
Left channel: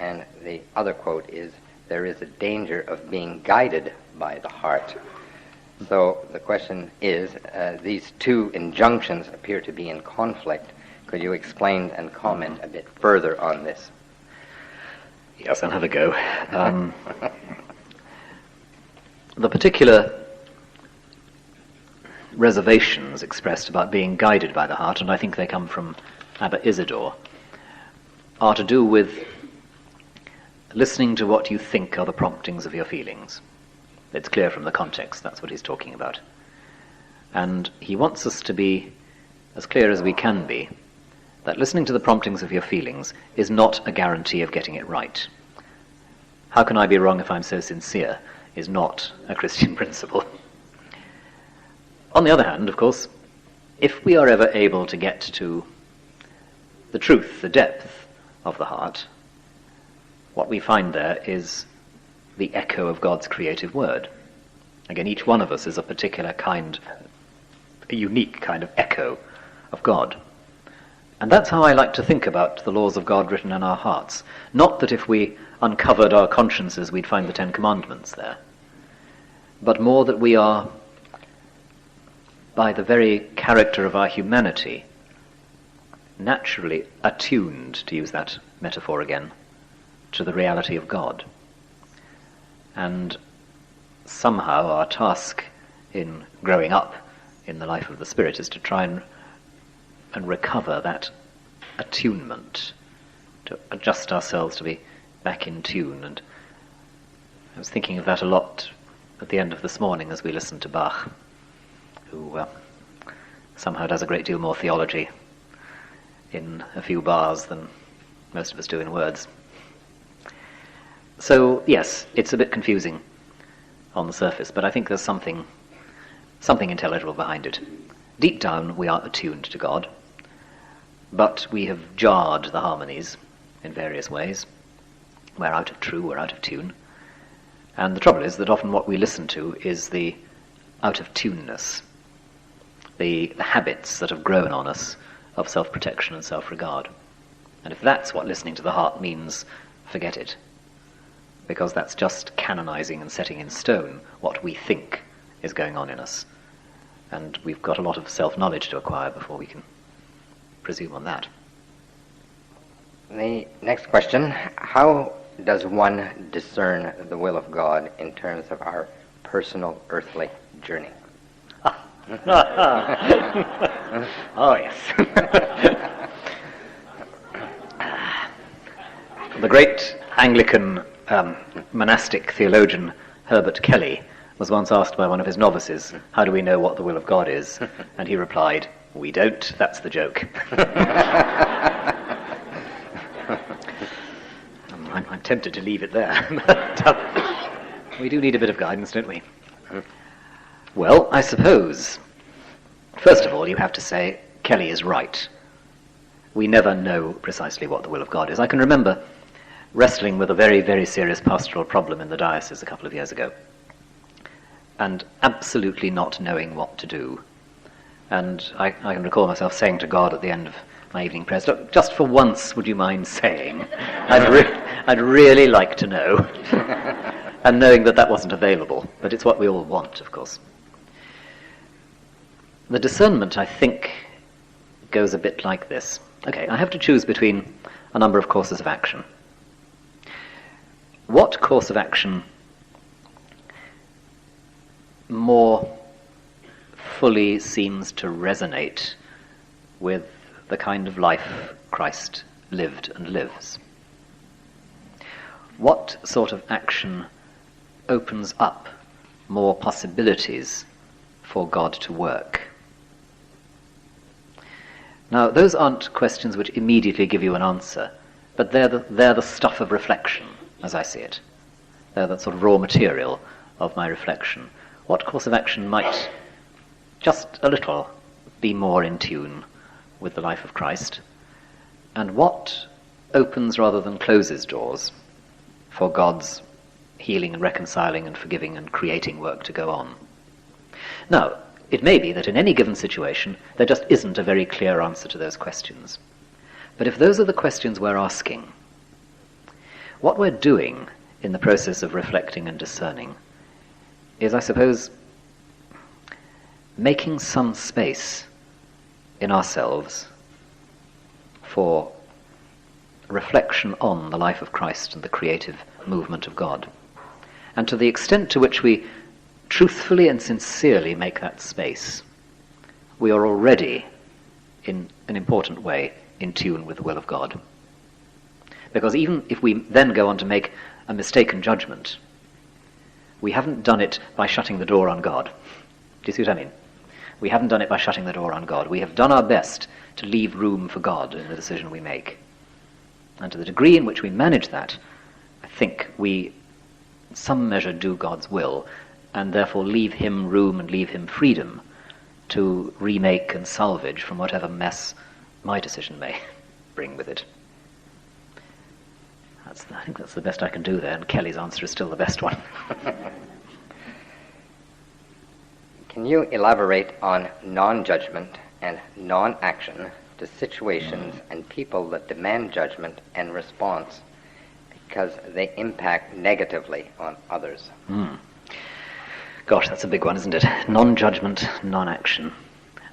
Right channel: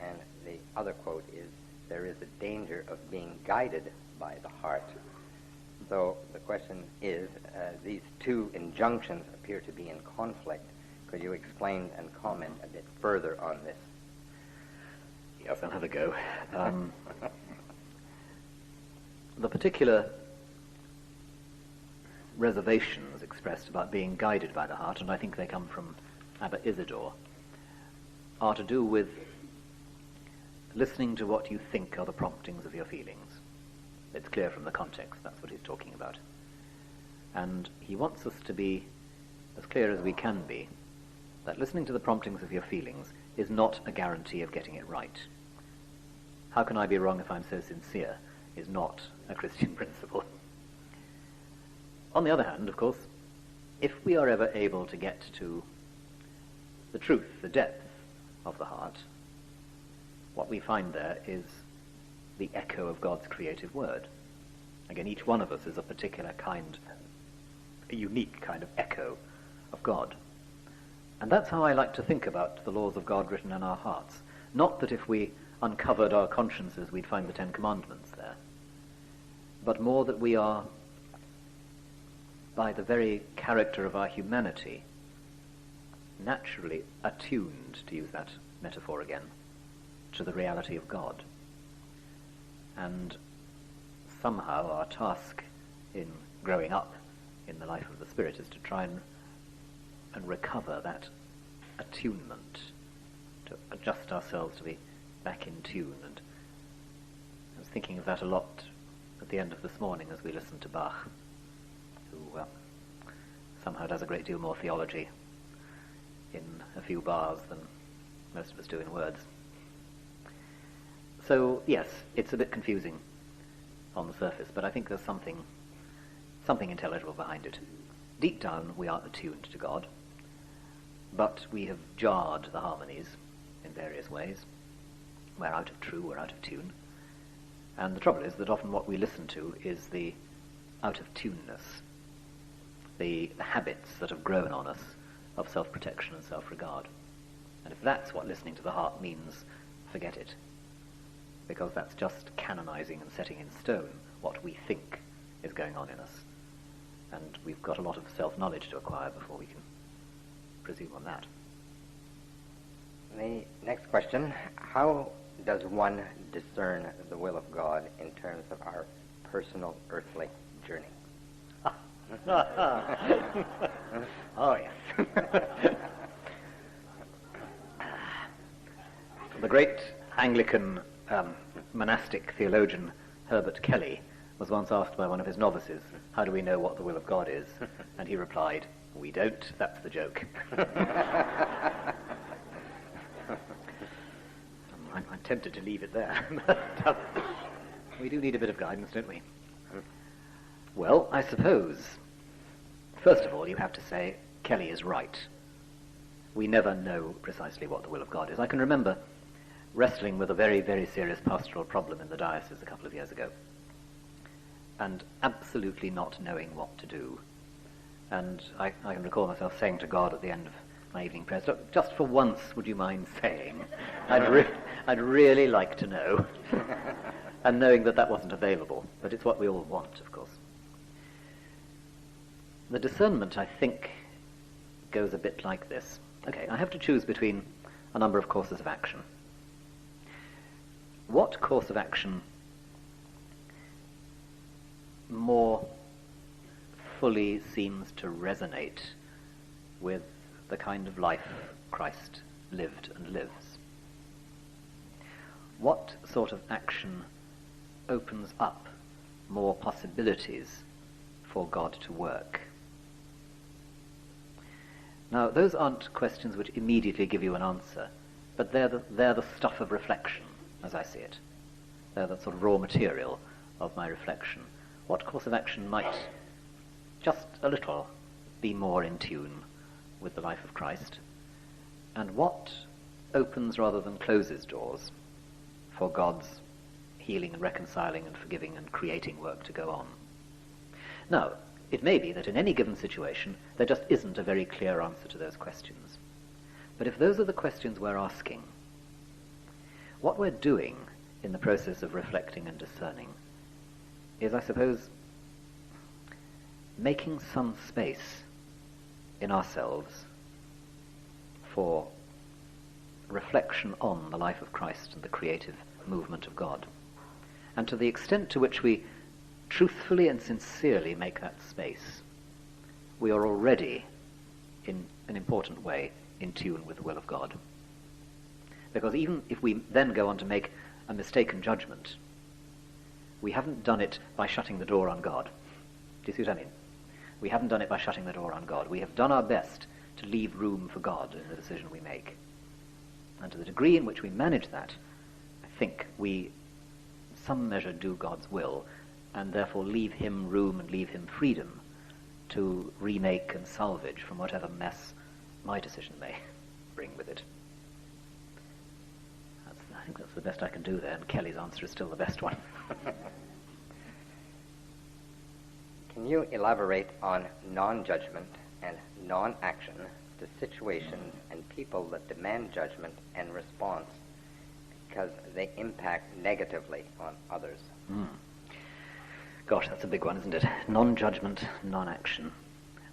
And the other quote is, there is a danger of being guided by the heart. So the question is, these two injunctions appear to be in conflict. Could you explain and comment a bit further on this? Yes, I'll have a go. The particular reservations expressed about being guided by the heart, and I think they come from Abba Isidore, are to do with listening to what you think are the promptings of your feelings. It's clear from the context that's what he's talking about. And he wants us to be as clear as we can be that listening to the promptings of your feelings is not a guarantee of getting it right. How can I be wrong if I'm so sincere is not a Christian principle. On the other hand, of course, if we are ever able to get to the truth, the depth of the heart, what we find there is the echo of God's creative word. Again, each one of us is a particular kind, a unique kind of echo of God. And that's how I like to think about the laws of God written in our hearts. Not that if we uncovered our consciences we'd find the Ten Commandments there, but more that we are, by the very character of our humanity, naturally attuned, to use that metaphor again, to the reality of God. And somehow our task in growing up in the life of the Spirit is to try and recover that attunement, to adjust ourselves to be back in tune. And I was thinking of that a lot at the end of this morning as we listened to Bach, who somehow does a great deal more theology in a few bars than most of us do in words. So, yes, it's a bit confusing on the surface, but I think there's something intelligible behind it. Deep down, we are attuned to God, but we have jarred the harmonies in various ways. We're out of true, we're out of tune. And the trouble is that often what we listen to is the out of tuneness, the habits that have grown on us of self-protection and self-regard. And if that's what listening to the heart means, forget it. Because that's just canonizing and setting in stone what we think is going on in us. And we've got a lot of self-knowledge to acquire before we can presume on that. The next question, how does one discern the will of God in terms of our personal earthly journey? Oh, yes. The great Anglican monastic theologian Herbert Kelly was once asked by one of his novices, how do we know what the will of God is? And he replied, we don't, that's the joke. tempted to leave it there. But we do need a bit of guidance, don't we? Well, I suppose, first of all, you have to say, Kelly is right. We never know precisely what the will of God is. I can remember wrestling with a very, very serious pastoral problem in the diocese a couple of years ago, and absolutely not knowing what to do. And I can recall myself saying to God at the end of my evening prayers, "Look, just for once, would you mind saying? I'd really like to know." And knowing that that wasn't available, but it's what we all want, of course. The discernment, I think, goes a bit like this. Okay, I have to choose between a number of courses of action. What course of action more fully seems to resonate with the kind of life Christ lived and lives? What sort of action opens up more possibilities for God to work? Now, those aren't questions which immediately give you an answer, but they're the stuff of reflection, as I see it. They're the sort of raw material of my reflection. What course of action might just a little be more in tune with the life of Christ? And what opens rather than closes doors for God's healing and reconciling and forgiving and creating work to go on? Now, it may be that in any given situation there just isn't a very clear answer to those questions. But if those are the questions we're asking, what we're doing in the process of reflecting and discerning is, I suppose, making some space in ourselves for reflection on the life of Christ and the creative movement of God. And to the extent to which we truthfully and sincerely make that space, we are already, in an important way, in tune with the will of God. Because even if we then go on to make a mistaken judgment, we haven't done it by shutting the door on God. Do you see what I mean? We haven't done it by shutting the door on God. We have done our best to leave room for God in the decision we make. And to the degree in which we manage that, I think we, in some measure, do God's will, and therefore leave him room and leave him freedom to remake and salvage from whatever mess my decision may bring with it. I think that's the best I can do there, and Kelly's answer is still the best one. Can you elaborate on non-judgment and non-action to situations and people that demand judgment and response because they impact negatively on others? Gosh, that's a big one, isn't it? Non-judgment, non-action.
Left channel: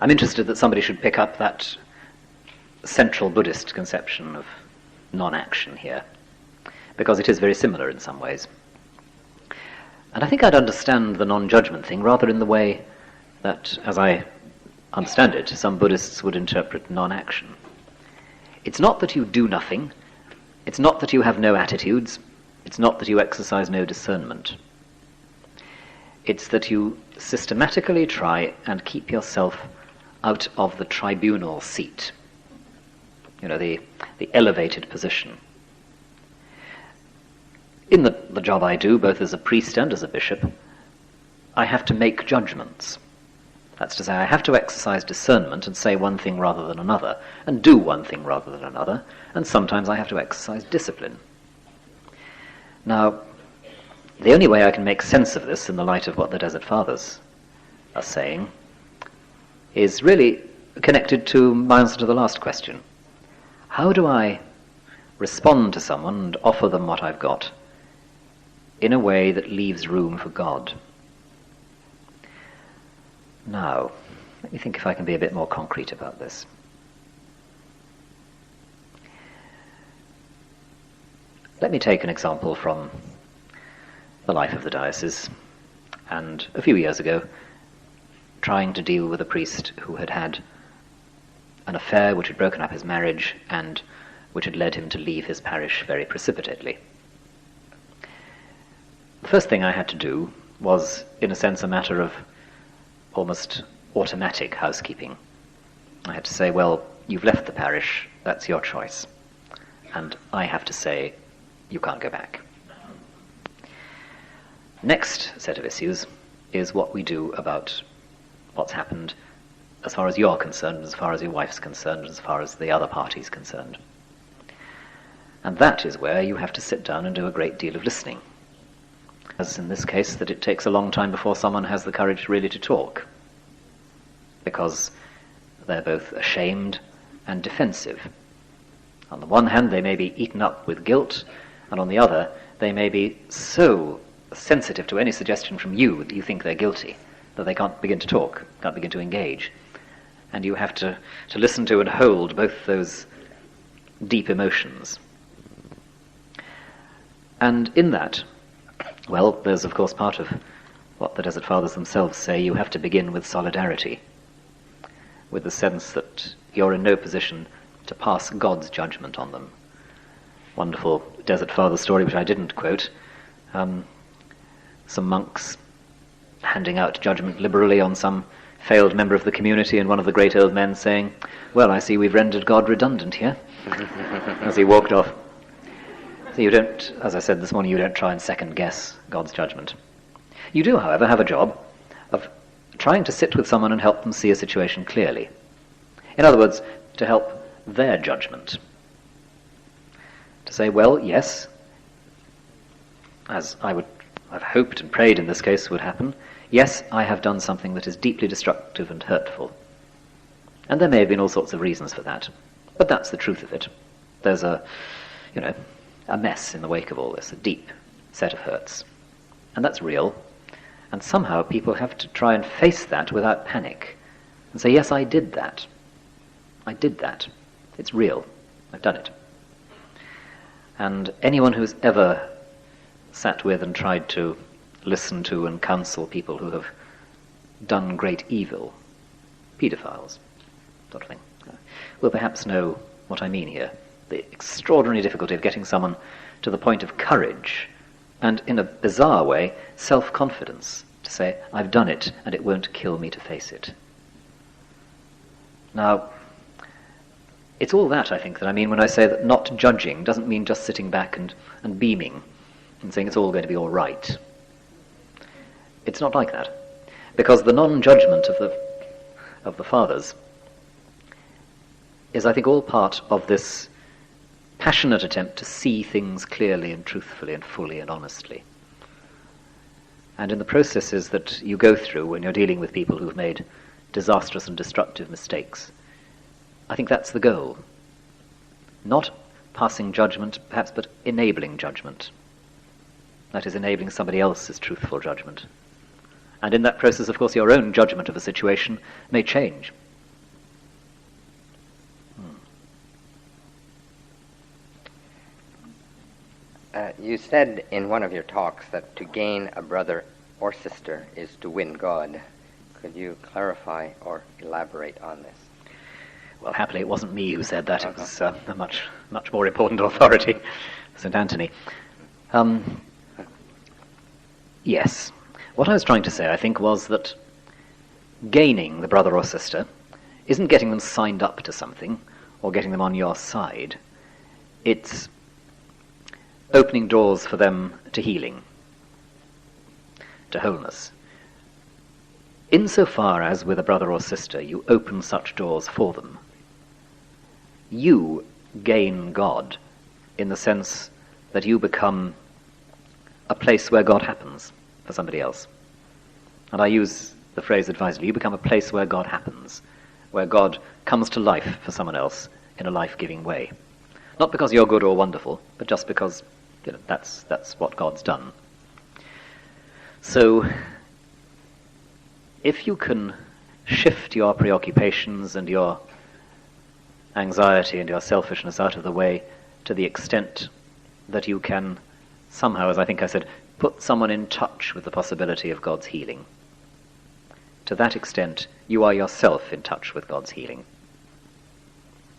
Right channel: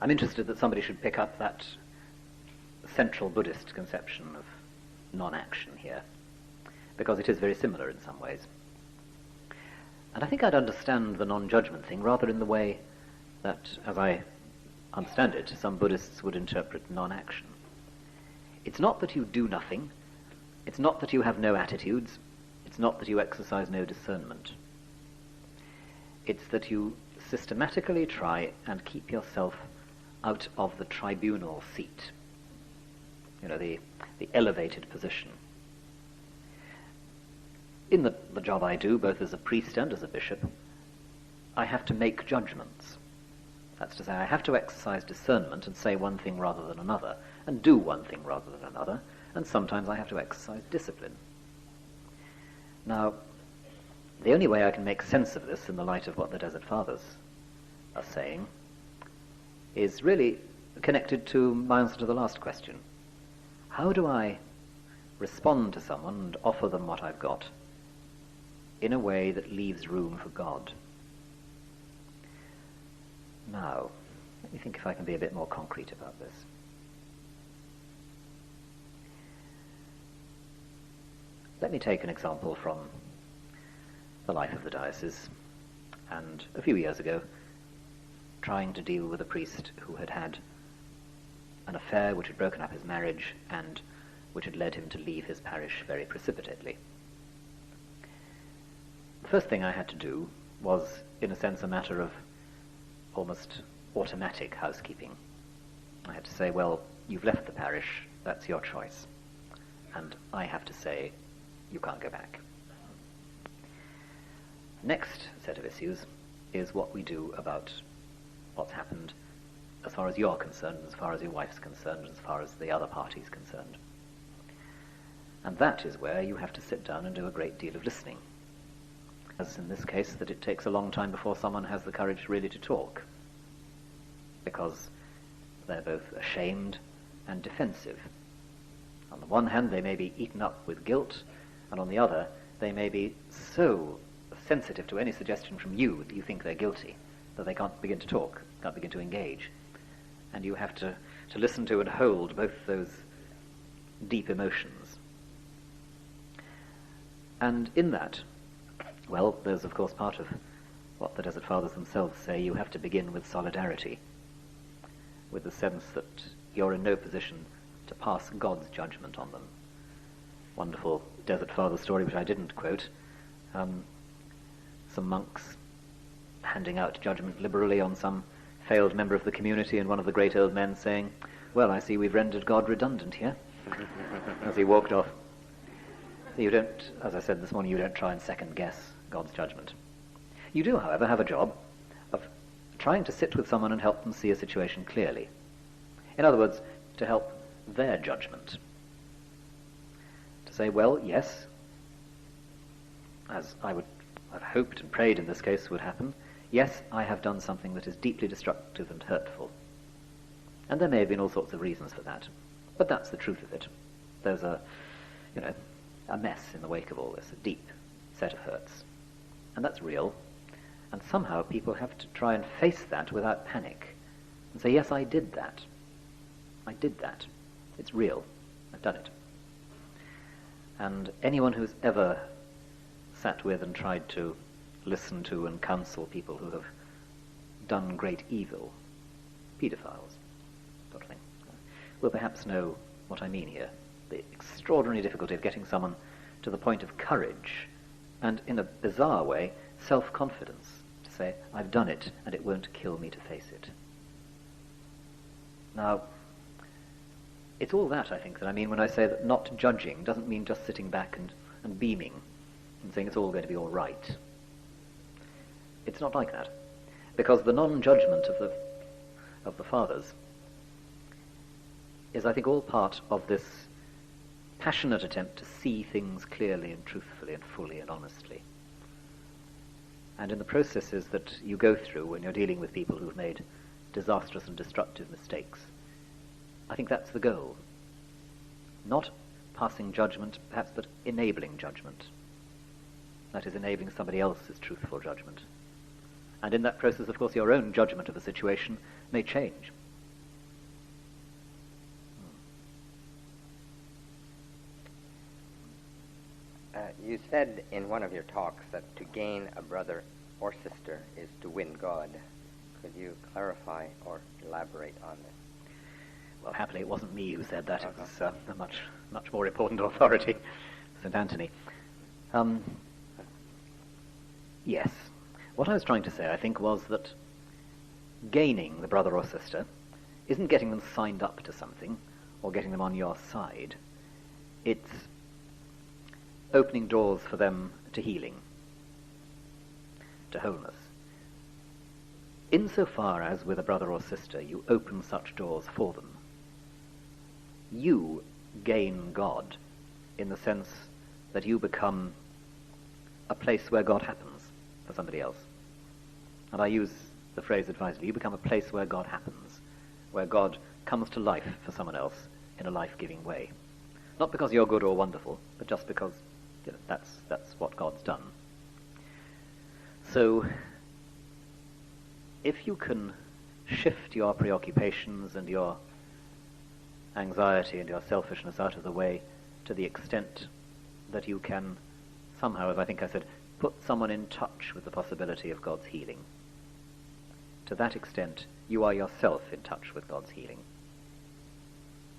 I'm interested that somebody should pick up that central Buddhist conception of non-action here, because it is very similar in some ways. And I think I'd understand the non-judgment thing rather in the way that, as I understand it, some Buddhists would interpret non-action. It's not that you do nothing, it's not that you have no attitudes, it's not that you exercise no discernment. It's that you systematically try and keep yourself out of the tribunal seat, the elevated position. In the job I do, both as a priest and as a bishop, I have to make judgments. That's to say, I have to exercise discernment and say one thing rather than another, and do one thing rather than another, and sometimes I have to exercise discipline. Now, the only way I can make sense of this in the light of what the Desert Fathers are saying is really connected to my answer to the last question. How do I respond to someone and offer them what I've got in a way that leaves room for God? Now, let me think if I can be a bit more concrete about this. Let me take an example from the life of the diocese, and a few years ago, trying to deal with a priest who had had an affair which had broken up his marriage and which had led him to leave his parish very precipitately. The first thing I had to do was, in a sense, a matter of almost automatic housekeeping. I had to say, well, you've left the parish, that's your choice. And I have to say, you can't go back. Next set of issues is what we do about what's happened as far as you're concerned, as far as your wife's concerned, as far as the other party's concerned. And that is where you have to sit down and do a great deal of listening. As in this case, that it takes a long time before someone has the courage really to talk, because they're both ashamed and defensive. On the one hand, they may be eaten up with guilt, and on the other, they may be so sensitive to any suggestion from you that you think they're guilty, that they can't begin to talk, can't begin to engage. And you have to listen to and hold both those deep emotions. And in that, well, there's of course part of what the Desert Fathers themselves say. You have to begin with solidarity, with the sense that you're in no position to pass God's judgment on them. Wonderful Desert Father story, which I didn't quote. Some monks handing out judgment liberally on some failed member of the community, and one of the great old men saying, "Well, I see we've rendered God redundant here," as he walked off. So you don't, as I said this morning, you don't try and second-guess God's judgment. You do, however, have a job of trying to sit with someone and help them see a situation clearly. In other words, to help their judgment. To say, well, yes, as I've hoped and prayed in this case would happen, yes, I have done something that is deeply destructive and hurtful. And there may have been all sorts of reasons for that. But that's the truth of it. There's a mess in the wake of all this, a deep set of hurts. And that's real. And somehow people have to try and face that without panic. And say, yes, I did that. I did that. It's real. I've done it. And anyone who's ever sat with and tried to listen to and counsel people who have done great evil, paedophiles, sort of thing, will perhaps know what I mean here. The extraordinary difficulty of getting someone to the point of courage and, in a bizarre way, self-confidence to say, I've done it and it won't kill me to face it. Now, it's all that, I think, that I mean when I say that not judging doesn't mean just sitting back and beaming and saying it's all going to be all right. It's not like that. Because the non-judgment of the fathers is, I think, all part of this passionate attempt to see things clearly and truthfully and fully and honestly. And in the processes that you go through when you're dealing with people who've made disastrous and destructive mistakes, I think that's the goal. Not passing judgment, perhaps, but enabling judgment. That is, enabling somebody else's truthful judgment. And in that process, of course, your own judgment of a situation may change. You said in one of your talks that to gain a brother or sister is to win God. Could you clarify or elaborate on this? Well, happily, it wasn't me who said that. It was a much more important authority, St. Anthony. Yes. What I was trying to say, I think, was that gaining the brother or sister isn't getting them signed up to something or getting them on your side. It's opening doors for them to healing, to wholeness. Insofar as with a brother or sister you open such doors for them, you gain God in the sense that you become a place where God happens for somebody else. And I use the phrase advisedly. You become a place where God happens, where God comes to life for someone else in a life-giving way. Not because you're good or wonderful, but just because that's what God's done. So if you can shift your preoccupations and your anxiety and your selfishness out of the way to the extent that you can somehow, as I think I said, put someone in touch with the possibility of God's healing, to that extent you are yourself in touch with God's healing.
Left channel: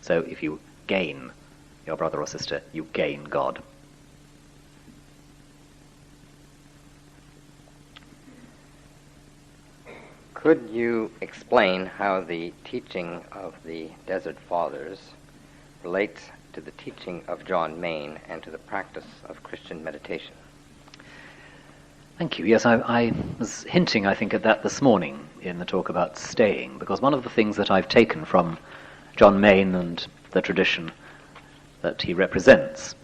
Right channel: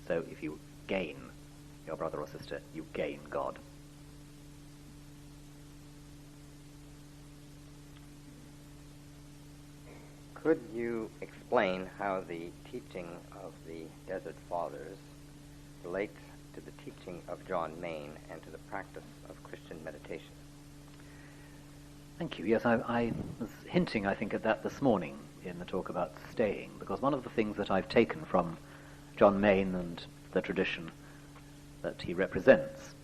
So if you gain your brother or sister, you gain God. Could you explain how the teaching of the Desert Fathers relates to the teaching of John Maine and to the practice of Christian meditation? Thank you. Yes, I was hinting, I think, at that this morning in the talk about staying, because one of the things that I've taken from John Maine and the tradition that he represents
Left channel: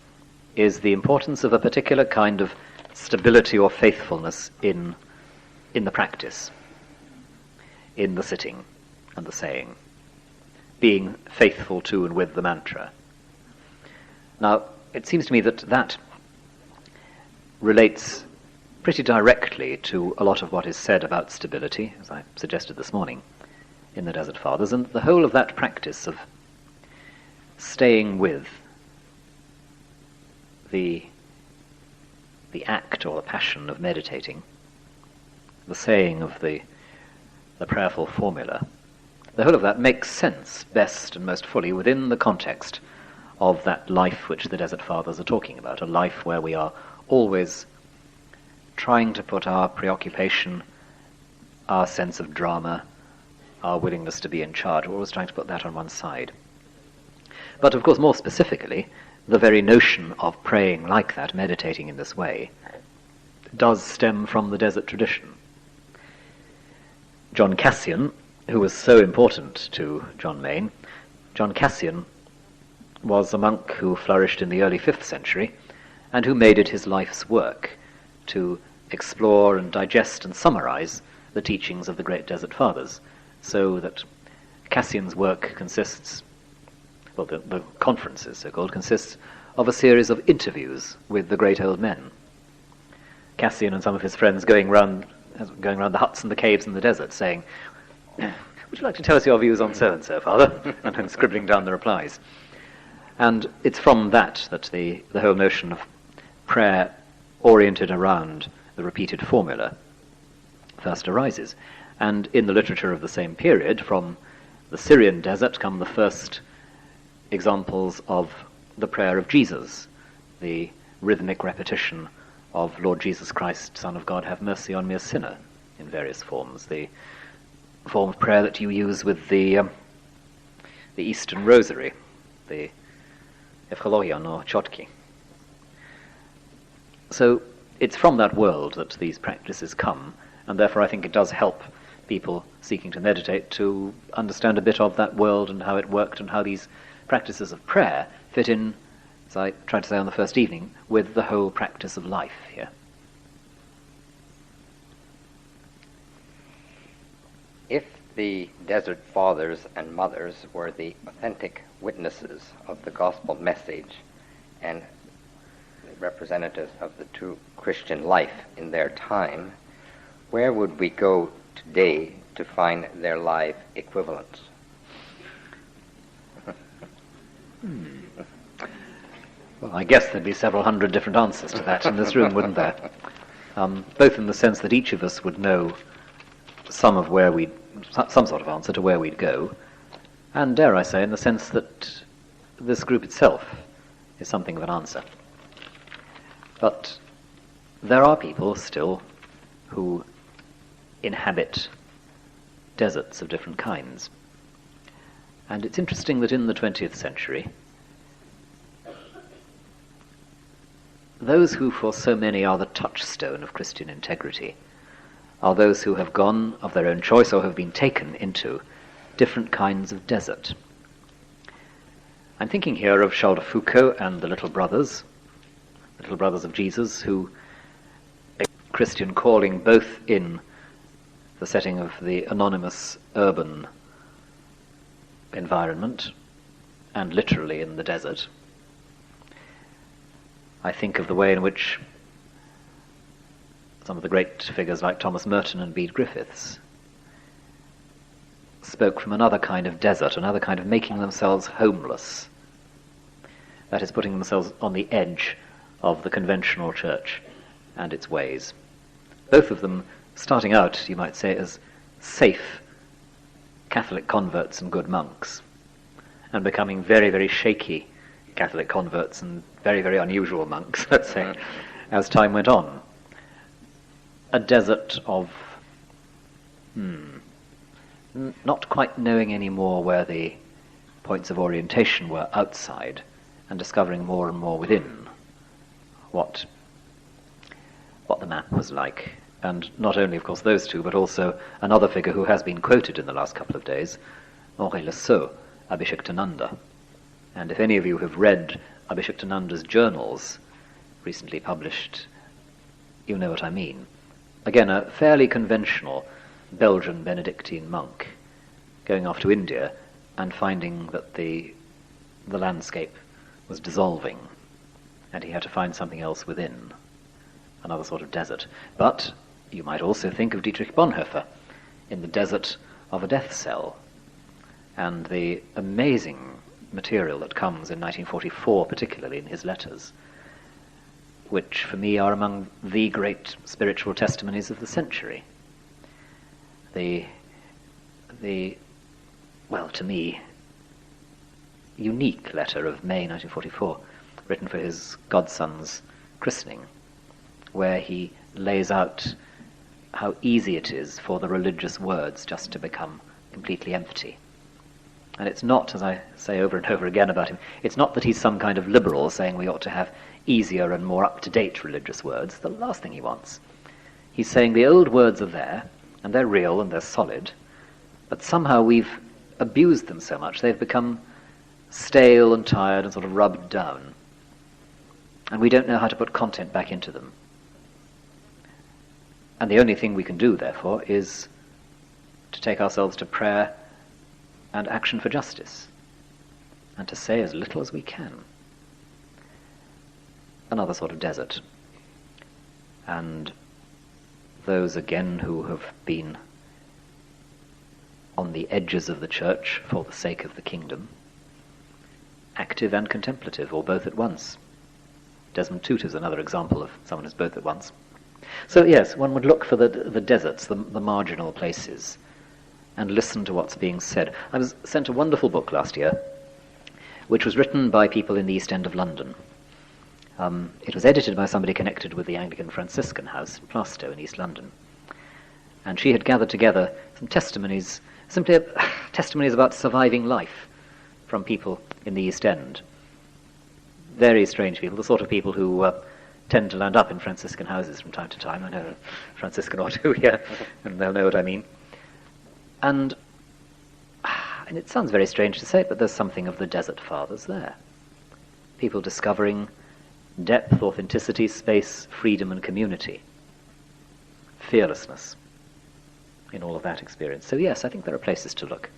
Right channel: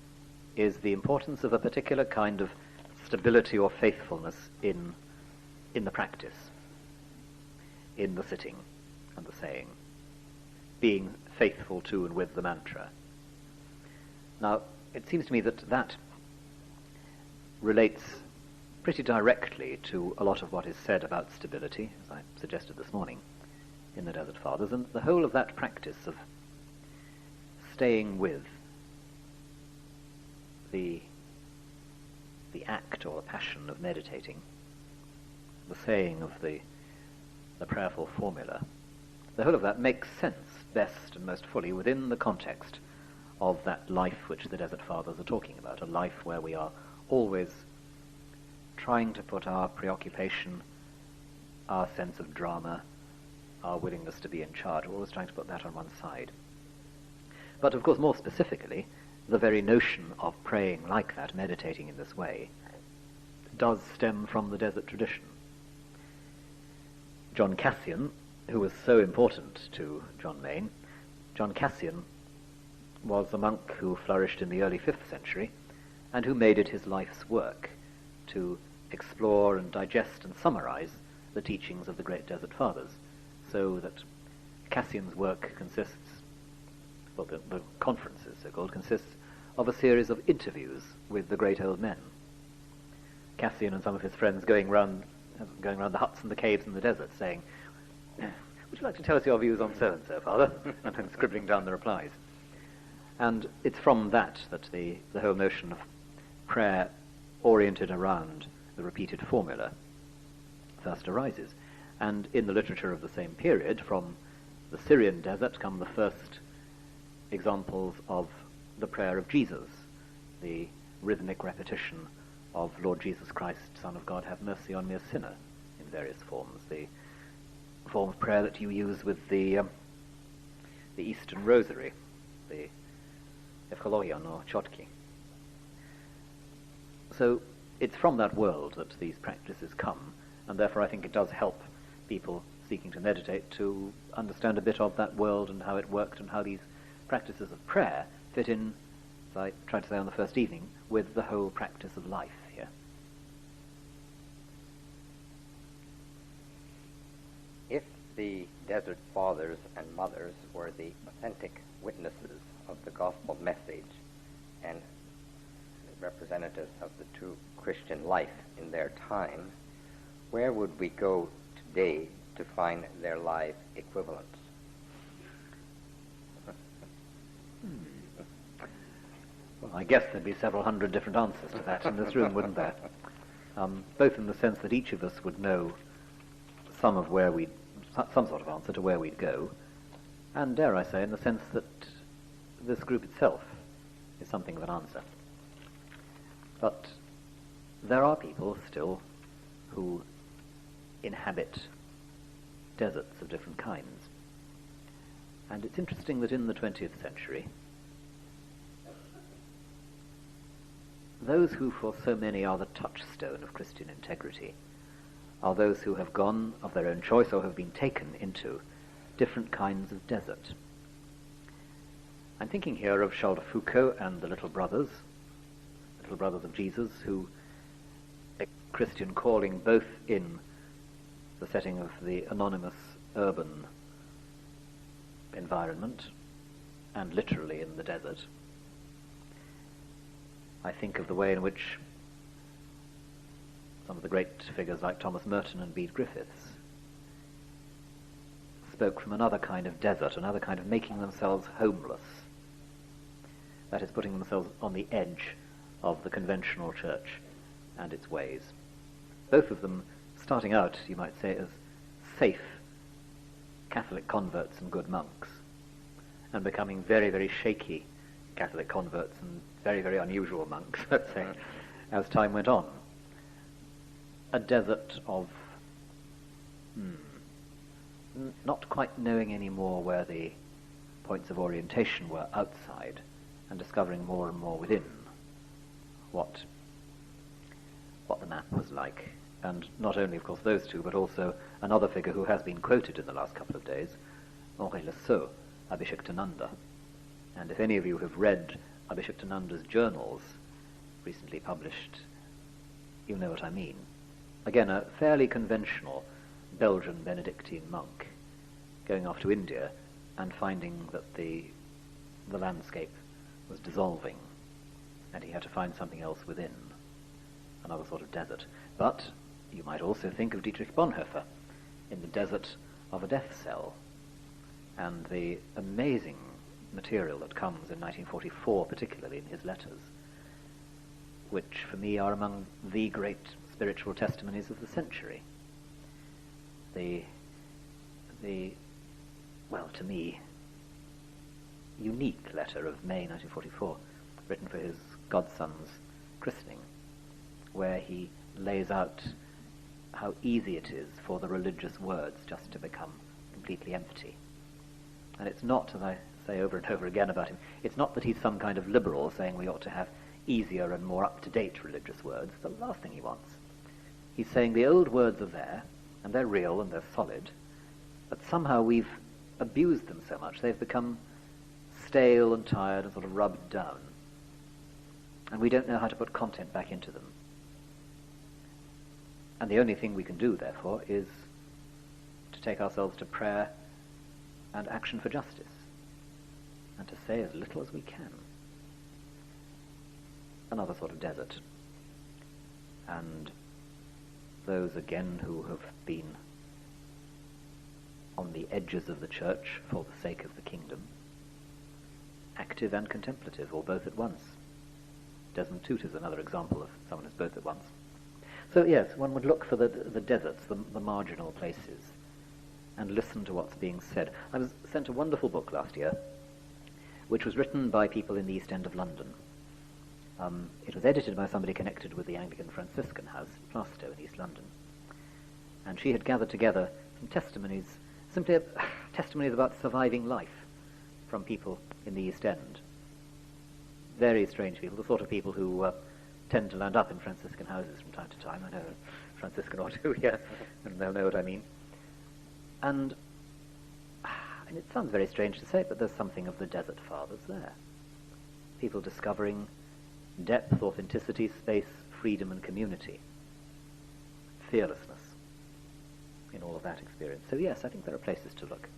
is the importance of a particular kind of stability or faithfulness in the practice, in the sitting and the saying, being faithful to and with the mantra. Now, it seems to me that that relates pretty directly to a lot of what is said about stability, as I suggested this morning, in the Desert Fathers, and the whole of that practice of staying with the act or the passion of meditating, the saying of the prayerful formula, the whole of that makes sense best and most fully within the context of that life which the Desert Fathers are talking about, a life where we are always trying to put our preoccupation, our sense of drama, our willingness to be in charge, we're always trying to put that on one side. But of course, more specifically, the very notion of praying like that, meditating in this way, does stem from the desert tradition. John Cassian, who was so important to John Maine, John Cassian was a monk who flourished in the early 5th century and who made it his life's work to explore and digest and summarize the teachings of the great Desert Fathers, so that Cassian's work consists, well, the conferences, so-called, consists of a series of interviews with the great old men. Cassian and some of his friends going around the huts and the caves in the desert saying, "Would you like to tell us your views on so-and-so, Father?" and then scribbling down the replies. And it's from that the whole notion of prayer oriented around the repeated formula first arises. And in the literature of the same period, from the Syrian desert come the first examples of the prayer of Jesus, the rhythmic repetition of Lord Jesus Christ, Son of God, have mercy on me, a sinner, in various forms. The form of prayer that you use with the Eastern Rosary, the Evchologion or Chotki. So it's from that world that these practices come, and therefore I think it does help people seeking to meditate to understand a bit of that world and how it worked and how these practices of prayer fit in, as I tried to say on the first evening, with the whole practice of life here. If the Desert Fathers and Mothers were the authentic witnesses of the gospel message and representatives of the true Christian life in their time, where would we go today to find their live equivalents? Well, I guess there'd be several hundred different answers to that in this room, wouldn't there? Both in the sense that each of us would know some sort of answer to where we'd go, and dare I say, in the sense that this group itself is something of an answer. But there are people still who inhabit deserts of different kinds. And it's interesting that in the 20th century, those who for so many are the touchstone of Christian integrity are those who have gone of their own choice or have been taken into different kinds of desert. I'm thinking here of Charles de Foucauld and the Little Brothers of Jesus, who a Christian calling both in the setting of the anonymous urban environment and literally in the desert. I think of the way in which some of the great figures like Thomas Merton and Bede Griffiths spoke from another kind of desert, another kind of making themselves homeless. That is, putting themselves on the edge of the conventional church and its ways. Both of them starting out, you might say, as safe Catholic converts and good monks, and becoming very, very shaky Catholic converts and very, very unusual monks, let's say, as time went on. A desert of not quite knowing anymore where the points of orientation were outside, and discovering more and more within what the man was like. And not only, of course, those two, but also another figure who has been quoted in the last couple of days, Henri Le Sceau, Abhishektananda. And if any of you have read Abhishektananda's journals, recently published, you know what I mean. Again, a fairly conventional Belgian Benedictine monk going off to India and finding that the landscape was dissolving, and he had to find something else within, another sort of desert. But you might also think of Dietrich Bonhoeffer in the desert of a death cell, and the amazing material that comes in 1944, particularly in his letters, which for me are among the great spiritual testimonies of the century. Well, to me, unique letter of May 1944, written for his godson's christening, where he lays out how easy it is for the religious words just to become completely empty. And it's not, as I say over and over again about him, it's not that he's some kind of liberal saying we ought to have easier and more up-to-date religious words. The last thing he wants. He's saying the old words are there, and they're real and they're solid, but somehow we've abused them so much they've become stale and tired and sort of rubbed down. And we don't know how to put content back into them. And the only thing we can do, therefore, is to take ourselves to prayer and action for justice, and to say as little as we can. Another sort of desert. And those, again, who have been on the edges of the church for the sake of the kingdom, active and contemplative, or both at once. Desmond Tutu's another example of someone who's both at once. So yes, one would look for the deserts, the marginal places, and listen to what's being said. I was sent a wonderful book last year, which was written by people in the East End of London. It was edited by somebody connected with the Anglican Franciscan house in Plaistow in East London. And she had gathered together some testimonies, simply testimonies about surviving life from people in the East End. Very strange people, the sort of people who tend to land up in Franciscan houses from time to time. I know a Franciscan or two here, and they'll know what I mean. And it sounds very strange to say, but there's something of the Desert Fathers there. People discovering depth, authenticity, space, freedom and community. Fearlessness in all of that experience. So yes, I think there are places to look.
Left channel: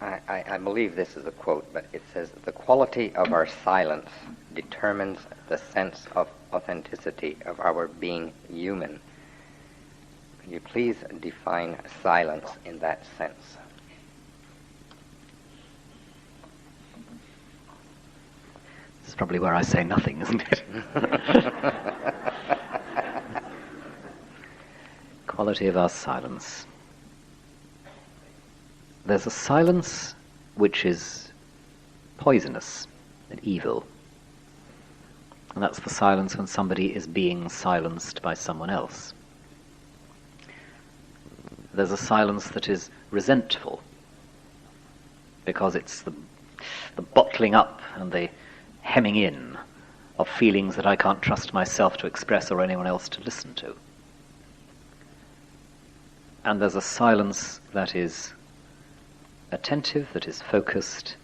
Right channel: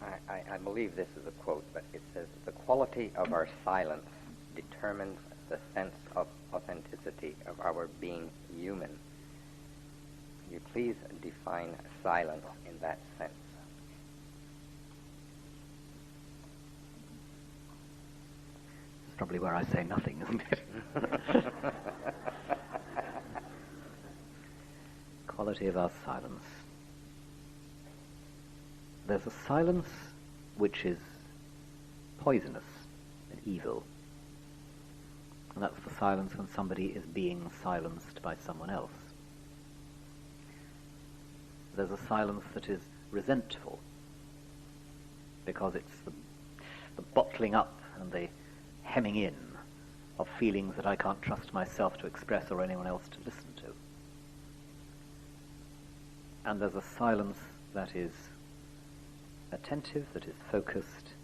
I believe this is a quote, but it says, "The quality of our silence determines the sense of authenticity of our being human." Could you please define silence in that sense? This is probably where I say nothing, isn't it? Quality of our silence. There's a silence which is poisonous and evil. And that's the silence when somebody is being silenced by someone else. There's a silence that is resentful, because it's the bottling up and the hemming in of feelings that I can't trust myself to express or anyone else to listen to. And there's a silence that is attentive, that is focused,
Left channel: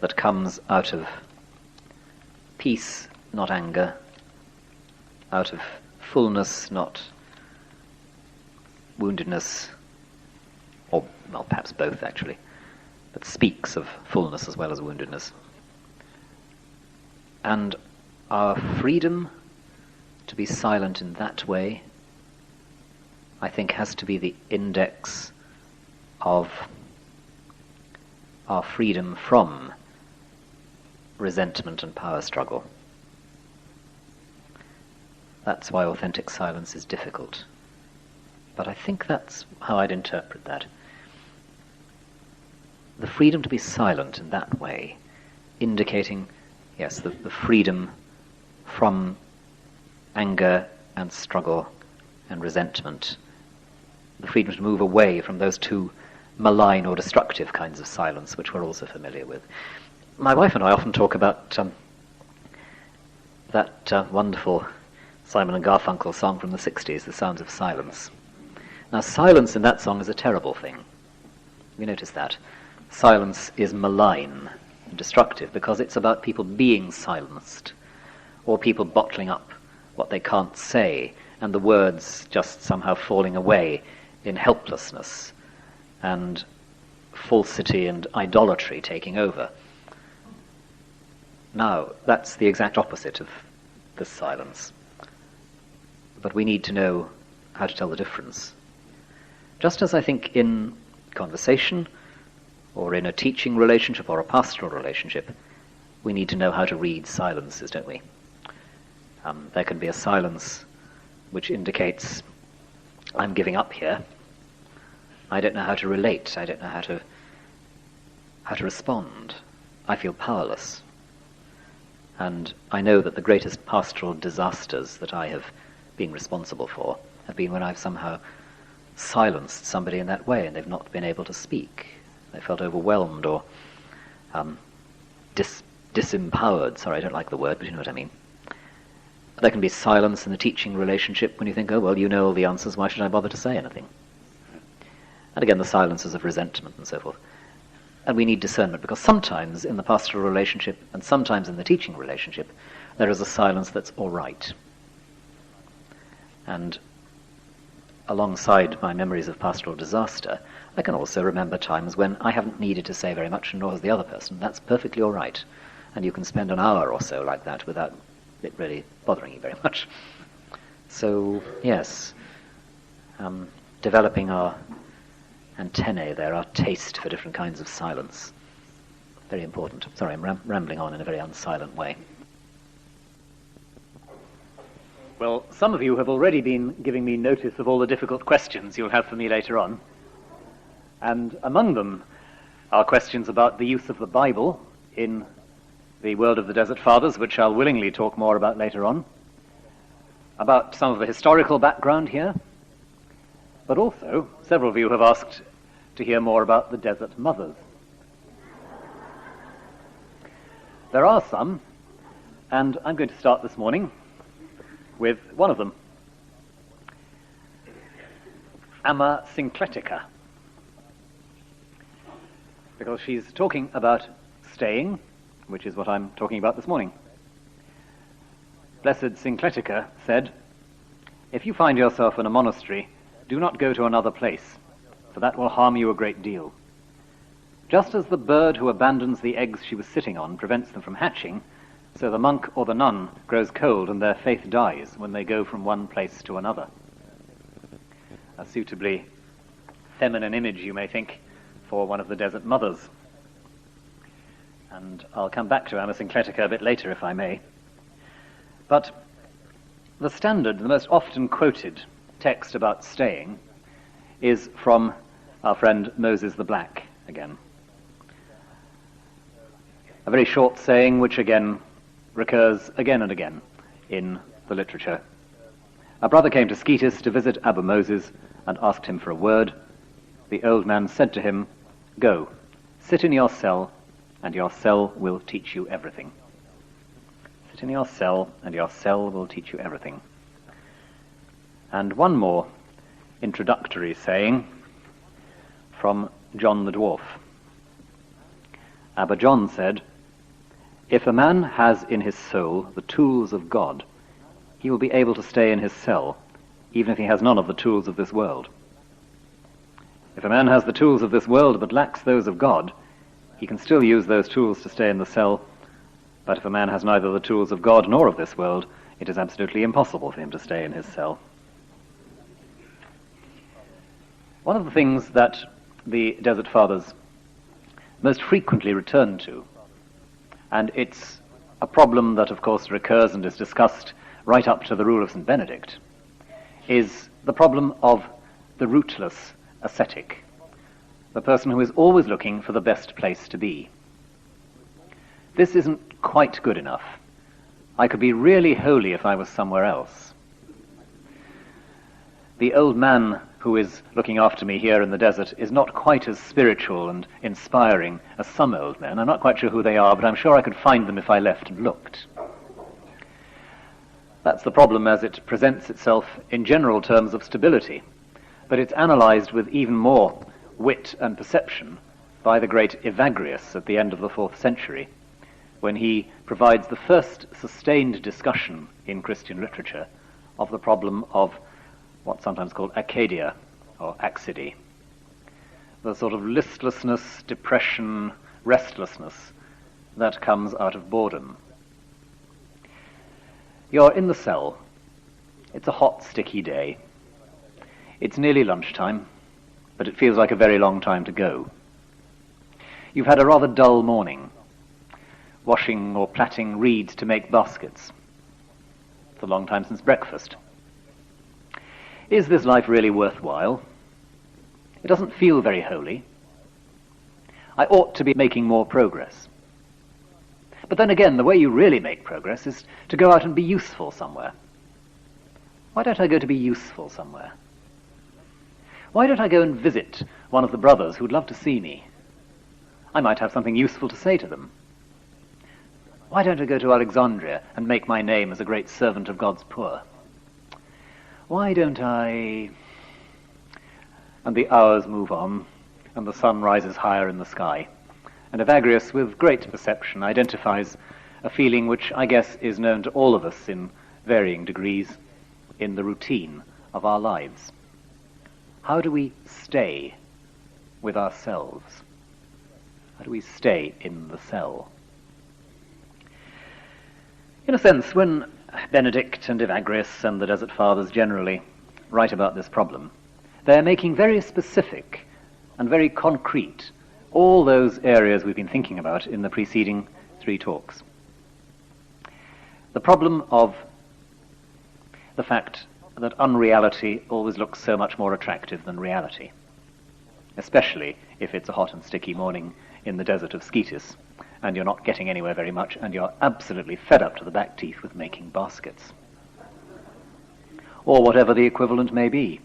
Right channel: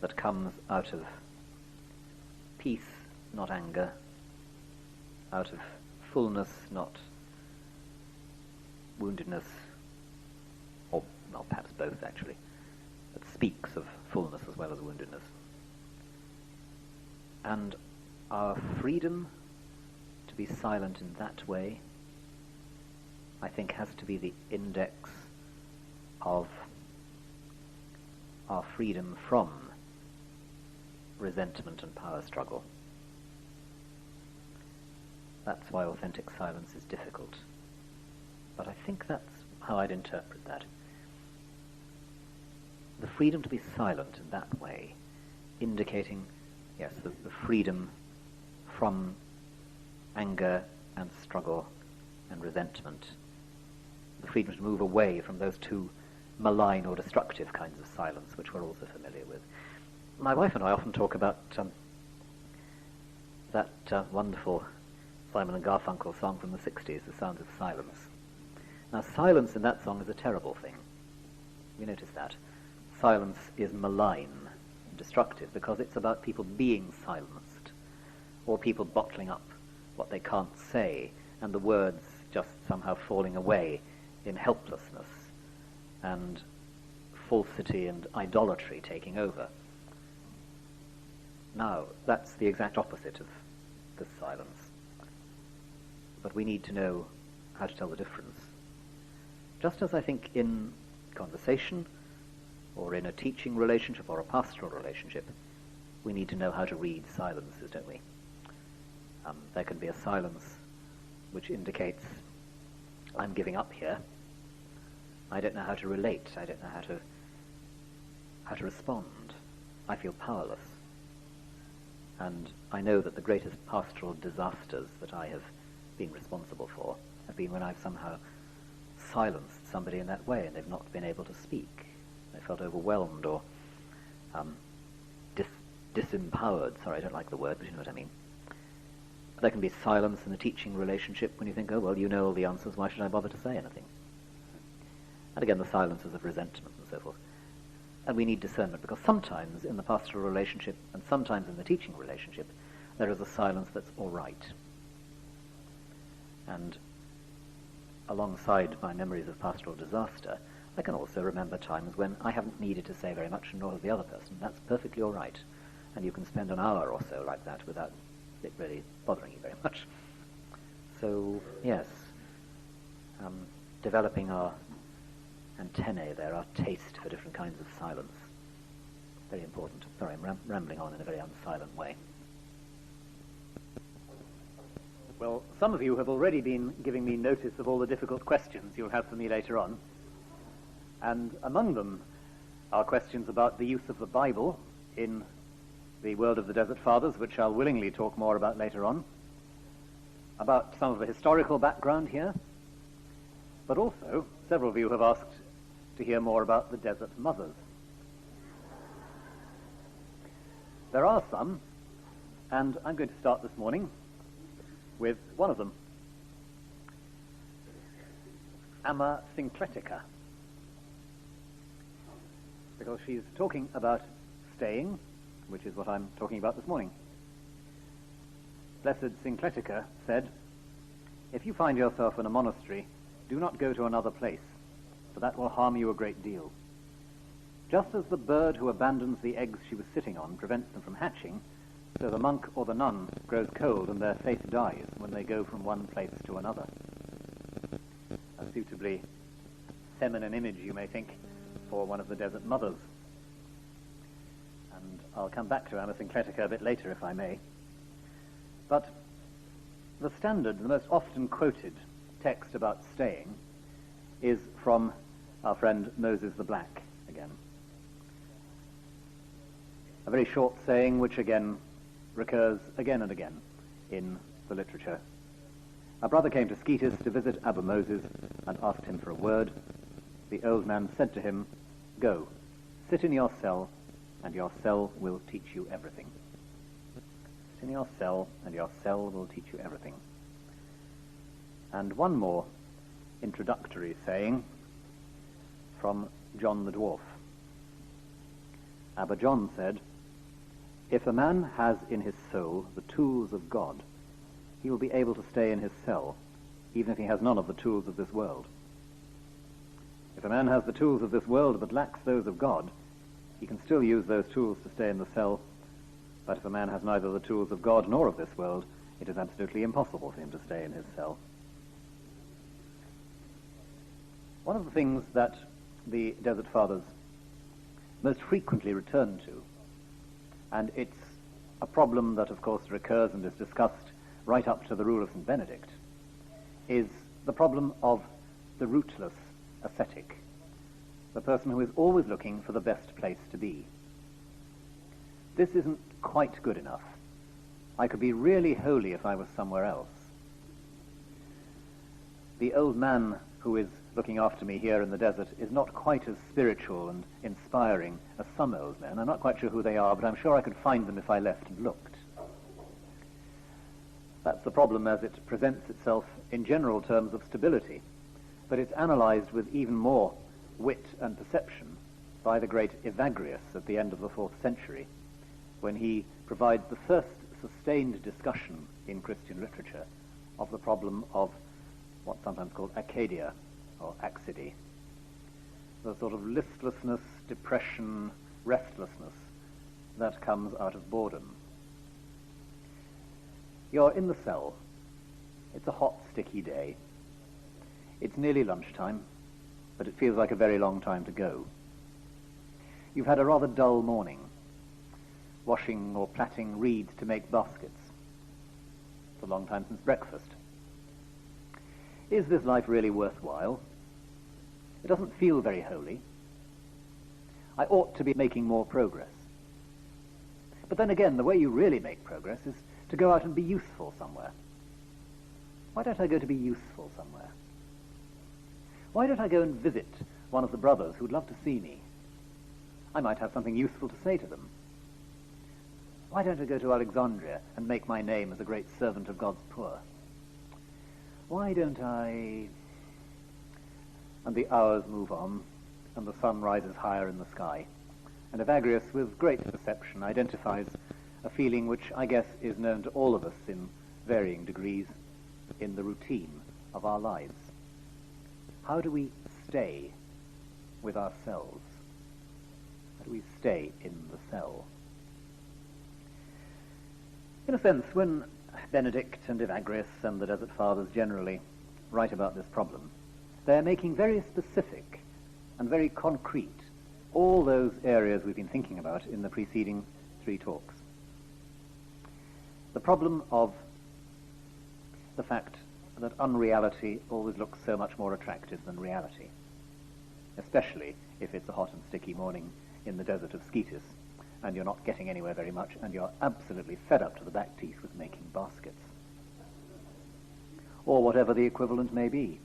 that comes out of peace, not anger, out of fullness, not woundedness, or, well, perhaps both actually, but speaks of fullness as well as woundedness. And our freedom to be silent in that way, I think, has to be the index of our freedom from resentment and power struggle. That's why authentic silence is difficult. But I think that's how I'd interpret that. The freedom to be silent in that way, indicating, yes, the freedom from anger and struggle and resentment, the freedom to move away from those two malign or destructive kinds of silence which we're also familiar with. My wife and I often talk about that wonderful Simon and Garfunkel song from the 60s, The Sounds of Silence. Now, silence in that song is a terrible thing. We notice that. Silence is malign and destructive because it's about people being silenced or people bottling up what they can't say and the words just somehow falling away in helplessness and falsity and idolatry taking over. Now, that's the exact opposite of this silence. But we need to know how to tell the difference. Just as I think in conversation, or in a teaching relationship, or a pastoral relationship, we need to know how to read silences, don't we? There can be a silence which indicates, I'm giving up here. I don't know how to relate. I don't know how to respond. I feel powerless. And I know that the greatest pastoral disasters that I have been responsible for have been when I've somehow silenced somebody in that way and they've not been able to speak. They felt overwhelmed or disempowered. Sorry, I don't like the word, but you know what I mean. There can be silence in the teaching relationship when you think, oh, well, you know all the answers, why should I bother to say anything? And again, the silences of resentment and so forth. And we need discernment, because sometimes in the pastoral relationship and sometimes in the teaching relationship, there is a silence that's all right. And alongside my memories of pastoral disaster, I can also remember times when I haven't needed to say very much, and nor has the other person. That's perfectly all right. And you can spend an hour or so like that without it really bothering you very much. So, yes, developing our antennae there, our taste for different kinds of silence. Very important. Sorry, I'm rambling on in a very unsilent way. Well, some of you have already been giving me notice of all the difficult questions you'll have for me later on. And among them are questions about the use of the Bible in the world of the Desert Fathers, which I'll willingly talk more about later on, about some of the historical background here, but also several of you have asked to hear more about the Desert Mothers. There are some, and I'm going to start this morning with one of them, Amma Syncletica, because she's talking about staying, which is what I'm talking about this morning. Blessed Syncletica said, "If you find yourself in a monastery, do not go to another place, for that will harm you a great deal. Just as the bird who abandons the eggs she was sitting on prevents them from hatching, so the monk or the nun grows cold and their faith dies when they go from one place to another." A suitably feminine image, you may think, for one of the Desert Mothers. And I'll come back to Amma Syncletica a bit later, if I may. But the standard, the most often quoted text about staying is from our friend Moses the Black again. A very short saying which again recurs again and again in the literature. A brother came to Sketis to visit Abba Moses and asked him for a word. The old man said to him, "Go, sit in your cell, and your cell will teach you everything." Sit in your cell, and your cell will teach you everything. And one more introductory saying from John the Dwarf. Abba John said, "If a man has in his soul the tools of God, he will be able to stay in his cell, even if he has none of the tools of this world. If a man has the tools of this world but lacks those of God, he can still use those tools to stay in the cell, but if a man has neither the tools of God nor of this world, it is absolutely impossible for him to stay in his cell." One of the things that the Desert Fathers most frequently return to, and it's a problem that of course recurs and is discussed right up to the rule of St. Benedict, is the problem of the rootless ascetic, the person who is always looking for the best place to be. This isn't quite good enough. I could be really holy if I was somewhere else. The old man who is looking after me here in the desert is not quite as spiritual and inspiring as some old men. I'm not quite sure who they are, but I'm sure I could find them if I left and looked. That's the problem as it presents itself in general terms of stability, but it's analysed with even more wit and perception by the great Evagrius at the end of the 4th century, when he provides the first sustained discussion in Christian literature of the problem of what's sometimes called acedia, or axidy, the sort of listlessness, depression, restlessness that comes out of boredom. You're in the cell. It's a hot, sticky day. It's nearly lunchtime, but it feels like a very long time to go. You've had a rather dull morning, washing or plaiting reeds to make baskets. It's a long time since breakfast. Is this life really worthwhile? It doesn't feel very holy. I ought to be making more progress. But then again, the way you really make progress is to go out and be useful somewhere. Why don't I go to be useful somewhere? Why don't I go and visit one of the brothers who'd love to see me? I might have something useful to say to them. Why don't I go to Alexandria and make my name as a great servant of God's poor? Why don't I... And the hours move on, and the sun rises higher in the sky. And Evagrius, with great perception, identifies a feeling which I guess is known to all of us in varying degrees in the routine of our lives. How do we stay with ourselves? How do we stay in the cell? In a sense, when Benedict and Evagrius and the Desert Fathers generally write about this problem, they're making very specific and very concrete all those areas we've been thinking about in the preceding 3 talks. The problem of the fact that unreality always looks so much more attractive than reality, especially if it's a hot and sticky morning in the desert of Scetis, and you're not getting anywhere very much, and you're absolutely fed up to the back teeth with making baskets. Or whatever the equivalent may be.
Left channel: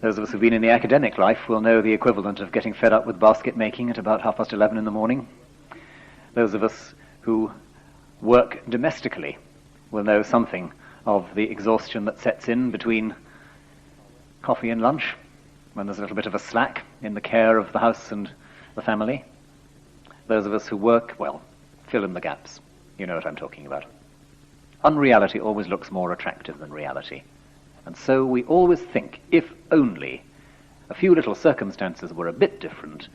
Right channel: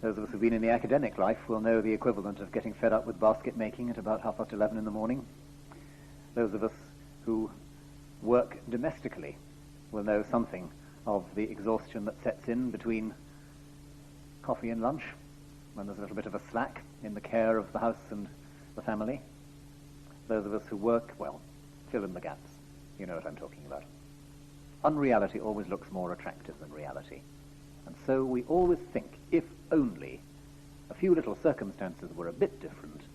Those of us who've been in the academic life will know the equivalent of getting fed up with basket making at about 11:30 in the morning. Those of us who work domestically will know something of the exhaustion that sets in between coffee and lunch, when there's a little bit of a slack in the care of the house and the family. Those of us who work, well, fill in the gaps. You know what I'm talking about. Unreality always looks more attractive than reality. And so we always think, if only a few little circumstances were a bit different,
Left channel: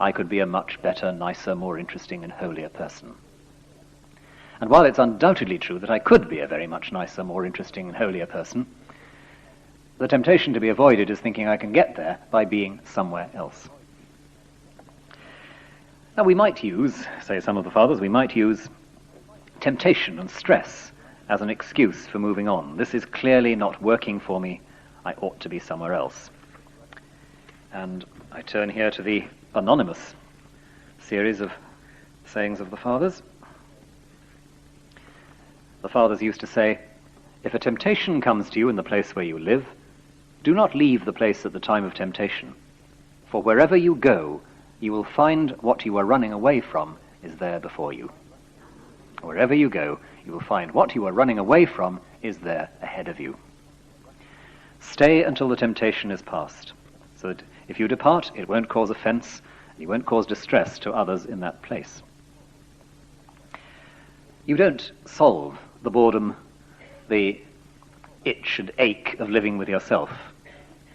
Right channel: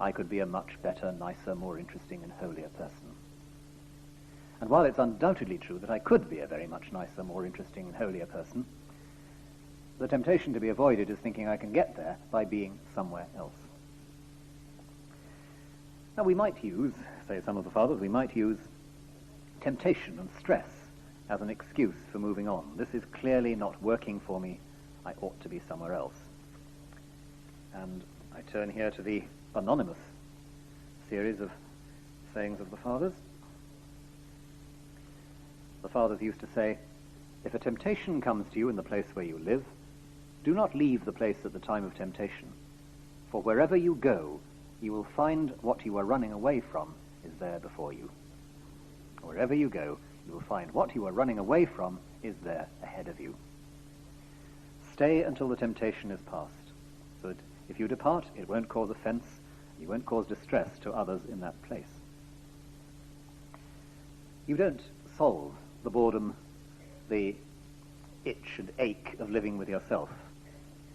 I could be a much better, nicer, more interesting and holier person. And while it's undoubtedly true that I could be a very much nicer, more interesting and holier person, the temptation to be avoided is thinking I can get there by being somewhere else. Now we might use, say some of the fathers, we might use temptation and stress as an excuse for moving on. This is clearly not working for me. I ought to be somewhere else. And I turn here to the anonymous series of sayings of the fathers. The fathers used to say, if a temptation comes to you in the place where you live, do not leave the place at the time of temptation, for wherever you go, you will find what you are running away from is there before you. Wherever you go, you will find what you are running away from is there ahead of you. Stay until the temptation is past, so that if you depart, it won't cause offense, you won't cause distress to others in that place. You don't solve the boredom, the itch and ache of living with yourself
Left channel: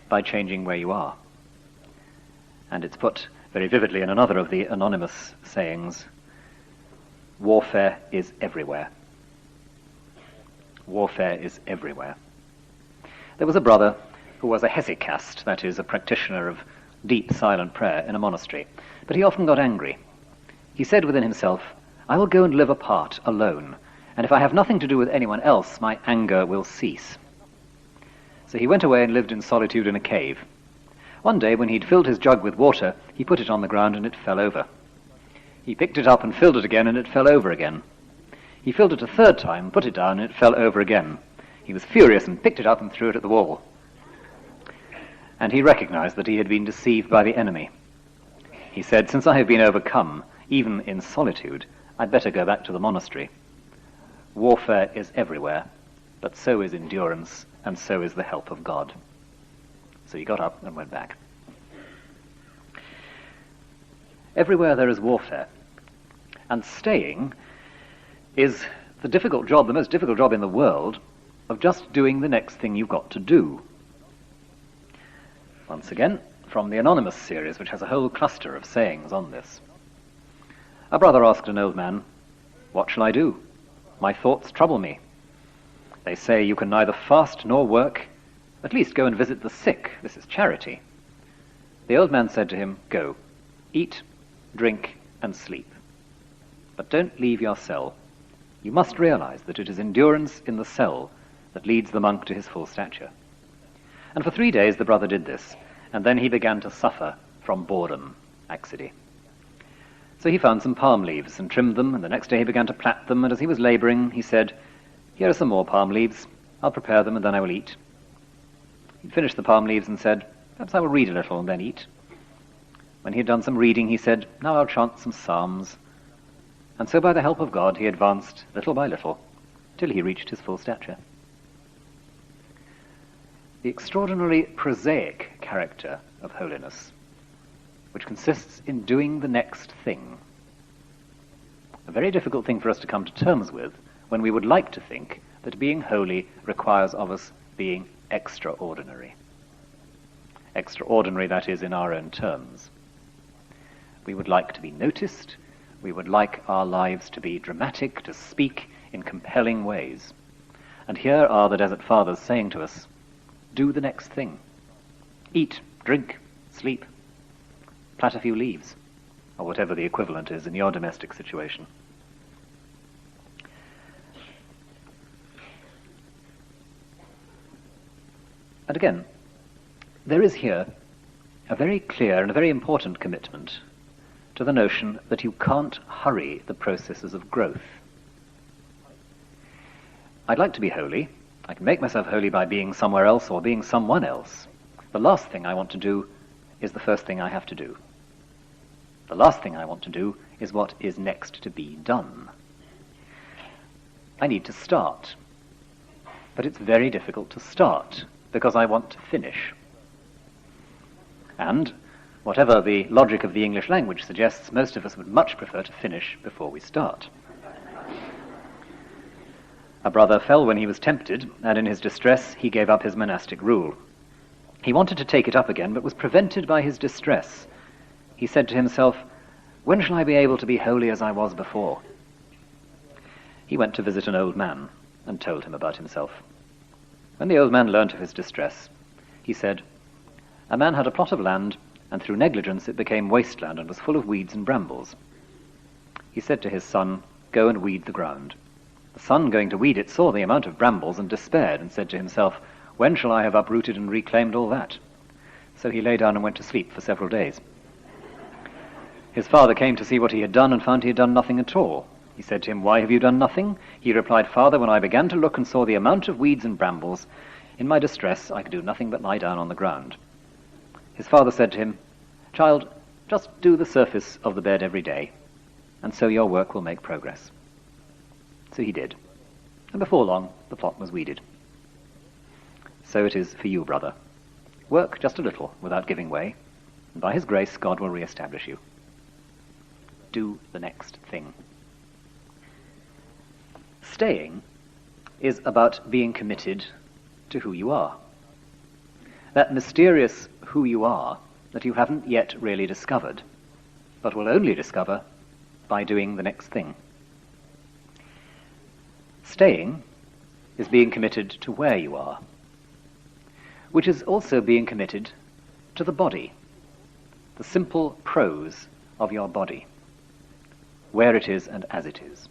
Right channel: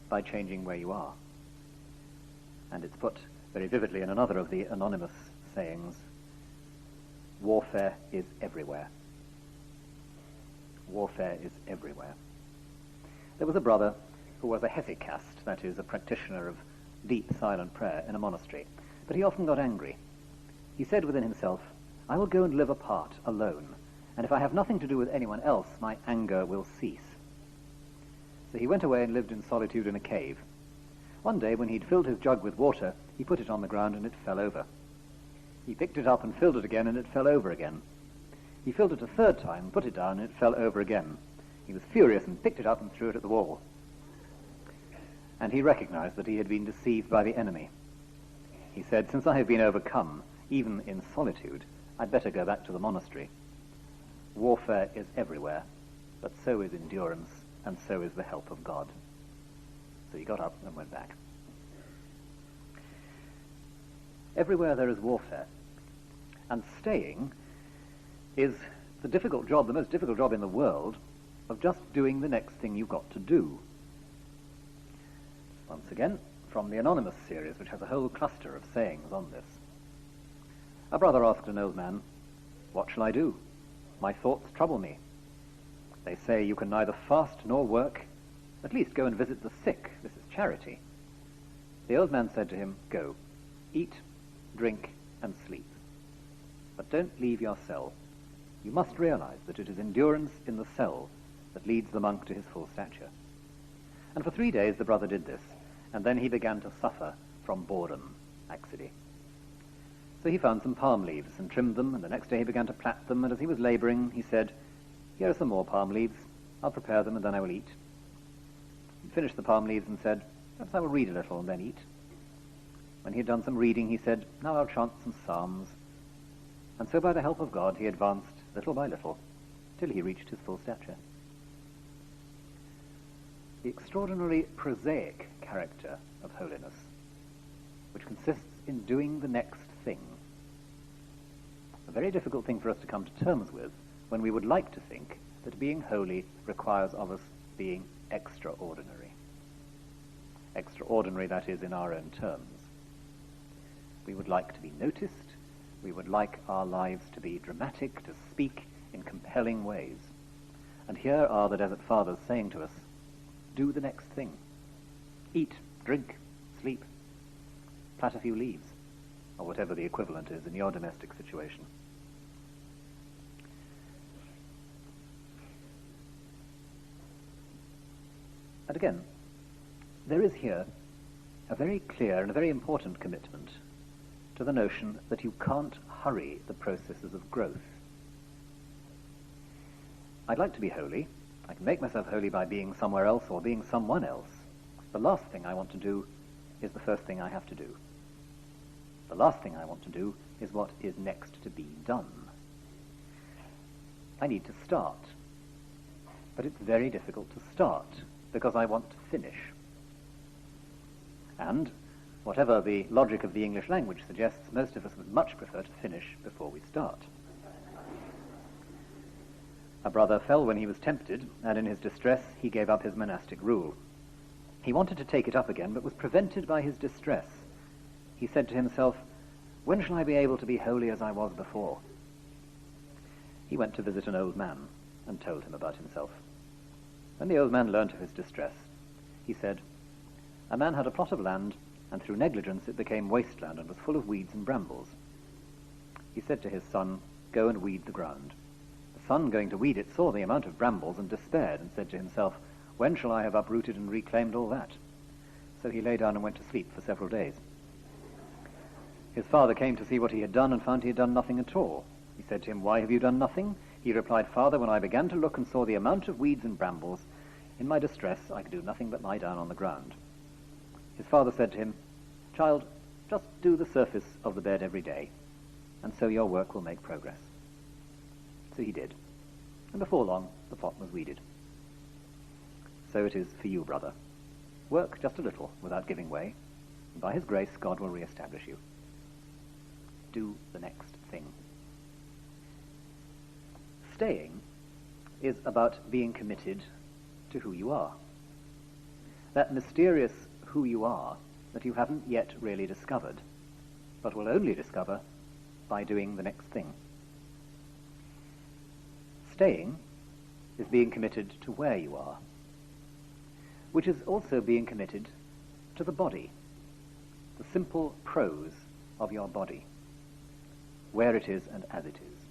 by changing where you are. And it's put very vividly in another of the anonymous sayings, warfare is everywhere. Warfare is everywhere. There was a brother who was a hesychast, that is, a practitioner of deep silent prayer in a monastery, but he often got angry. He said within himself, I will go and live apart, alone, and if I have nothing to do with anyone else, my anger will cease. So he went away and lived in solitude in a cave. One day, when he'd filled his jug with water, he put it on the ground and it fell over. He picked it up and filled it again, and it fell over again. He filled it a third time, put it down, and it fell over again. He was furious and picked it up and threw it at the wall. and he recognized that he had been deceived by the enemy. He said, "Since I have been overcome, even in solitude, I'd better go back to the monastery. Warfare is everywhere, but so is endurance, and so is the help of God." So he got up and went back. Everywhere there is warfare, and staying is the most difficult job in the world, of just doing the next thing you've got to do. Once again, from the Anonymous series, which has a whole cluster of sayings on this. A brother asked an old man, "What shall I do? My thoughts trouble me. They say you can neither fast nor work. At least go and visit the sick. This is charity." The old man said to him, "Go, eat, drink, and sleep. But don't leave your cell. You must realize that it is endurance in the cell that leads the monk to his full stature." And for 3 days the brother did this, and then he began to suffer from boredom, laxity. So he found some palm leaves and trimmed them, and the next day he began to plait them, and as he was laboring, he said, "Here are some more palm leaves. I'll prepare them, and then I will eat." He finished the palm leaves and said, "Perhaps I will read a little and then eat." When he had done some reading, he said, "Now I'll chant some psalms." And so by the help of God, he advanced little by little, till he reached his full stature. The extraordinarily prosaic character of holiness, which consists in doing the next thing. A very difficult thing for us to come to terms with when we would like to think that being holy requires of us being extraordinary. Extraordinary, that is, in our own terms. We would like to be noticed. We would like our lives to be dramatic, to speak in compelling ways. And here are the Desert Fathers saying to us, do the next thing. Eat, drink, sleep. Plat a few leaves, or whatever the equivalent is in your domestic situation. And again, there is here a very clear and a very important commitment to the notion that you can't hurry the processes of growth. I'd like to be holy. I can make myself holy by being somewhere else or being someone else. The last thing I want to do is the first thing I have to do. The last thing I want to do is what is next to be done. I need to start. But it's very difficult to start because I want to finish. And whatever the logic of the English language suggests, most of us would much prefer to finish before we start. A brother fell when he was tempted, and in his distress he gave up his monastic rule. He wanted to take it up again, but was prevented by his distress. He said to himself, "When shall I be able to be holy as I was before?" He went to visit an old man and told him about himself. When the old man learnt of his distress, he said, "A man had a plot of land, and through negligence it became wasteland and was full of weeds and brambles. He said to his son, 'Go and weed the ground.' The son, going to weed it, saw the amount of brambles and despaired, and said to himself, 'When shall I have uprooted and reclaimed all that?' So he lay down and went to sleep for several days. His father came to see what he had done and found he had done nothing at all. He said to him, 'Why have you done nothing?' He replied, 'Father, when I began to look and saw the amount of weeds and brambles, in my distress I could do nothing but lie down on the ground.' His father said to him, 'Child, just do the surface of the bed every day, and so your work will make progress.' So he did, and before long the plot was weeded. So it is for you, brother. Work just a little without giving way, and by his grace God will re-establish you. Do the next thing. Staying is about being committed to who you are. That mysterious who you are that you haven't yet really discovered, but will only discover by doing the next thing. Staying is being committed to where you are, which is also being committed to the body, the simple prose of your body, where it is and as it is.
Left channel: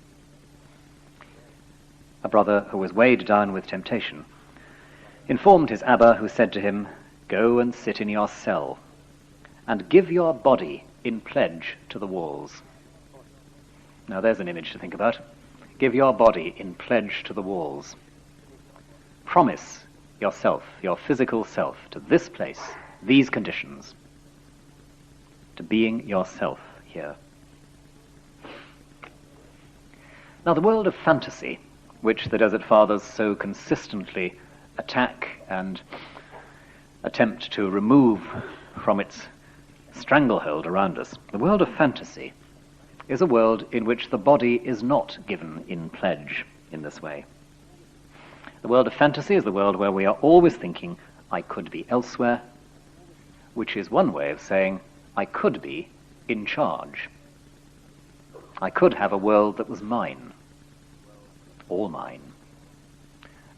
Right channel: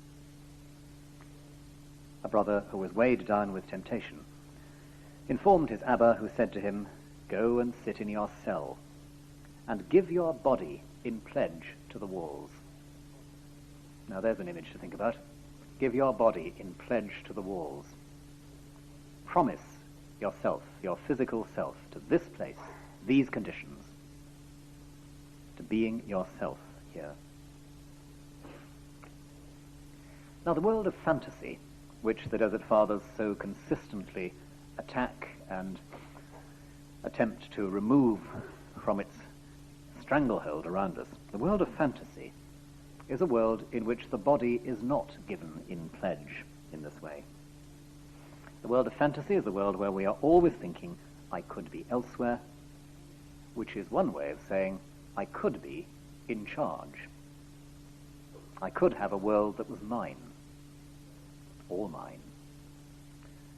A brother who was weighed down with temptation informed his Abba, who said to him, "Go and sit in your cell, and give your body in pledge to the walls." Now there's an image to think about. Give your body in pledge to the walls. Promise yourself, your physical self, to this place these conditions to being yourself here. Now, the world of fantasy, which the Desert Fathers so consistently attack and attempt to remove from its stranglehold around us, the world of fantasy is a world in which the body is not given in pledge in this way. The world of fantasy is the world where we are always thinking, I could be elsewhere, which is one way of saying, I could be in charge. I could have a world that was mine, all mine.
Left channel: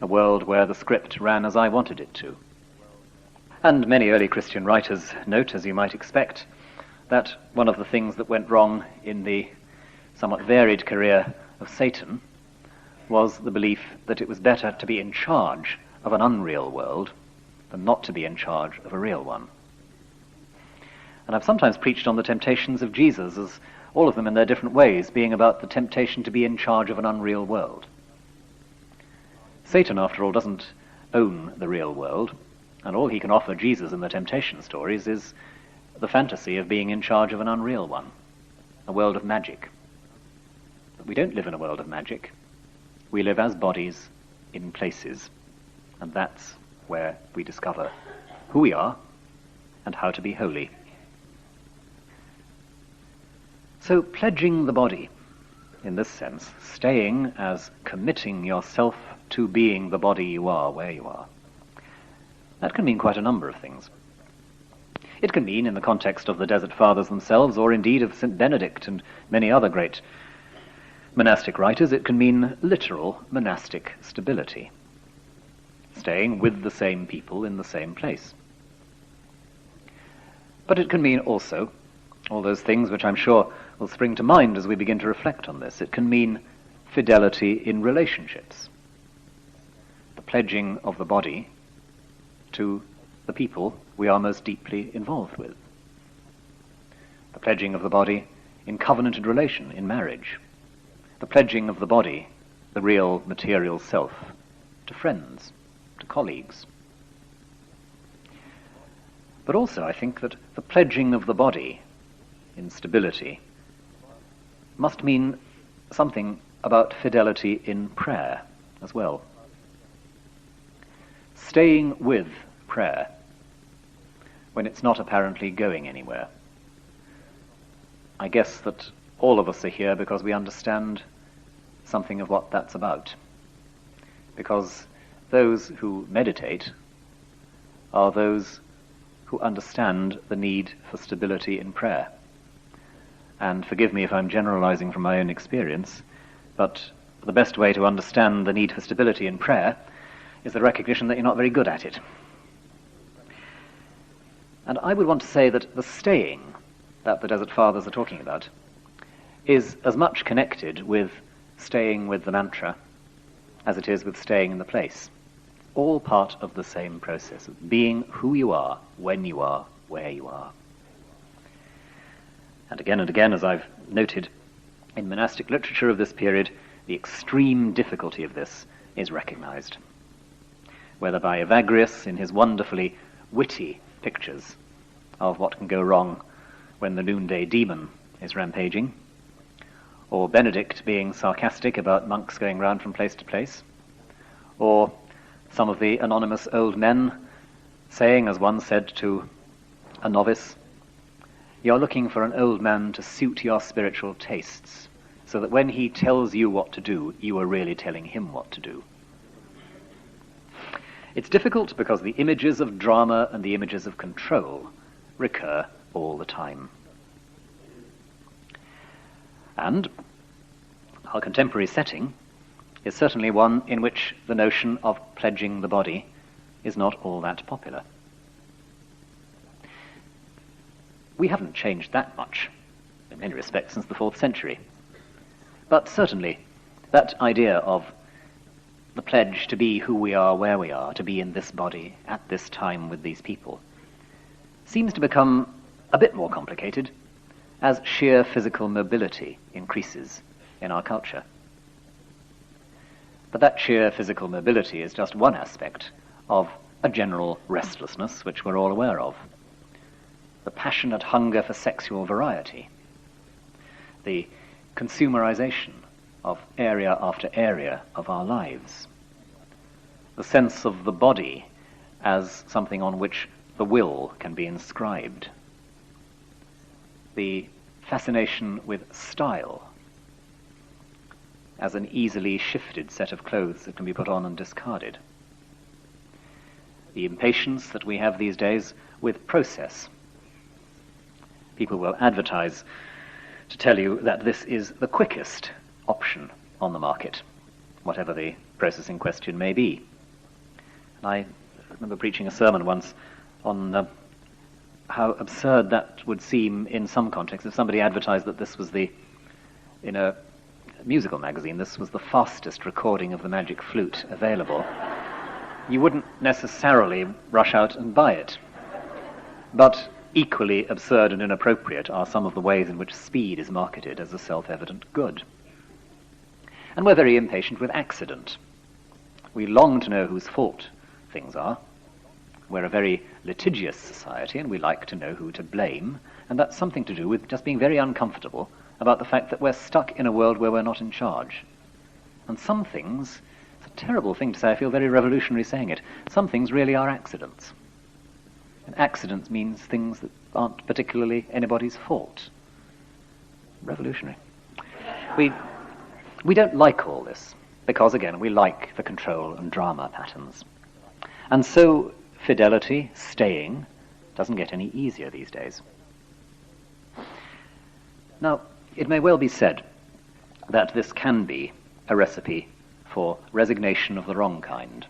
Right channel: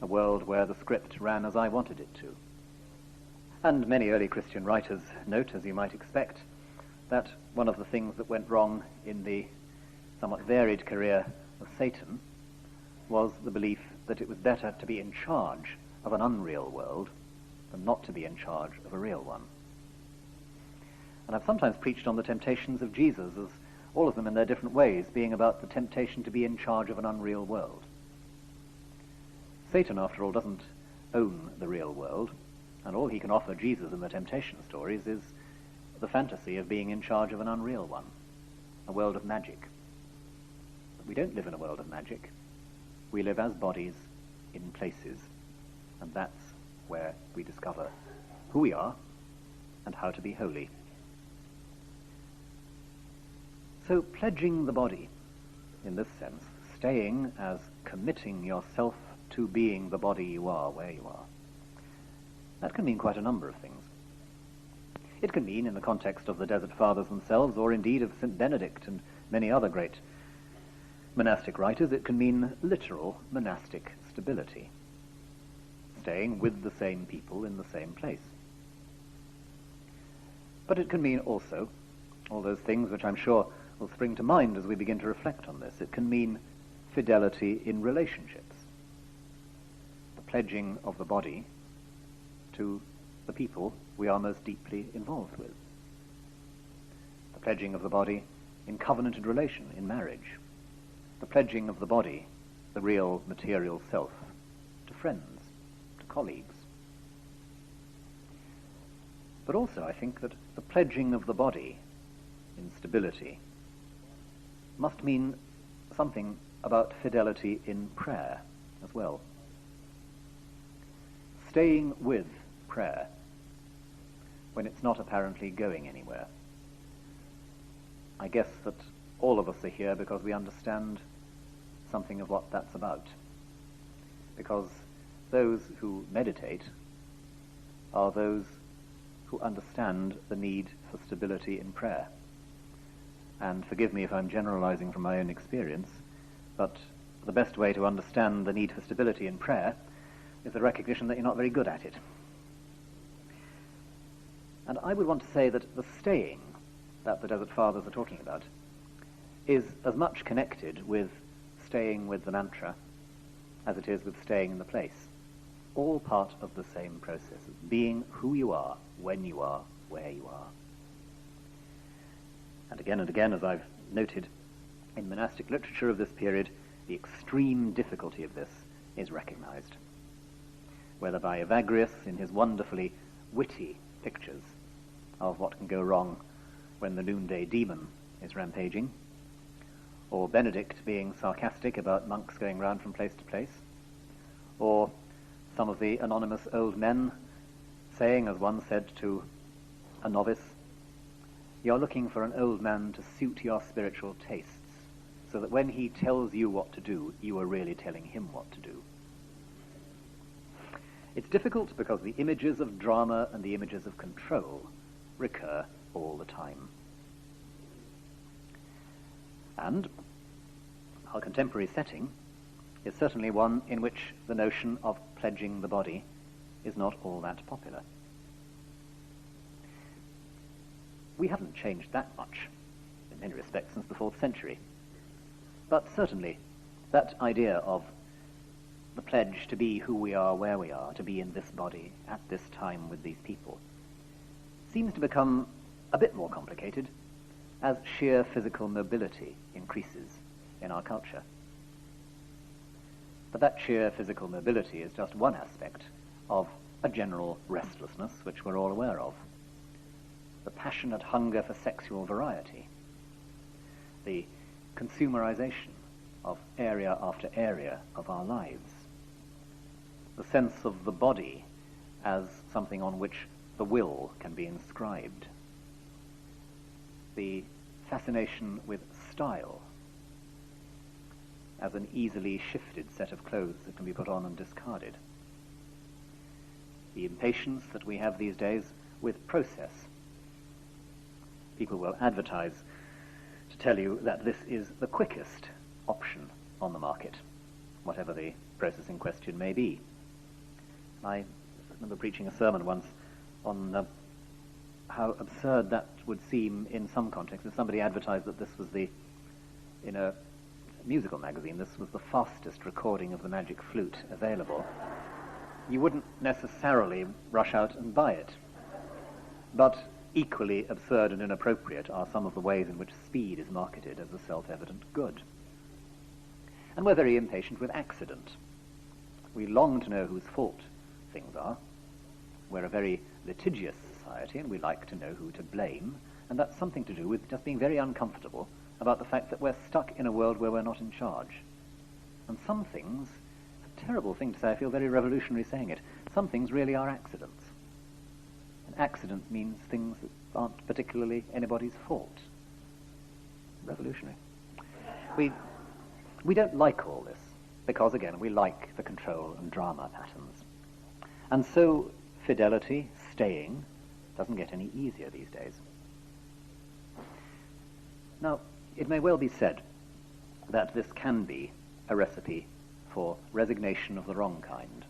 A world where the script ran as I wanted it to. And many early Christian writers note, as you might expect, that one of the things that went wrong in the somewhat varied career of Satan was the belief that it was better to be in charge of an unreal world than not to be in charge of a real one. And I've sometimes preached on the temptations of Jesus, as all of them in their different ways being about the temptation to be in charge of an unreal world. Satan, after all, doesn't own the real world, and all he can offer Jesus in the temptation stories is the fantasy of being in charge of an unreal one, a world of magic. But we don't live in a world of magic. We live as bodies in places, and that's where we discover who we are and how to be holy. So pledging the body, in this sense, staying as committing yourself to being the body you are, where you are, that can mean quite a number of things. It can mean, in the context of the Desert Fathers themselves, or indeed of St. Benedict and many other great monastic writers, it can mean literal monastic stability, staying with the same people in the same place. But it can mean also all those things which I'm sure will spring to mind as we begin to reflect on this. It can mean fidelity in relationships, the pledging of the body to the people we are most deeply involved with, the pledging of the body in covenanted relation, in marriage, the pledging of the body, the real material self, to friends, to colleagues. But also I think that the pledging of the body in stability must mean something about fidelity in prayer as well. Staying with prayer when it's not apparently going anywhere. I guess that all of us are here because we understand something of what that's about. Because those who meditate are those who understand the need for stability in prayer. And forgive me if I'm generalizing from my own experience, but the best way to understand the need for stability in prayer is the recognition that you're not very good at it. And I would want to say that the staying that the Desert Fathers are talking about is as much connected with staying with the mantra as it is with staying in the place. All part of the same process of being who you are, when you are, where you are. And again, as I've noted, in monastic literature of this period, the extreme difficulty of this is recognized. Whether by Evagrius in his wonderfully witty pictures of what can go wrong when the noonday demon is rampaging, or Benedict being sarcastic about monks going round from place to place, or some of the anonymous old men saying, as one said to a novice, "You're looking for an old man to suit your spiritual tastes, so that when he tells you what to do, you are really telling him what to do." It's difficult because the images of drama and the images of control recur all the time. And our contemporary setting is certainly one in which the notion of pledging the body is not all that popular. We haven't changed that much, in many respects, since the 4th century. But certainly, that idea of the pledge to be who we are, where we are, to be in this body, at this time with these people, seems to become a bit more complicated as sheer physical mobility increases in our culture. But that sheer physical mobility is just one aspect of a general restlessness which we're all aware of. passionate hunger for sexual variety, the consumerization of area after area of our lives, the sense of the body as something on which the will can be inscribed, the fascination with style as an easily shifted set of clothes that can be put on and discarded, the impatience that we have these days with process. People will advertise to tell you that this is the quickest option on the market, whatever the process in question may be. And I remember preaching a sermon once on how absurd that would seem in some contexts. If somebody advertised that this was in a musical magazine, this was the fastest recording of the Magic Flute available, you wouldn't necessarily rush out and buy it. But equally absurd and inappropriate are some of the ways in which speed is marketed as a self-evident good. And we're very impatient with accident. We long to know whose fault things are. We're a very litigious society, and we like to know who to blame, and that's something to do with just being very uncomfortable about the fact that we're stuck in a world where we're not in charge. And some things, it's a terrible thing to say, I feel very revolutionary saying it, some things really are accidents. And accidents means things that aren't particularly anybody's fault. Revolutionary. We don't like all this, because again, we like the control and drama patterns. And so fidelity, staying, doesn't get any easier these days. Now, it may well be said that this can be a recipe for resignation of the wrong kind,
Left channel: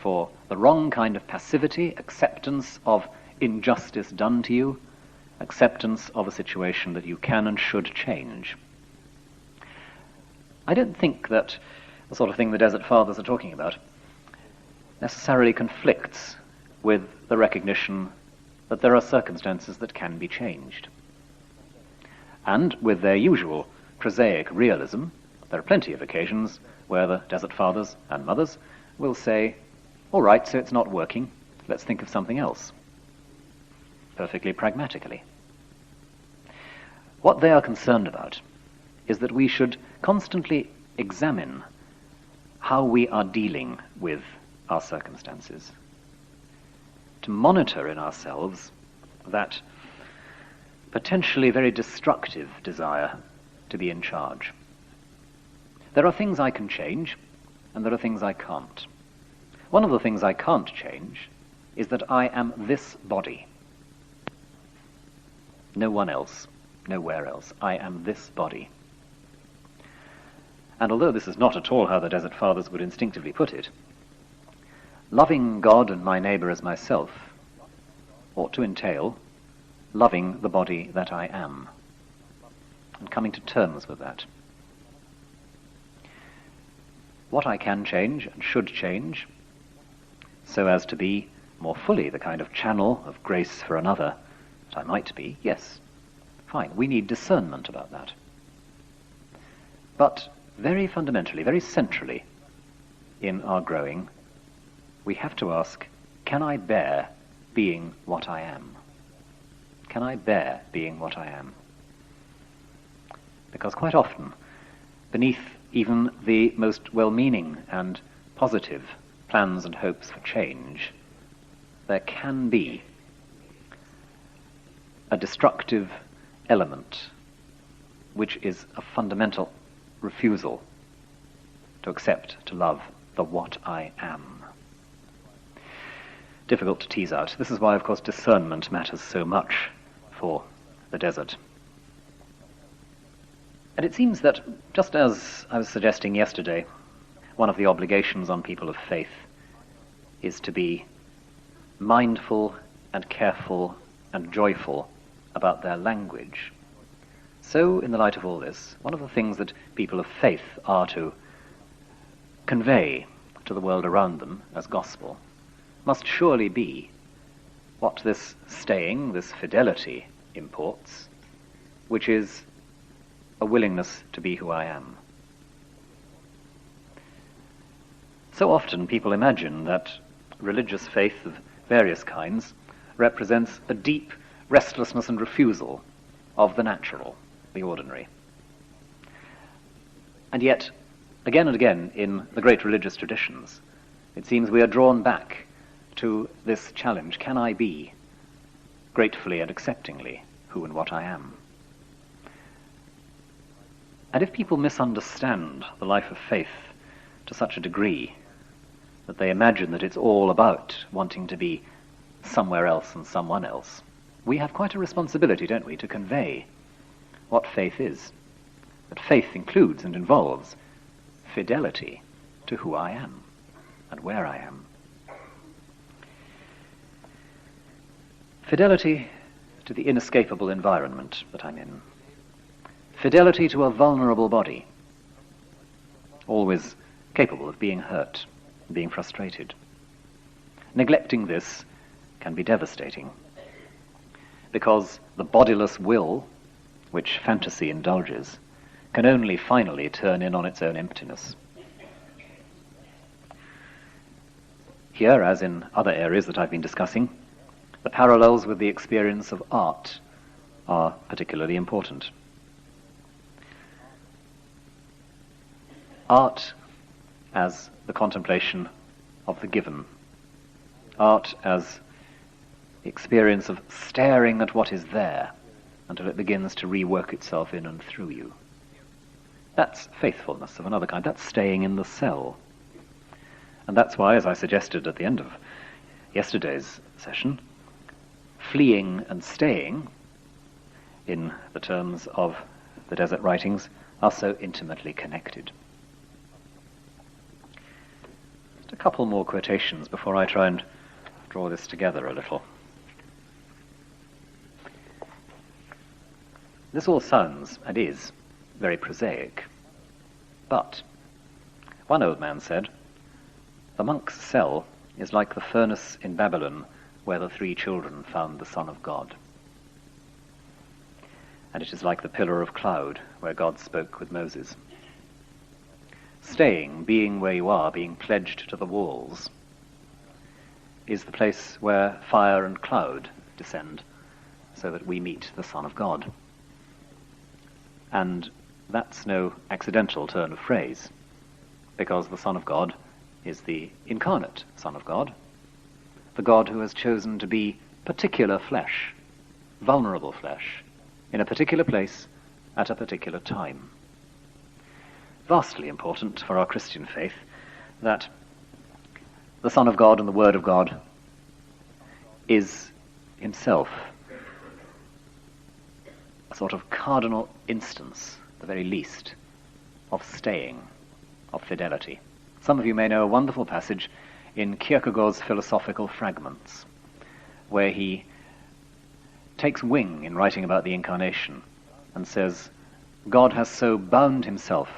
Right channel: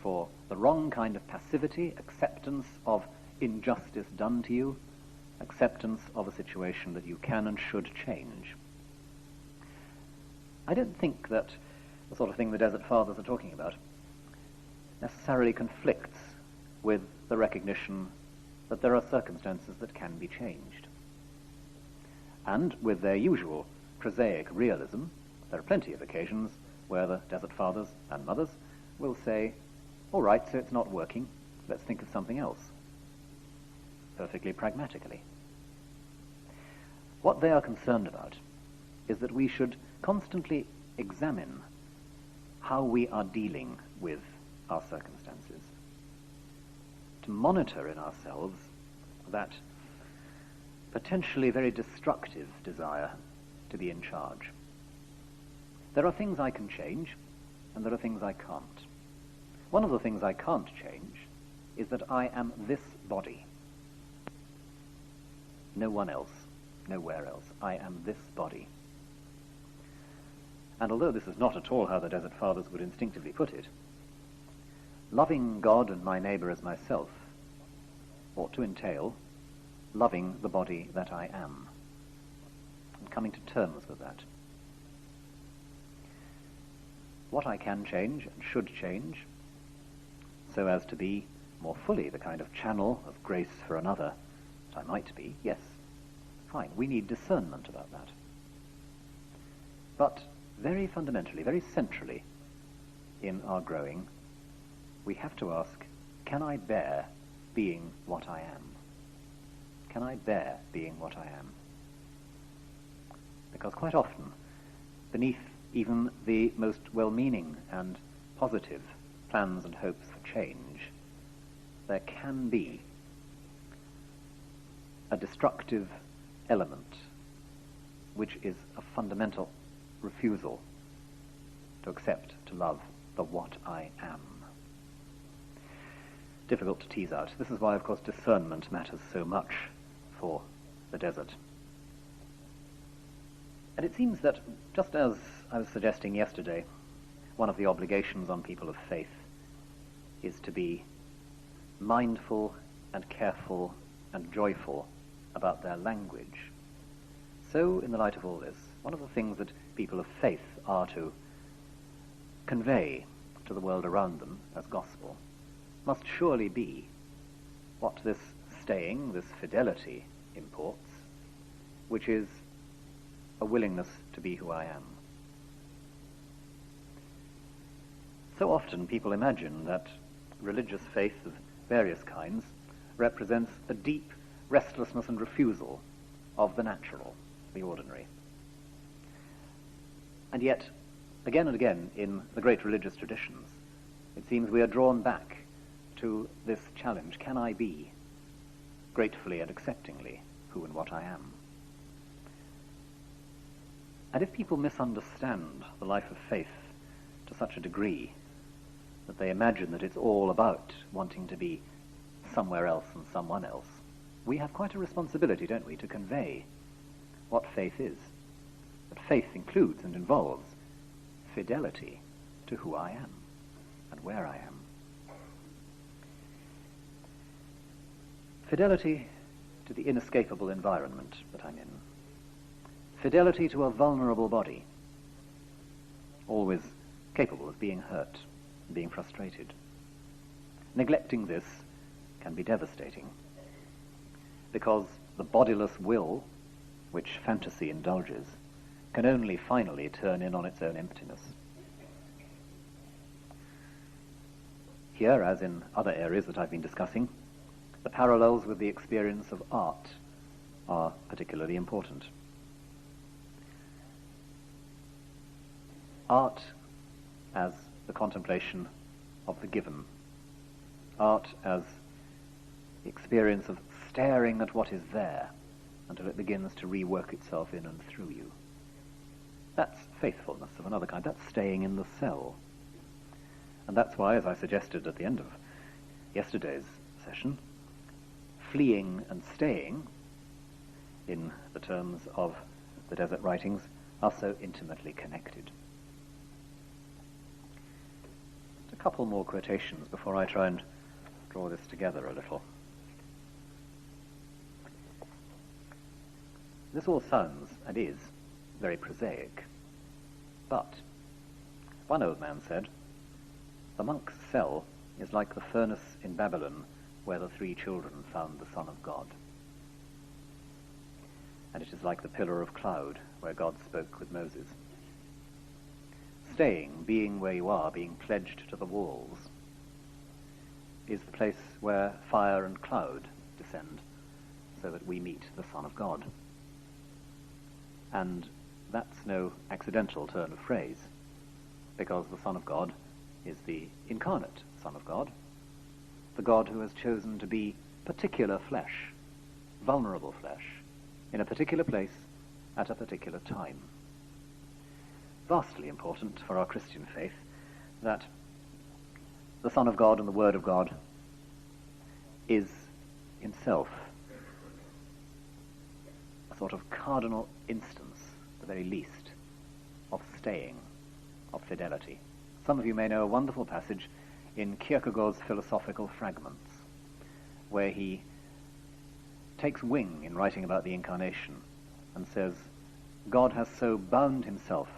for the wrong kind of passivity, acceptance of injustice done to you, acceptance of a situation that you can and should change. I don't think that the sort of thing the Desert Fathers are talking about necessarily conflicts with the recognition that there are circumstances that can be changed. And with their usual prosaic realism, there are plenty of occasions where the Desert Fathers and Mothers will say, all right, so it's not working, let's think of something else. Perfectly pragmatically. What they are concerned about is that we should constantly examine how we are dealing with our circumstances, to monitor in ourselves that potentially very destructive desire to be in charge. There are things I can change, and there are things I can't. One of the things I can't change is that I am this body. No one else, nowhere else. I am this body. And although this is not at all how the Desert Fathers would instinctively put it, loving God and my neighbour as myself ought to entail loving the body that I am, and coming to terms with that. What I can change and should change, so as to be more fully the kind of channel of grace for another that I might be, yes, fine, we need discernment about that. But very fundamentally, very centrally in our growing, we have to ask, can I bear being what I am? Can I bear being what I am? Because quite often, beneath even the most well-meaning and positive plans and hopes for change, there can be a destructive element which is a fundamental refusal to accept, to love the what I am. Difficult to tease out. This is why, of course, discernment matters so much for the desert. And it seems that, just as I was suggesting yesterday, one of the obligations on people of faith is to be mindful and careful and joyful about their language. So, in the light of all this, one of the things that people of faith are to convey to the world around them as gospel must surely be what this staying, this fidelity imports, which is a willingness to be who I am. So often people imagine that religious faith of various kinds represents a deep restlessness and refusal of the natural, the ordinary. And yet, again and again, in the great religious traditions, it seems we are drawn back to this challenge: can I be gratefully and acceptingly who and what I am? And if people misunderstand the life of faith to such a degree that they imagine that it's all about wanting to be somewhere else and someone else, we have quite a responsibility, don't we, to convey what faith is. That faith includes and involves fidelity to who I am and where I am. Fidelity to the inescapable environment that I'm in. Fidelity to a vulnerable body, always capable of being hurt, being frustrated. Neglecting this can be devastating, because the bodiless will, which fantasy indulges, can only finally turn in on its own emptiness. Here, as in other areas that I've been discussing, the parallels with the experience of art are particularly important. Art as the contemplation of the given. Art as the experience of staring at what is there until it begins to rework itself in and through you. That's faithfulness of another kind. That's staying in the cell. And that's why, as I suggested at the end of yesterday's session, fleeing and staying, in the terms of the desert writings, are so intimately connected. Just a couple more quotations before I try and draw this together a little. This all sounds, and is, very prosaic. But, one old man said, the monk's cell is like the furnace in Babylon where the 3 children found the Son of God. And it is like the pillar of cloud where God spoke with Moses. Staying, being where you are, being pledged to the walls, is the place where fire and cloud descend so that we meet the Son of God. And that's no accidental turn of phrase, because the Son of God is the incarnate Son of God, the God who has chosen to be particular flesh, vulnerable flesh, in a particular place at a particular time. Vastly important for our Christian faith that the Son of God and the Word of God is himself a sort of cardinal instance, at the very least, of staying, of fidelity. Some of you may know a wonderful passage in Kierkegaard's Philosophical Fragments, where he takes wing in writing about the Incarnation and says, God has so bound himself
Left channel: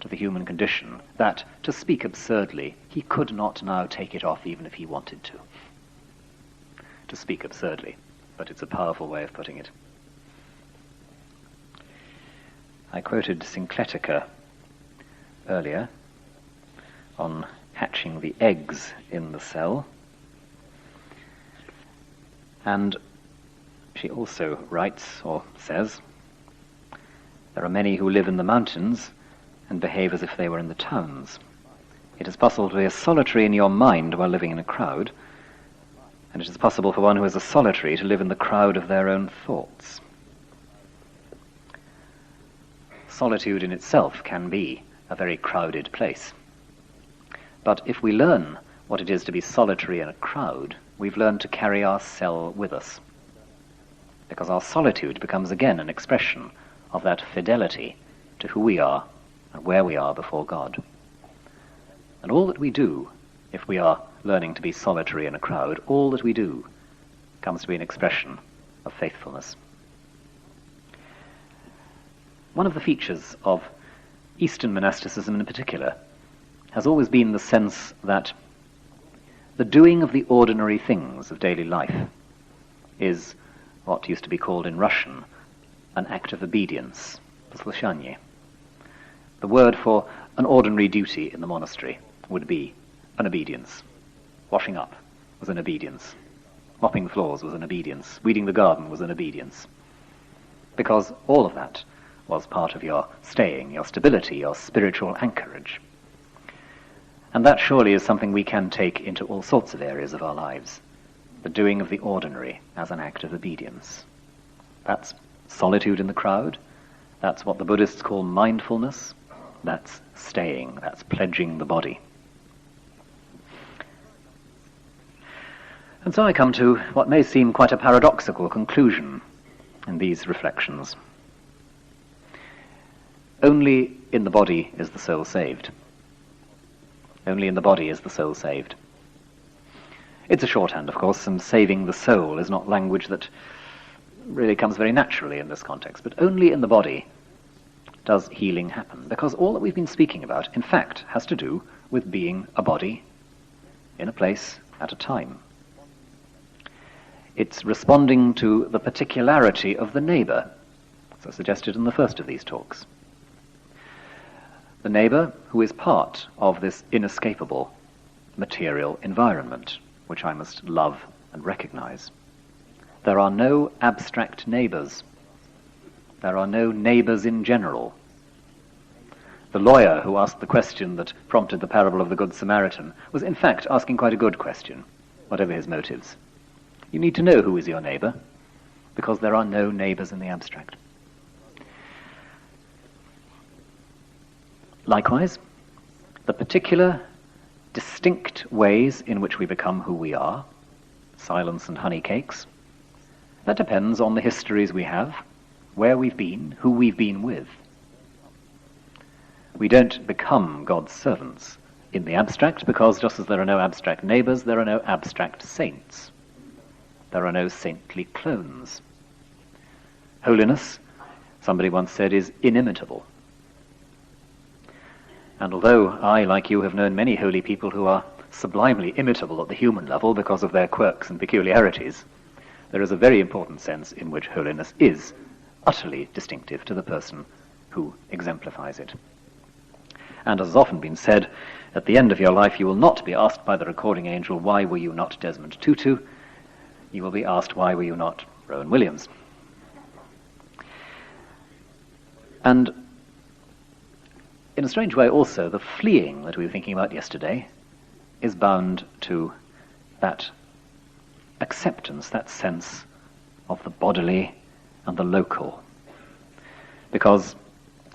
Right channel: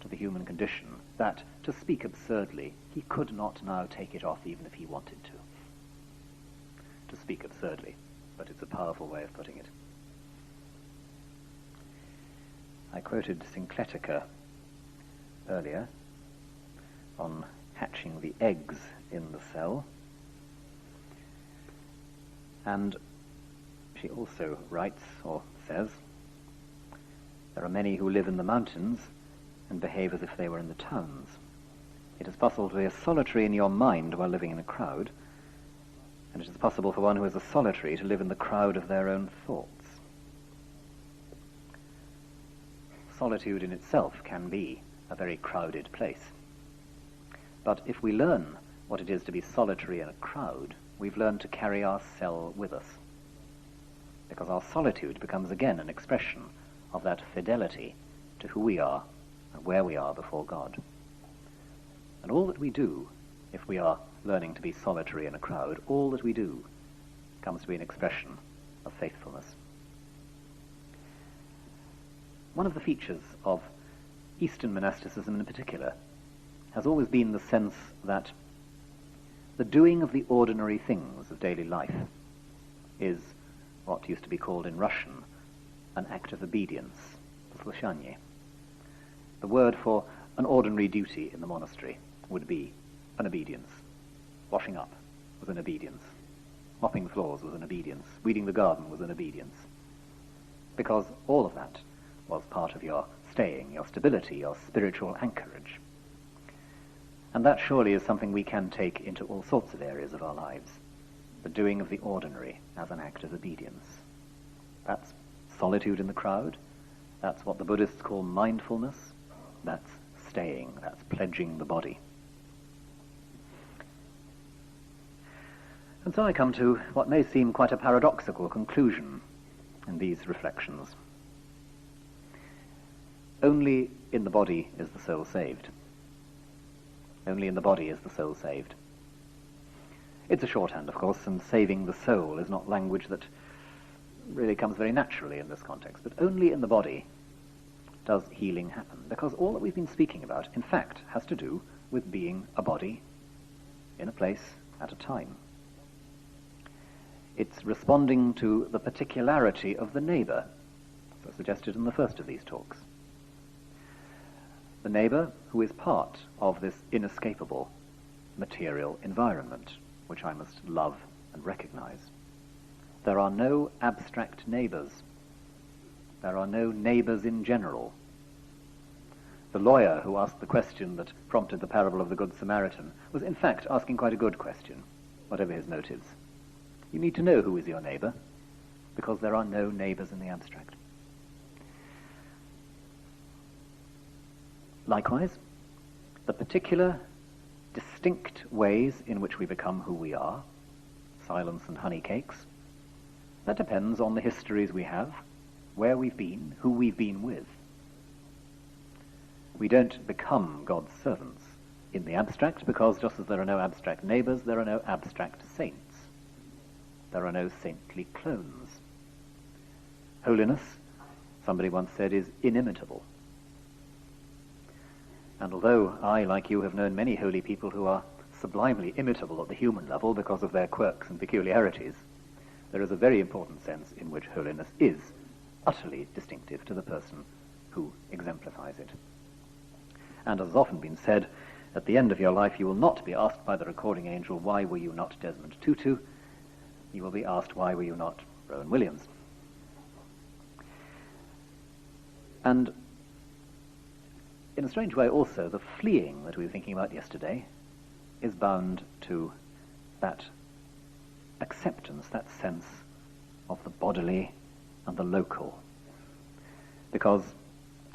to the human condition that, to speak absurdly, he could not now take it off even if he wanted to. To speak absurdly, but it's a powerful way of putting it. I quoted Syncletica earlier on hatching the eggs in the cell, and she also writes, or says, there are many who live in the mountains and behave as if they were in the towns. It is possible to be a solitary in your mind while living in a crowd, and it is possible for one who is a solitary to live in the crowd of their own thoughts. Solitude in itself can be a very crowded place. But if we learn what it is to be solitary in a crowd, we've learned to carry our cell with us. Because our solitude becomes again an expression of that fidelity to who we are and where we are before God. And all that we do, if we are learning to be solitary in a crowd, all that we do comes to be an expression of faithfulness. One of the features of Eastern monasticism in particular has always been the sense that the doing of the ordinary things of daily life is what used to be called in Russian an act of obedience, послушание. The word for an ordinary duty in the monastery would be an obedience. Washing up was an obedience. Mopping floors was an obedience. Weeding the garden was an obedience. Because all of that was part of your staying, your stability, your spiritual anchorage. And that surely is something we can take into all sorts of areas of our lives. The doing of the ordinary as an act of obedience. That's solitude in the crowd. That's what the Buddhists call mindfulness. That's staying. That's pledging the body. And so I come to what may seem quite a paradoxical conclusion in these reflections. Only in the body is the soul saved. Only in the body is the soul saved. It's a shorthand, of course, and saving the soul is not language that really comes very naturally in this context, but only in the body does healing happen, because all that we've been speaking about, in fact, has to do with being a body in a place at a time. It's responding to the particularity of the neighbour, as I suggested in the first of these talks. The neighbour who is part of this inescapable material environment, which I must love and recognize. There are no abstract neighbours. There are no neighbours in general. The lawyer who asked the question that prompted the parable of the Good Samaritan was in fact asking quite a good question, whatever his motives. You need to know who is your neighbour, because there are no neighbours in the abstract. Likewise, the particular, distinct ways in which we become who we are, silence and honey cakes, that depends on the histories we have, where we've been, who we've been with. We don't become God's servants in the abstract, because just as there are no abstract neighbours, there are no abstract saints. There are no saintly clones. Holiness, somebody once said, is inimitable. And although I, like you, have known many holy people who are sublimely imitable at the human level because of their quirks and peculiarities, there is a very important sense in which holiness is utterly distinctive to the person who exemplifies it. And as has often been said, at the end of your life you will not be asked by the recording angel, why were you not Desmond Tutu? You will be asked, why were you not Rowan Williams? And in a strange way also, the fleeing that we were thinking about yesterday is bound to that acceptance, that sense of the bodily and the local. Because,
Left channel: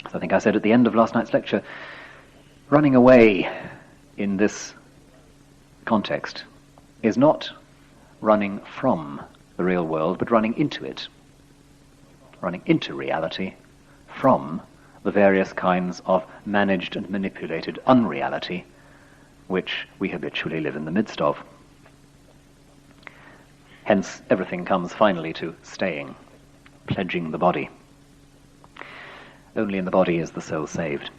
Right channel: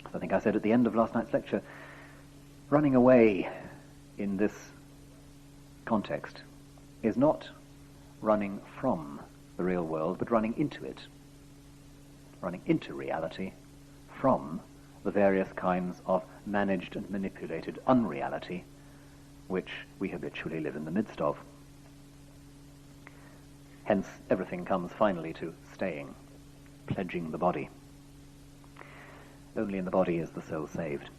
as I think I said at the end of last night's lecture, running away in this context is not running from the real world, but running into it, running into reality from the various kinds of managed and manipulated unreality which we habitually live in the midst of. Hence, everything comes finally to staying, pledging the body. Only in the body is the soul saved.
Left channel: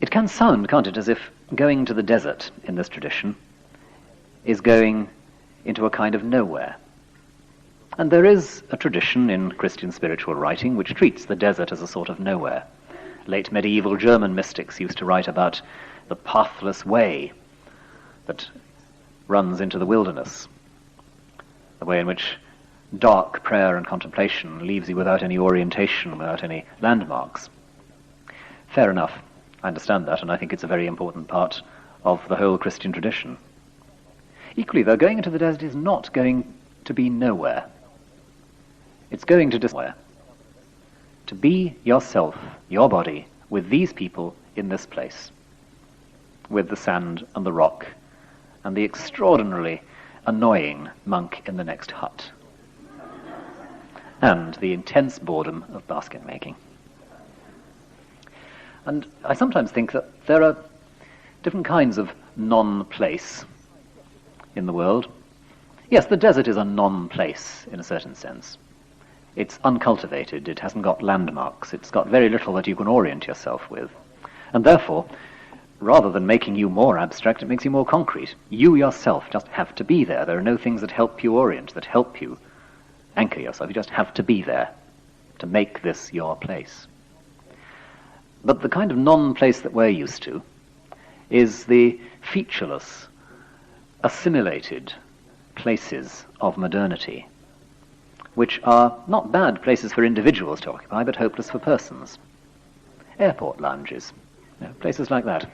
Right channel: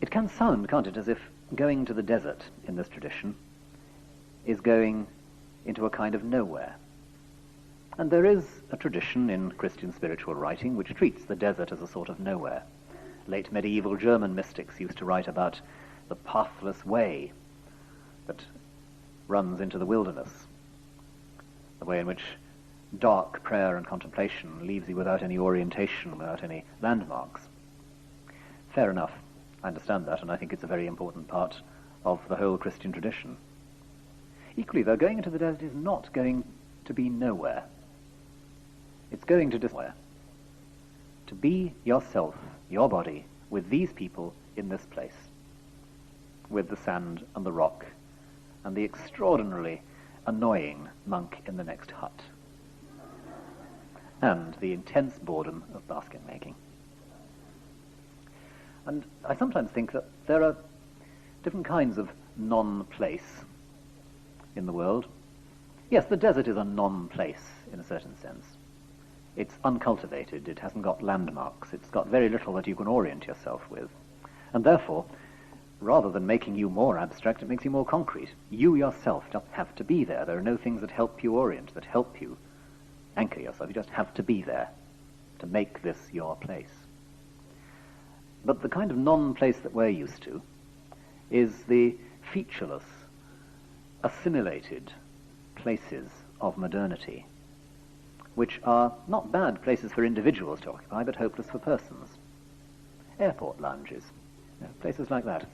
It can sound, can't it, as if going to the desert in this tradition is going into a kind of nowhere. And there is a tradition in Christian spiritual writing which treats the desert as a sort of nowhere. Late medieval German mystics used to write about the pathless way that runs into the wilderness, the way in which dark prayer and contemplation leaves you without any orientation, without any landmarks. Fair enough, I understand that, and I think it's a very important part of the whole Christian tradition. Equally, though, going into the desert is not going to be nowhere. It's going to nowhere. To be yourself, your body, with these people in this place, with the sand and the rock, and the extraordinarily annoying monk in the next hut, and the intense boredom of basket making. And I sometimes think that there are different kinds of non-place in the world. Yes, the desert is a non-place in a certain sense. It's uncultivated, it hasn't got landmarks, it's got very little that you can orient yourself with. And therefore, rather than making you more abstract, it makes you more concrete. You yourself just have to be there. There are no things that help you orient, that help you anchor yourself. You just have to be there to make this your place. But the kind of non-place that we're used to is the featureless, assimilated places of modernity, which are not bad places for individuals to occupy, but hopeless for persons. Airport lounges, places like that.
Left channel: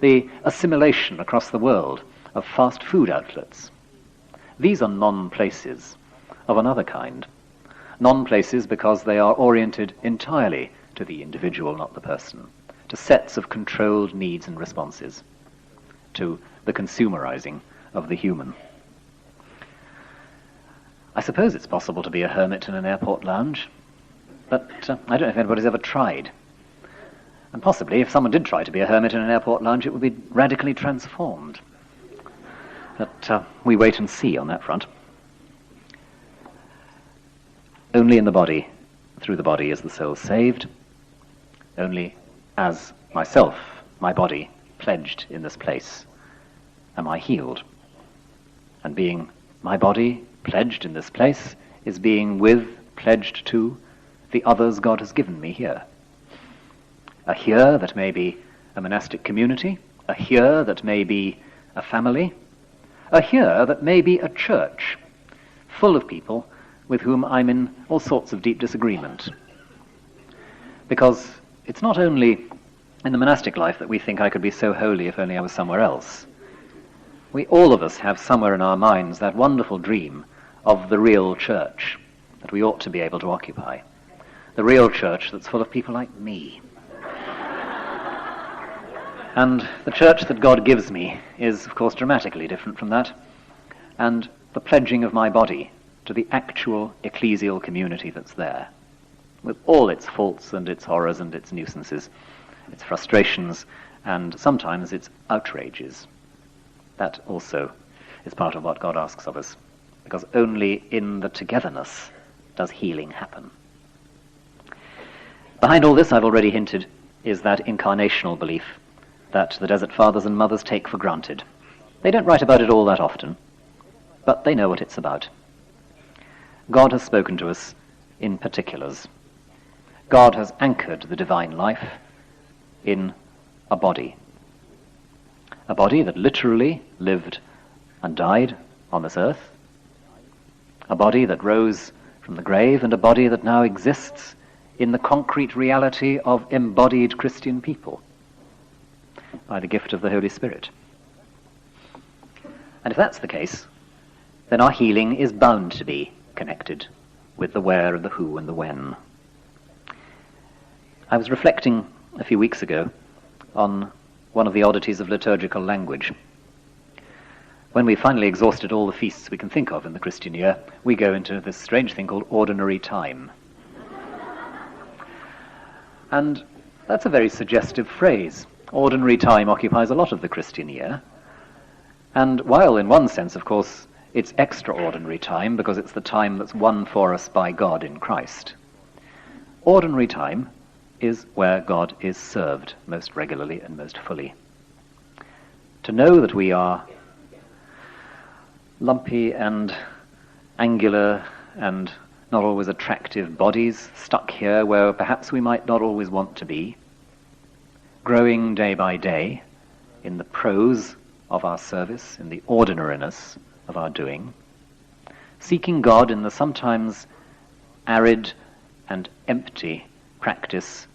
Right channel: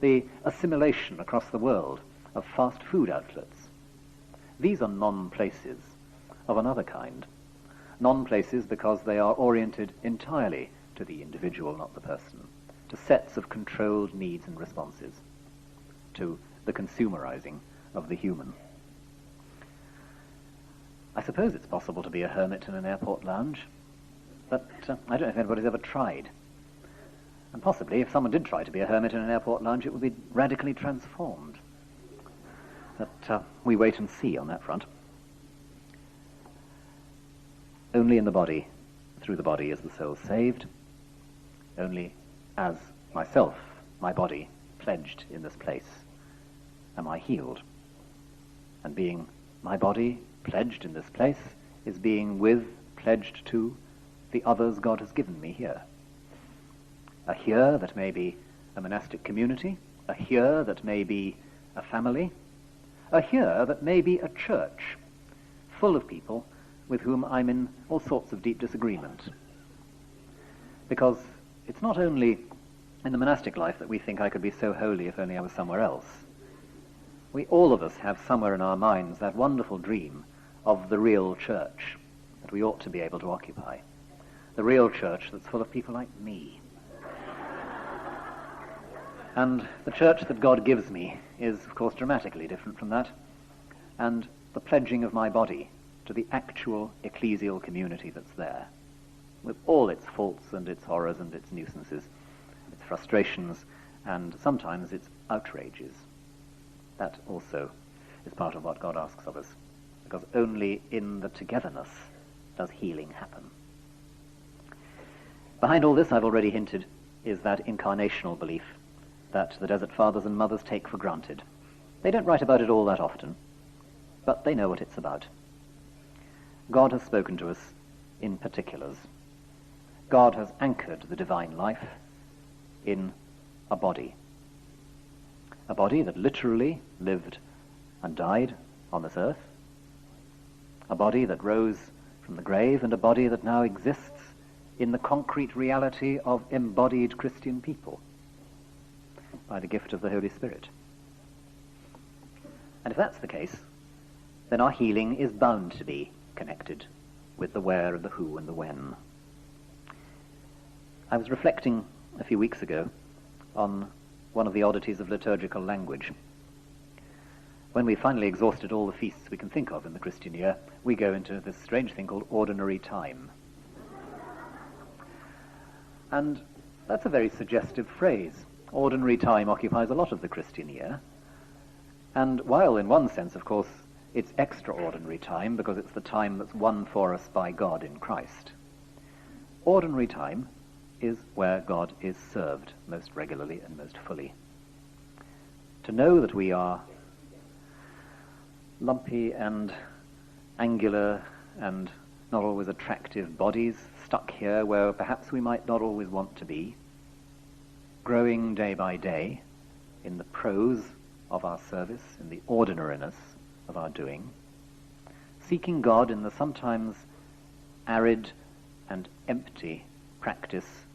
The assimilation across the world of fast food outlets. These are non-places of another kind. Non-places because they are oriented entirely to the individual, not the person, to sets of controlled needs and responses, to the consumerizing of the human. I suppose it's possible to be a hermit in an airport lounge, but I don't know if anybody's ever tried. And possibly, if someone did try to be a hermit in an airport lounge, it would be radically transformed. But we wait and see on that front. Only in the body, through the body, is the soul saved. Only as myself, my body, pledged in this place, am I healed. And being my body pledged in this place is being pledged to the others God has given me here. A here that may be a monastic community, a here that may be a family, a here that may be a church full of people with whom I'm in all sorts of deep disagreement. Because it's not only in the monastic life that we think I could be so holy if only I was somewhere else. We all of us have somewhere in our minds that wonderful dream of the real church that we ought to be able to occupy. The real church that's full of people like me. And the church that God gives me is, of course, dramatically different from that. And the pledging of my body to the actual ecclesial community that's there, with all its faults and its horrors and its nuisances, its frustrations, and sometimes its outrages. That also is part of what God asks of us, because only in the togetherness does healing happen. Behind all this, I've already hinted, is that incarnational belief that the Desert Fathers and Mothers take for granted. They don't write about it all that often, but they know what it's about. God has spoken to us in particulars. God has anchored the divine life in a body that literally lived and died on this earth, a body that rose from the grave, and a body that now exists in the concrete reality of embodied Christian people by the gift of the Holy Spirit. And if that's the case, then our healing is bound to be connected with the where and the who and the when. I was reflecting a few weeks ago on one of the oddities of liturgical language. When we've finally exhausted all the feasts we can think of in the Christian year, we go into this strange thing called ordinary time. And that's a very suggestive phrase. Ordinary time occupies a lot of the Christian year. And while in one sense, of course, it's extraordinary time because it's the time that's won for us by God in Christ, ordinary time is where God is served most regularly and most fully. To know that we are lumpy and angular and not always attractive bodies stuck here where perhaps we might not always want to be, growing day by day in the prose of our service, in the ordinariness of our doing, seeking God in the sometimes arid and empty practice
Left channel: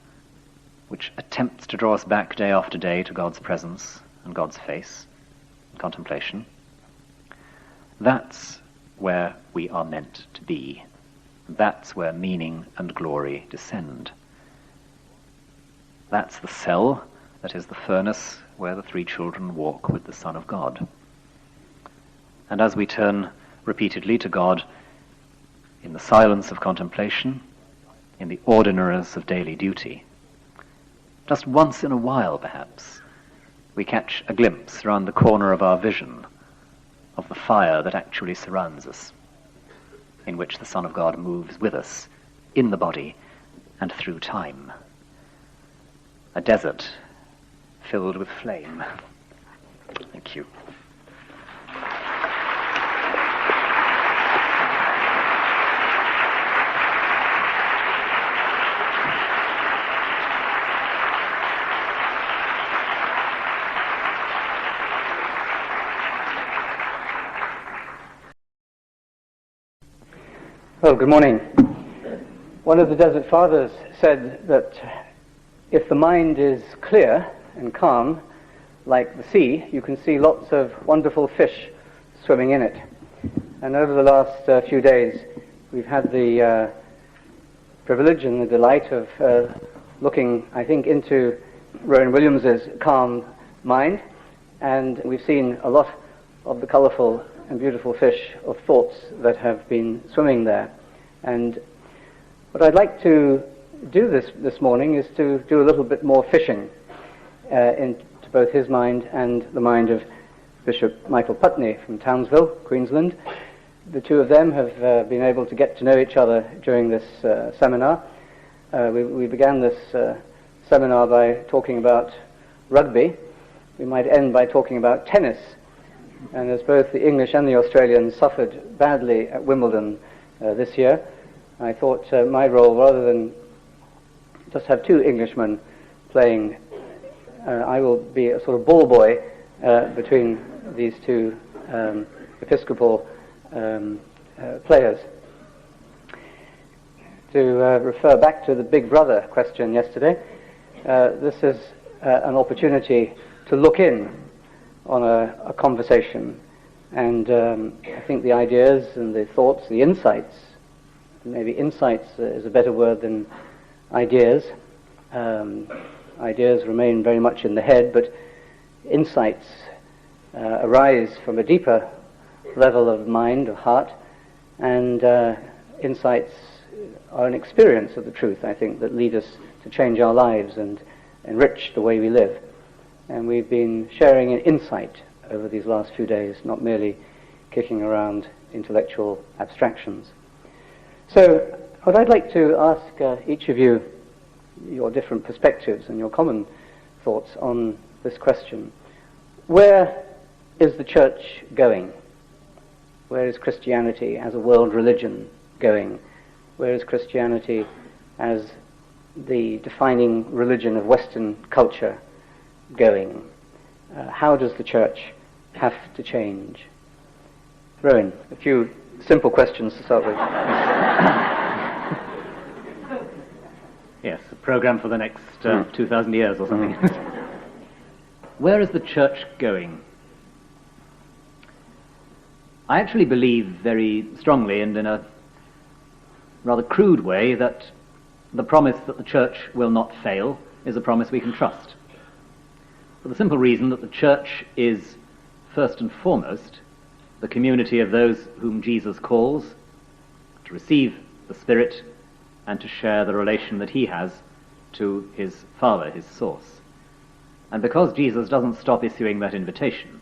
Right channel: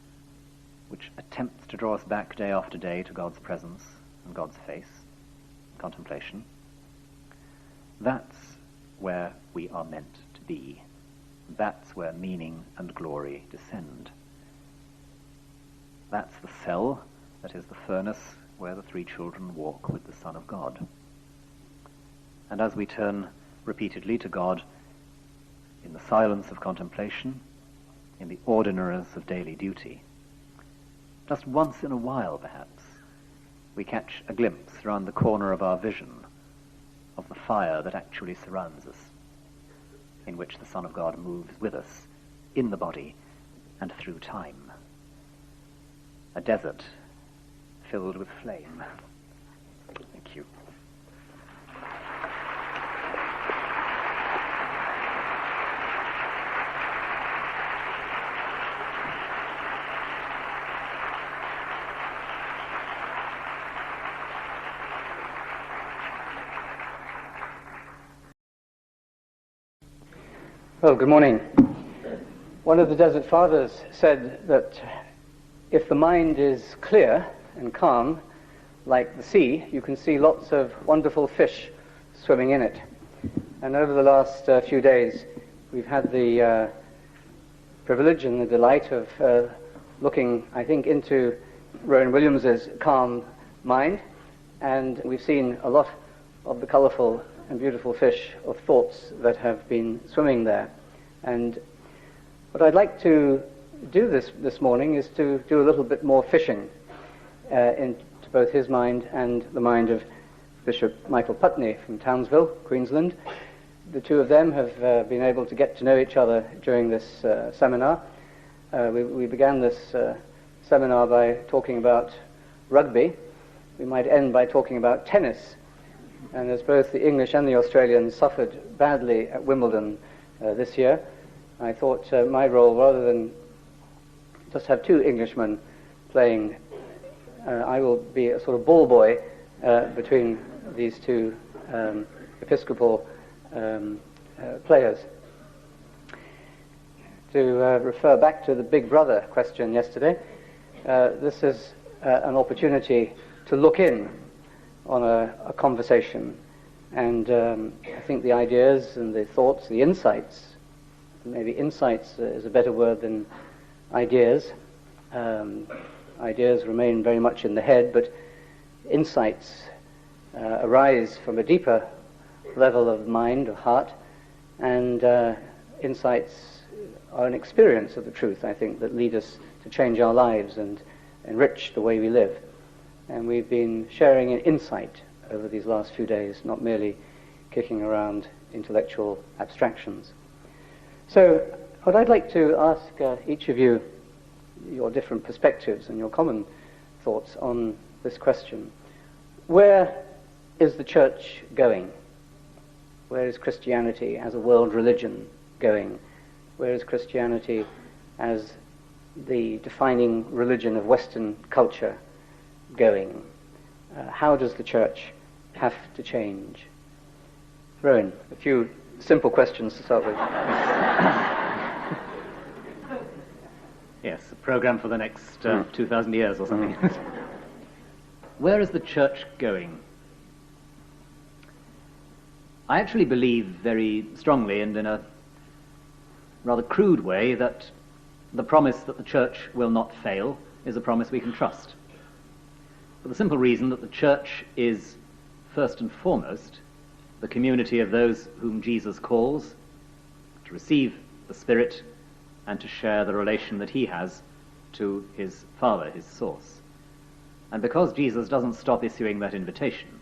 which attempts to draw us back day after day to God's presence and God's face, contemplation. That's where we are meant to be. That's where meaning and glory descend. That's the cell that is the furnace where the three children walk with the Son of God. And as we turn repeatedly to God in the silence of contemplation, in the ordinariness of daily duty, just once in a while perhaps, we catch a glimpse round the corner of our vision of the fire that actually surrounds us, in which the Son of God moves with us in the body and through time. A desert filled with flame. Thank you. Well, good morning. One of the Desert Fathers said that if the mind is clear and calm, like the sea, you can see lots of wonderful fish swimming in it. And over the last few days, we've had the privilege and the delight of looking, I think, into Rowan Williams's calm mind, and we've seen a lot of the colourful and beautiful fish of thoughts that have been swimming there. And what I'd like to do this morning is to do a little bit more fishing into both his mind and the mind of Bishop Michael Putney from Townsville, Queensland. The two of them have been able to get to know each other during this seminar. We began this seminar by talking about rugby. We might end by talking about tennis. And as both the English and the Australians suffered badly at Wimbledon this year, I thought my role, rather than just have two Englishmen playing, I will be a sort of ball boy between these two Episcopal players. To refer back to the Big Brother question yesterday, this is an opportunity to look in on a conversation, and I think the ideas and the thoughts, the insights, maybe insights is a better word than ideas. Ideas remain very much in the head, but insights arise from a deeper level of mind, of heart, and insights are an experience of the truth, I think, that lead us to change our lives and enrich the way we live. And we've been sharing an insight over these last few days, not merely kicking around intellectual abstractions. So what I'd like to ask each of you, your different perspectives and your common thoughts on this question. Where is the church going? Where is Christianity as a world religion going? Where is Christianity as the defining religion of Western culture going? How does the church have to change? Rowan, a few simple questions to start with. Yes, a program for the next 2,000 years or something. Where is the church going? I actually believe very strongly and in a rather crude way that the promise that the church will not fail is a promise we can trust. For the simple reason that the church is, first and foremost, the community of those whom Jesus calls to receive the Spirit and to share the relation that he has to his Father, his source. And because Jesus doesn't stop issuing that invitation,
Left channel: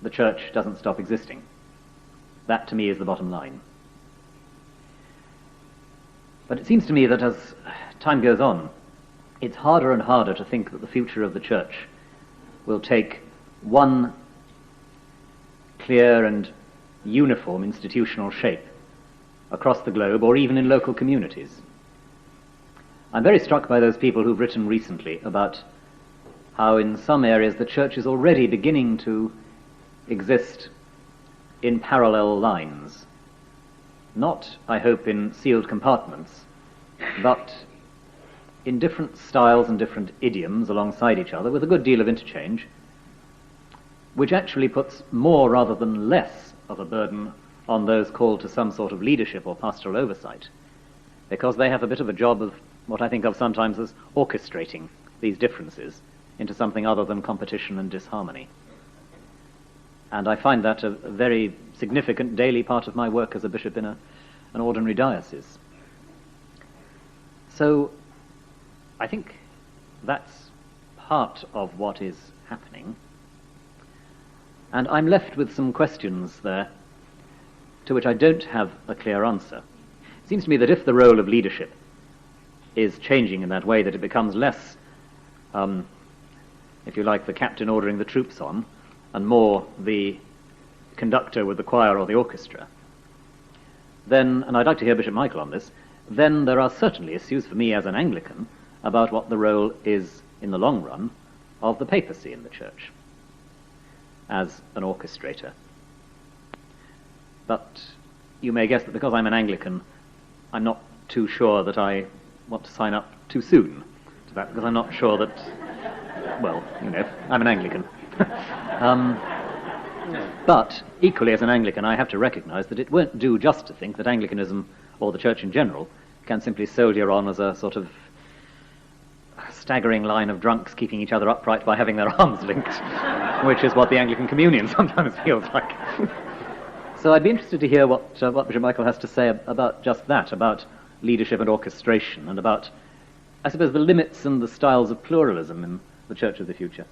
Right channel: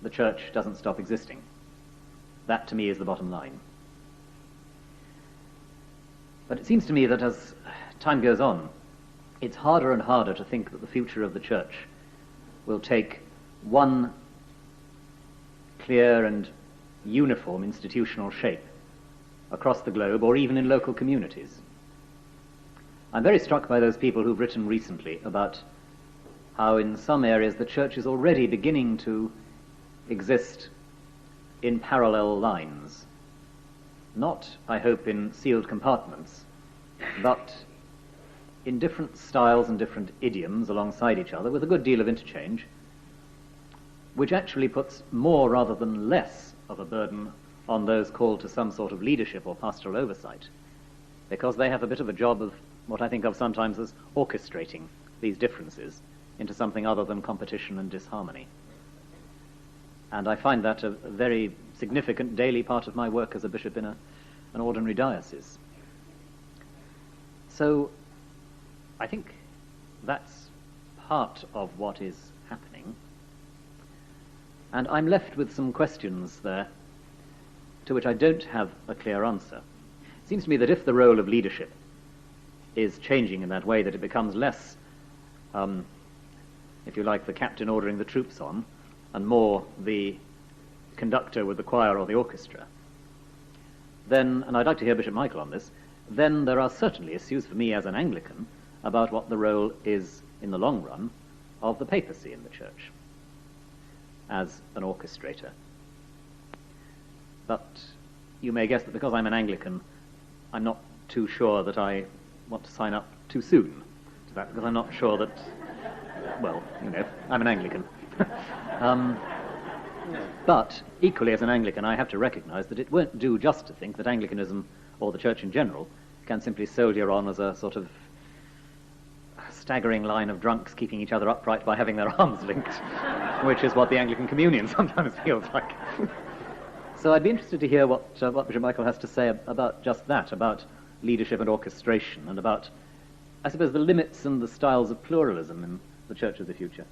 the church doesn't stop existing. That, to me, is the bottom line. But it seems to me that as time goes on, it's harder and harder to think that the future of the church will take one clear and uniform institutional shape across the globe or even in local communities. I'm very struck by those people who've written recently about how in some areas the church is already beginning to exist in parallel lines. Not, I hope, in sealed compartments, but in different styles and different idioms alongside each other with a good deal of interchange, which actually puts more rather than less of a burden on those called to some sort of leadership or pastoral oversight, because they have a bit of a job of what I think of sometimes as orchestrating these differences into something other than competition and disharmony. And I find that a very significant daily part of my work as a bishop in an ordinary diocese. So I think that's part of what is happening. And I'm left with some questions there to which I don't have a clear answer. It seems to me that if the role of leadership is changing in that way, that it becomes less, if you like, the captain ordering the troops on, and more the conductor with the choir or the orchestra, then, and I'd like to hear Bishop Michael on this, then there are certainly issues for me as an Anglican about what the role is in the long run of the papacy in the church as an orchestrator. But you may guess that because I'm an Anglican, I'm not too sure that I want to sign up too soon to that, because I'm not sure that, well, you know, I'm an Anglican. But equally as an Anglican, I have to recognise that it won't do just to think that Anglicanism, or the Church in general, can simply soldier on as a sort of staggering line of drunks keeping each other upright by having their arms linked, which is what the Anglican Communion sometimes feels like. So I'd be interested to hear what Bishop Michael has to say about just that, about leadership and orchestration, and about, I suppose, the limits and the styles of pluralism in the Church of the future.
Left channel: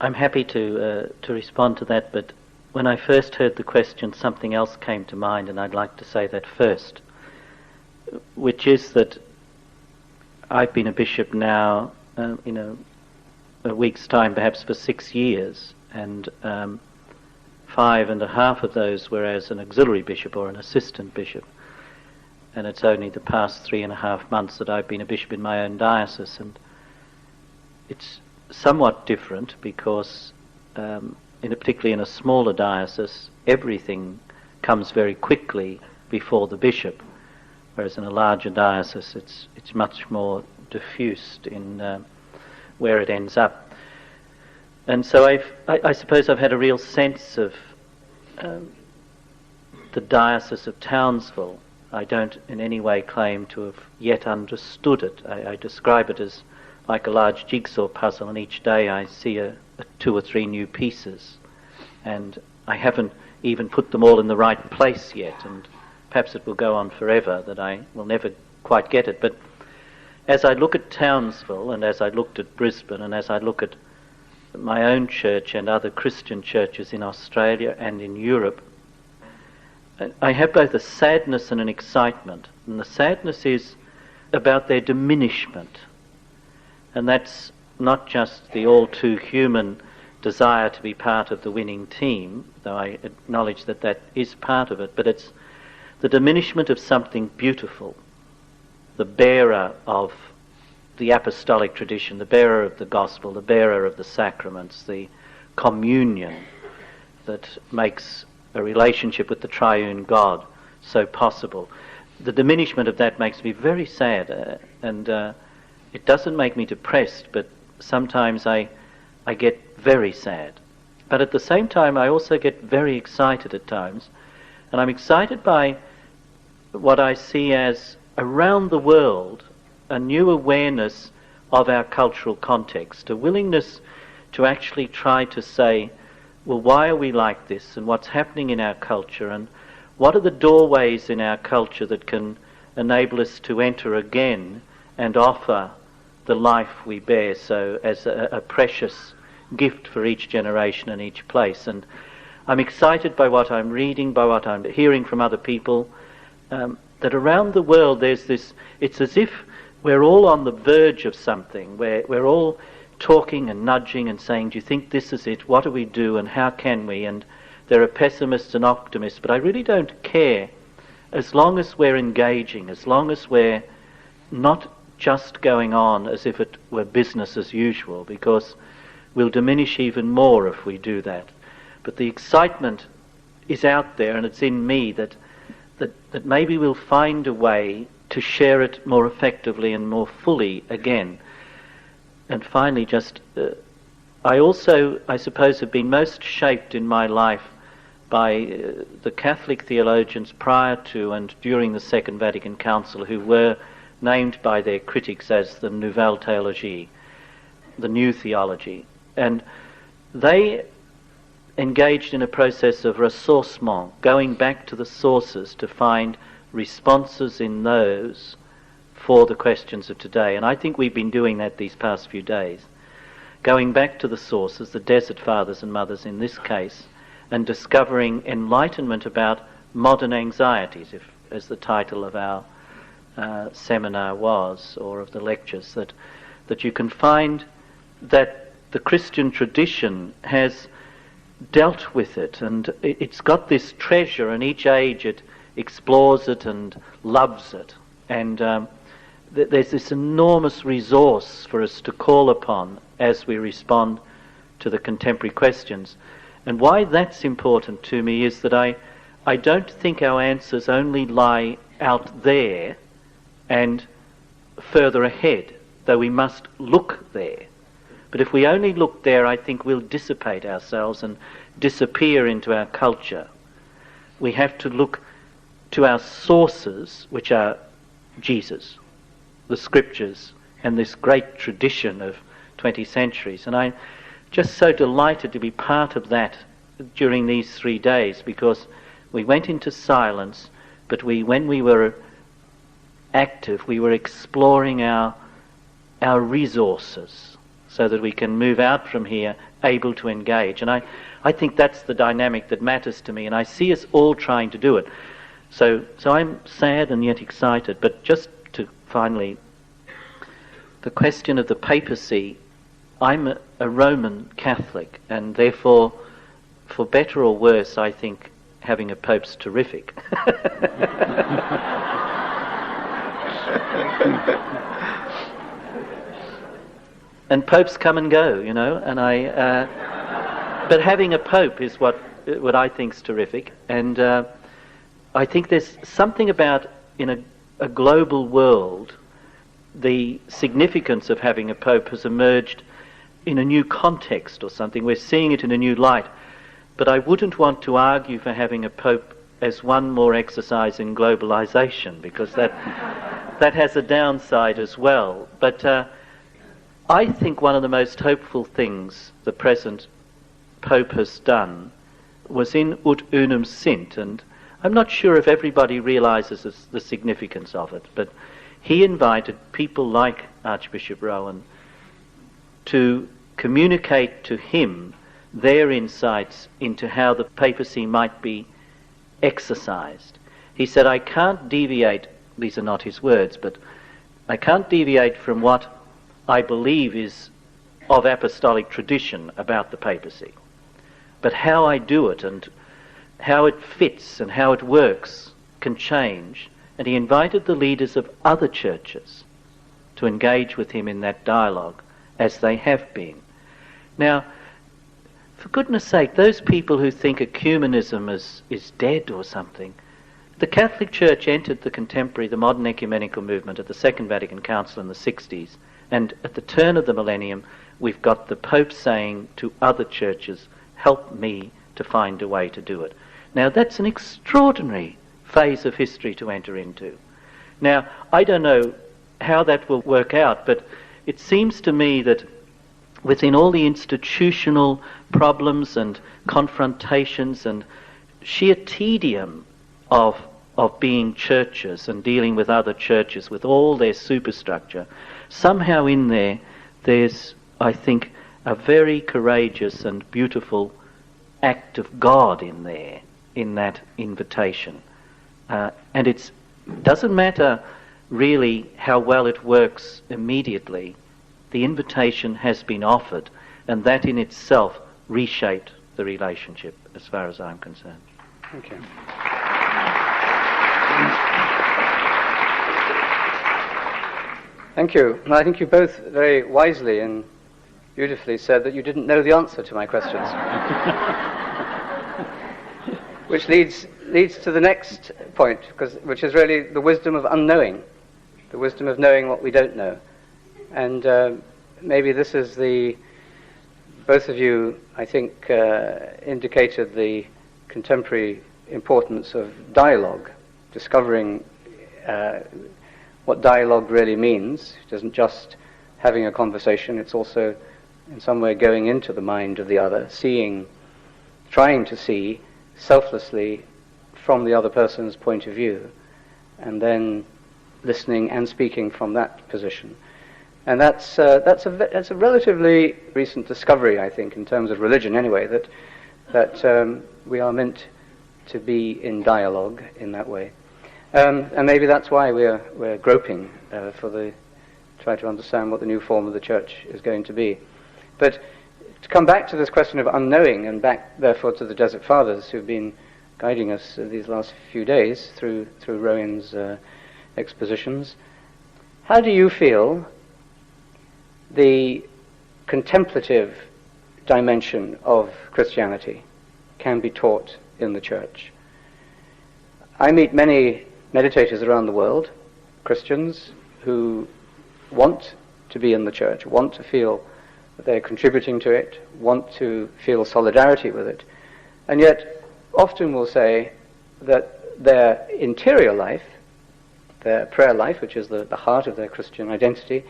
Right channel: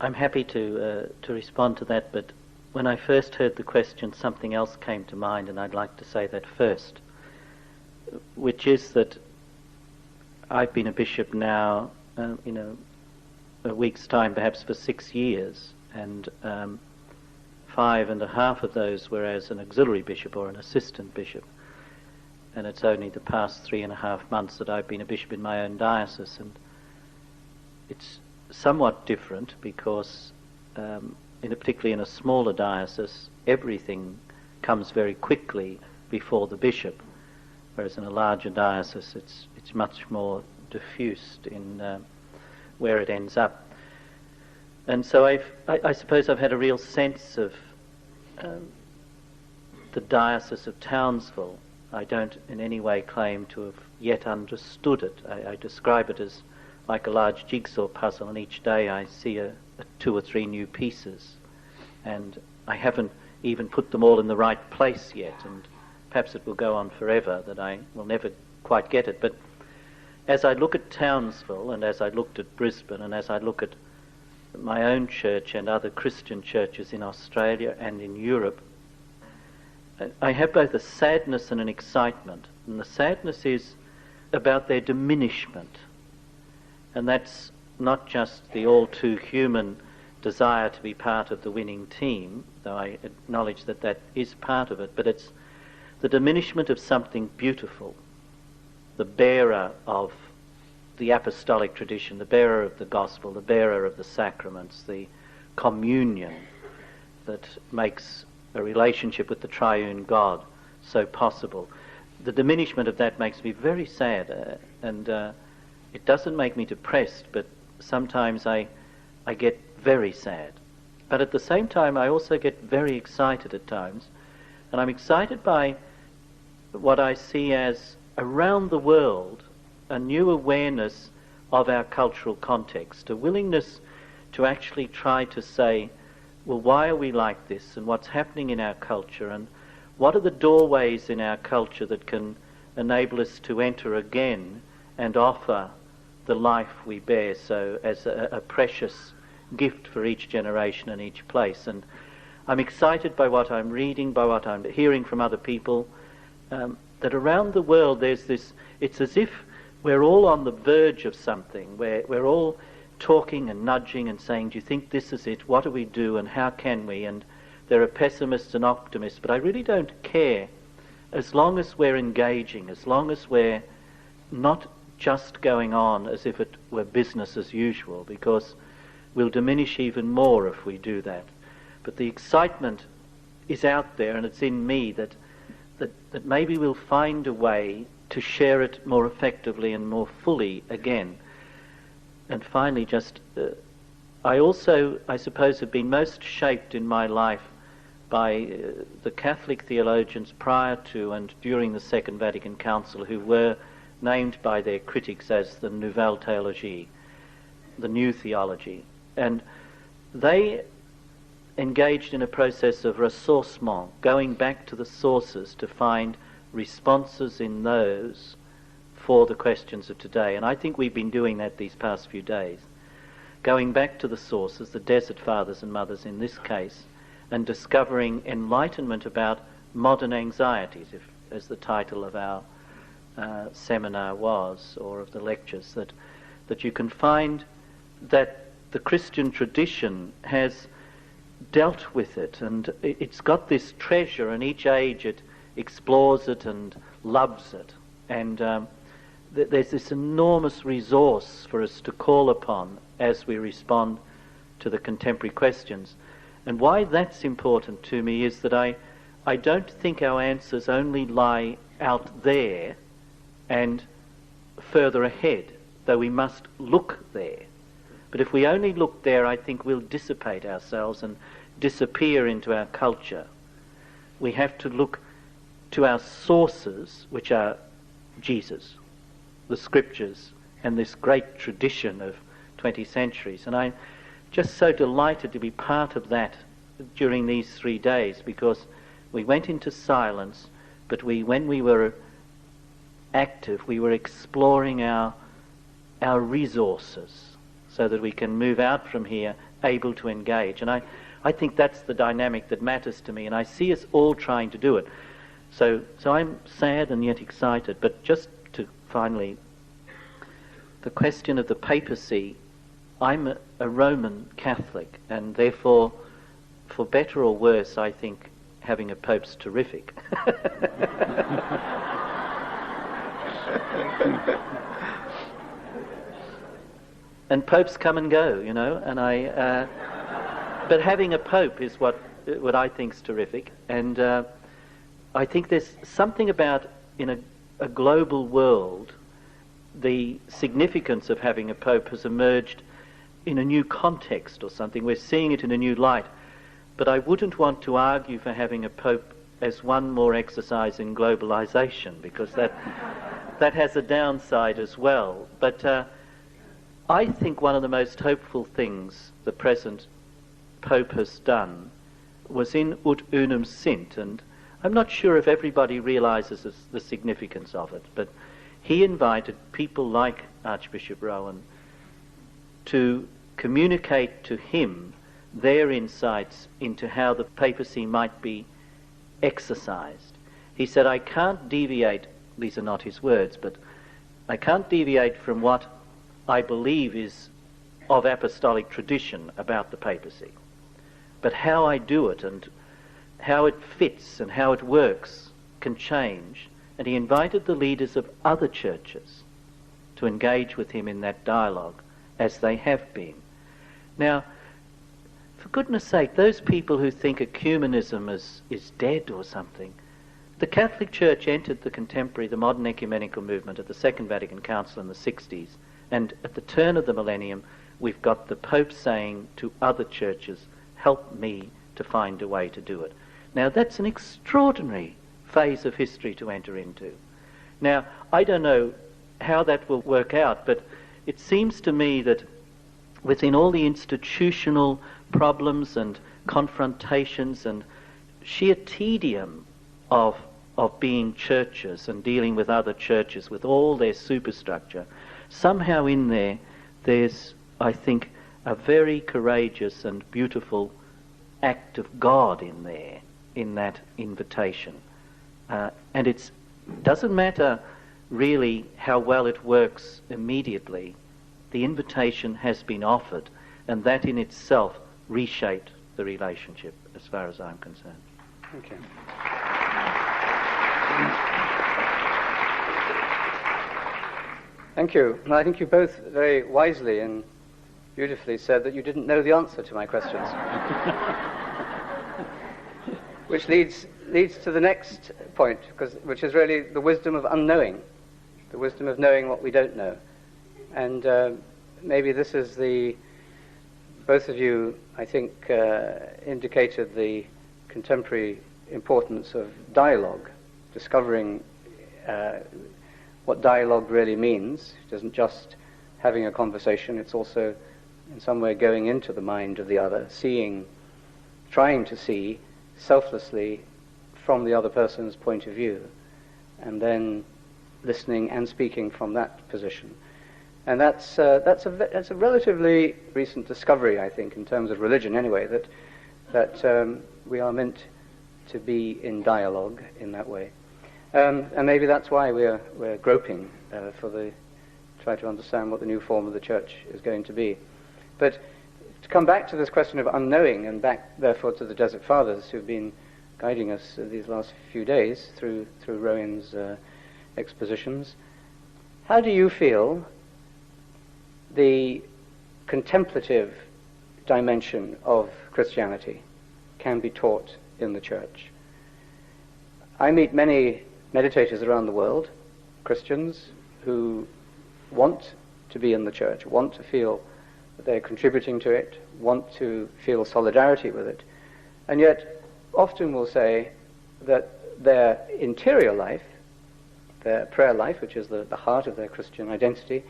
I'm happy to respond to that, but when I first heard the question, something else came to mind, and I'd like to say that first, which is that I've been a bishop now, in a week's time, perhaps for 6 years, and 5.5 of those were as an auxiliary bishop or an assistant bishop, and it's only the past 3.5 months that I've been a bishop in my own diocese, and it's somewhat different because, particularly in a smaller diocese, everything comes very quickly before the bishop, whereas in a larger diocese it's much more diffused in where it ends up. And so I suppose I've had a real sense of the Diocese of Townsville. I don't in any way claim to have yet understood it. I describe it as like a large jigsaw puzzle, and each day I see 2 or 3 new pieces, and I haven't even put them all in the right place yet, and perhaps it will go on forever that I will never quite get it. But as I look at Townsville, and as I looked at Brisbane, and as I look at my own church and other Christian churches in Australia and in Europe, I have both a sadness and an excitement. And the sadness is about their diminishment. And that's not just the all too human desire to be part of the winning team, though I acknowledge that that is part of it, but it's the diminishment of something beautiful, the bearer of the apostolic tradition, the bearer of the gospel, the bearer of the sacraments, the communion that makes a relationship with the triune God so possible. The diminishment of that makes me very sad, and it doesn't make me depressed, but sometimes I get very sad. But at the same time, I also get very excited at times, and I'm excited by what I see as, around the world, a new awareness of our cultural context, a willingness to actually try to say, well, why are we like this, and what's happening in our culture, and what are the doorways in our culture that can enable us to enter again and offer the life we bear so as a precious gift for each generation and each place. And I'm excited by what I'm reading, by what I'm hearing from other people, that around the world there's this, it's as if we're all on the verge of something, where we're all talking and nudging and saying, do you think this is it? What do we do and how can we? And there are pessimists and optimists, but I really don't care as long as we're engaging, as long as we're not just going on as if it were business as usual, because we'll diminish even more if we do that. But the excitement is out there, and it's in me that maybe we'll find a way to share it more effectively and more fully again. And finally, just I also, I suppose, have been most shaped in my life by the Catholic theologians prior to and during the Second Vatican Council, who were named by their critics as the Nouvelle Théologie, the new theology. And they engaged in a process of ressourcement, going back to the sources to find responses in those for the questions of today. And I think we've been doing that these past few days, going back to the sources, the Desert Fathers and Mothers in this case, and discovering enlightenment about modern anxieties, if, as the title of our seminar was, or of the lectures, that you can find that the Christian tradition has dealt with it, and it's got this treasure, and each age it explores it and loves it, and there's this enormous resource for us to call upon as we respond to the contemporary questions. And why that's important to me is that I don't think our answers only lie out there and further ahead, though we must look there. But if we only look there, I think we'll dissipate ourselves and disappear into our culture. We have to look to our sources, which are Jesus, the scriptures, and this great tradition of 20 centuries. And I'm just so delighted to be part of that during these 3 days, because we went into silence, but when we were active, we were exploring our resources so that we can move out from here able to engage. And I think that's the dynamic that matters to me, and I see us all trying to do it. So I'm sad and yet excited. But just to finally, the question of the papacy, I'm a Roman Catholic, and therefore, for better or worse, I think having a pope's terrific. And popes come and go, you know, and but having a pope is what I think's terrific. And I think there's something about, in a global world, the significance of having a pope has emerged in a new context or something. We're seeing it in a new light. But I wouldn't want to argue for having a pope as one more exercise in globalization, because that has a downside as well. But I think one of the most hopeful things the present Pope has done was in Ut Unum Sint, and I'm not sure if everybody realizes the significance of it, but he invited people like Archbishop Rowan to communicate to him their insights into how the papacy might be exercised. He said, I can't deviate, these are not his words, but I can't deviate from what I believe is of apostolic tradition about the papacy. But how I do it and how it fits and how it works can change. And he invited the leaders of other churches to engage with him in that dialogue, as they have been. Now, for goodness sake, those people who think ecumenism is dead or something, the Catholic Church entered the modern ecumenical movement at the Second Vatican Council in the 60s, and at the turn of the millennium, we've got the Pope saying to other churches, help me to find a way to do it. Now, that's an extraordinary phase of history to enter into. Now, I don't know how that will work out, but it seems to me that within all the institutional problems and confrontations and sheer tedium of being churches and dealing with other churches with all their superstructure, somehow in there's, I think, a very courageous and beautiful act of God in there, in that invitation. And it doesn't matter really how well it works immediately. The invitation has been offered, and that in itself reshaped the relationship as far as I'm concerned. Thank you. Thank you. And I think you both very wisely and beautifully said that you didn't know the answer to my questions. Which leads to the next point, which is really the wisdom of unknowing, the wisdom of knowing what we don't know. And maybe this is both of you, I think, indicated the contemporary importance of dialogue, discovering what dialogue really means. It isn't just having a conversation, it's also in some way going into the mind of the other, trying to see selflessly from the other person's point of view, and then listening and speaking from that position. And that's a relatively recent discovery, I think, in terms of religion anyway, that we are meant to be in dialogue in that way. And maybe that's why we're groping try to understand what the new form of the church is going to be. But to come back to this question of unknowing, and back therefore to the Desert Fathers who've been guiding us these last few days through Rowan's expositions, how do you feel the contemplative dimension of Christianity can be taught in the church. I meet many meditators around the world, Christians, who want to be in the church, want to feel that they're contributing to it, want to feel solidarity with it, and yet often will say that their interior life, their prayer life, which is the heart of their Christian identity,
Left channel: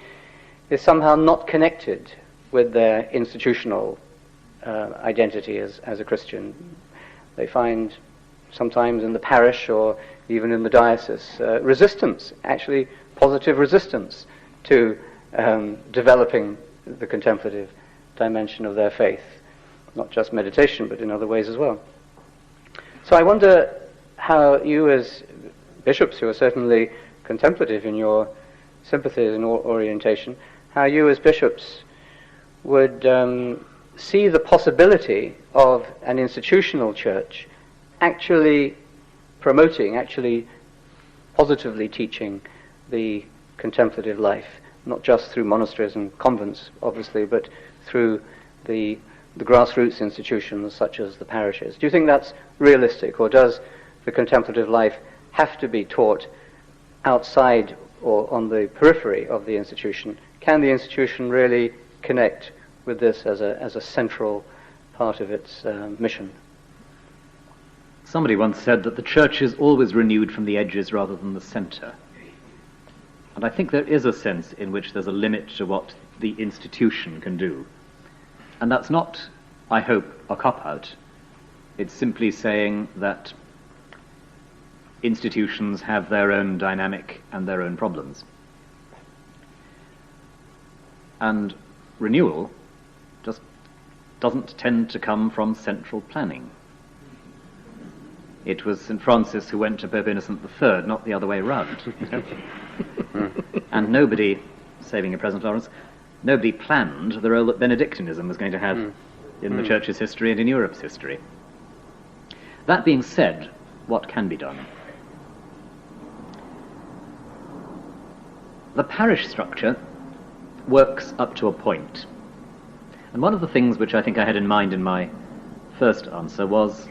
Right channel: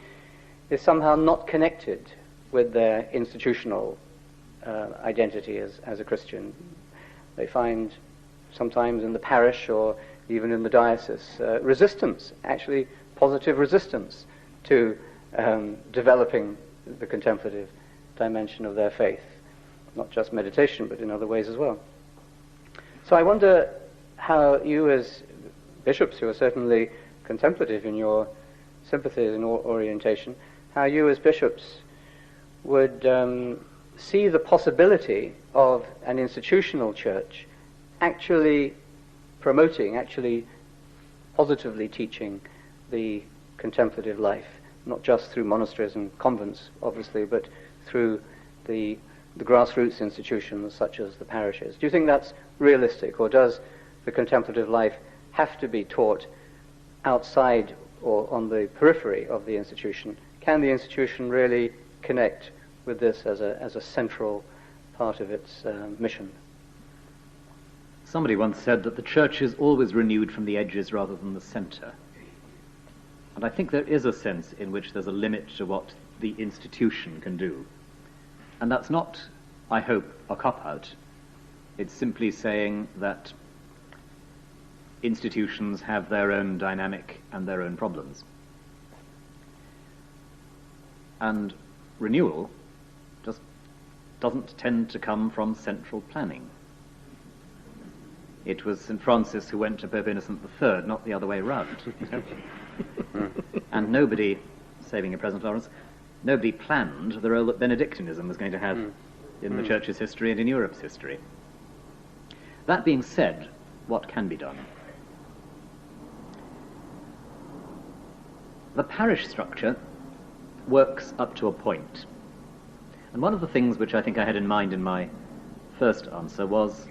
is somehow not connected with their institutional identity as a Christian. They find sometimes in the parish or even in the diocese resistance, actually positive resistance to developing the contemplative dimension of their faith, not just meditation but in other ways as well. So I wonder how you, as bishops who are certainly contemplative in your sympathies and orientation, how you as bishops would see the possibility of an institutional church actually promoting, actually positively teaching the contemplative life, not just through monasteries and convents, obviously, but through the grassroots institutions such as the parishes. Do you think that's realistic, or does the contemplative life have to be taught outside or on the periphery of the institution? Can the institution really connect with this as a central part of its mission? Somebody once said that the church is always renewed from the edges rather than the centre. And I think there is a sense in which there's a limit to what the institution can do. And that's not, I hope, a cop-out. It's simply saying that institutions have their own dynamic and their own problems. And renewal just doesn't tend to come from central planning. It was St. Francis who went to Pope Innocent III, not the other way round. And nobody, saving your present Lawrence, nobody planned the role that Benedictinism was going to have in the Church's history and in Europe's history. That being said, what can be done? The parish structure works up to a point. And one of the things which I think I had in mind in my first answer was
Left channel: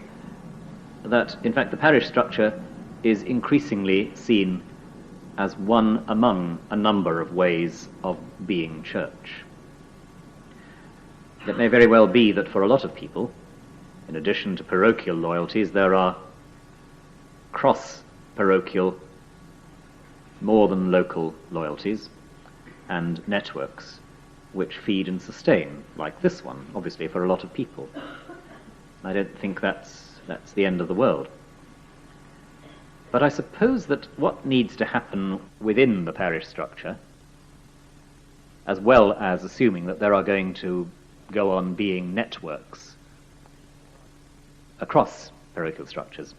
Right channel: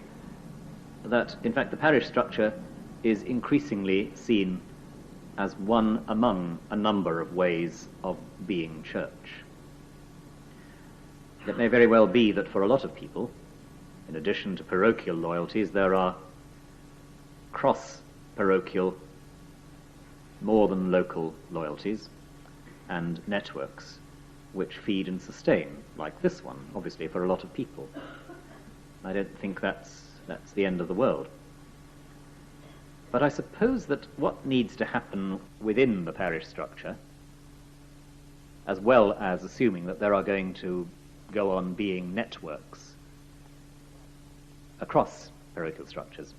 that, in fact, the parish structure is increasingly seen as one among a number of ways of being church. It may very well be that for a lot of people, in addition to parochial loyalties, there are cross-parochial, more than local loyalties and networks which feed and sustain, like this one, obviously, for a lot of people. I don't think that's the end of the world. But I suppose that what needs to happen within the parish structure, as well as assuming that there are going to go on being networks across parochial structures,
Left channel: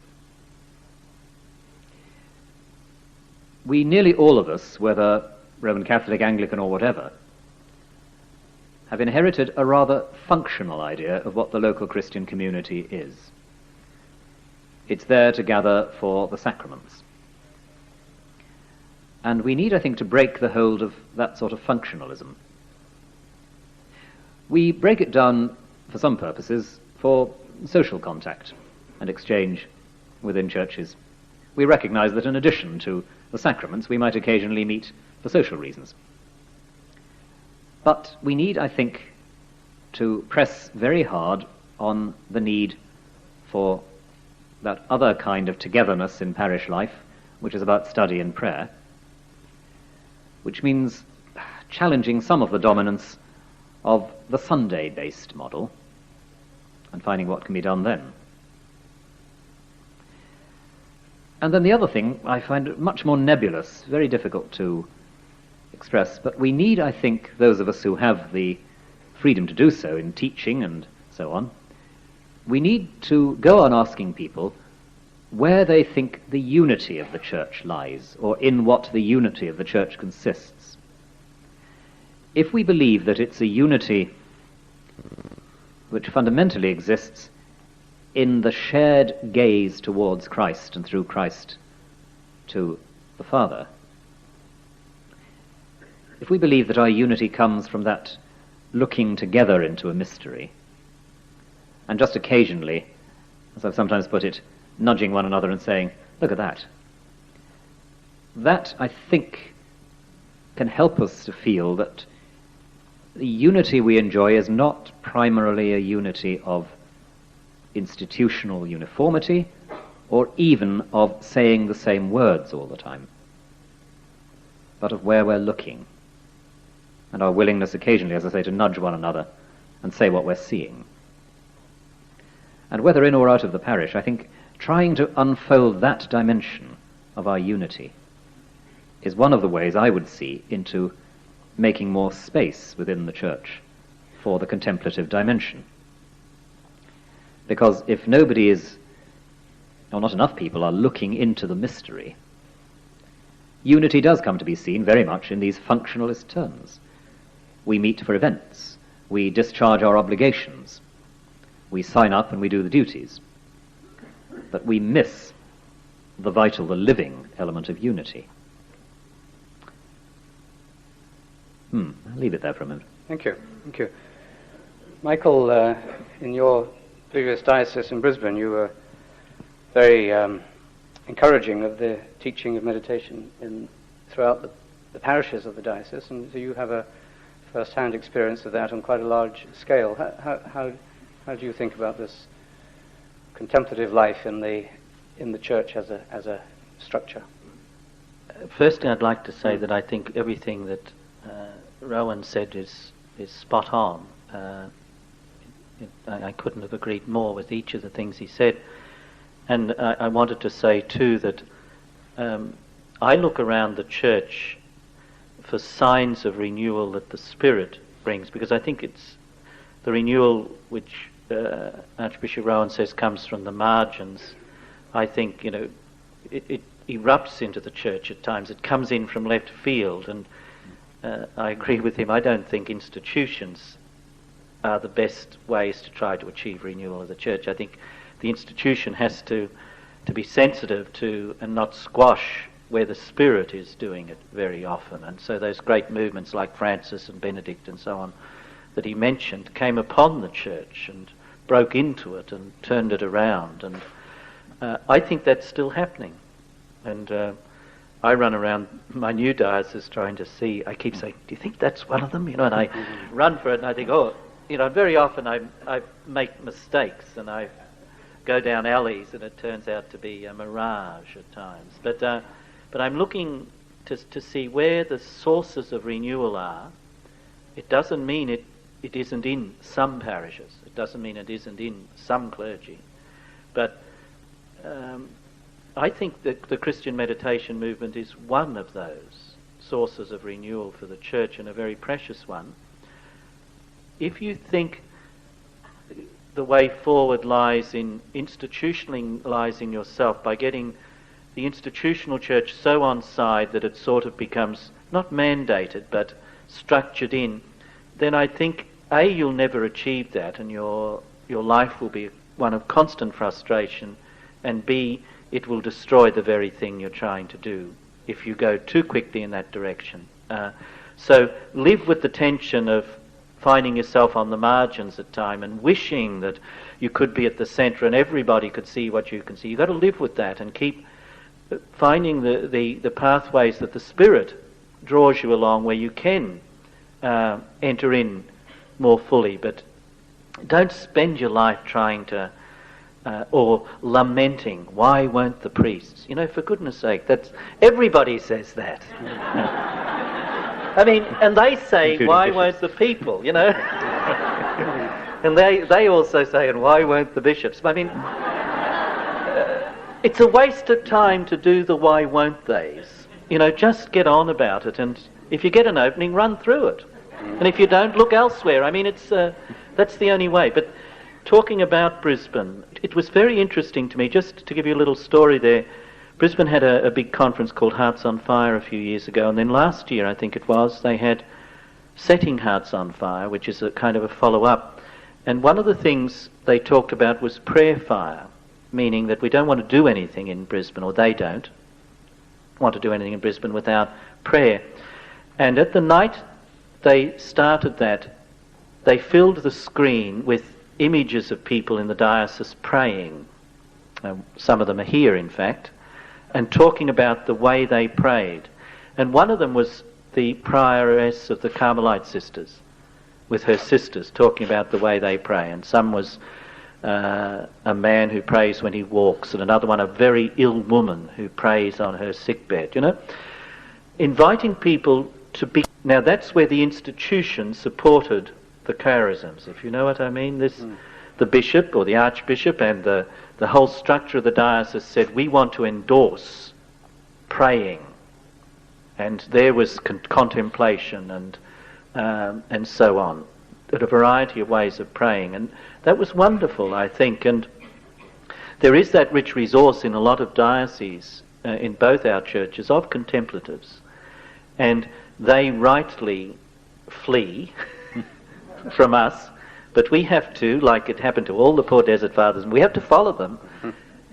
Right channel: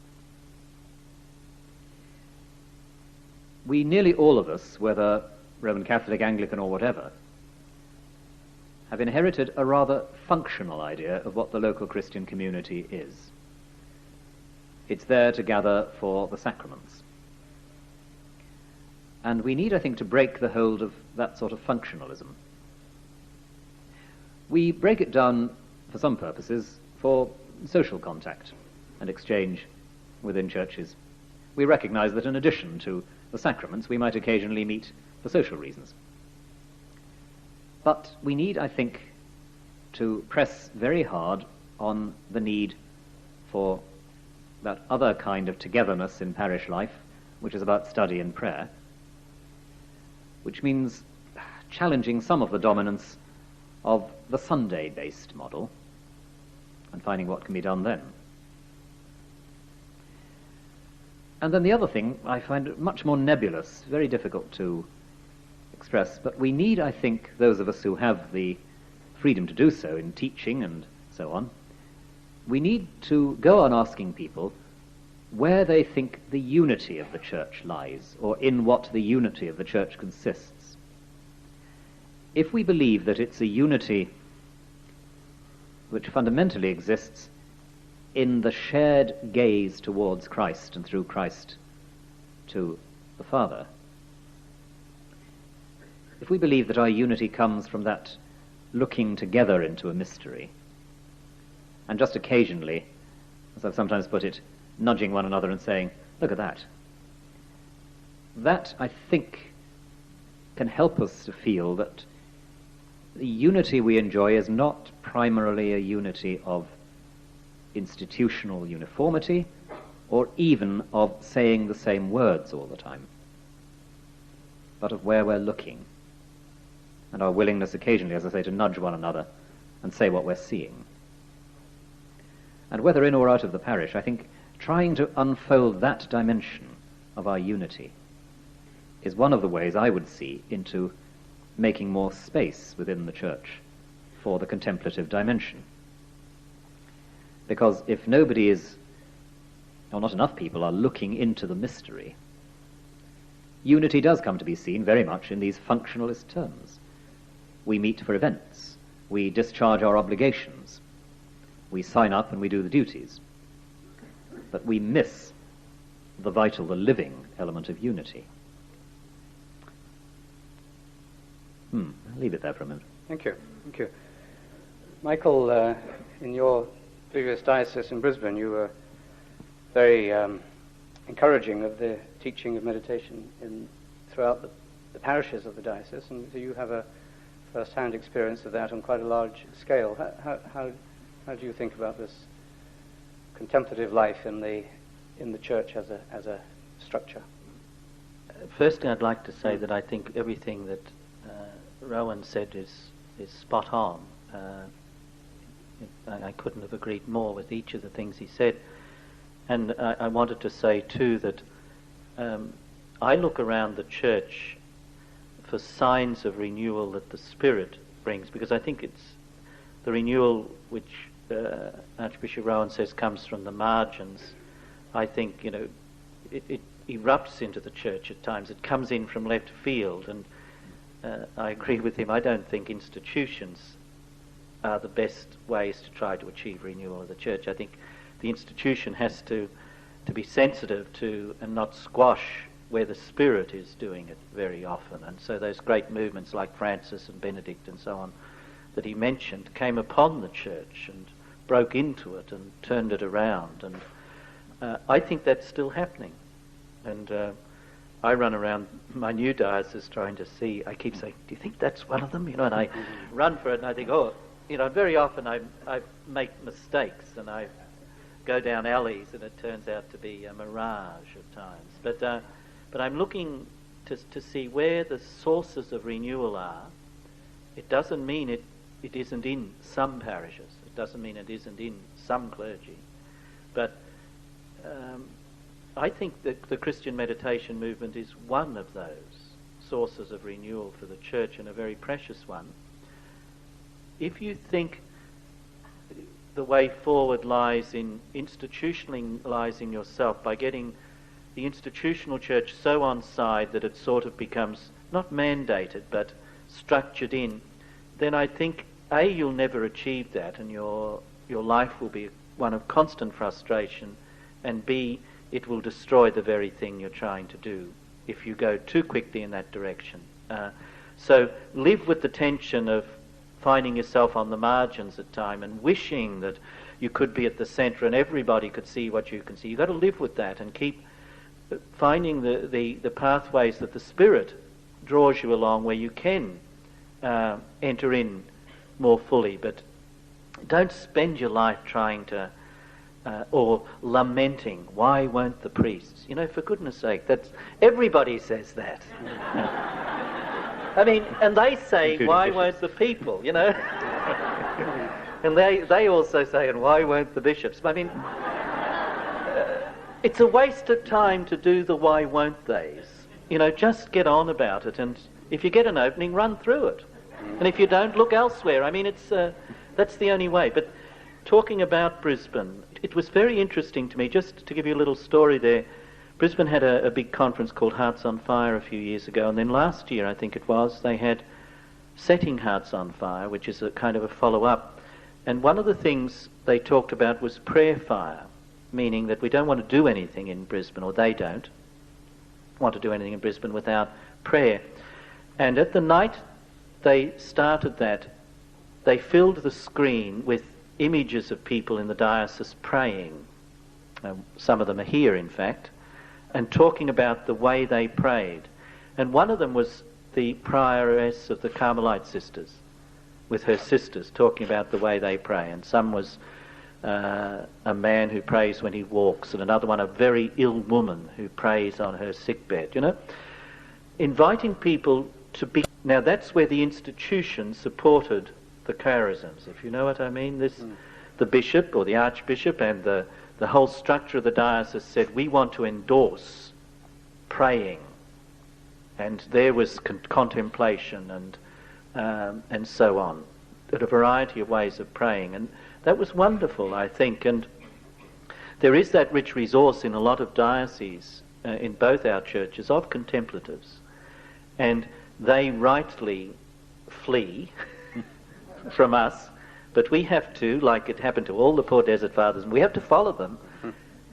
we nearly all of us, whether Roman Catholic, Anglican or whatever, have inherited a rather functional idea of what the local Christian community is. It's there to gather for the sacraments. And we need, I think, to break the hold of that sort of functionalism. We break it down, for some purposes, for social contact and exchange within churches. We recognize that in addition to the sacraments, we might occasionally meet for social reasons. But we need, I think, to press very hard on the need for that other kind of togetherness in parish life, which is about study and prayer, which means challenging some of the dominance of the Sunday-based model and finding what can be done then. And then the other thing I find much more nebulous, very difficult to express, but we need, I think, those of us who have the freedom to do so in teaching and so on, we need to go on asking people where they think the unity of the church lies, or in what the unity of the church consists. If we believe that it's a unity which fundamentally exists in the shared gaze towards Christ and through Christ to the Father, if we believe that our unity comes from that looking together into a mystery, and just occasionally as I've sometimes put it, nudging one another and saying, look at that. That, I think, can help us to feel that the unity we enjoy is not primarily a unity of institutional uniformity or even of saying the same words all the time, but of where we're looking and our willingness occasionally, as I say, to nudge one another and say what we're seeing. And whether in or out of the parish, I think trying to unfold that dimension of our unity is one of the ways I would see into making more space within the church for the contemplative dimension. Because if nobody is, or not enough people are looking into the mystery, unity does come to be seen very much in these functionalist terms. We meet for events, we discharge our obligations, we sign up and we do the duties, but we miss the vital, the living element of unity. I'll leave it there for a minute. Thank you. Thank you. Michael, in your previous diocese in Brisbane, you were very encouraging of the teaching of meditation throughout the parishes of the diocese, and so you have a first-hand experience of that on quite a large scale. How do you think about this contemplative life in the church as a structure? Firstly, I'd like to say that I think everything that Rowan said is spot on. I couldn't have agreed more with each of the things he said. And I wanted to say too that I look around the church for signs of renewal that the Spirit brings, because I think it's the renewal which Archbishop Rowan says comes from the margins. I think, it erupts into the church at times. It comes in from left field, and I agree with him. I don't think institutions are the best ways to try to achieve renewal of the church. I think the institution has to be sensitive to and not squash where the Spirit is doing it very often. And so those great movements like Francis and Benedict and so on that he mentioned came upon the church and broke into it and turned it around. And I think that's still happening. And I run around my new diocese trying to see. I keep saying, do you think that's one of them? And I run for it and I think, very often I make mistakes and I go down alleys and it turns out to be a mirage at times. But I'm looking to see where the sources of renewal are. It doesn't mean it isn't in some parishes. It doesn't mean it isn't in some clergy. But I think that the Christian meditation movement is one of those sources of renewal for the church, and a very precious one. If you think the way forward lies in institutionalizing yourself by getting the institutional church so on side that it sort of becomes not mandated but structured in, then I think A, you'll never achieve that and your life will be one of constant frustration, and B, it will destroy the very thing you're trying to do if you go too quickly in that direction. So live with the tension of finding yourself on the margins at time and wishing that you could be at the centre and everybody could see what you can see. You've got to live with that and keep finding the pathways that the Spirit draws you along where you can enter in more fully. But don't spend your life trying to or lamenting, why won't the priests? For goodness sake, everybody says that. I mean, and they say, including why bishops. Won't the people, And they also say, and why won't the bishops? I mean, it's a waste of time to do the why won't theys. Just get on about it, and if you get an opening, run through it. And if you don't, look elsewhere. I mean, that's the only way. But talking about Brisbane, it was very interesting to me, just to give you a little story there. Brisbane had a big conference called Hearts on Fire a few years ago, and then last year, I think it was, they had Setting Hearts on Fire, which is a kind of a follow-up. And one of the things they talked about was prayer fire, meaning that we don't want to do anything in Brisbane, or they don't want to do anything in Brisbane without prayer. And at the night they started that, they filled the screen with images of people in the diocese praying some of them are here in fact, and talking about the way they prayed. And one of them was the prioress of the Carmelite sisters, with her sisters, talking about the way they pray. And some was a man who prays when he walks, and another one a very ill woman who prays on her sickbed, you know. Inviting people to be... Now that's where the institution supported the charisms, if you know what I mean. The bishop or the archbishop and the whole structure of the diocese said, we want to endorse praying. And there was contemplation and so on, a variety of ways of praying. And that was wonderful, I think. And there is that rich resource in a lot of dioceses, in both our churches, of contemplatives. And they rightly flee from us, but we have to, like it happened to all the poor desert fathers, we have to follow them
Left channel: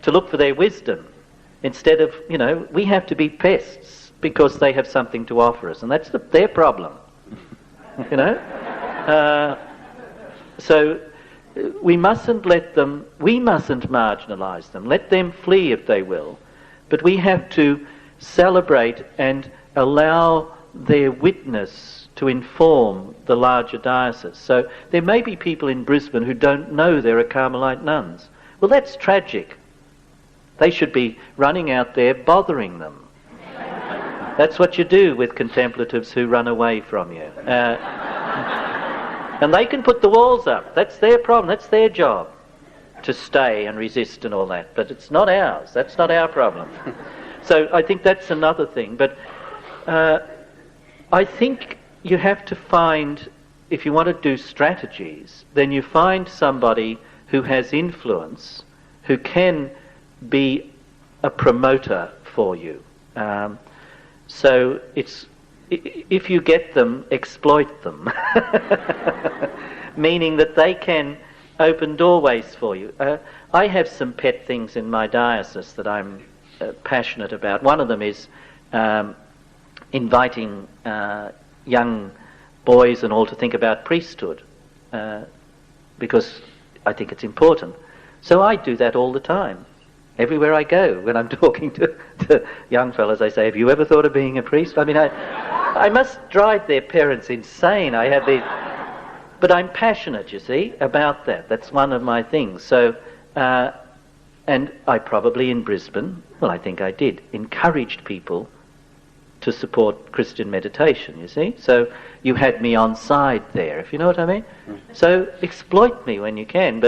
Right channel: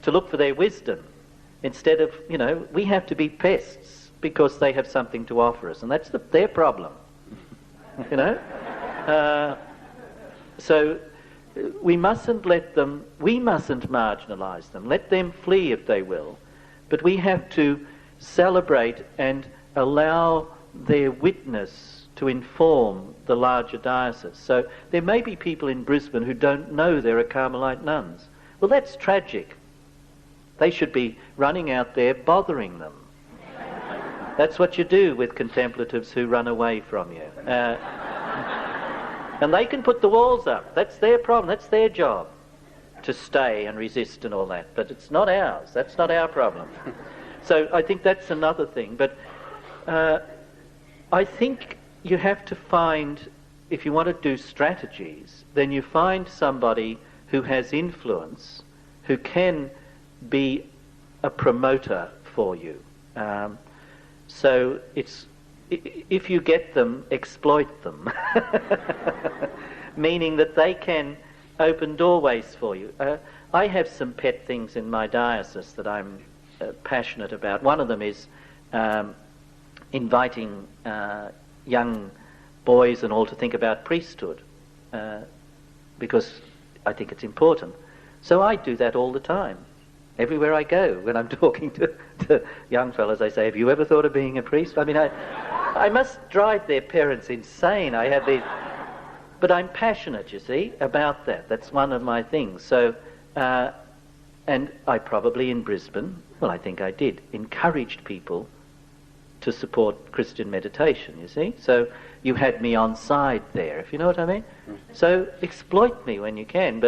to look for their wisdom. Instead of, you know, we have to be pests because they have something to offer us, and that's their problem, you know. So we mustn't marginalise them. Let them flee if they will, but we have to celebrate and allow their witness to inform the larger diocese. So there may be people in Brisbane who don't know there are Carmelite nuns. Well, that's tragic. They should be running out there bothering them. That's what you do with contemplatives who run away from you. And they can put the walls up. That's their problem. That's their job, to stay and resist and all that. But it's not ours. That's not our problem. So I think that's another thing. But I think you have to find, if you want to do strategies, then you find somebody who has influence, who can be a promoter for you. So it's, if you get them, exploit them. Meaning that they can open doorways for you. I have some pet things in my diocese that I'm passionate about. One of them is inviting young boys and all to think about priesthood, because I think it's important. So I do that all the time. Everywhere I go, when I'm talking to young fellas, I say, have you ever thought of being a priest? I mean, I must drive their parents insane. I have these... But I'm passionate, you see, about that. That's one of my things. So, and I probably in Brisbane, well, I think I did, encouraged people to support Christian meditation, you see. So you had me on side there, if you know what I mean. So exploit me when you can,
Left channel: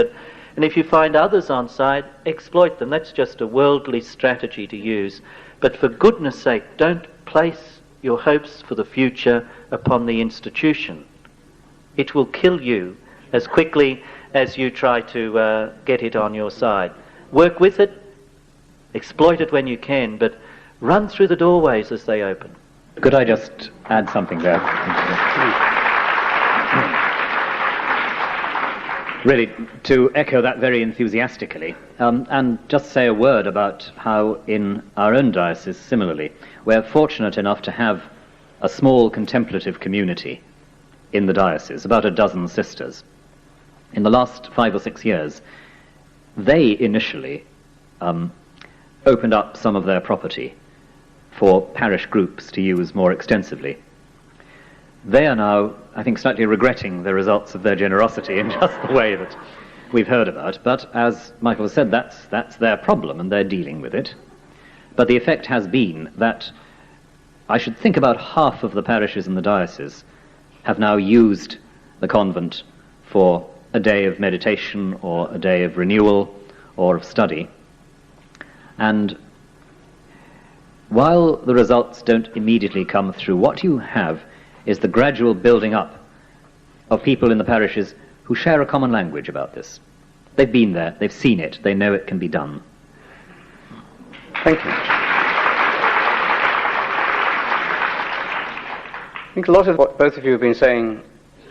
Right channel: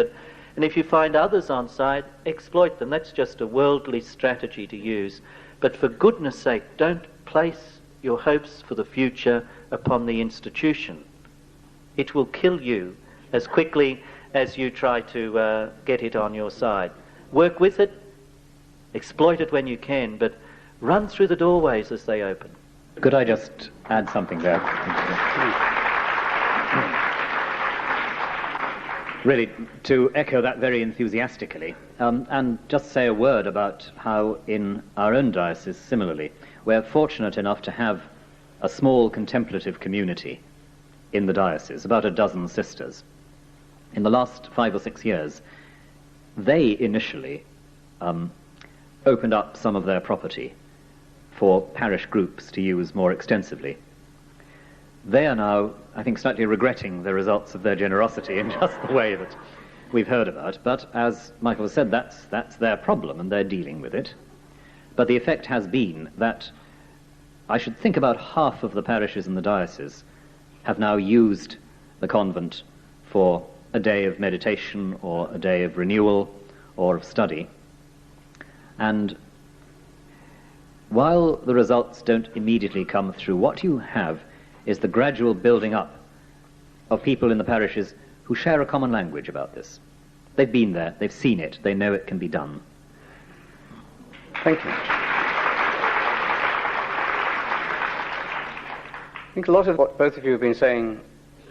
and if you find others on side, exploit them. That's just a worldly strategy to use. But for goodness sake, don't place your hopes for the future upon the institution. It will kill you as quickly as you try to get it on your side. Work with it, exploit it when you can, but run through the doorways as they open. Could I just add something there? Really, to echo that very enthusiastically, and just say a word about how in our own diocese, similarly, we're fortunate enough to have a small contemplative community in the diocese, about a dozen sisters. In the last 5 or 6 years, they initially opened up some of their property for parish groups to use more extensively. They are now, I think, slightly regretting the results of their generosity in just the way that we've heard about. But as Michael said, that's their problem and they're dealing with it. But the effect has been that I should think about half of the parishes in the diocese have now used the convent for a day of meditation or a day of renewal or of study. And while the results don't immediately come through, what you have is the gradual building up of people in the parishes who share a common language about this. They've been there, they've seen it, they know it can be done. Thank you. I think a lot of what both of you have been saying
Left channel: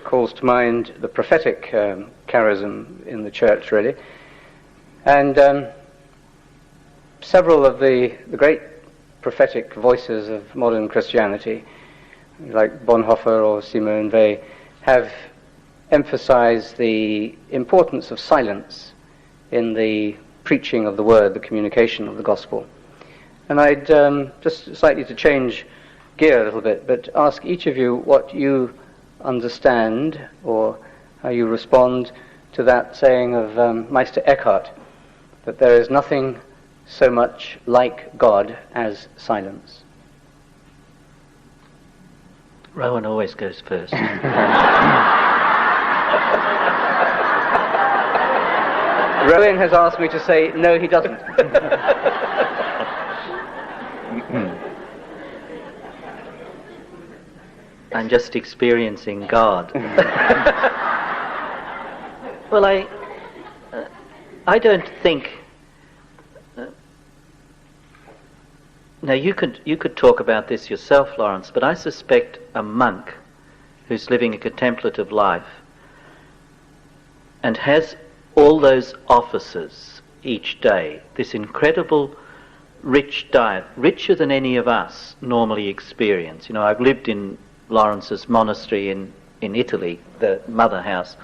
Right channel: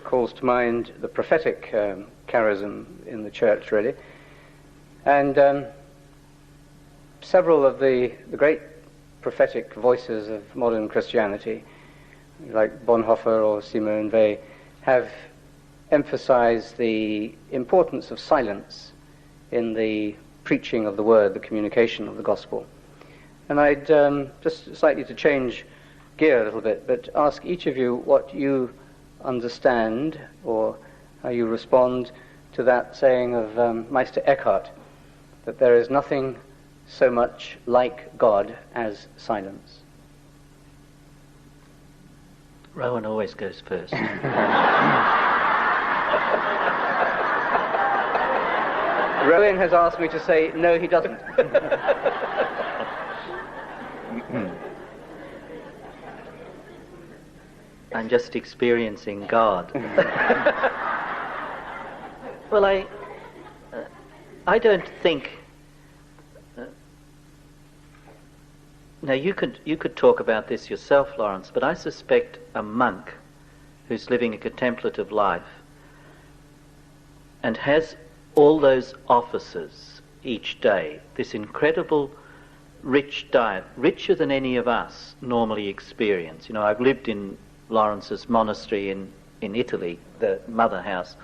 calls to mind the prophetic charism in the church, really. And several of the great prophetic voices of modern Christianity, like Bonhoeffer or Simone Weil, have emphasized the importance of silence in the preaching of the word, the communication of the gospel. And I'd just slightly to change gear a little bit, but ask each of you what you understand or how you respond to that saying of Meister Eckhart, that there is nothing so much like God as silence. Rowan always goes first. Rowan has asked me to say, no, he doesn't. I'm just experiencing God. Well, I don't think. Now you could talk about this yourself, Lawrence, but I suspect a monk who's living a contemplative life and has all those offices each day, this incredible rich diet, richer than any of us normally experience. You know, I've lived in Lawrence's monastery in Italy, the mother house,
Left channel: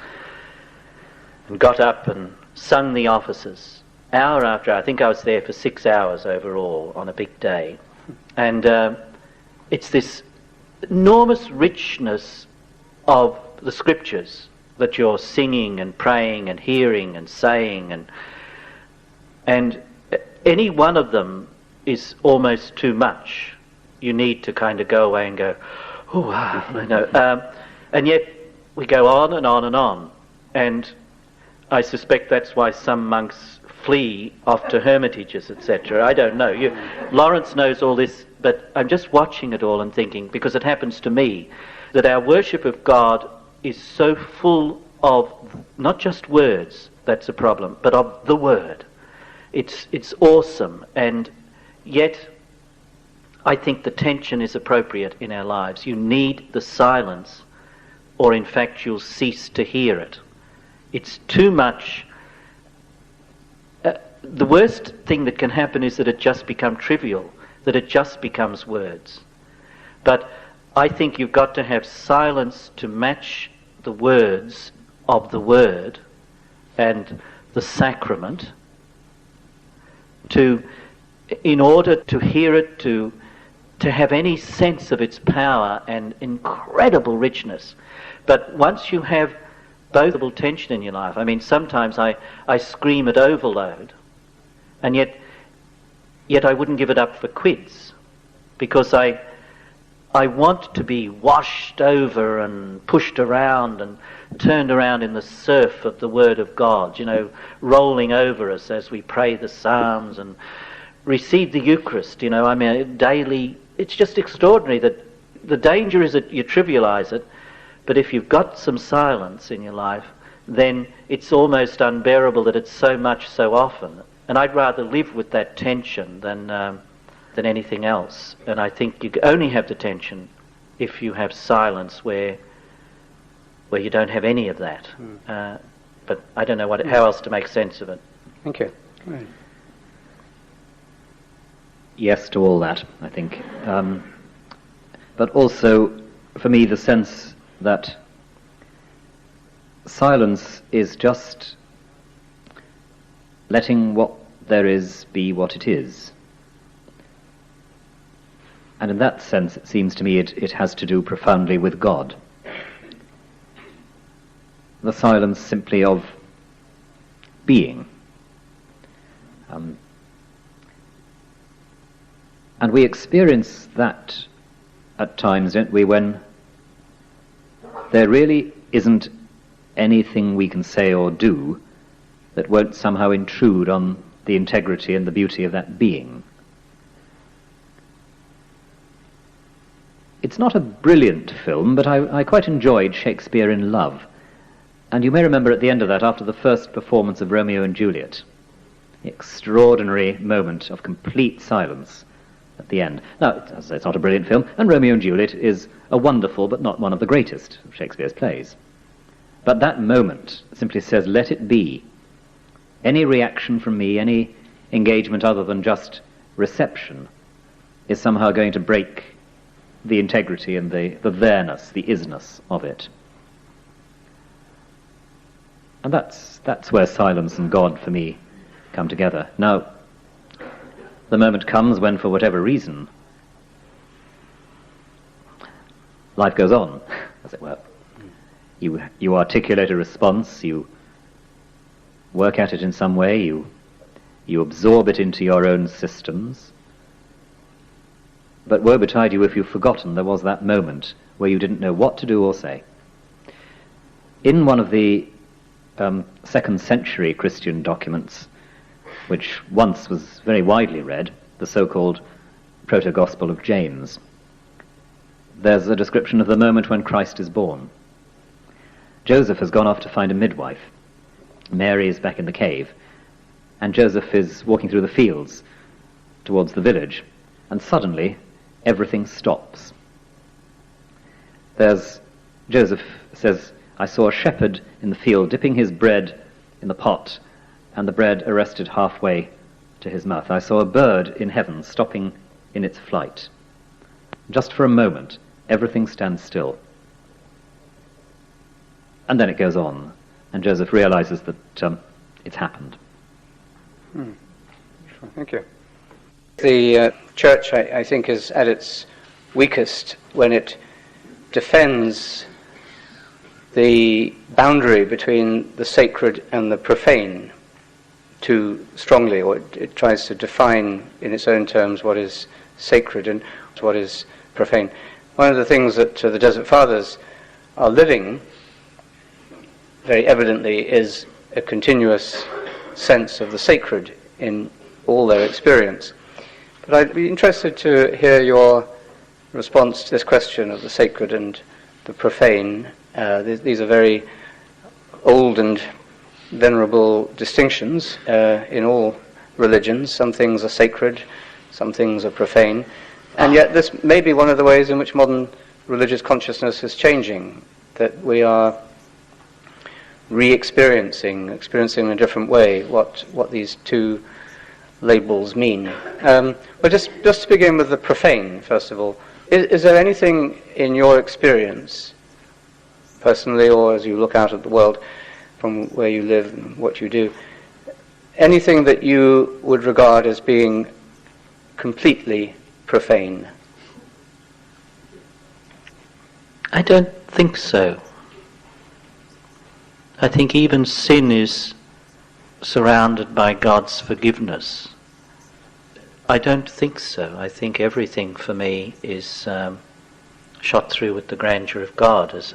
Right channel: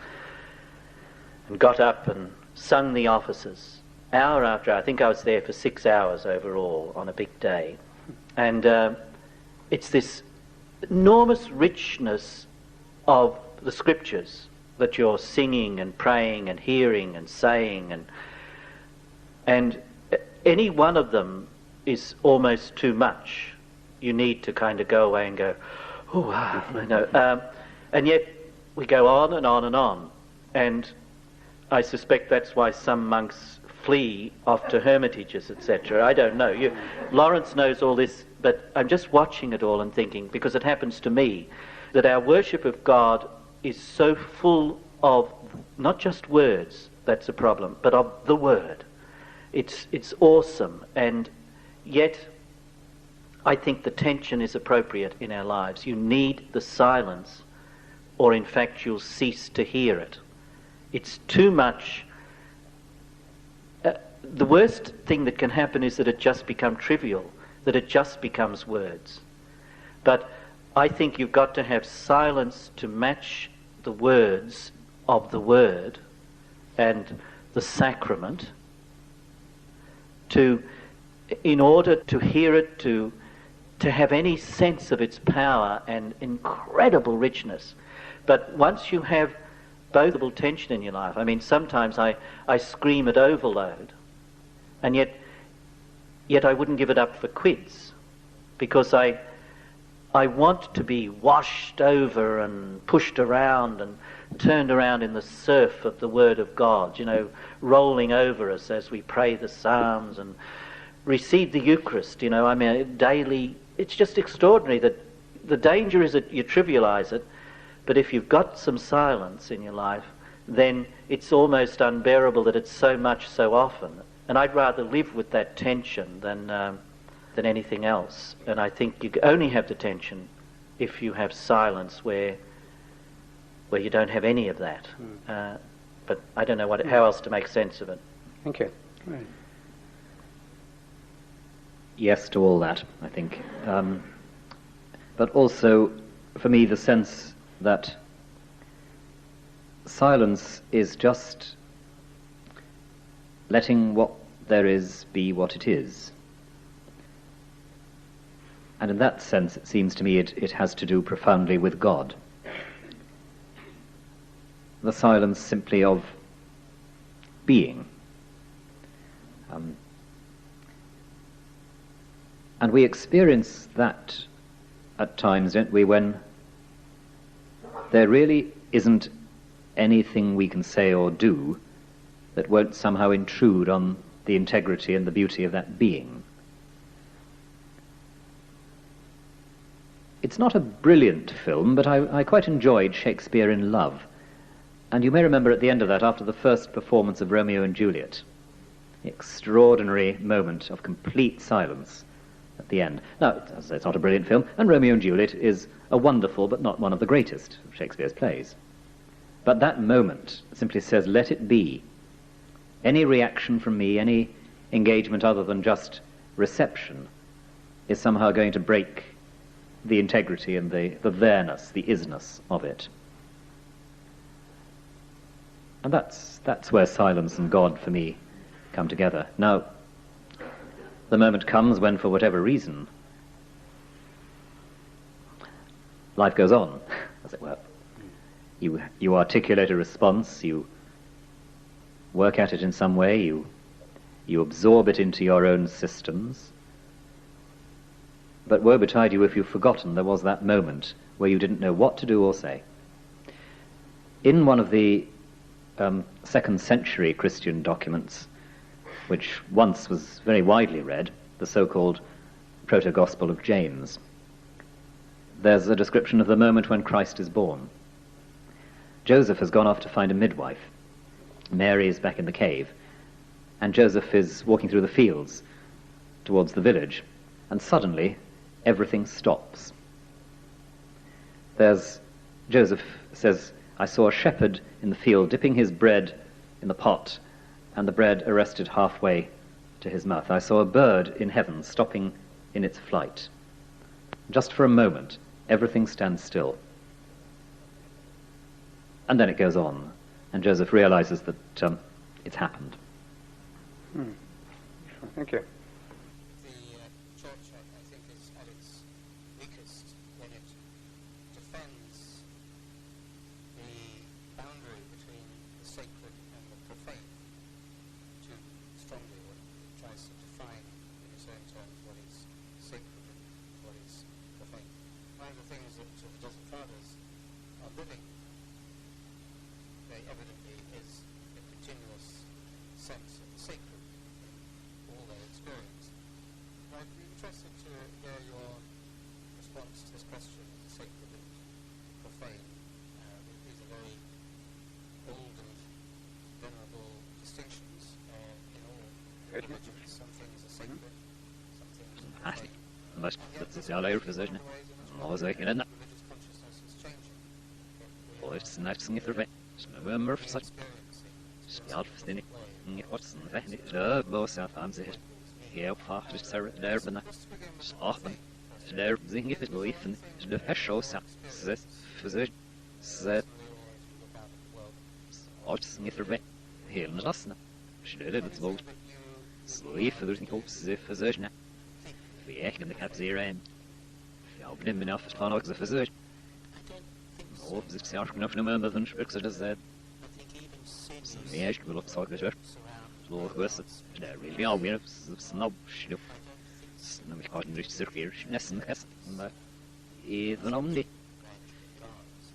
and got up and sung the offices hour after hour. I think I was there for 6 hours overall on a big day. And it's this enormous richness of the scriptures that you're singing and praying and hearing and saying, and any one of them is almost too much. You need to kind of go away and go, oh, I know. And yet we go on and on and on. And I suspect that's why some monks flee off to hermitages, etc. I don't know. Lawrence knows all this, but I'm just watching it all and thinking, because it happens to me, that our worship of God is so full of not just words, that's a problem, but of the word. It's awesome, and yet I think the tension is appropriate in our lives. You need the silence, or in fact you'll cease to hear it. It's too much. The worst thing that can happen is that it just becomes trivial, that it just becomes words. But I think you've got to have silence to match the words of the word and the sacrament, in order to hear it, to have any sense of its power and incredible richness. But once you have both tension in your life, I mean, sometimes I scream at overload, and yet I wouldn't give it up for quids, because I want to be washed over and pushed around and turned around in the surf of the Word of God, you know, rolling over us as we pray the Psalms and receive the Eucharist, you know. I mean, daily. It's just extraordinary that the danger is that you trivialise it, but if you've got some silence in your life, then it's almost unbearable that it's so much so often. And I'd rather live with that tension than anything else. And I think you only have the tension if you have silence where you don't have any of that. But I don't know how else to make sense of it. Thank you. Right. Yes to all that, I think. But also, for me, the sense that silence is just letting what there is be what it is. And in that sense, it seems to me it has to do profoundly with God. The silence simply of being. And we experience that at times, don't we, when there really isn't anything we can say or do that won't somehow intrude on the integrity and the beauty of that being. It's not a brilliant film, but I quite enjoyed Shakespeare in Love. And you may remember at the end of that, after the first performance of Romeo and Juliet, the extraordinary moment of complete silence at the end. Now, it's not a brilliant film, and Romeo and Juliet is a wonderful but not one of the greatest of Shakespeare's plays. But that moment simply says, let it be. Any reaction from me, any engagement other than just reception, is somehow going to break the integrity and the there-ness, the isness of it. And that's where silence and God, for me, come together. Now, the moment comes when, for whatever reason, life goes on, as it were. You articulate a response, you work at it in some way, you absorb it into your own systems. But woe betide you if you've forgotten there was that moment where you didn't know what to do or say. In one of the 2nd century Christian documents, which once was very widely read, the so-called Proto-Gospel of James, there's a description of the moment when Christ is born. Joseph has gone off to find a midwife. Mary is back in the cave, and Joseph is walking through the fields towards the village, and suddenly everything stops. Joseph says, "I saw a shepherd in the field dipping his bread in the pot, and the bread arrested halfway to his mouth. I saw a bird in heaven stopping in its flight. Just for a moment, everything stands still." And then it goes on, and Joseph realizes that it's happened. Sure, thank you. The church, I think, is at its weakest when it defends the boundary between the sacred and the profane too strongly, or it tries to define in its own terms what is sacred and what is profane. One of the things that the Desert Fathers are living very evidently is a continuous sense of the sacred in all their experience. But I'd be interested to hear your response to this question of the sacred and the profane. These are very old and venerable distinctions in all religions. Some things are sacred, some things are profane. And yet this may be one of the ways in which modern religious consciousness is changing, that we are experiencing in a different way what these two labels mean. But just to begin with the profane, first of all, is there anything in your experience, personally or as you look out at the world from where you live and what you do, anything that you would regard as being completely profane? I don't think so. I think even sin is surrounded by God's forgiveness. I don't think so. I think everything for me is shot through with the grandeur of God, as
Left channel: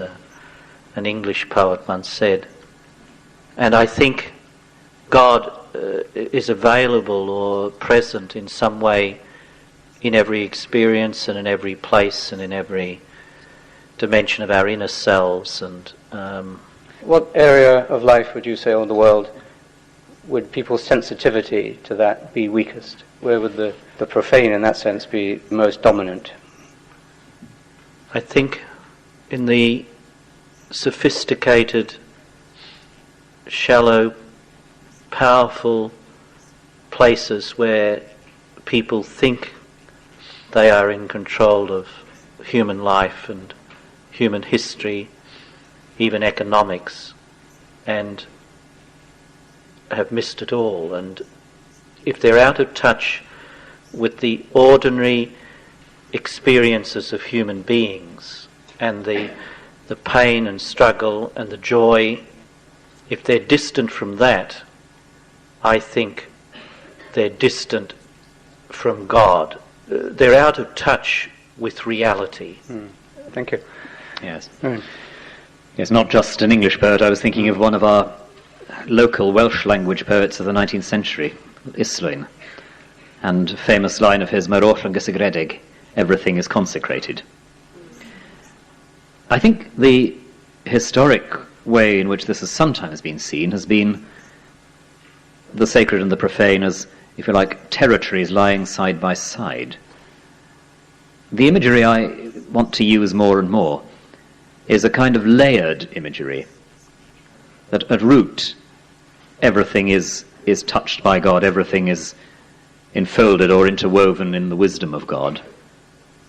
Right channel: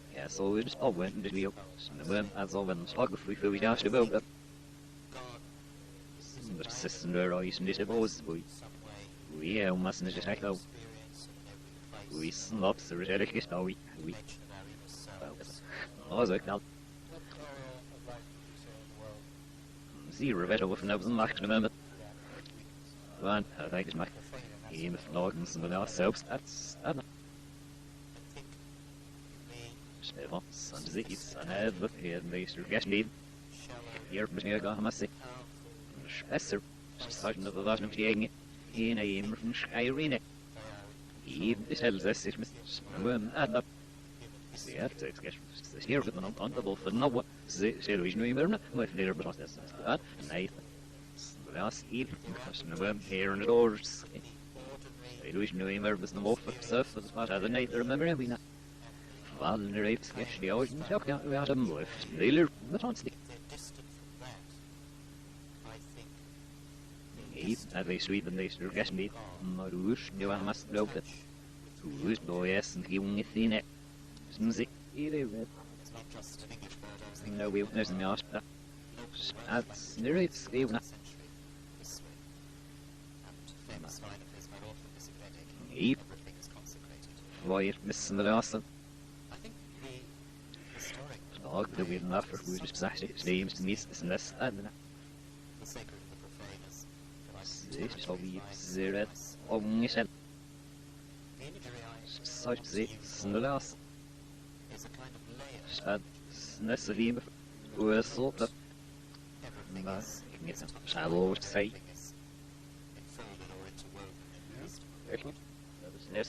an English poet once said. And I think God is available or present in some way in every experience and in every place and in every dimension of our inner selves. And what area of life would you say, or the world, would people's sensitivity to that be weakest? Where would the profane in that sense be most dominant? I think in the sophisticated, shallow, powerful places where people think they are in control of human life and human history, even economics, and have missed it all. And if they're out of touch with the ordinary experiences of human beings and the pain and struggle and the joy, if they're distant from that, I think they're distant from God. They're out of touch with reality. Thank you. Yes. Yes, not just an English poet. I was thinking of one of our local Welsh language poets of the 19th century, Islwyn, and a famous line of his, "Mae'r oll yn gysegredig," everything is consecrated. I think the historic way in which this has sometimes been seen has been the sacred and the profane as, if you like, territories lying side by side. The imagery I want to use more and more is a kind of layered imagery, that at root everything is touched by God, everything is enfolded or interwoven in the wisdom of God,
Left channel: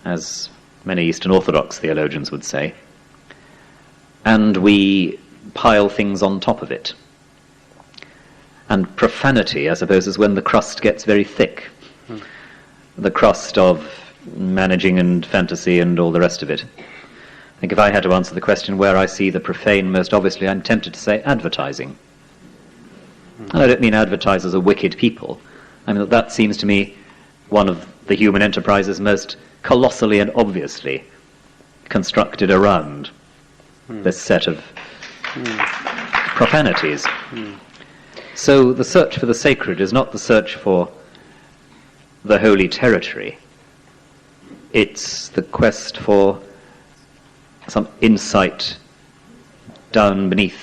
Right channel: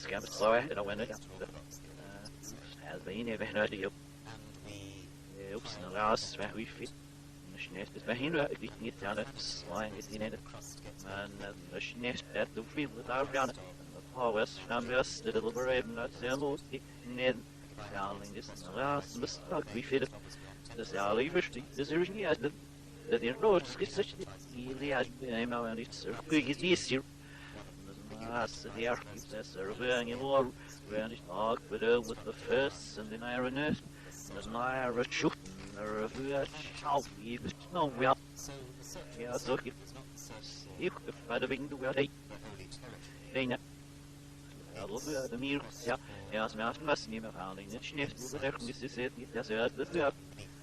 as many Eastern Orthodox theologians would say, and we pile things on top of it. And profanity, I suppose, is when the crust gets very thick. The crust of managing and fantasy and all the rest of it. I think if I had to answer the question where I see the profane most obviously, I'm tempted to say advertising. I don't mean advertisers are wicked people. I mean, that seems to me one of the human enterprises most colossally and obviously constructed around this set of profanities. So the search for the sacred is not the search for the holy territory. It's the quest for some insight down beneath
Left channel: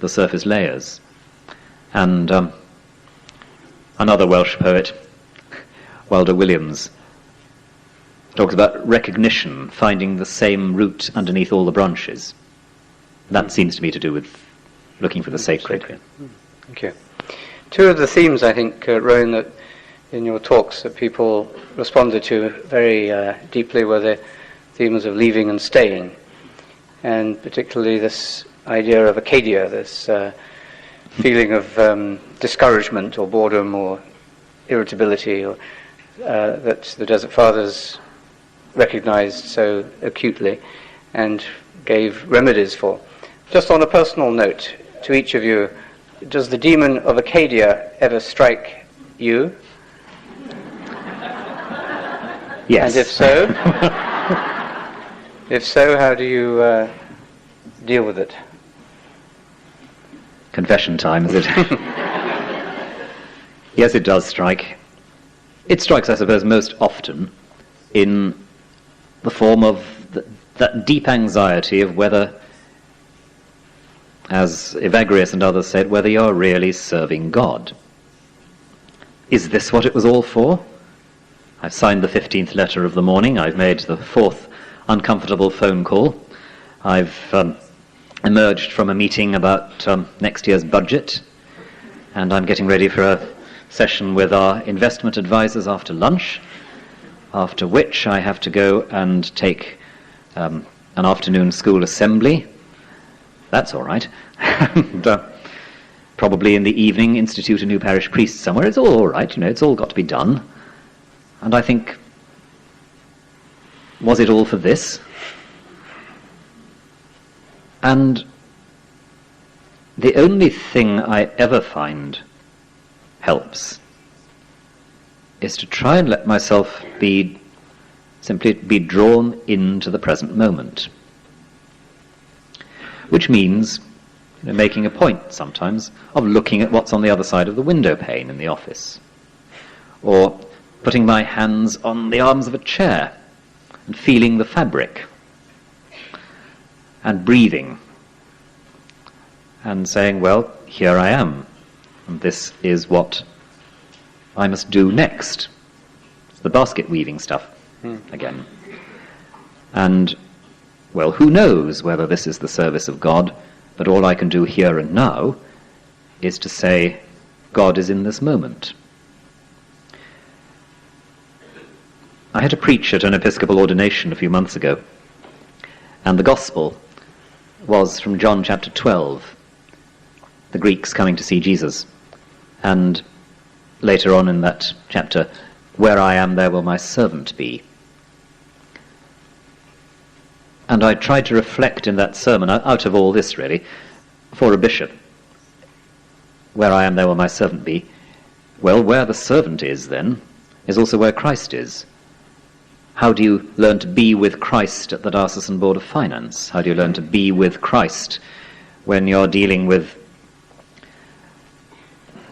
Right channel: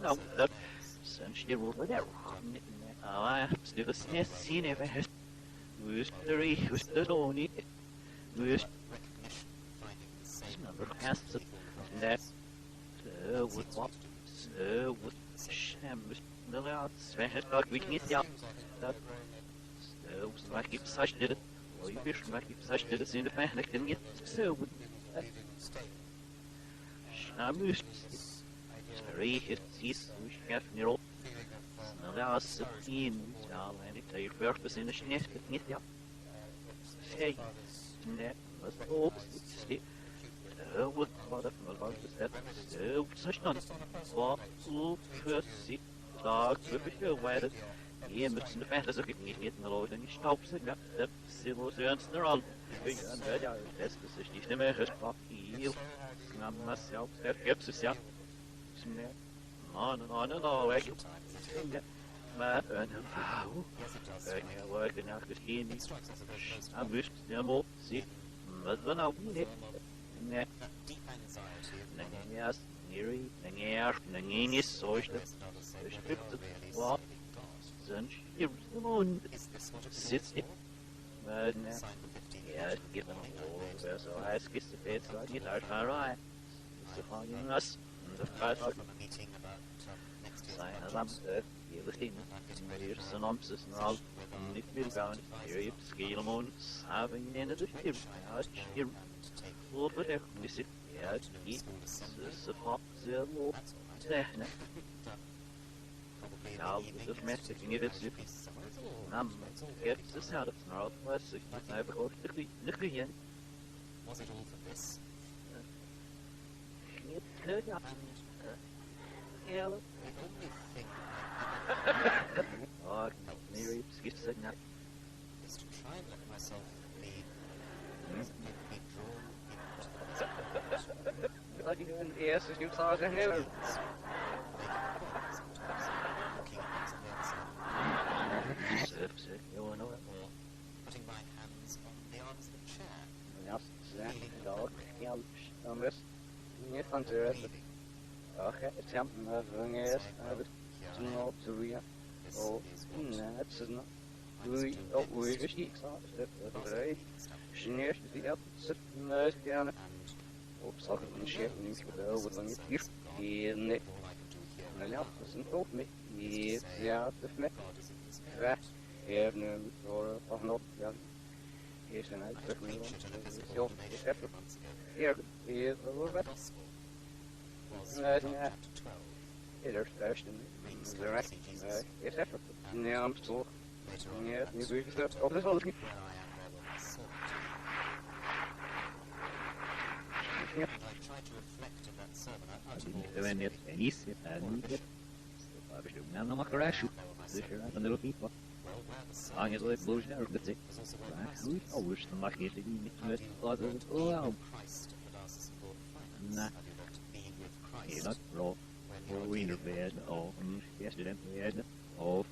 the surface layers. And another Welsh poet, Walter Williams, talks about recognition, finding the same root underneath all the branches. That seems to me to do with looking for the sacred. Thank you. Two of the themes, I think, Rowan, that in your talks that people responded to very deeply were the themes of leaving and staying, and particularly this idea of Acadia, this feeling of discouragement or boredom or irritability or, that the Desert Fathers recognized so acutely and gave remedies for. Just on a personal note, to each of you, does the demon of Acadia ever strike you? Yes. And if so, how do you deal with it? Confession time, is it? Yes, it does strike. It strikes, I suppose, most often in the form of that deep anxiety of whether, as Evagrius and others said, whether you're really serving God. Is this what it was all for? I've signed the 15th letter of the morning. I've made the 4th uncomfortable phone call. I've emerged from a meeting about next year's budget, and I'm getting ready for a session with our investment advisors after lunch, after which I have to go and take an afternoon school assembly. That's all right. And probably in the evening institute a new parish priest somewhere. It's all right, you know, it's all got to be done. And I think, was it all for this? And the only thing I ever find helps is to try and let myself simply be drawn into the present moment. Which means making a point sometimes of looking at what's on the other side of the window pane in the office, or putting my hands on the arms of a chair and feeling the fabric, and breathing, and saying, well, here I am, and this is what I must do next. The basket weaving stuff, again. And, well, who knows whether this is the service of God, but all I can do here and now is to say, God is in this moment. I had to preach at an Episcopal ordination a few months ago, and the Gospel was from John chapter 12, the Greeks coming to see Jesus. And later on in that chapter, where I am, there will my servant be. And I tried to reflect in that sermon, out of all this really, for a bishop. Where I am, there will my servant be. Well, where the servant is then, is also where Christ is. How do you learn to be with Christ at the Diocesan Board of Finance? How do you learn to be with Christ when you're dealing with,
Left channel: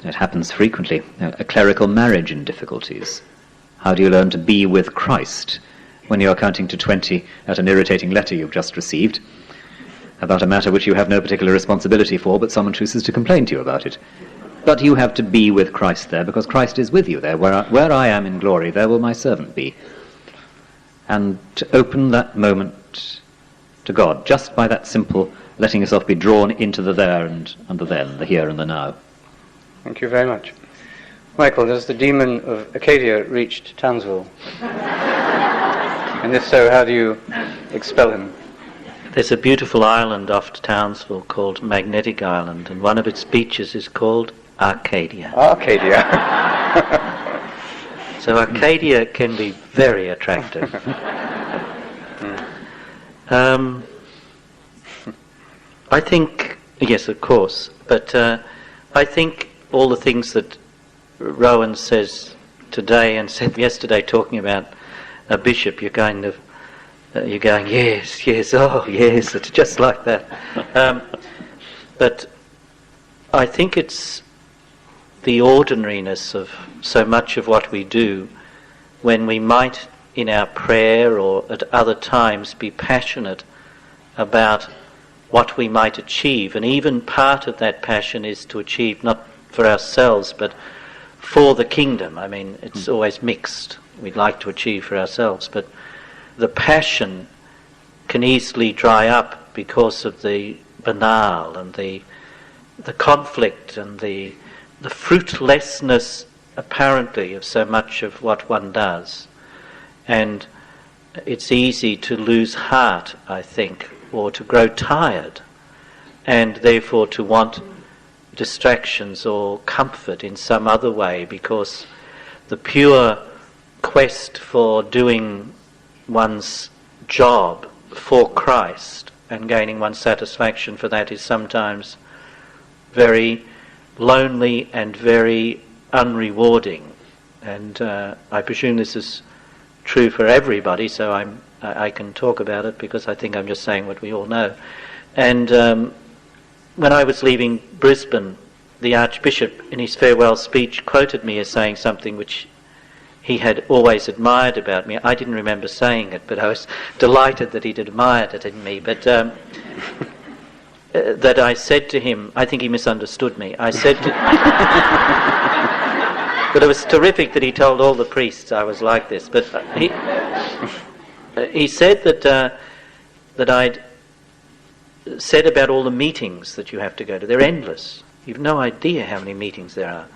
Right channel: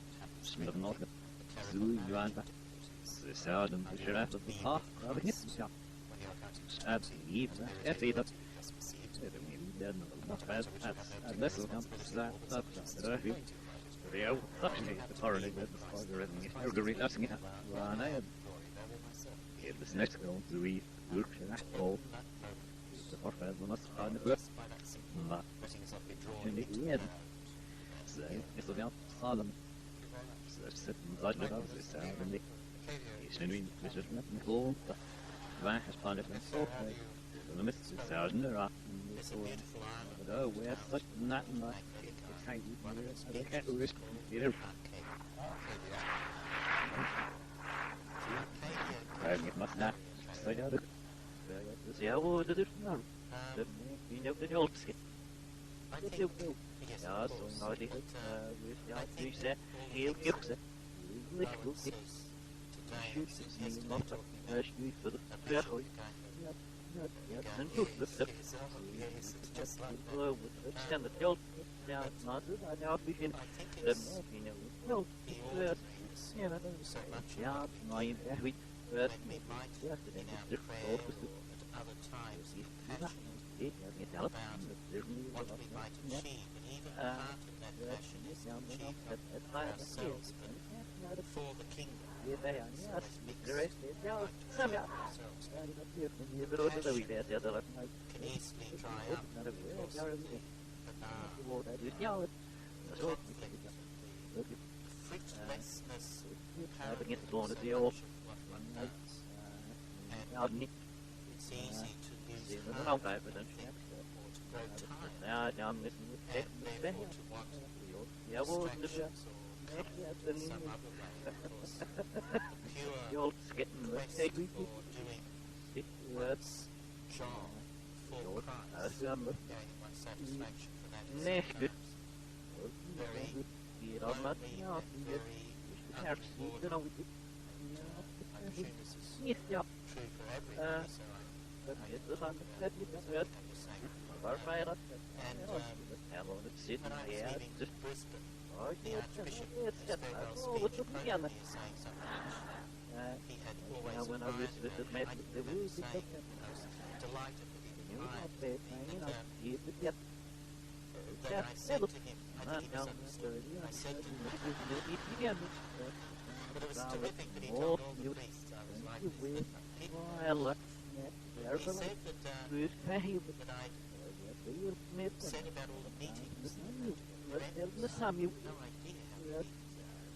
it happens frequently, a clerical marriage in difficulties? How do you learn to be with Christ when you're counting to 20 at an irritating letter you've just received about a matter which you have no particular responsibility for, but someone chooses to complain to you about it? But you have to be with Christ there, because Christ is with you there. Where I am in glory, there will my servant be. And to open that moment to God, just by that simple letting yourself be drawn into the there and the then, the here and the now. Thank you very much. Michael, has the demon of Acadia reached Townsville? And if so, how do you expel him? There's a beautiful island off Townsville called Magnetic Island, and one of its beaches is called Arcadia. Arcadia. So Arcadia can be very attractive. I think, yes, of course, but I think all the things that Rowan says today and said yesterday, talking about a bishop, you're kind of, you're going, yes, yes, oh, yes, it's just like that. But I think it's the ordinariness of so much of what we do, when we might in our prayer or at other times be passionate about what we might achieve, and even part of that passion is to achieve not for ourselves but for the kingdom. I mean, it's always mixed. We'd like to achieve for ourselves, but the passion can easily dry up because of the banal and the conflict and the fruitlessness apparently of so much of what one does. And it's easy to lose heart, I think, or to grow tired, and therefore to want distractions or comfort in some other way, because the pure quest for doing one's job for Christ and gaining one's satisfaction for that is sometimes very lonely and very unrewarding. And I presume this is true for everybody, so I can talk about it because I think I'm just saying what we all know. And when I was leaving Brisbane, the Archbishop in his farewell speech quoted me as saying something which he had always admired about me. I didn't remember saying it, but I was delighted that he'd admired it in me. But that I said to him, I think he misunderstood me. I said to but it was terrific that he told all the priests I was like this. But he said that I'd said about all the meetings that you have to go to. They're endless. You've no idea how many meetings there are.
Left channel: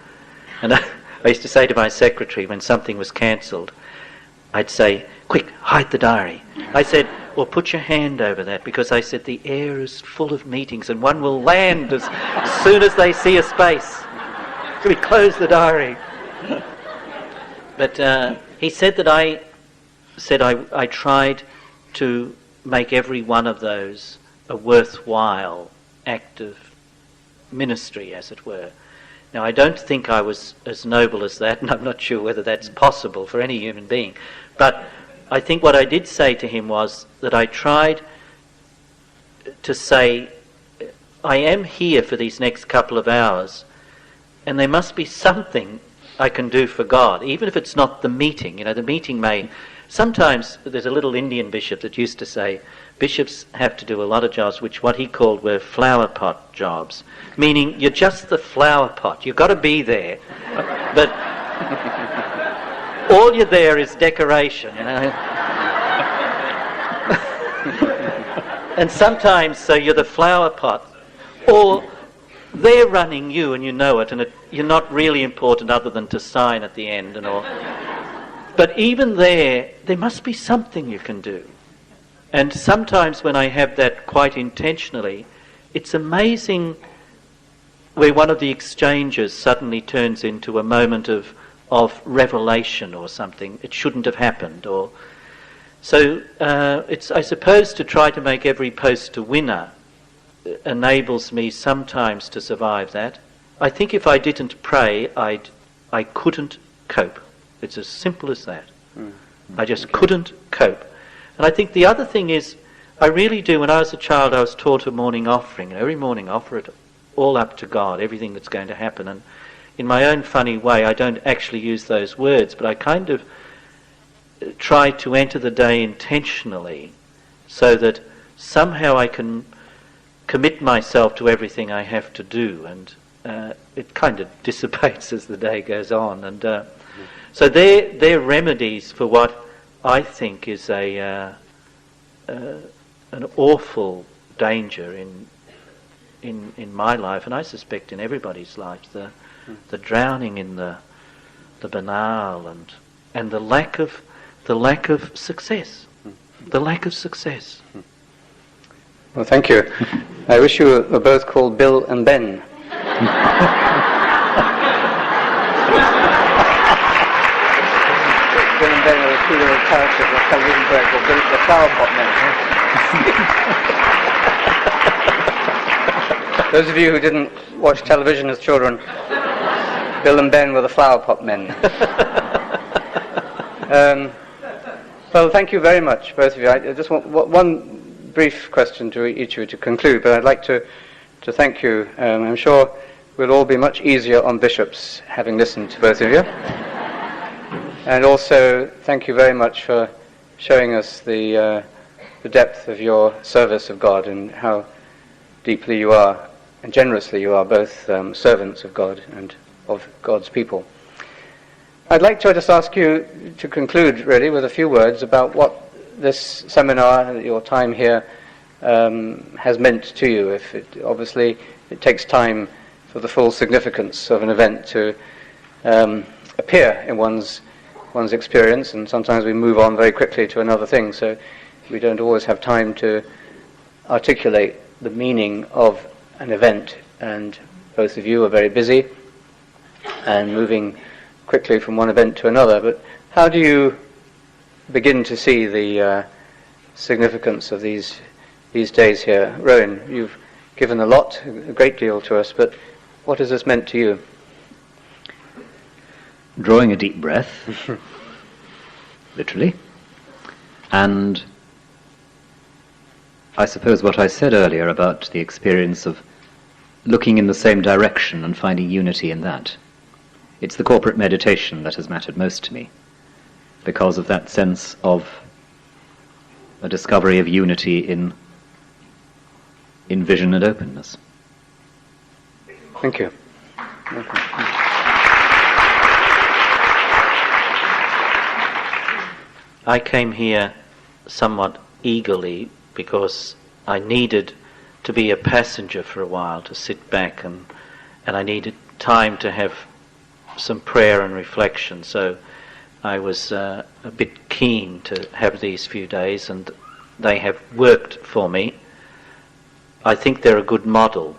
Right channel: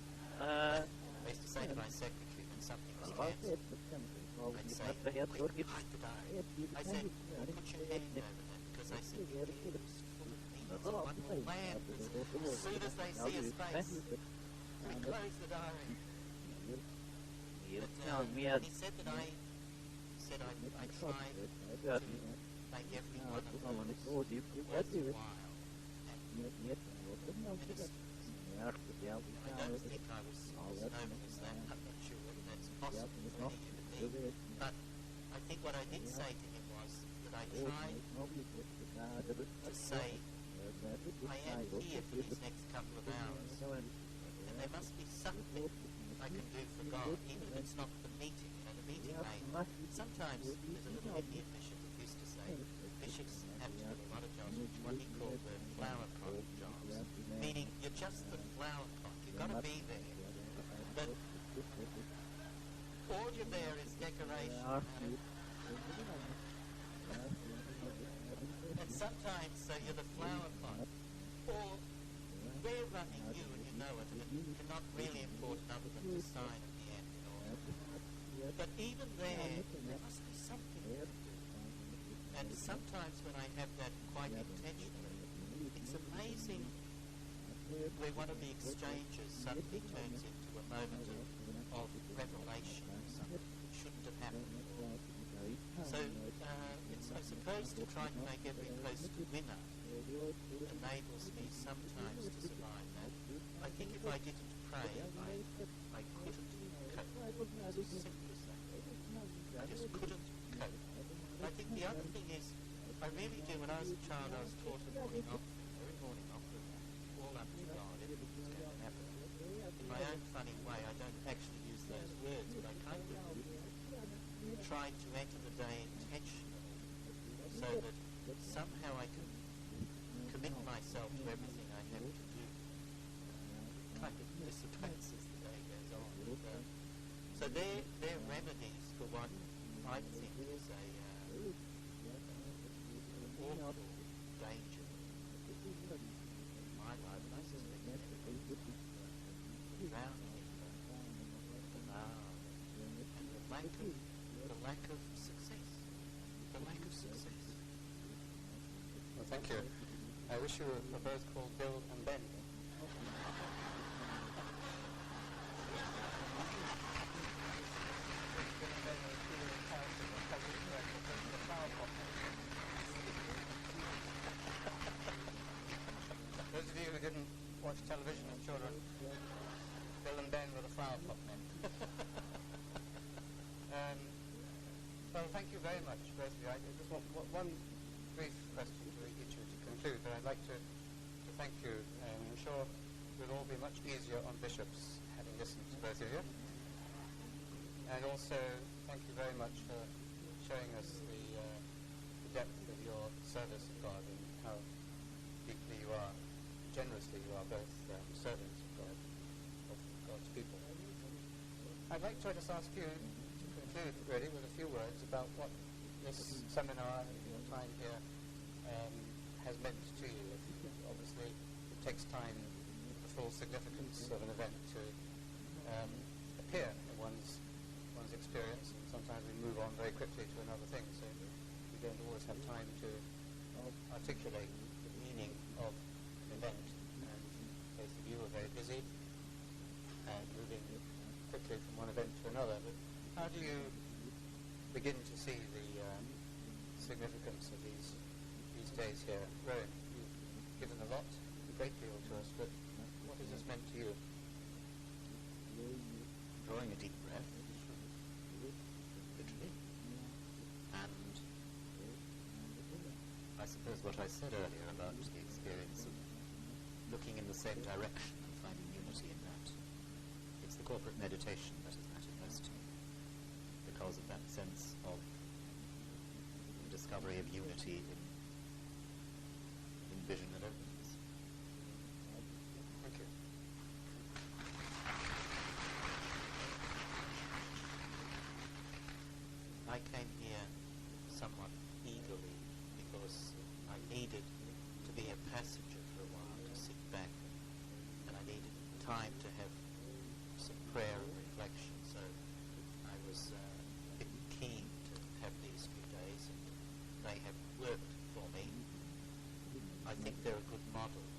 And I used to say to my secretary when something was cancelled, I'd say, quick, hide the diary. I said, well, put your hand over that, because I said the air is full of meetings and one will land as soon as they see a space. So we close the diary. But he said that I tried to make every one of those a worthwhile act of ministry, as it were. Now, I don't think I was as noble as that, and I'm not sure whether that's possible for any human being. But I think what I did say to him was that I tried to say, I am here for these next couple of hours, and there must be something I can do for God, even if it's not the meeting. You know, the meeting may... Sometimes there's a little Indian bishop that used to say, bishops have to do a lot of jobs which what he called were flower pot jobs, meaning you're just the flower pot. You've got to be there, but all you're there is decoration, you know. And sometimes so you're the flower pot, or they're running you and you know it, and you're not really important other than to sign at the end and all. But even there must be something you can do. And sometimes when I have that quite intentionally, it's amazing where one of the exchanges suddenly turns into a moment of revelation or something. It shouldn't have happened. Or so it's, I suppose, to try to make every post a winner enables me sometimes to survive that. I think if I didn't pray, I couldn't cope. It's as simple as that. I just couldn't cope. And I think the other thing is, I really do, when I was a child, I was taught a morning offering. Every morning offer it all up to God, everything that's going to happen. And in my own funny way, I don't actually use those words, but I kind of try to enter the day intentionally so that somehow I can commit myself to everything I have to do. And it kind of dissipates as the day goes on. And so they're remedies for what I think is an awful danger in my life, and I suspect in everybody's life, the drowning in the banal and the lack of success, the lack of success. Well, thank you. I wish you were both called Bill and Ben. Bill and Ben are the two little characters of television break called the Flower Pot Men. Those of you who didn't watch television as children, Bill and Ben were the Flower Pot Men. Well, thank you very much, both of you. I just want one brief question to each of you to conclude, but I'd like to thank you. I'm sure we'll all be much easier on bishops having listened to both of you. And also, thank you very much for showing us the depth of your service of God and how deeply you are and generously you are both servants of God and of God's people. I'd like to just ask you to conclude, really, with a few words about what this seminar, your time here, has meant to you. Obviously, it takes time for the full significance of an event to appear in one's experience, and sometimes we move on very quickly to another thing, so we don't always have time to articulate the meaning of an event, and both of you are very busy and moving quickly from one event to another. But how do you begin to see the significance of these days here? Rowan, you've given a great deal to us, but what has this meant to you? Drawing a deep breath, literally, and I suppose what I said earlier about the experience of looking in the same direction and finding unity in that. It's the corporate meditation that has mattered most to me, because of that sense of a discovery of unity in vision and openness. Thank you. I came here somewhat eagerly because I needed to be a passenger for a while, to sit back, and I needed time to have some prayer and reflection. So I was a bit keen to have these few days, and they have worked for me. I think they're a good model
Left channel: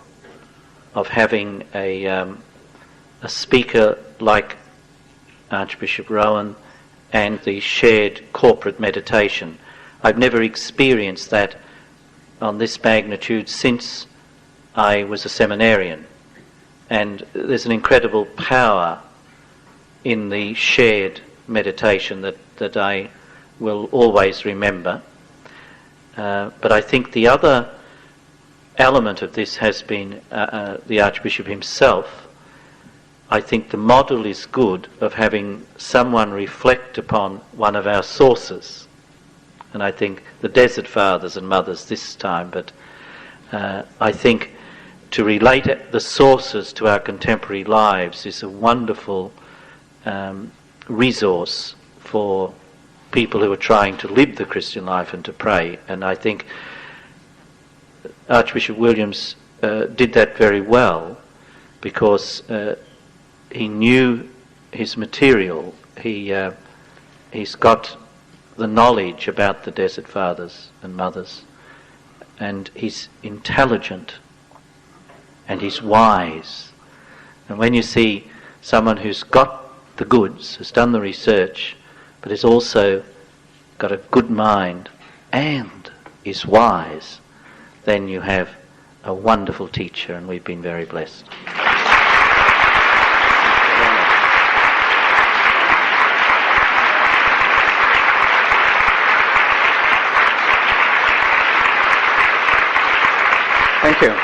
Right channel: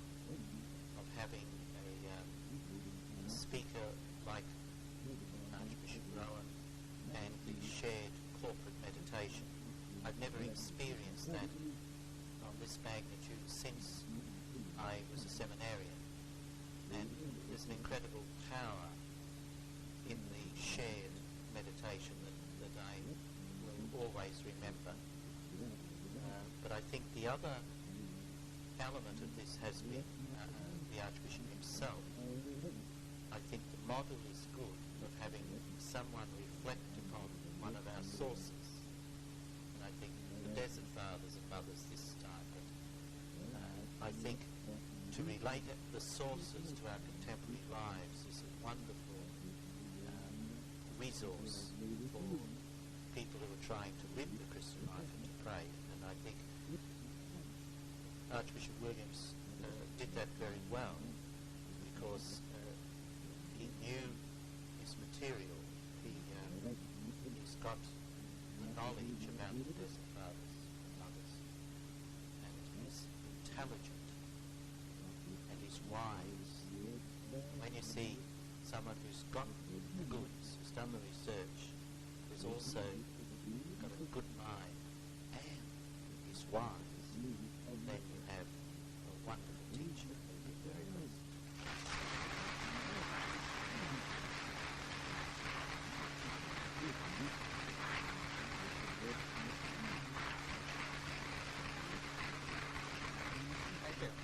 of having a speaker like Archbishop Rowan and the shared corporate meditation. I've never experienced that on this magnitude since I was a seminarian. And there's an incredible power in the shared meditation that I will always remember. But I think the other element of this has been the Archbishop himself. I think the model is good of having someone reflect upon one of our sources. And I think the Desert Fathers and Mothers this time, but I think to relate the sources to our contemporary lives is a wonderful resource for people who are trying to live the Christian life and to pray. And I think Archbishop Williams did that very well, because he knew his material. He's got the knowledge about the Desert Fathers and Mothers, and he's intelligent and he's wise. And when you see someone who's got the goods, has done the research, but has also got a good mind and is wise, then you have a wonderful teacher, and we've been very blessed. Thank you.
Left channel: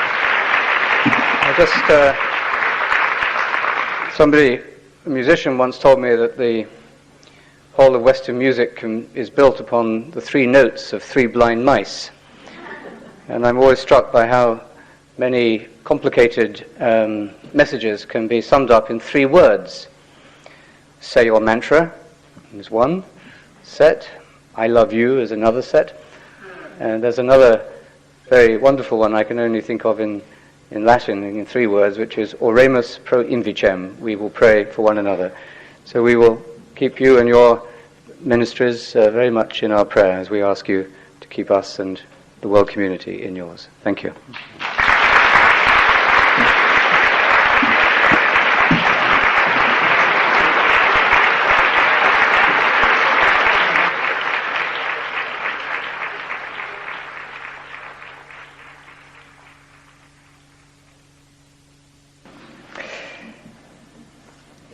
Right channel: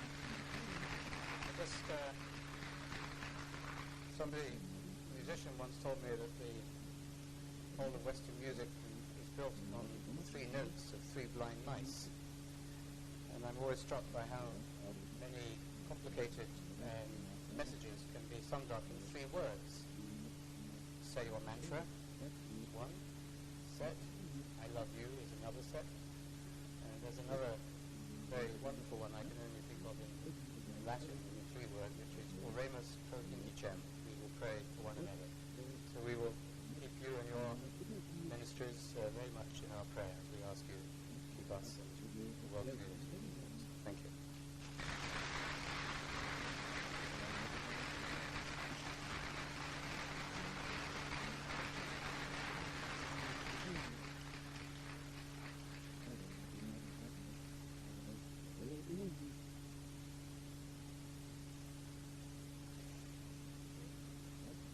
A musician once told me that the whole of Western music is built upon the three notes of three blind mice. And I'm always struck by how many complicated messages can be summed up in three words. Say your mantra is one set. I love you is another set. And there's another very wonderful one I can only think of in Latin in three words, which is Oremus pro invicem. We will pray for one another. So we will keep you and your ministries very much in our prayer as we ask you to keep us and the world community in yours. Thank you.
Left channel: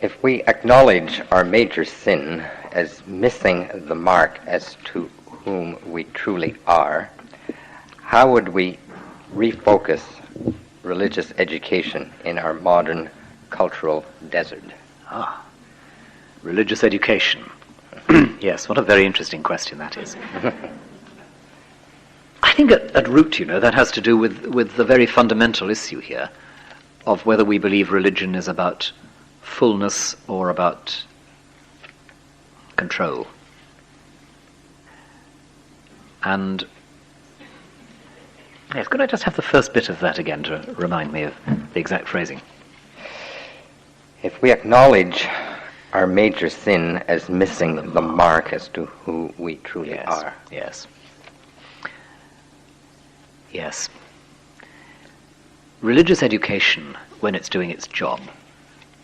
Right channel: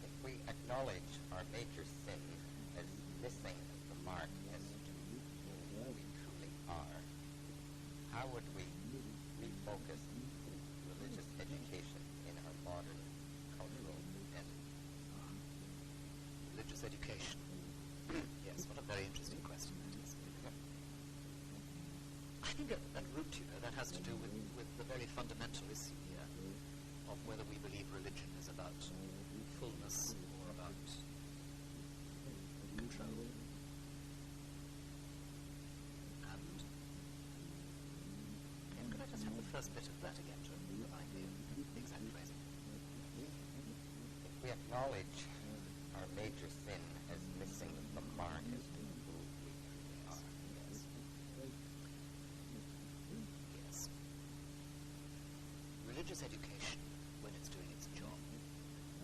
If we acknowledge our major sin as missing the mark as to whom we truly are, how would we refocus religious education in our modern cultural desert? Religious education. Yes, what a very interesting question that is. I think at root, that has to do with the very fundamental issue here of whether we believe religion is about fullness or about control. And yes, could I just have the first bit of that again to remind me of the exact phrasing? If we acknowledge our major sin as missing the mark as to who we truly are. Yes. Religious education, when it's doing its job,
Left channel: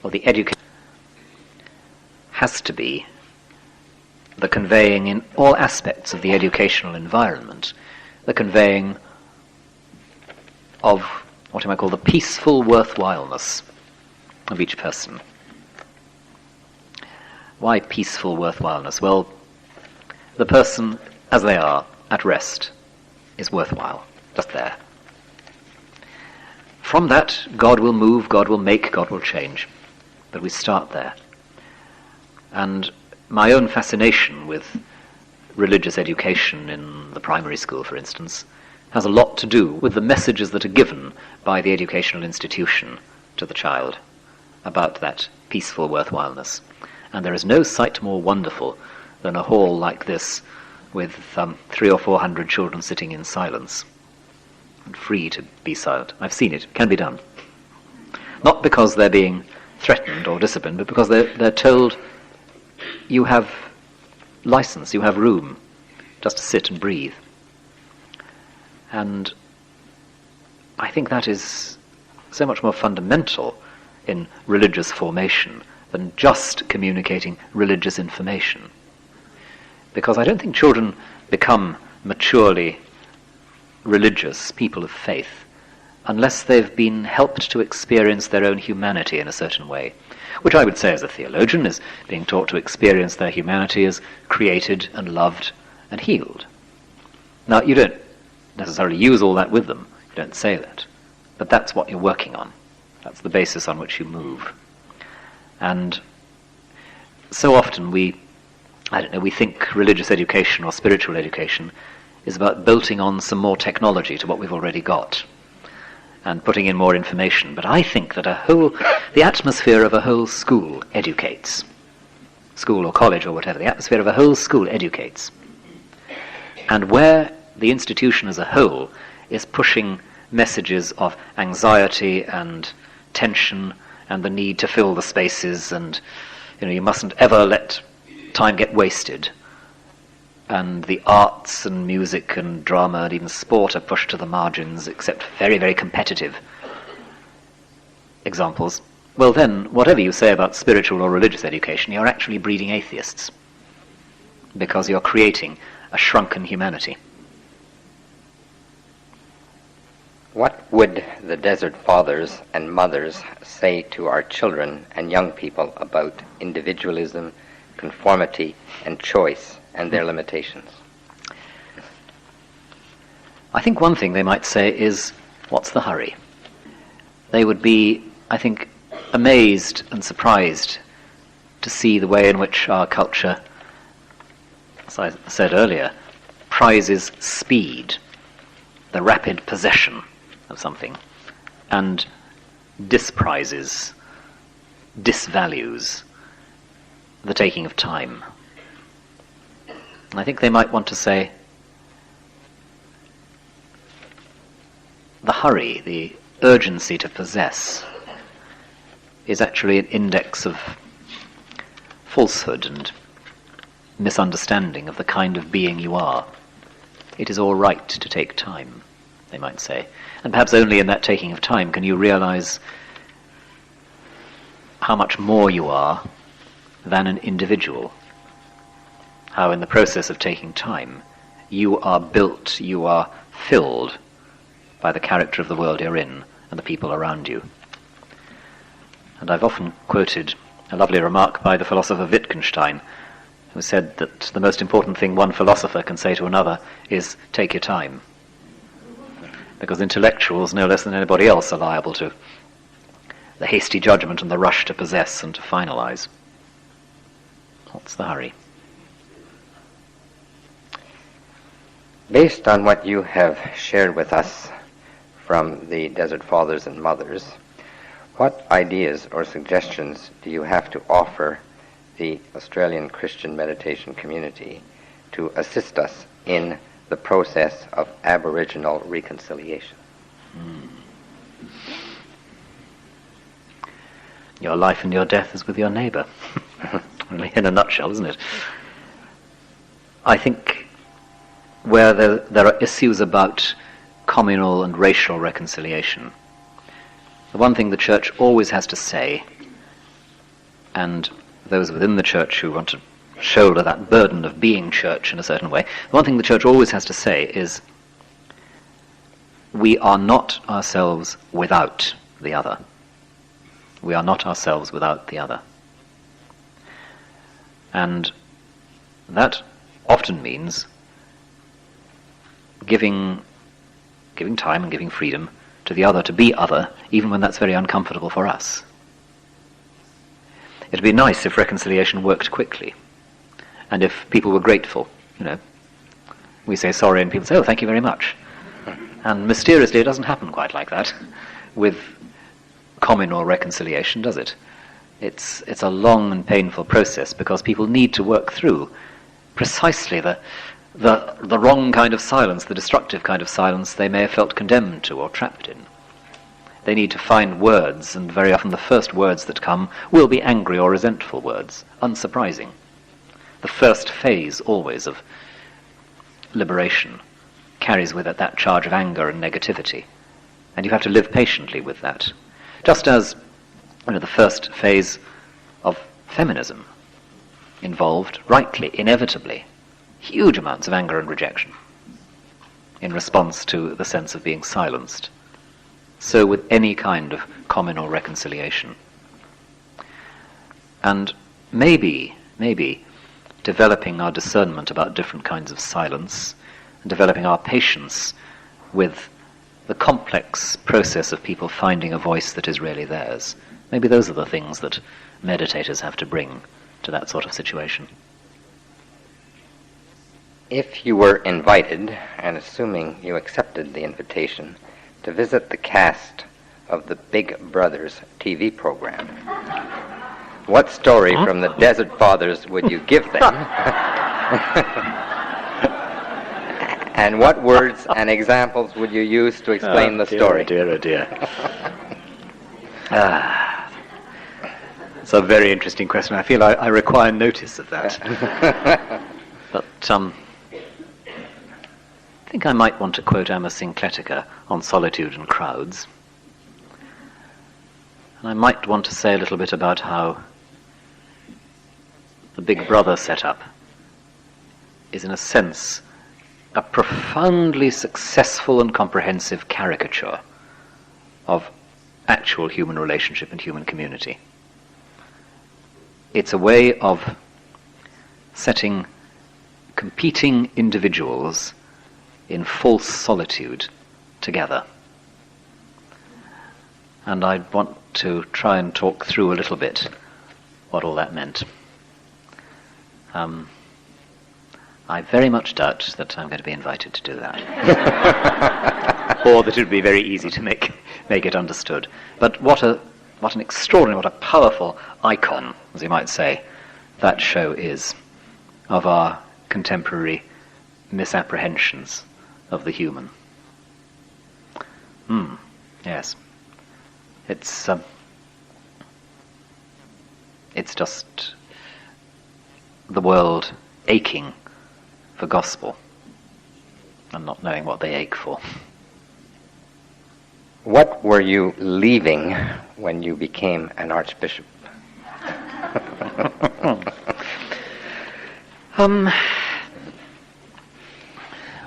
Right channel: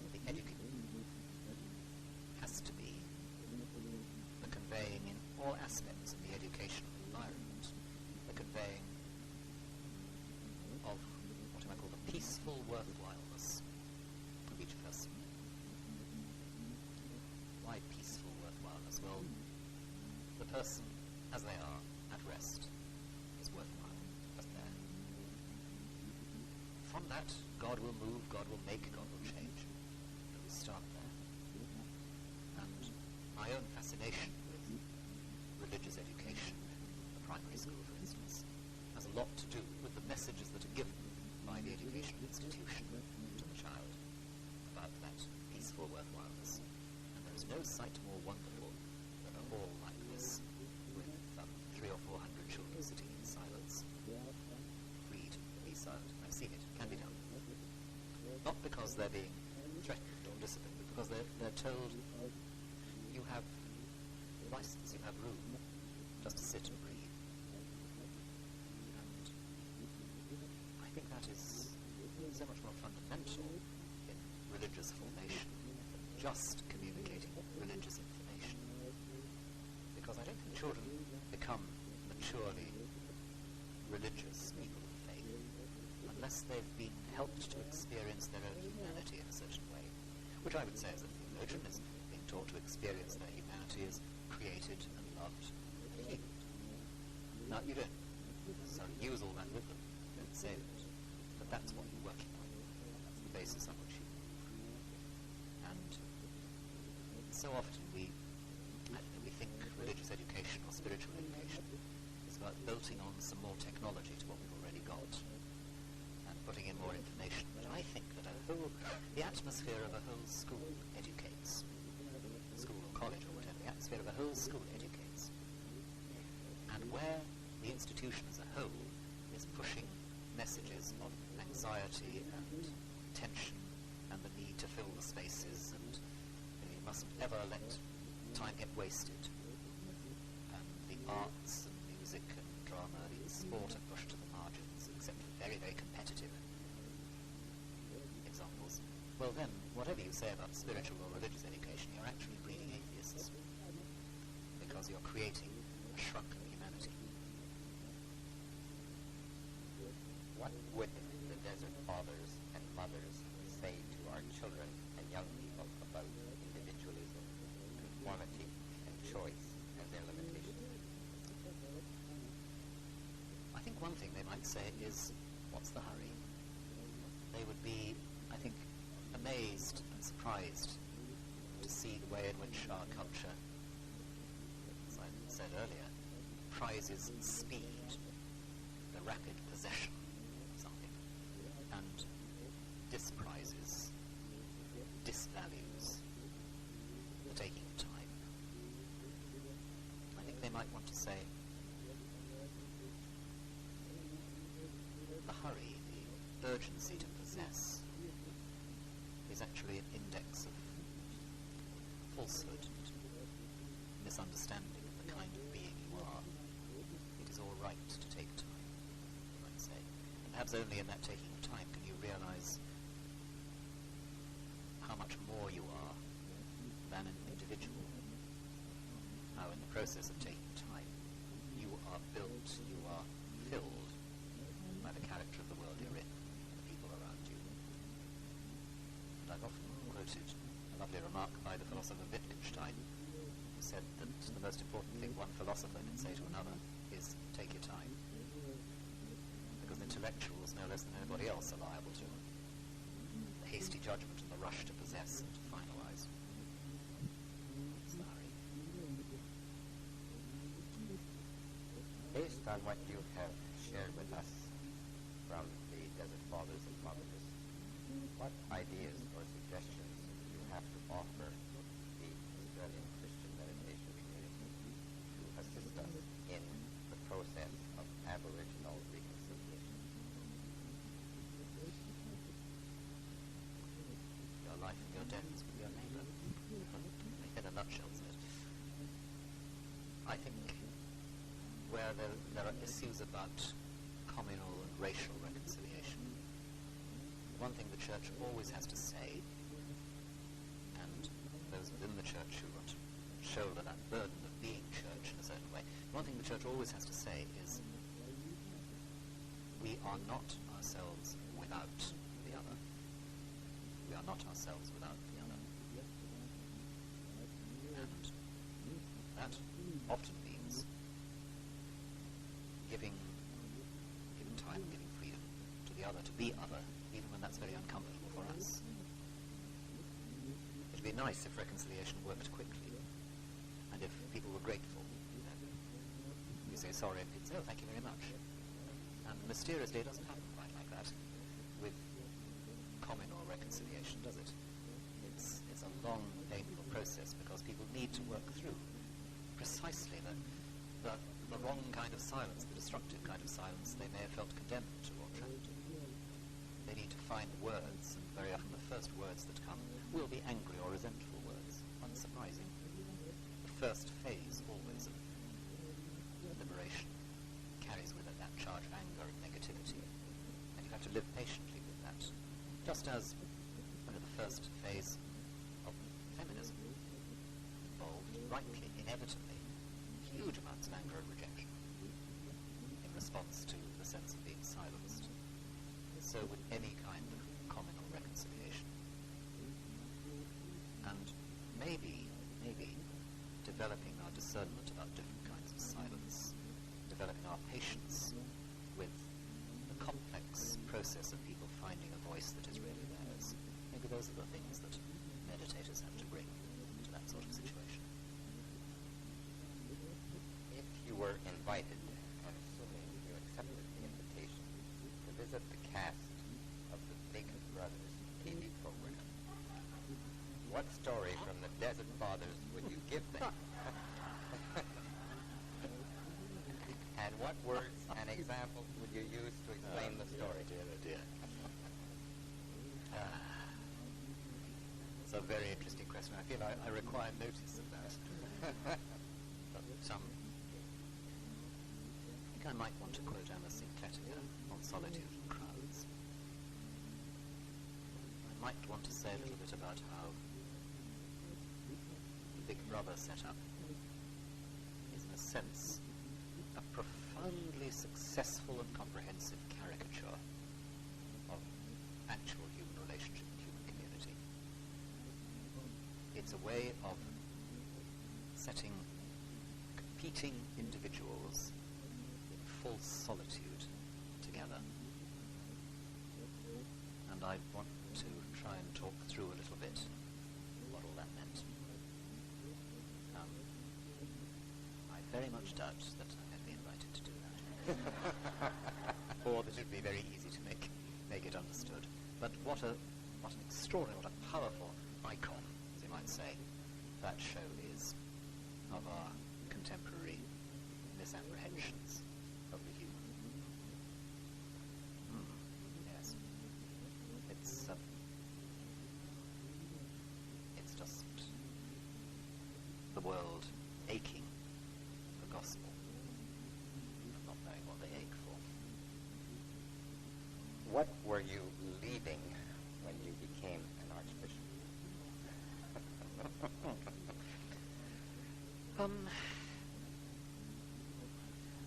or the education, has to be the conveying in all aspects of the educational environment, the conveying of what I might call the peaceful worthwhileness of each person. Why peaceful worthwhileness? Well, the person as they are, at rest, is worthwhile, just there. From that, God will move, God will make, God will change. But we start there. And my own fascination with religious education in the primary school, for instance, has a lot to do with the messages that are given by the educational institution to the child about that peaceful worthwhileness. And there is no sight more wonderful than a hall like this with 300 or 400 children sitting in silence and free to be silent. I've seen it. It can be done. Not because they're being threatened or disciplined, but because they're told you have license, you have room just to sit and breathe. And I think that is so much more fundamental in religious formation than just communicating religious information. Because I don't think children become maturely religious people of faith unless they've been helped to experience their own humanity in a certain way, which I would say as a theologian is being taught to experience their humanity as created and loved and healed. Now, you don't necessarily use all that with them, you don't say that, but that's what you're working on. That's the basis on which you move. And so often we think religious education or spiritual education is about bolting on some more technology to what we've already got and putting in more information. But I think that the atmosphere of a whole school educates. School or college or whatever, the atmosphere of a whole school educates. And where the institution as a whole is pushing messages of anxiety and tension and the need to fill the spaces, and you mustn't ever let time get wasted, and the arts and music and drama and even sport are pushed to the margins, except very, very competitive examples, well then, whatever you say about spiritual or religious education, you're actually breeding atheists, because you're creating a shrunken humanity. What would the Desert Fathers and Mothers say to our children and young people about individualism, conformity, and choice, and their limitations? I think one thing they might say is, what's the hurry? They would be, I think, amazed and surprised to see the way in which our culture, as I said earlier, prizes speed, the rapid possession of something, and disvalues the taking of time. I think they might want to say, the hurry, the urgency to possess, is actually an index of falsehood and misunderstanding of the kind of being you are. it is all right to take time, they might say. And perhaps only in that taking of time can you realize how much more you are than an individual. How in the process of taking time, you are built, you are filled by the character of the world you're in and the people around you. And I've often quoted a lovely remark by the philosopher Wittgenstein, who said that the most important thing one philosopher can say to another is, take your time. Because intellectuals, no less than anybody else, are liable to the hasty judgment and the rush to possess and to finalize. What's the hurry? Based on what you have shared with us from the Desert Fathers and Mothers, what ideas or suggestions do you have to offer the Australian Christian meditation community to assist us in the process of Aboriginal reconciliation? Your life and your death is with your neighbour. In a nutshell, isn't it? I think where there are issues about communal and racial reconciliation, the one thing the Church always has to say, and those within the Church who want to shoulder that burden of being Church in a certain way, the one thing the Church always has to say is, we are not ourselves without the other. We are not ourselves without the other. And that often means giving time and giving freedom to the other to be other, even when that's very uncomfortable for us. It'd be nice if reconciliation worked quickly, and if people were grateful. We say sorry and people say, oh, thank you very much. And mysteriously it doesn't happen quite like that with communal reconciliation, does it? It's a long and painful process because people need to work through precisely the wrong kind of silence, the destructive kind of silence they may have felt condemned to or trapped in. They need to find words, and very often the first words that come will be angry or resentful words, unsurprising. The first phase always of liberation carries with it that charge of anger and negativity, and you have to live patiently with that. Just as the first phase of feminism involved, rightly, inevitably, huge amounts of anger and rejection in response to the sense of being silenced. So with any kind of communal reconciliation. And maybe developing our discernment about different kinds of silence and developing our patience with the complex process of people finding a voice that is really theirs. Maybe those are the things that meditators have to bring to that sort of situation. If you were invited, and assuming you accepted the invitation, to visit the cast of the Big Brothers TV program, what story from the Desert Fathers would you give them? And what words and examples would you use to explain the story? Oh dear. It's a very interesting question. I feel I require notice of that. But I think I might want to quote Amma Syncletica on solitude and crowds. And I might want to say a little bit about how the Big Brother setup is, in a sense, a profoundly successful and comprehensive caricature of actual human relationship and human community. It's a way of setting competing individuals in false solitude together. And I want to try and talk through a little bit what all that meant. I very much doubt that I'm going to be invited to do that. Or that it would be very easy to make it understood. But what an extraordinary, what a powerful icon, as you might say, that show is of our contemporary misapprehensions of the human. Yes. It's just the world aching for gospel. and not knowing what they ache for. What were you leaving when you became an archbishop?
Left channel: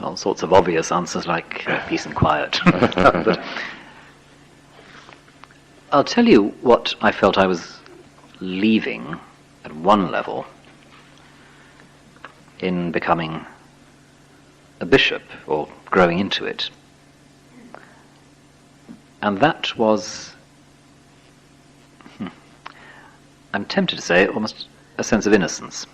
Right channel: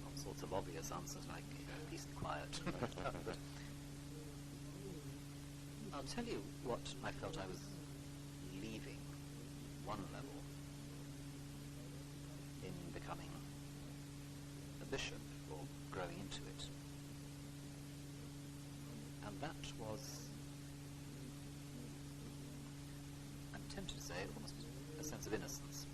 All sorts of obvious answers like peace and quiet. But I'll tell you what I felt I was leaving at one level in becoming a bishop or growing into it. And that was, I'm tempted to say, almost a sense of innocence.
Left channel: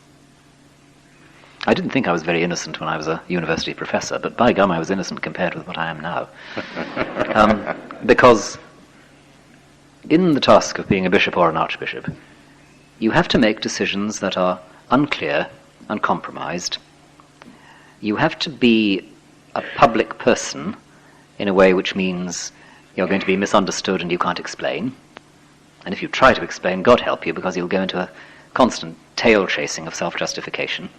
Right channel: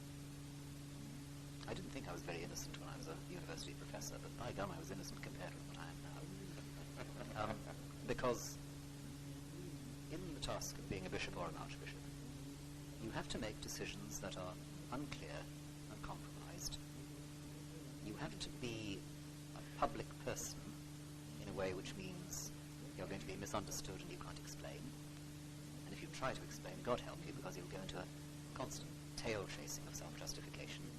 I didn't think I was very innocent when I was a university professor, but by gum I was innocent compared with what I am now. Because in the task of being a bishop or an archbishop, you have to make decisions that are unclear, uncompromised. You have to be a public person in a way which means you're going to be misunderstood and you can't explain. And if you try to explain, God help you, because you'll go into a constant tail-chasing of self-justification.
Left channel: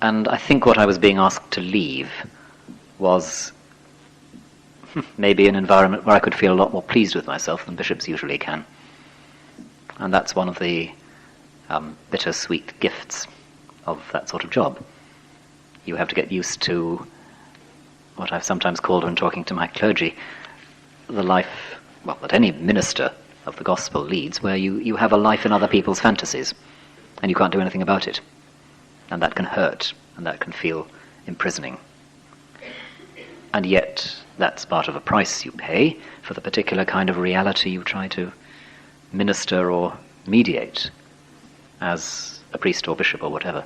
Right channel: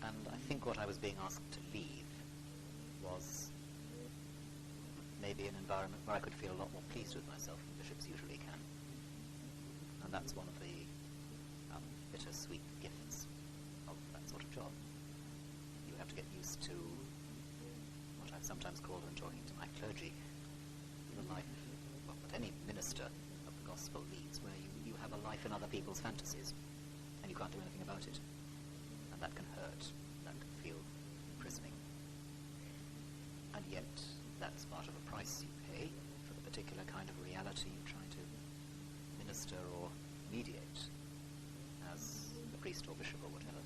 And I think what I was being asked to leave was maybe an environment where I could feel a lot more pleased with myself than bishops usually can. And that's one of the bittersweet gifts of that sort of job. You have to get used to what I've sometimes called, when talking to my clergy, the life, well, that any minister of the gospel leads, where you have a life in other people's fantasies, and you can't do anything about it. And that can hurt, and that can feel imprisoning. And yet, that's part of a price you pay for the particular kind of reality you try to minister or mediate as a priest or bishop or whatever.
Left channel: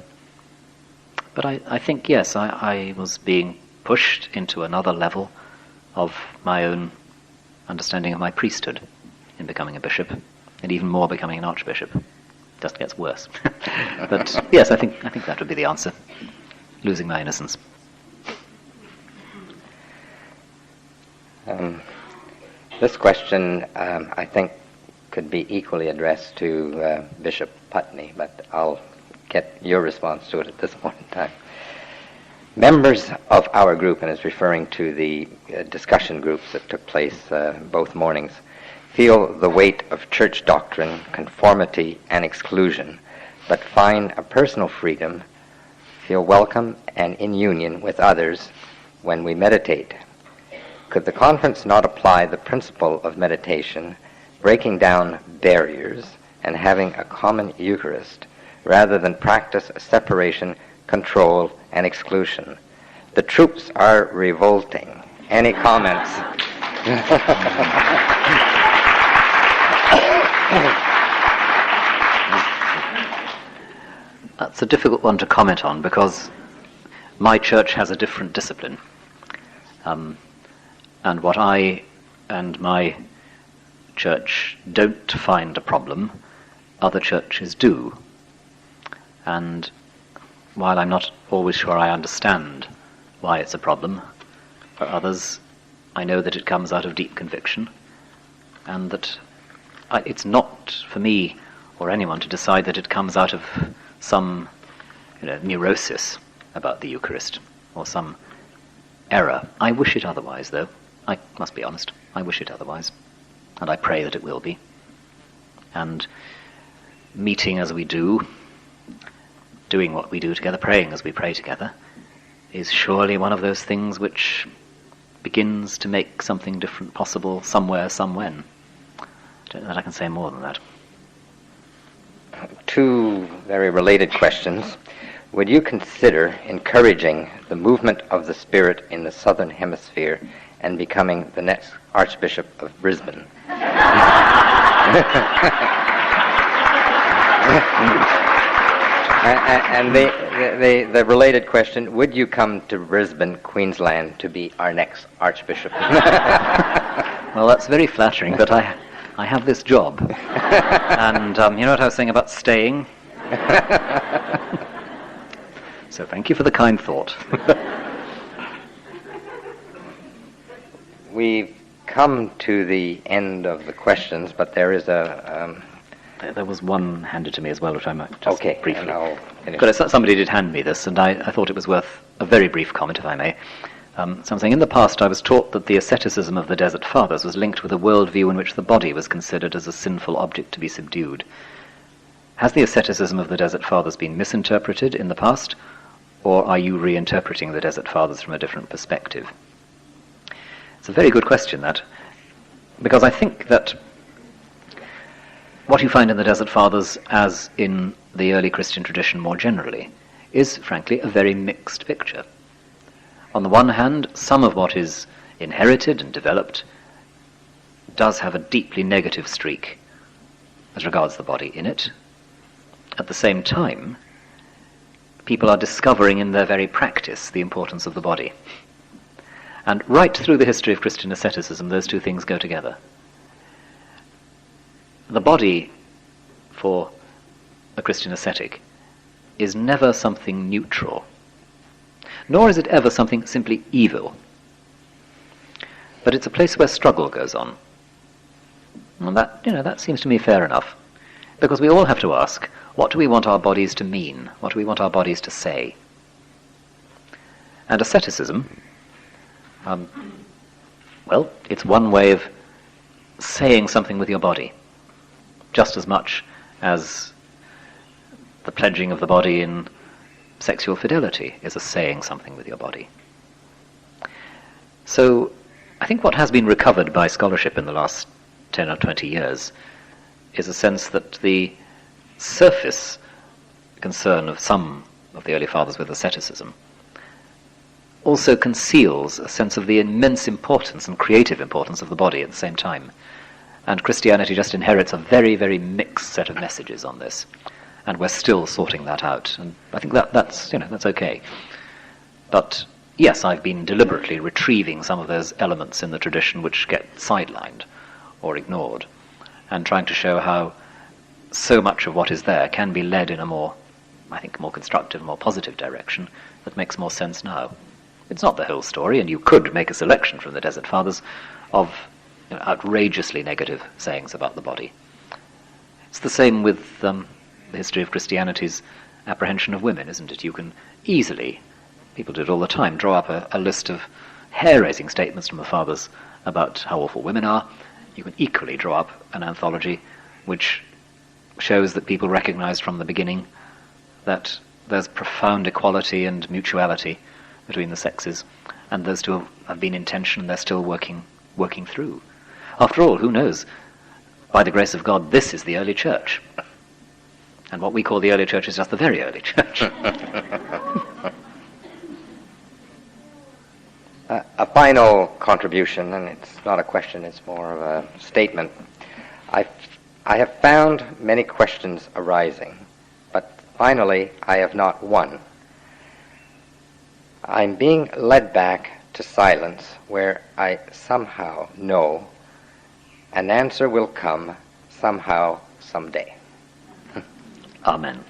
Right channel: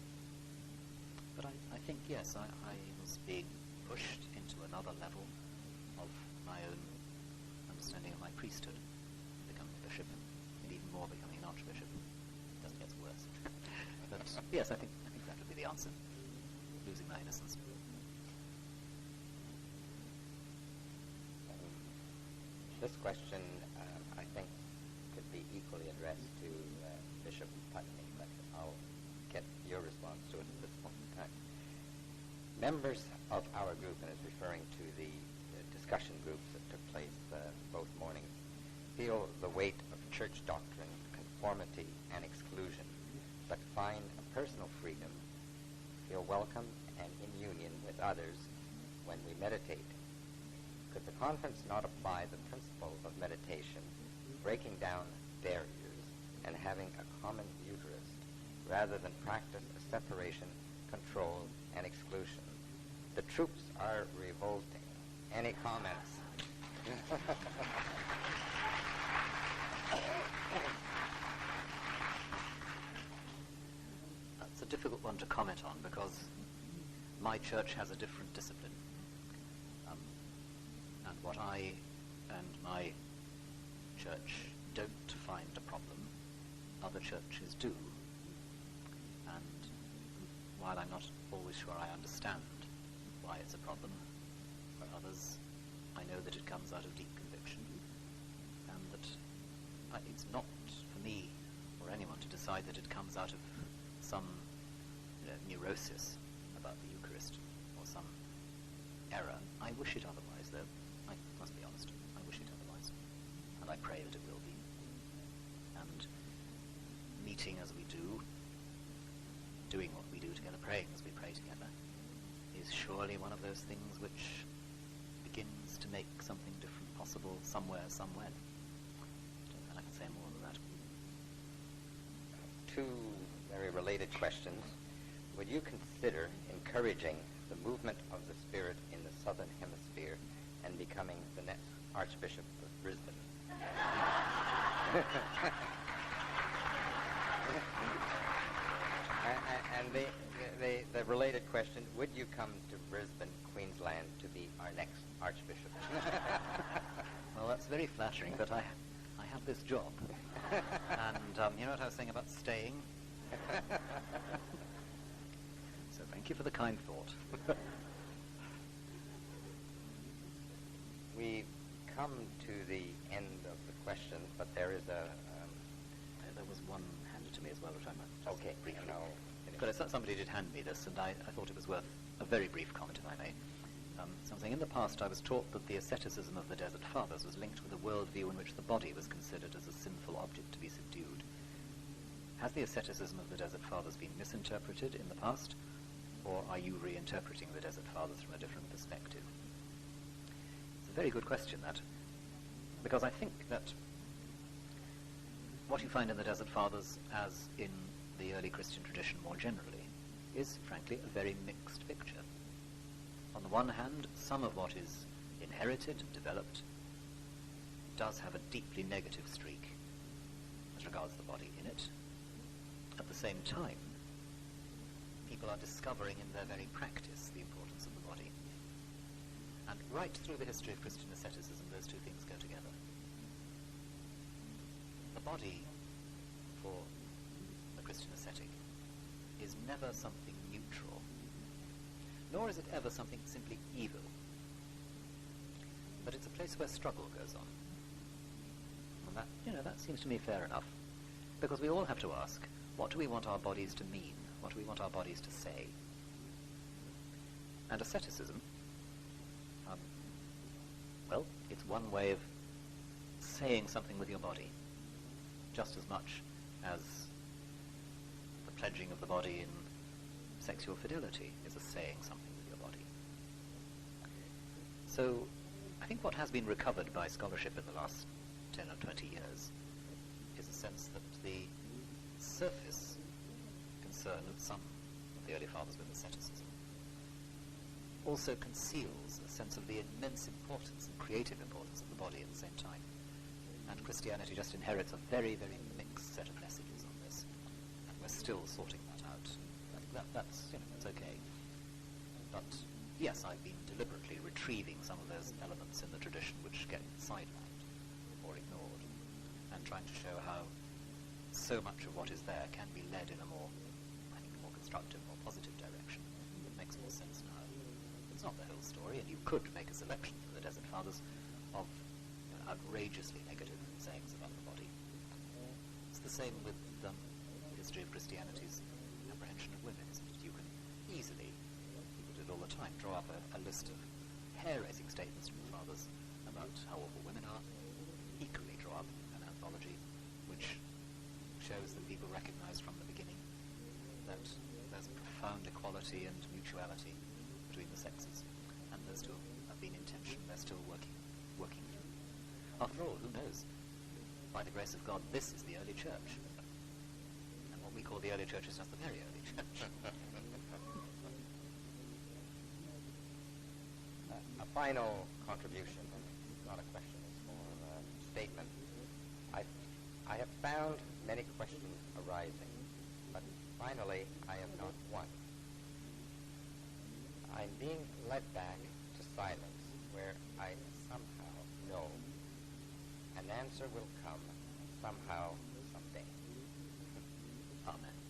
But I think, yes, I was being pushed into another level of my own understanding of my priesthood in becoming a bishop, and even more becoming an archbishop. Just gets worse. But yes, I think that would be the answer. Losing my innocence. This question, I think, could be equally addressed to Bishop Putney, but I'll get your response to it at this point in time. Members of our group, and it's referring to the discussion groups that took place both mornings, feel the weight of church doctrine, conformity, and exclusion, but find a personal freedom, feel welcome and in union with others when we meditate. Could the conference not apply the principle of meditation, breaking down barriers and having a common Eucharist, rather than practice separation, control, and exclusion? The troops are revolting. Any comments? That's a difficult one to comment on, because my church has a different discipline. And what I and my church don't find a problem, other churches do. And while I'm not always sure I understand why it's a problem, for others, I know that it comes out of deep conviction, and that it's not for me or anyone to decide that it comes out of some neurosis about the Eucharist or some error. I wish it otherwise, though. I must be honest. I wish it otherwise. And I pray that it will be. And meeting as we do, doing what we do together, praying as we pray together, is surely one of those things which begins to make something different possible somewhere, somewhen. I don't know that I can say more than that. Two very related questions. Would you consider encouraging the movement of the Spirit in the Southern Hemisphere and becoming the next Archbishop of Brisbane? And the related question, would you come to Brisbane, Queensland, to be our next Archbishop? Well, that's very flattering, but I have this job. And you know what I was saying about staying? So thank you for the kind thought. We've come to the end of the questions, but there is a There was one handed to me as well, which I might just Okay, briefly. and I'll finish. But somebody did hand me this, and I thought it was worth a very brief comment, if I may. Something in the past I was taught that the asceticism of the Desert Fathers was linked with a worldview in which the body was considered as a sinful object to be subdued. Has the asceticism of the Desert Fathers been misinterpreted in the past, or are you reinterpreting the Desert Fathers from a different perspective? It's a very good question, that, because I think that what you find in the Desert Fathers, as in the early Christian tradition more generally, is, frankly, a very mixed picture. On the one hand, some of what is inherited and developed does have a deeply negative streak as regards the body in it. At the same time, people are discovering in their very practice the importance of the body. And right through the history of Christian asceticism, those two things go together. The body, for a Christian ascetic, is never something neutral, nor is it ever something simply evil. But it's a place where struggle goes on. And that seems to me fair enough, because we all have to ask, what do we want our bodies to mean? What do we want our bodies to say? And asceticism, well, it's one way of saying something with your body, just as much as the pledging of the body in sexual fidelity is a saying something with your body. So I think what has been recovered by scholarship in the last 10 or 20 years is a sense that the surface concern of some of the early fathers with asceticism also conceals a sense of the immense importance and creative importance of the body at the same time. And Christianity just inherits a very, very mixed set of messages on this. And we're still sorting that out. And I think that's okay. But yes, I've been deliberately retrieving some of those elements in the tradition which get sidelined or ignored, and trying to show how so much of what is there can be led in a more constructive, more positive direction that makes more sense now. It's not the whole story, and you could make a selection from the Desert Fathers of outrageously negative sayings about the body. It's the same with the history of Christianity's apprehension of women, isn't it? You can easily, people do it all the time, draw up a list of hair-raising statements from the Fathers about how awful women are. You can equally draw up an anthology which shows that people recognized from the beginning that there's profound equality and mutuality between the sexes, and those two have been in tension and they're still working through. After all, who knows? By the grace of God, this is the early church. And what we call the early church is just the very early church. A final contribution, and it's not a question, it's more of a statement. I have found many questions arising, but finally I have not one. I'm being led back to silence where I somehow know an answer will come somehow, someday. Amen.